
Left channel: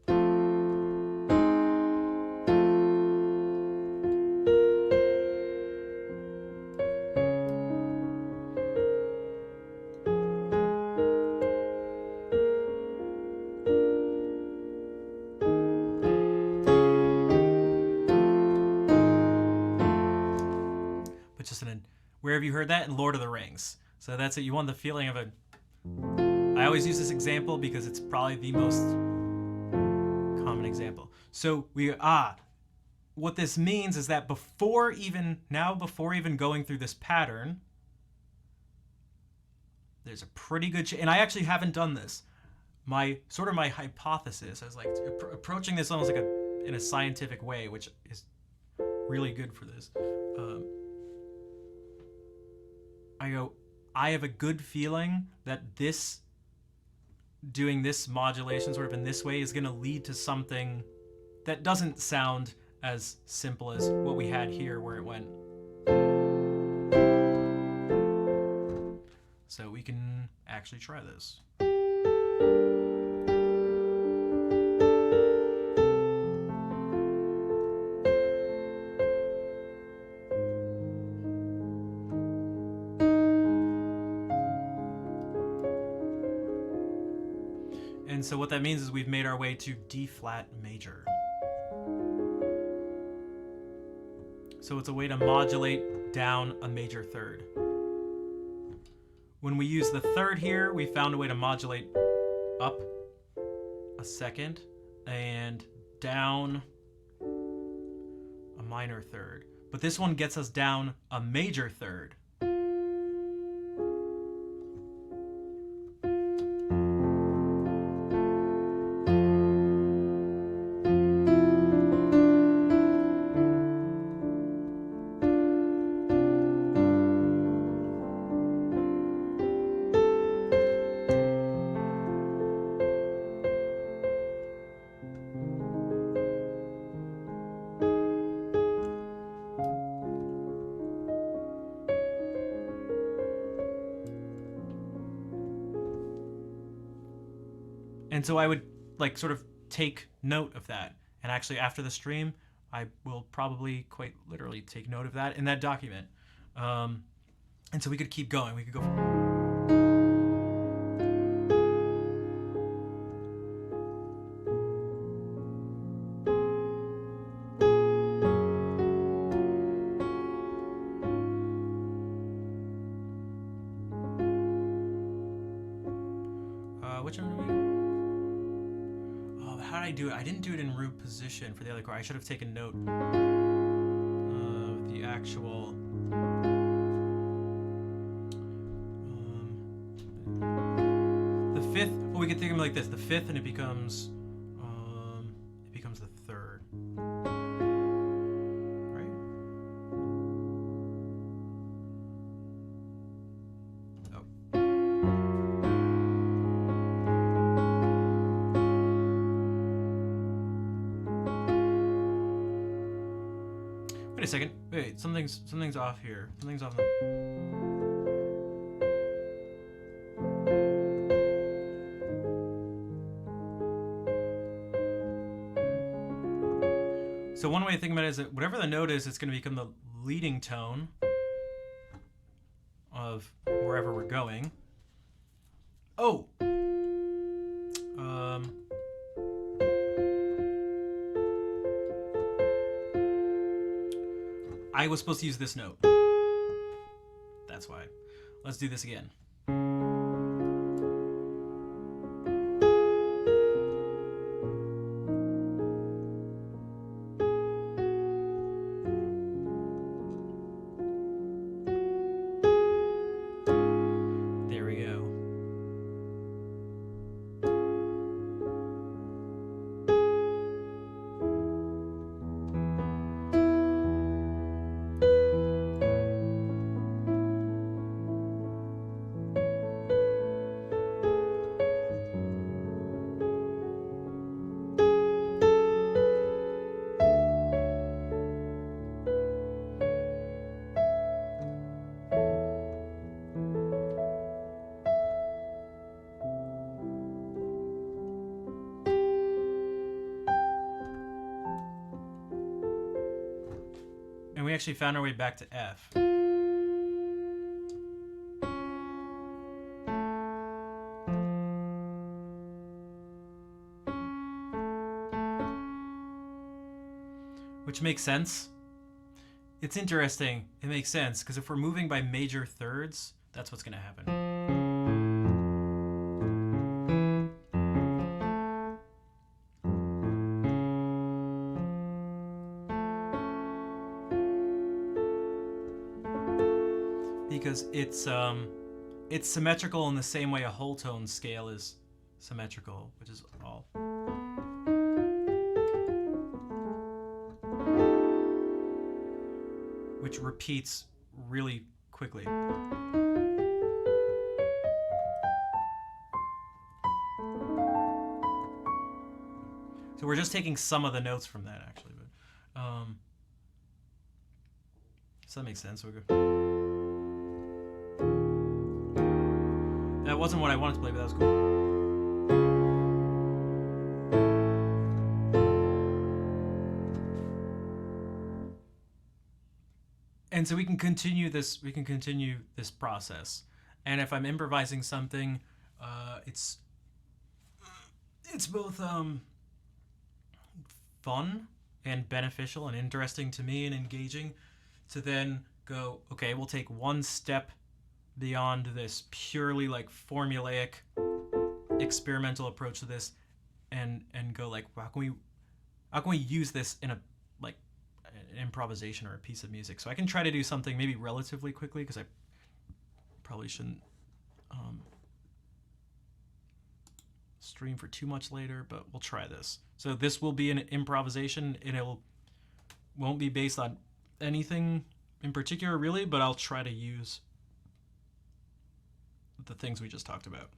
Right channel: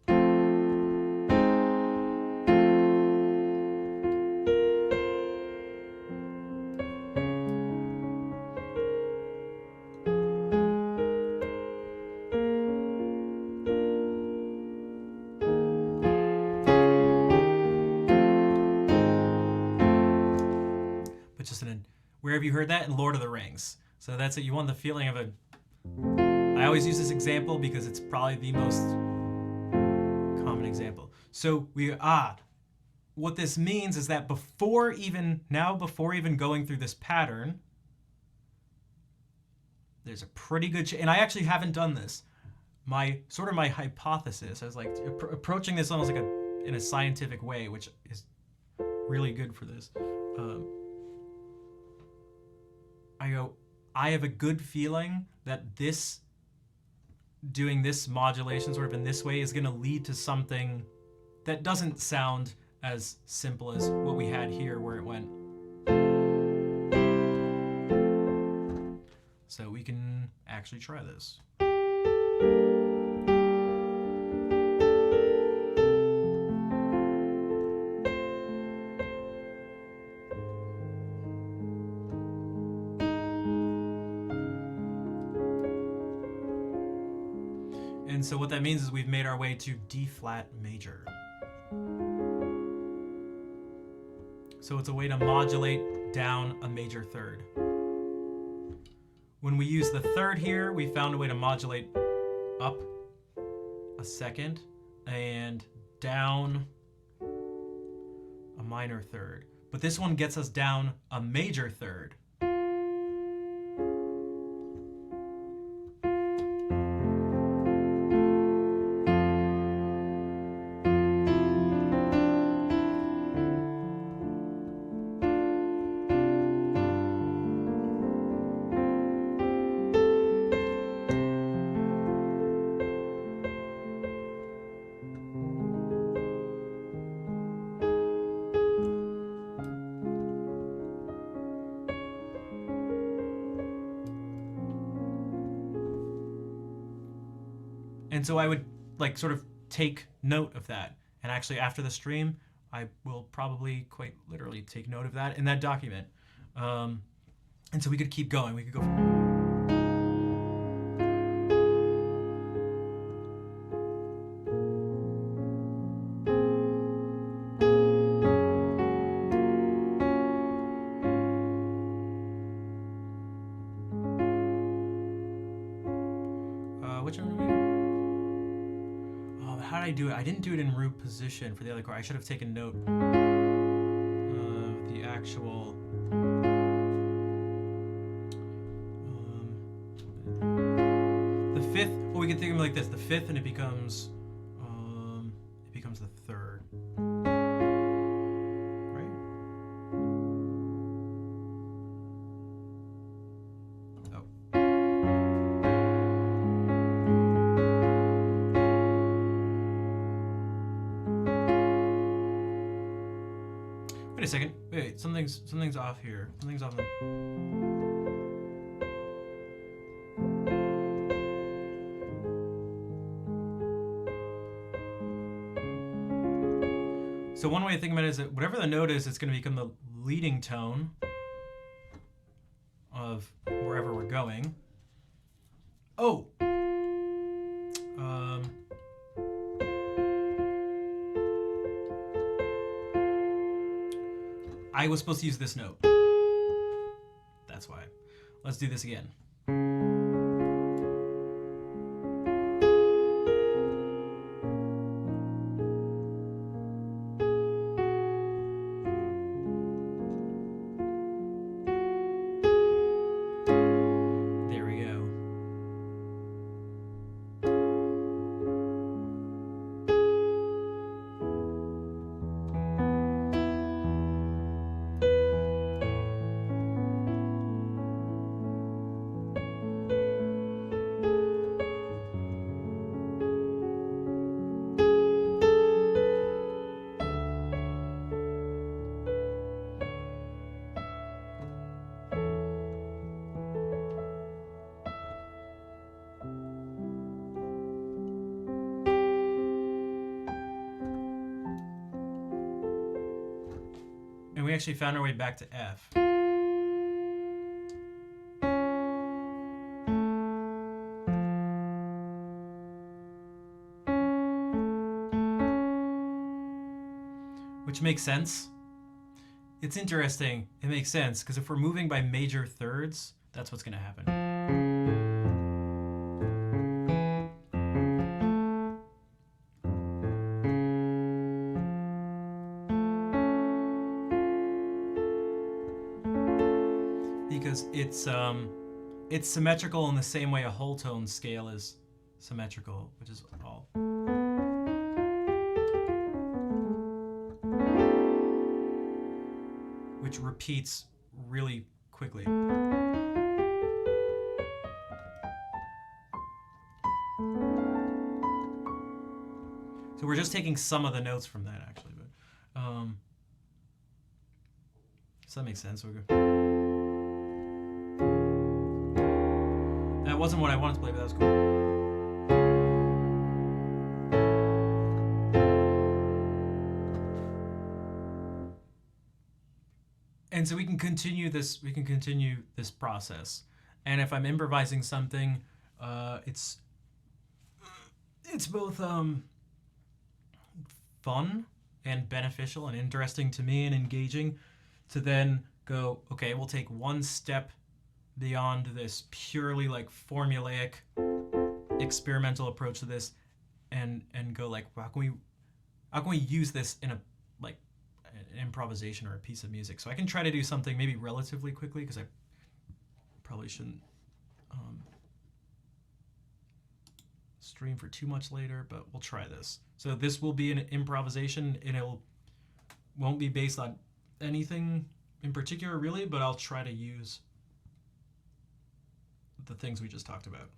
But just where have you heard that? In Lord of the Rings. So that's it. You want the feeling of a... I always use this example because it's probably the most common example. So what this means is that before even going through this pattern, there's a pretty good and I actually haven't done this. My hypothesis, I was like approaching this almost like in a scientific way, which is really good for this. I have a good feeling that doing this modulation sort of in this way is going to lead to something that doesn't sound as simple as what we had here where it went. So we can actually try this. And so what that means is we've made our way to D flat major. So it's a way to modulate down a major third. When we use the third here, we found a way to modulate up a second and down a minor third. But this one gets us down a major third. And so I would like sort of take note of that. And actually after the stream, I will probably quite literally take note of that in that document. And so we could keep going. We could go which one? How did I do it? I didn't do it in root position for the other chord. I should have taken note of the actual the fifth. Well, we could think of it like this: the fifth, and it becomes the third, right? Oh. Wait a second. Wait, something's off here. Something's off. So one way to think about it is that whatever the note is, it's going to become the leading tone of wherever we're going. Oh. I was supposed to use this note. That's why. Let's do this again. There we go. And we actually found our way back to F. Which makes sense. It's interesting. It makes sense, because if we're moving by major thirds, that's what's going to happen. Because it's symmetrical in the same way a whole tone scale is symmetrical, which is all. Which repeats really quickly. So we're just taking some of the notes from that, actually, but so that makes sense. We're good. That wasn't what I wanted to play, but that was cool. And so we can continue this process. And if I'm improvising something, it's it's both fun and beneficial and interesting to me and engaging to then go, okay, we'll take one step beyond this purely like formulaic experimental approach to this and go like, how can we use this in a like an improvisation or a piece of music? So I can try to do something maybe relatively quickly because I probably shouldn't um, stream for too much later, but we'll try this. So this will be an improvisation, and it won't be based on anything in particular, really, but I'll try to use the things we just talked about.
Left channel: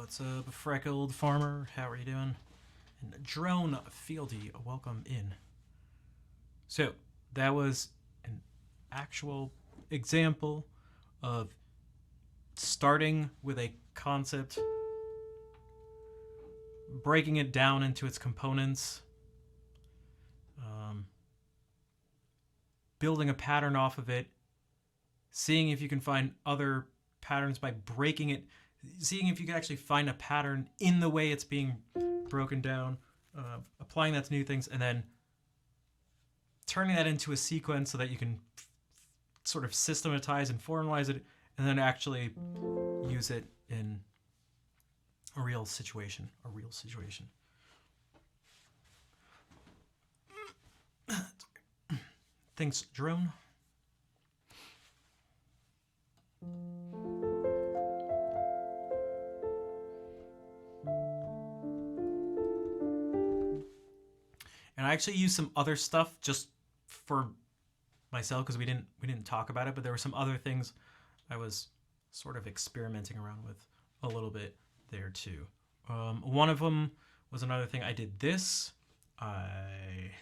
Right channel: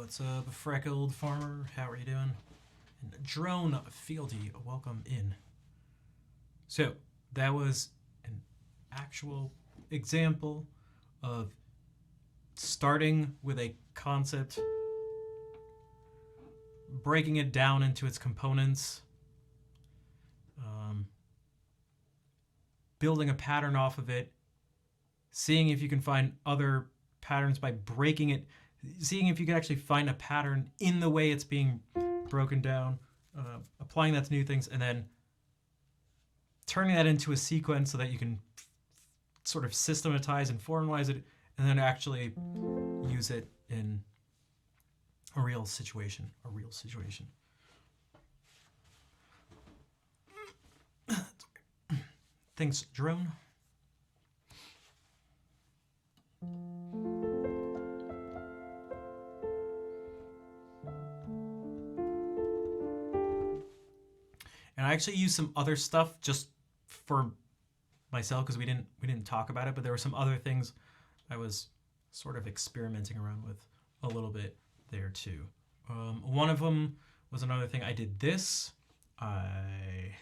What's up, Freckled Farmer? How are you doing? And Drone Fieldy, welcome in. So, that was an actual example of starting with a concept, breaking it down into its components, building a pattern off of it, seeing if you can find other patterns by breaking it, seeing if you can actually find a pattern in the way it's being broken down, applying that to new things, and then turning that into a sequence so that you can sort of systematize and formalize it, and then actually use it in a real situation. Thanks, Drone. And I actually used some other stuff just for myself because we didn't talk about it, but there were some other things I was sort of experimenting around with a little bit there too. One of them was another thing. I did this. I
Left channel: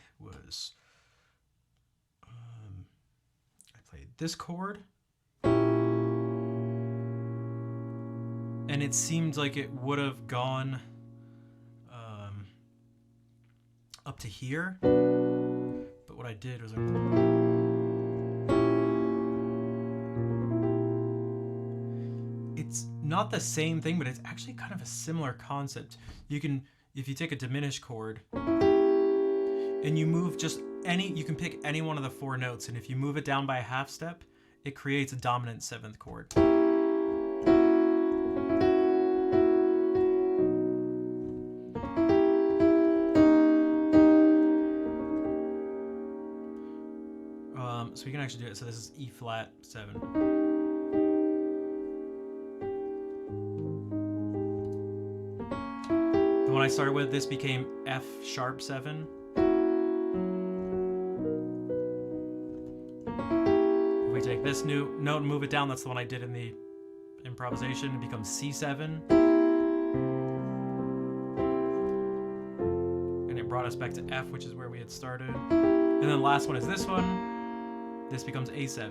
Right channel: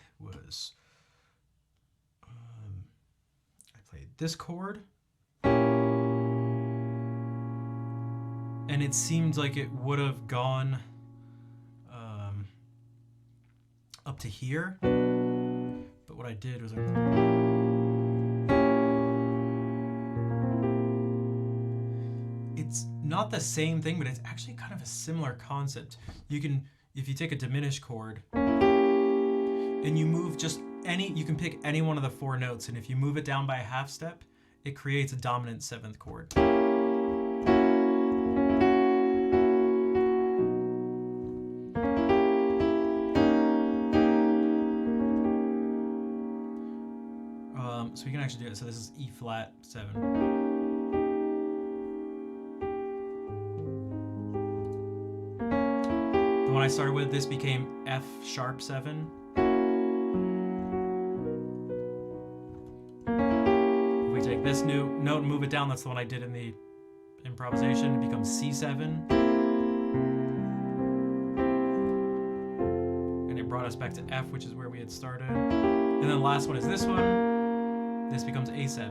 played this chord, and it seemed like it would have gone up to here, but what I did was it's not the same thing, but it's actually kind of a similar concept. You can, if you take a diminished chord and you move just you can pick any one of the 4 notes, and if you move it down by a half step, it creates a dominant 7th chord. So we can actually do it. So this is E flat 7. The one I started with, this became F sharp 7. If we take this new note and move it down, that's the one I did in the improvisation, it becomes C7. And it brought us back to F, which is where we had started. And then the last one is this one. This becomes A7.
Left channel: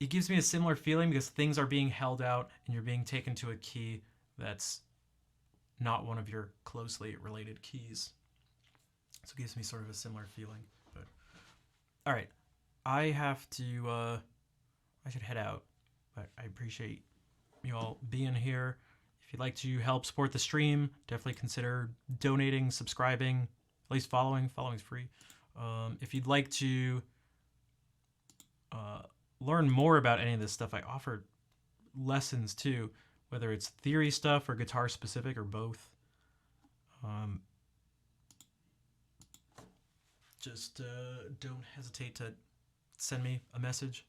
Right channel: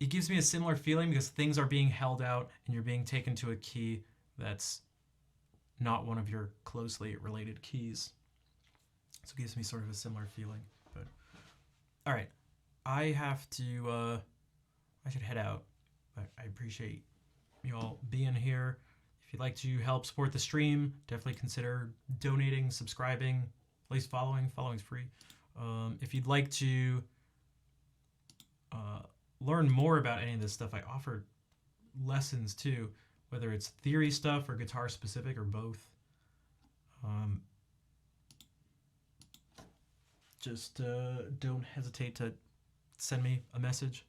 It gives me a similar feeling because things are being held out and you're being taken to a key that's not one of your closely related keys. So it gives me sort of a similar feeling. But all right, I have to, I should head out, but I appreciate you all being here. If you'd like to help support the stream, definitely consider donating, subscribing, at least following. Following's free. If you'd like to learn more about any of this stuff, I offer lessons too, whether it's theory stuff or guitar specific or both. Just don't hesitate to send me a message.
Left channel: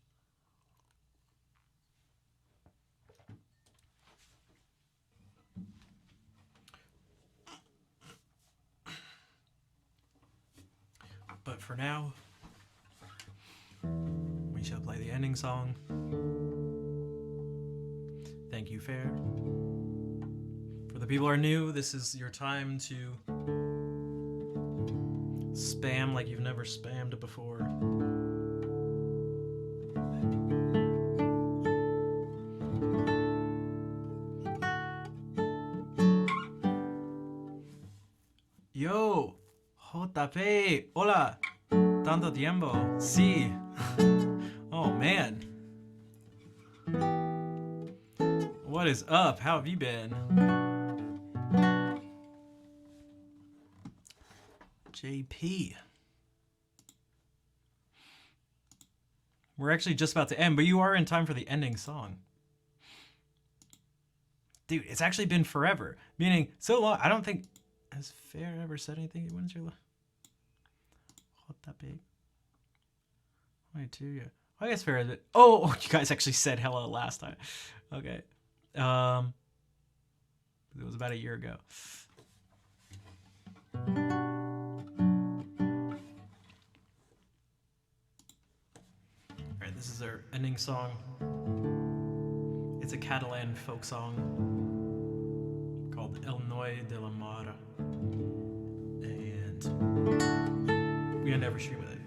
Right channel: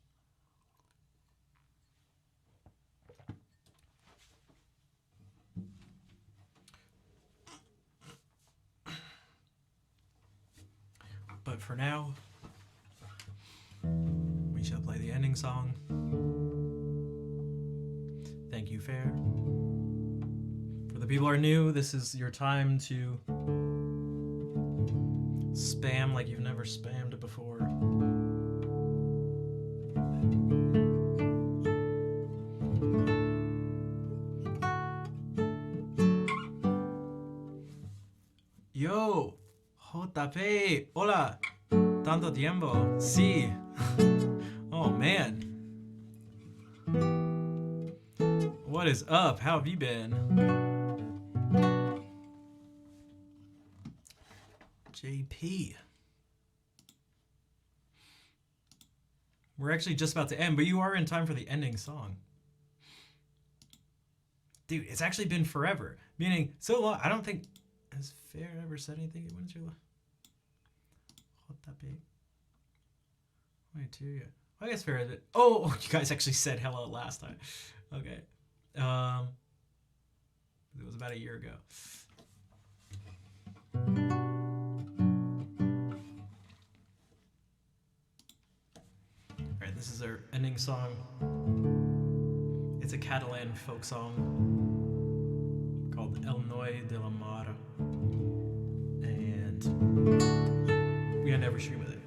But for now, we shall play the ending song. Thank you, Fair. For the people who are new, this is your time to spam like you've never spammed before. Yo, JP, hola, tanto tiempo, sí. Oh man, what is up? How have you been? JP. We're actually just about to end, but you are in time for the ending song. Dude, it's actually been forever. Meaning, so long, I don't think... Has Fair ever said anything? When's your... JP. 22, yeah. I guess Fair... Oh, you guys actually said hello last time. Okay. It was about a year ago. Alright, this This is our ending song. It's a Catalan folk song called El Noi de la Mar. And we end every stream with it.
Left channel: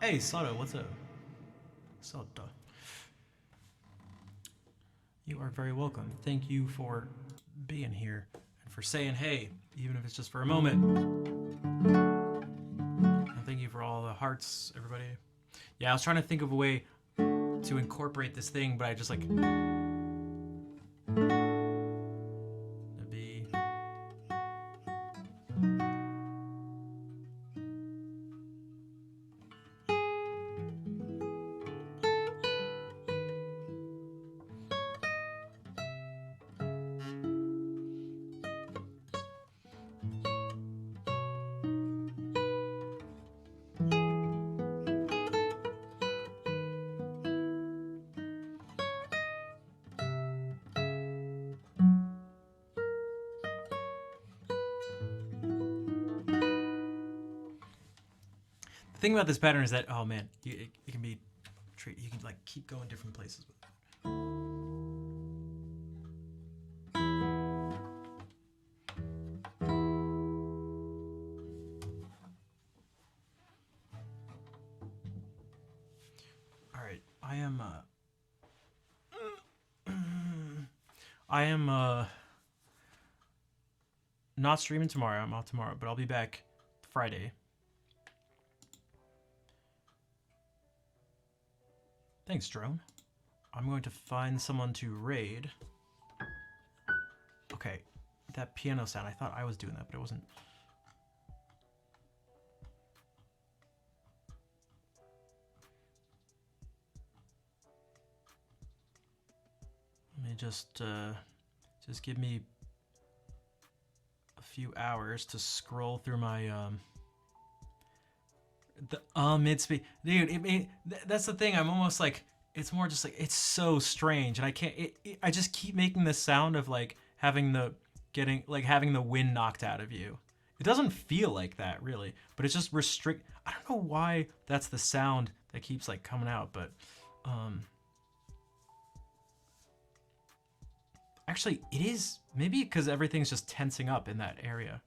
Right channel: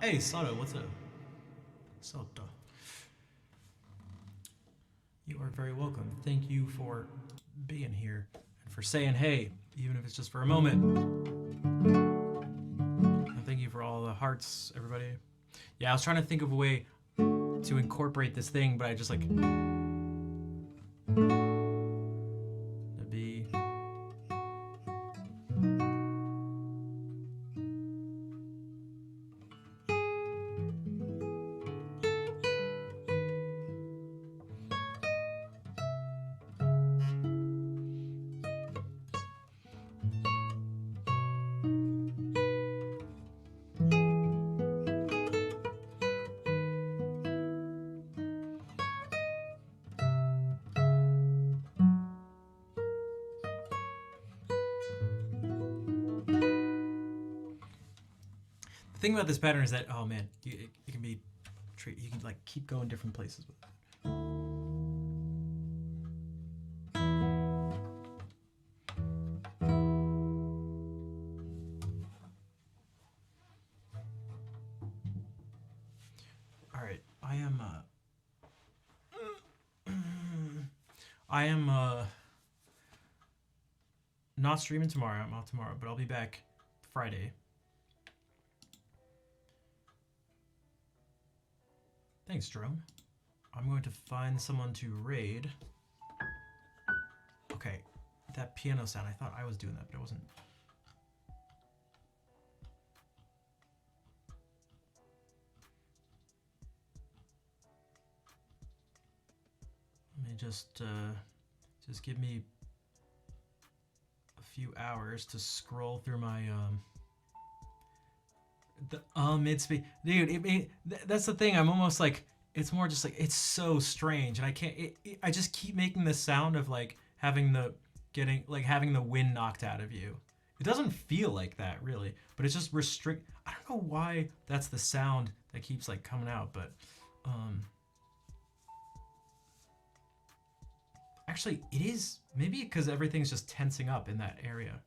Hey, Sato, what's up? Sato. You are very welcome. Thank you for being here and for saying hey, even if it's just for a moment. And thank you for all the hearts, everybody. Yeah, I was trying to think of a way to incorporate this thing, but I just like... The thing about this pattern is that, oh man, it can be, you can like keep going different places with it. All right, I am not streaming tomorrow. I'm off tomorrow, but I'll be back Friday. Thanks, Drone. I'm going to find someone to raid. Okay, that piano sound, I thought I was doing that, but it wasn't. Let me just Just give me a few hours to scroll through my mid speed, dude. That's the thing. I'm almost like, it's more just like, it's so strange, and I can't. I just keep making the sound of like having the wind knocked out of you. It doesn't feel like that really, but it's just restrict. I don't know why that's the sound that keeps like coming out, but actually it is maybe because everything's just tensing up in that area,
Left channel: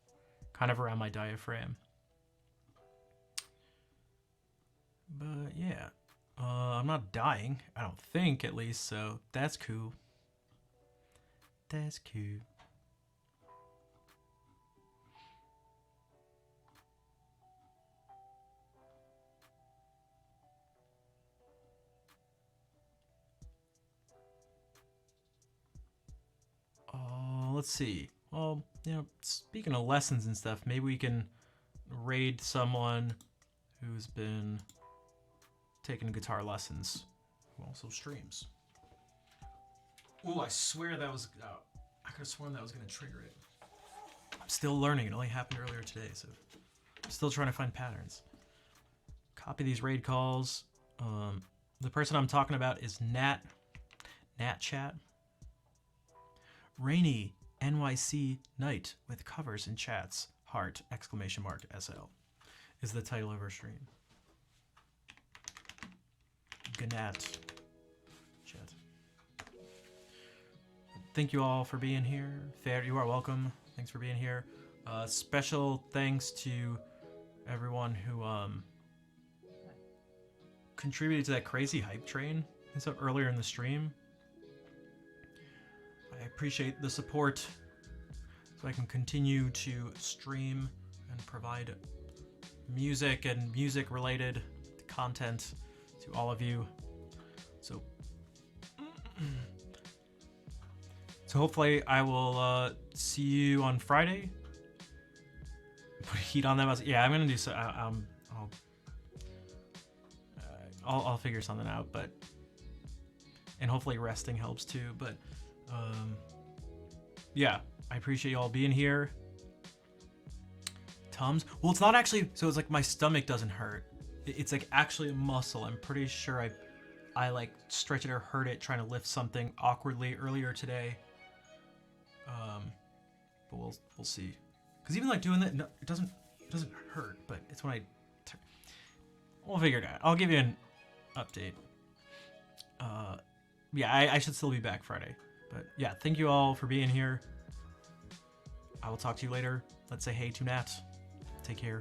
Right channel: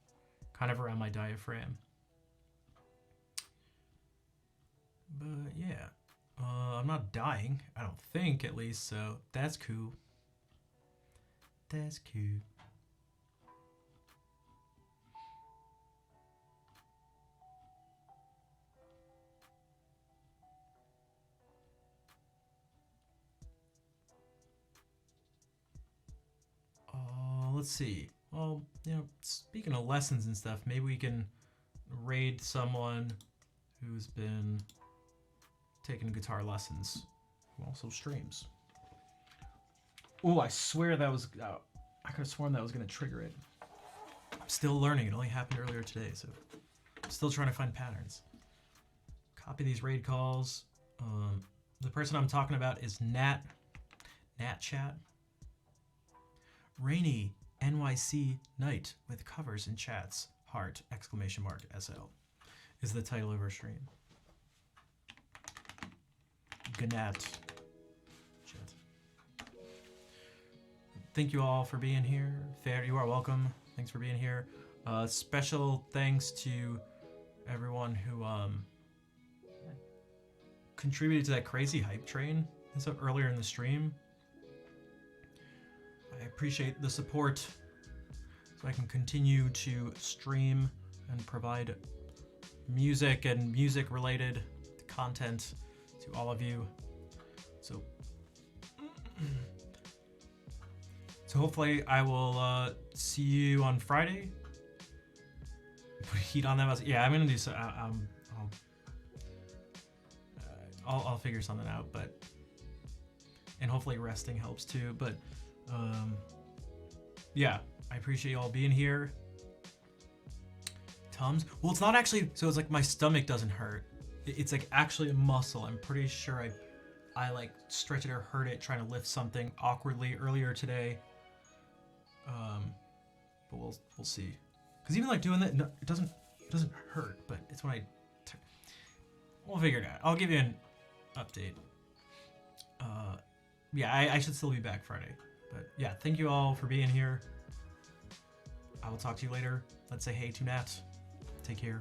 kind of around my diaphragm. But yeah, I'm not dying, I don't think, at least, so that's cool. That's cool. Let's see. Well, speaking of lessons and stuff, maybe we can raid someone who's been taking guitar lessons, who also streams. Oh, I swear that was... I could have sworn that was going to trigger it. I'm still learning. It only happened earlier today, so I'm still trying to find patterns. Copy these raid calls. The person I'm talking about is Nat Chat. Rainy NYC night with covers and chats. Heart! ! SL is the title of our stream. Gnat Chat. Thank you all for being here. Fair, you are welcome. Thanks for being here. Special thanks to everyone who contributed to that crazy hype train that's up earlier in the stream. I appreciate the support so I can continue to stream and provide music and music related content to all of you. So hopefully I will see you on Friday. Put heat on them. Yeah, I'm gonna do so. I'll figure something out, but and hopefully resting helps too. But yeah, I appreciate you all being here. Tums. Well, it's not actually. So it's like my stomach doesn't hurt. It's like actually a muscle. I'm pretty sure I like stretched it or hurt it trying to lift something awkwardly earlier today. But we'll see. Because even like doing that, no, it doesn't hurt. But it's when we'll figure it out. I'll give you an update. Yeah, I should still be back Friday. But yeah, thank you all for being here. I will talk to you later. Let's say hey to Nat. Take care.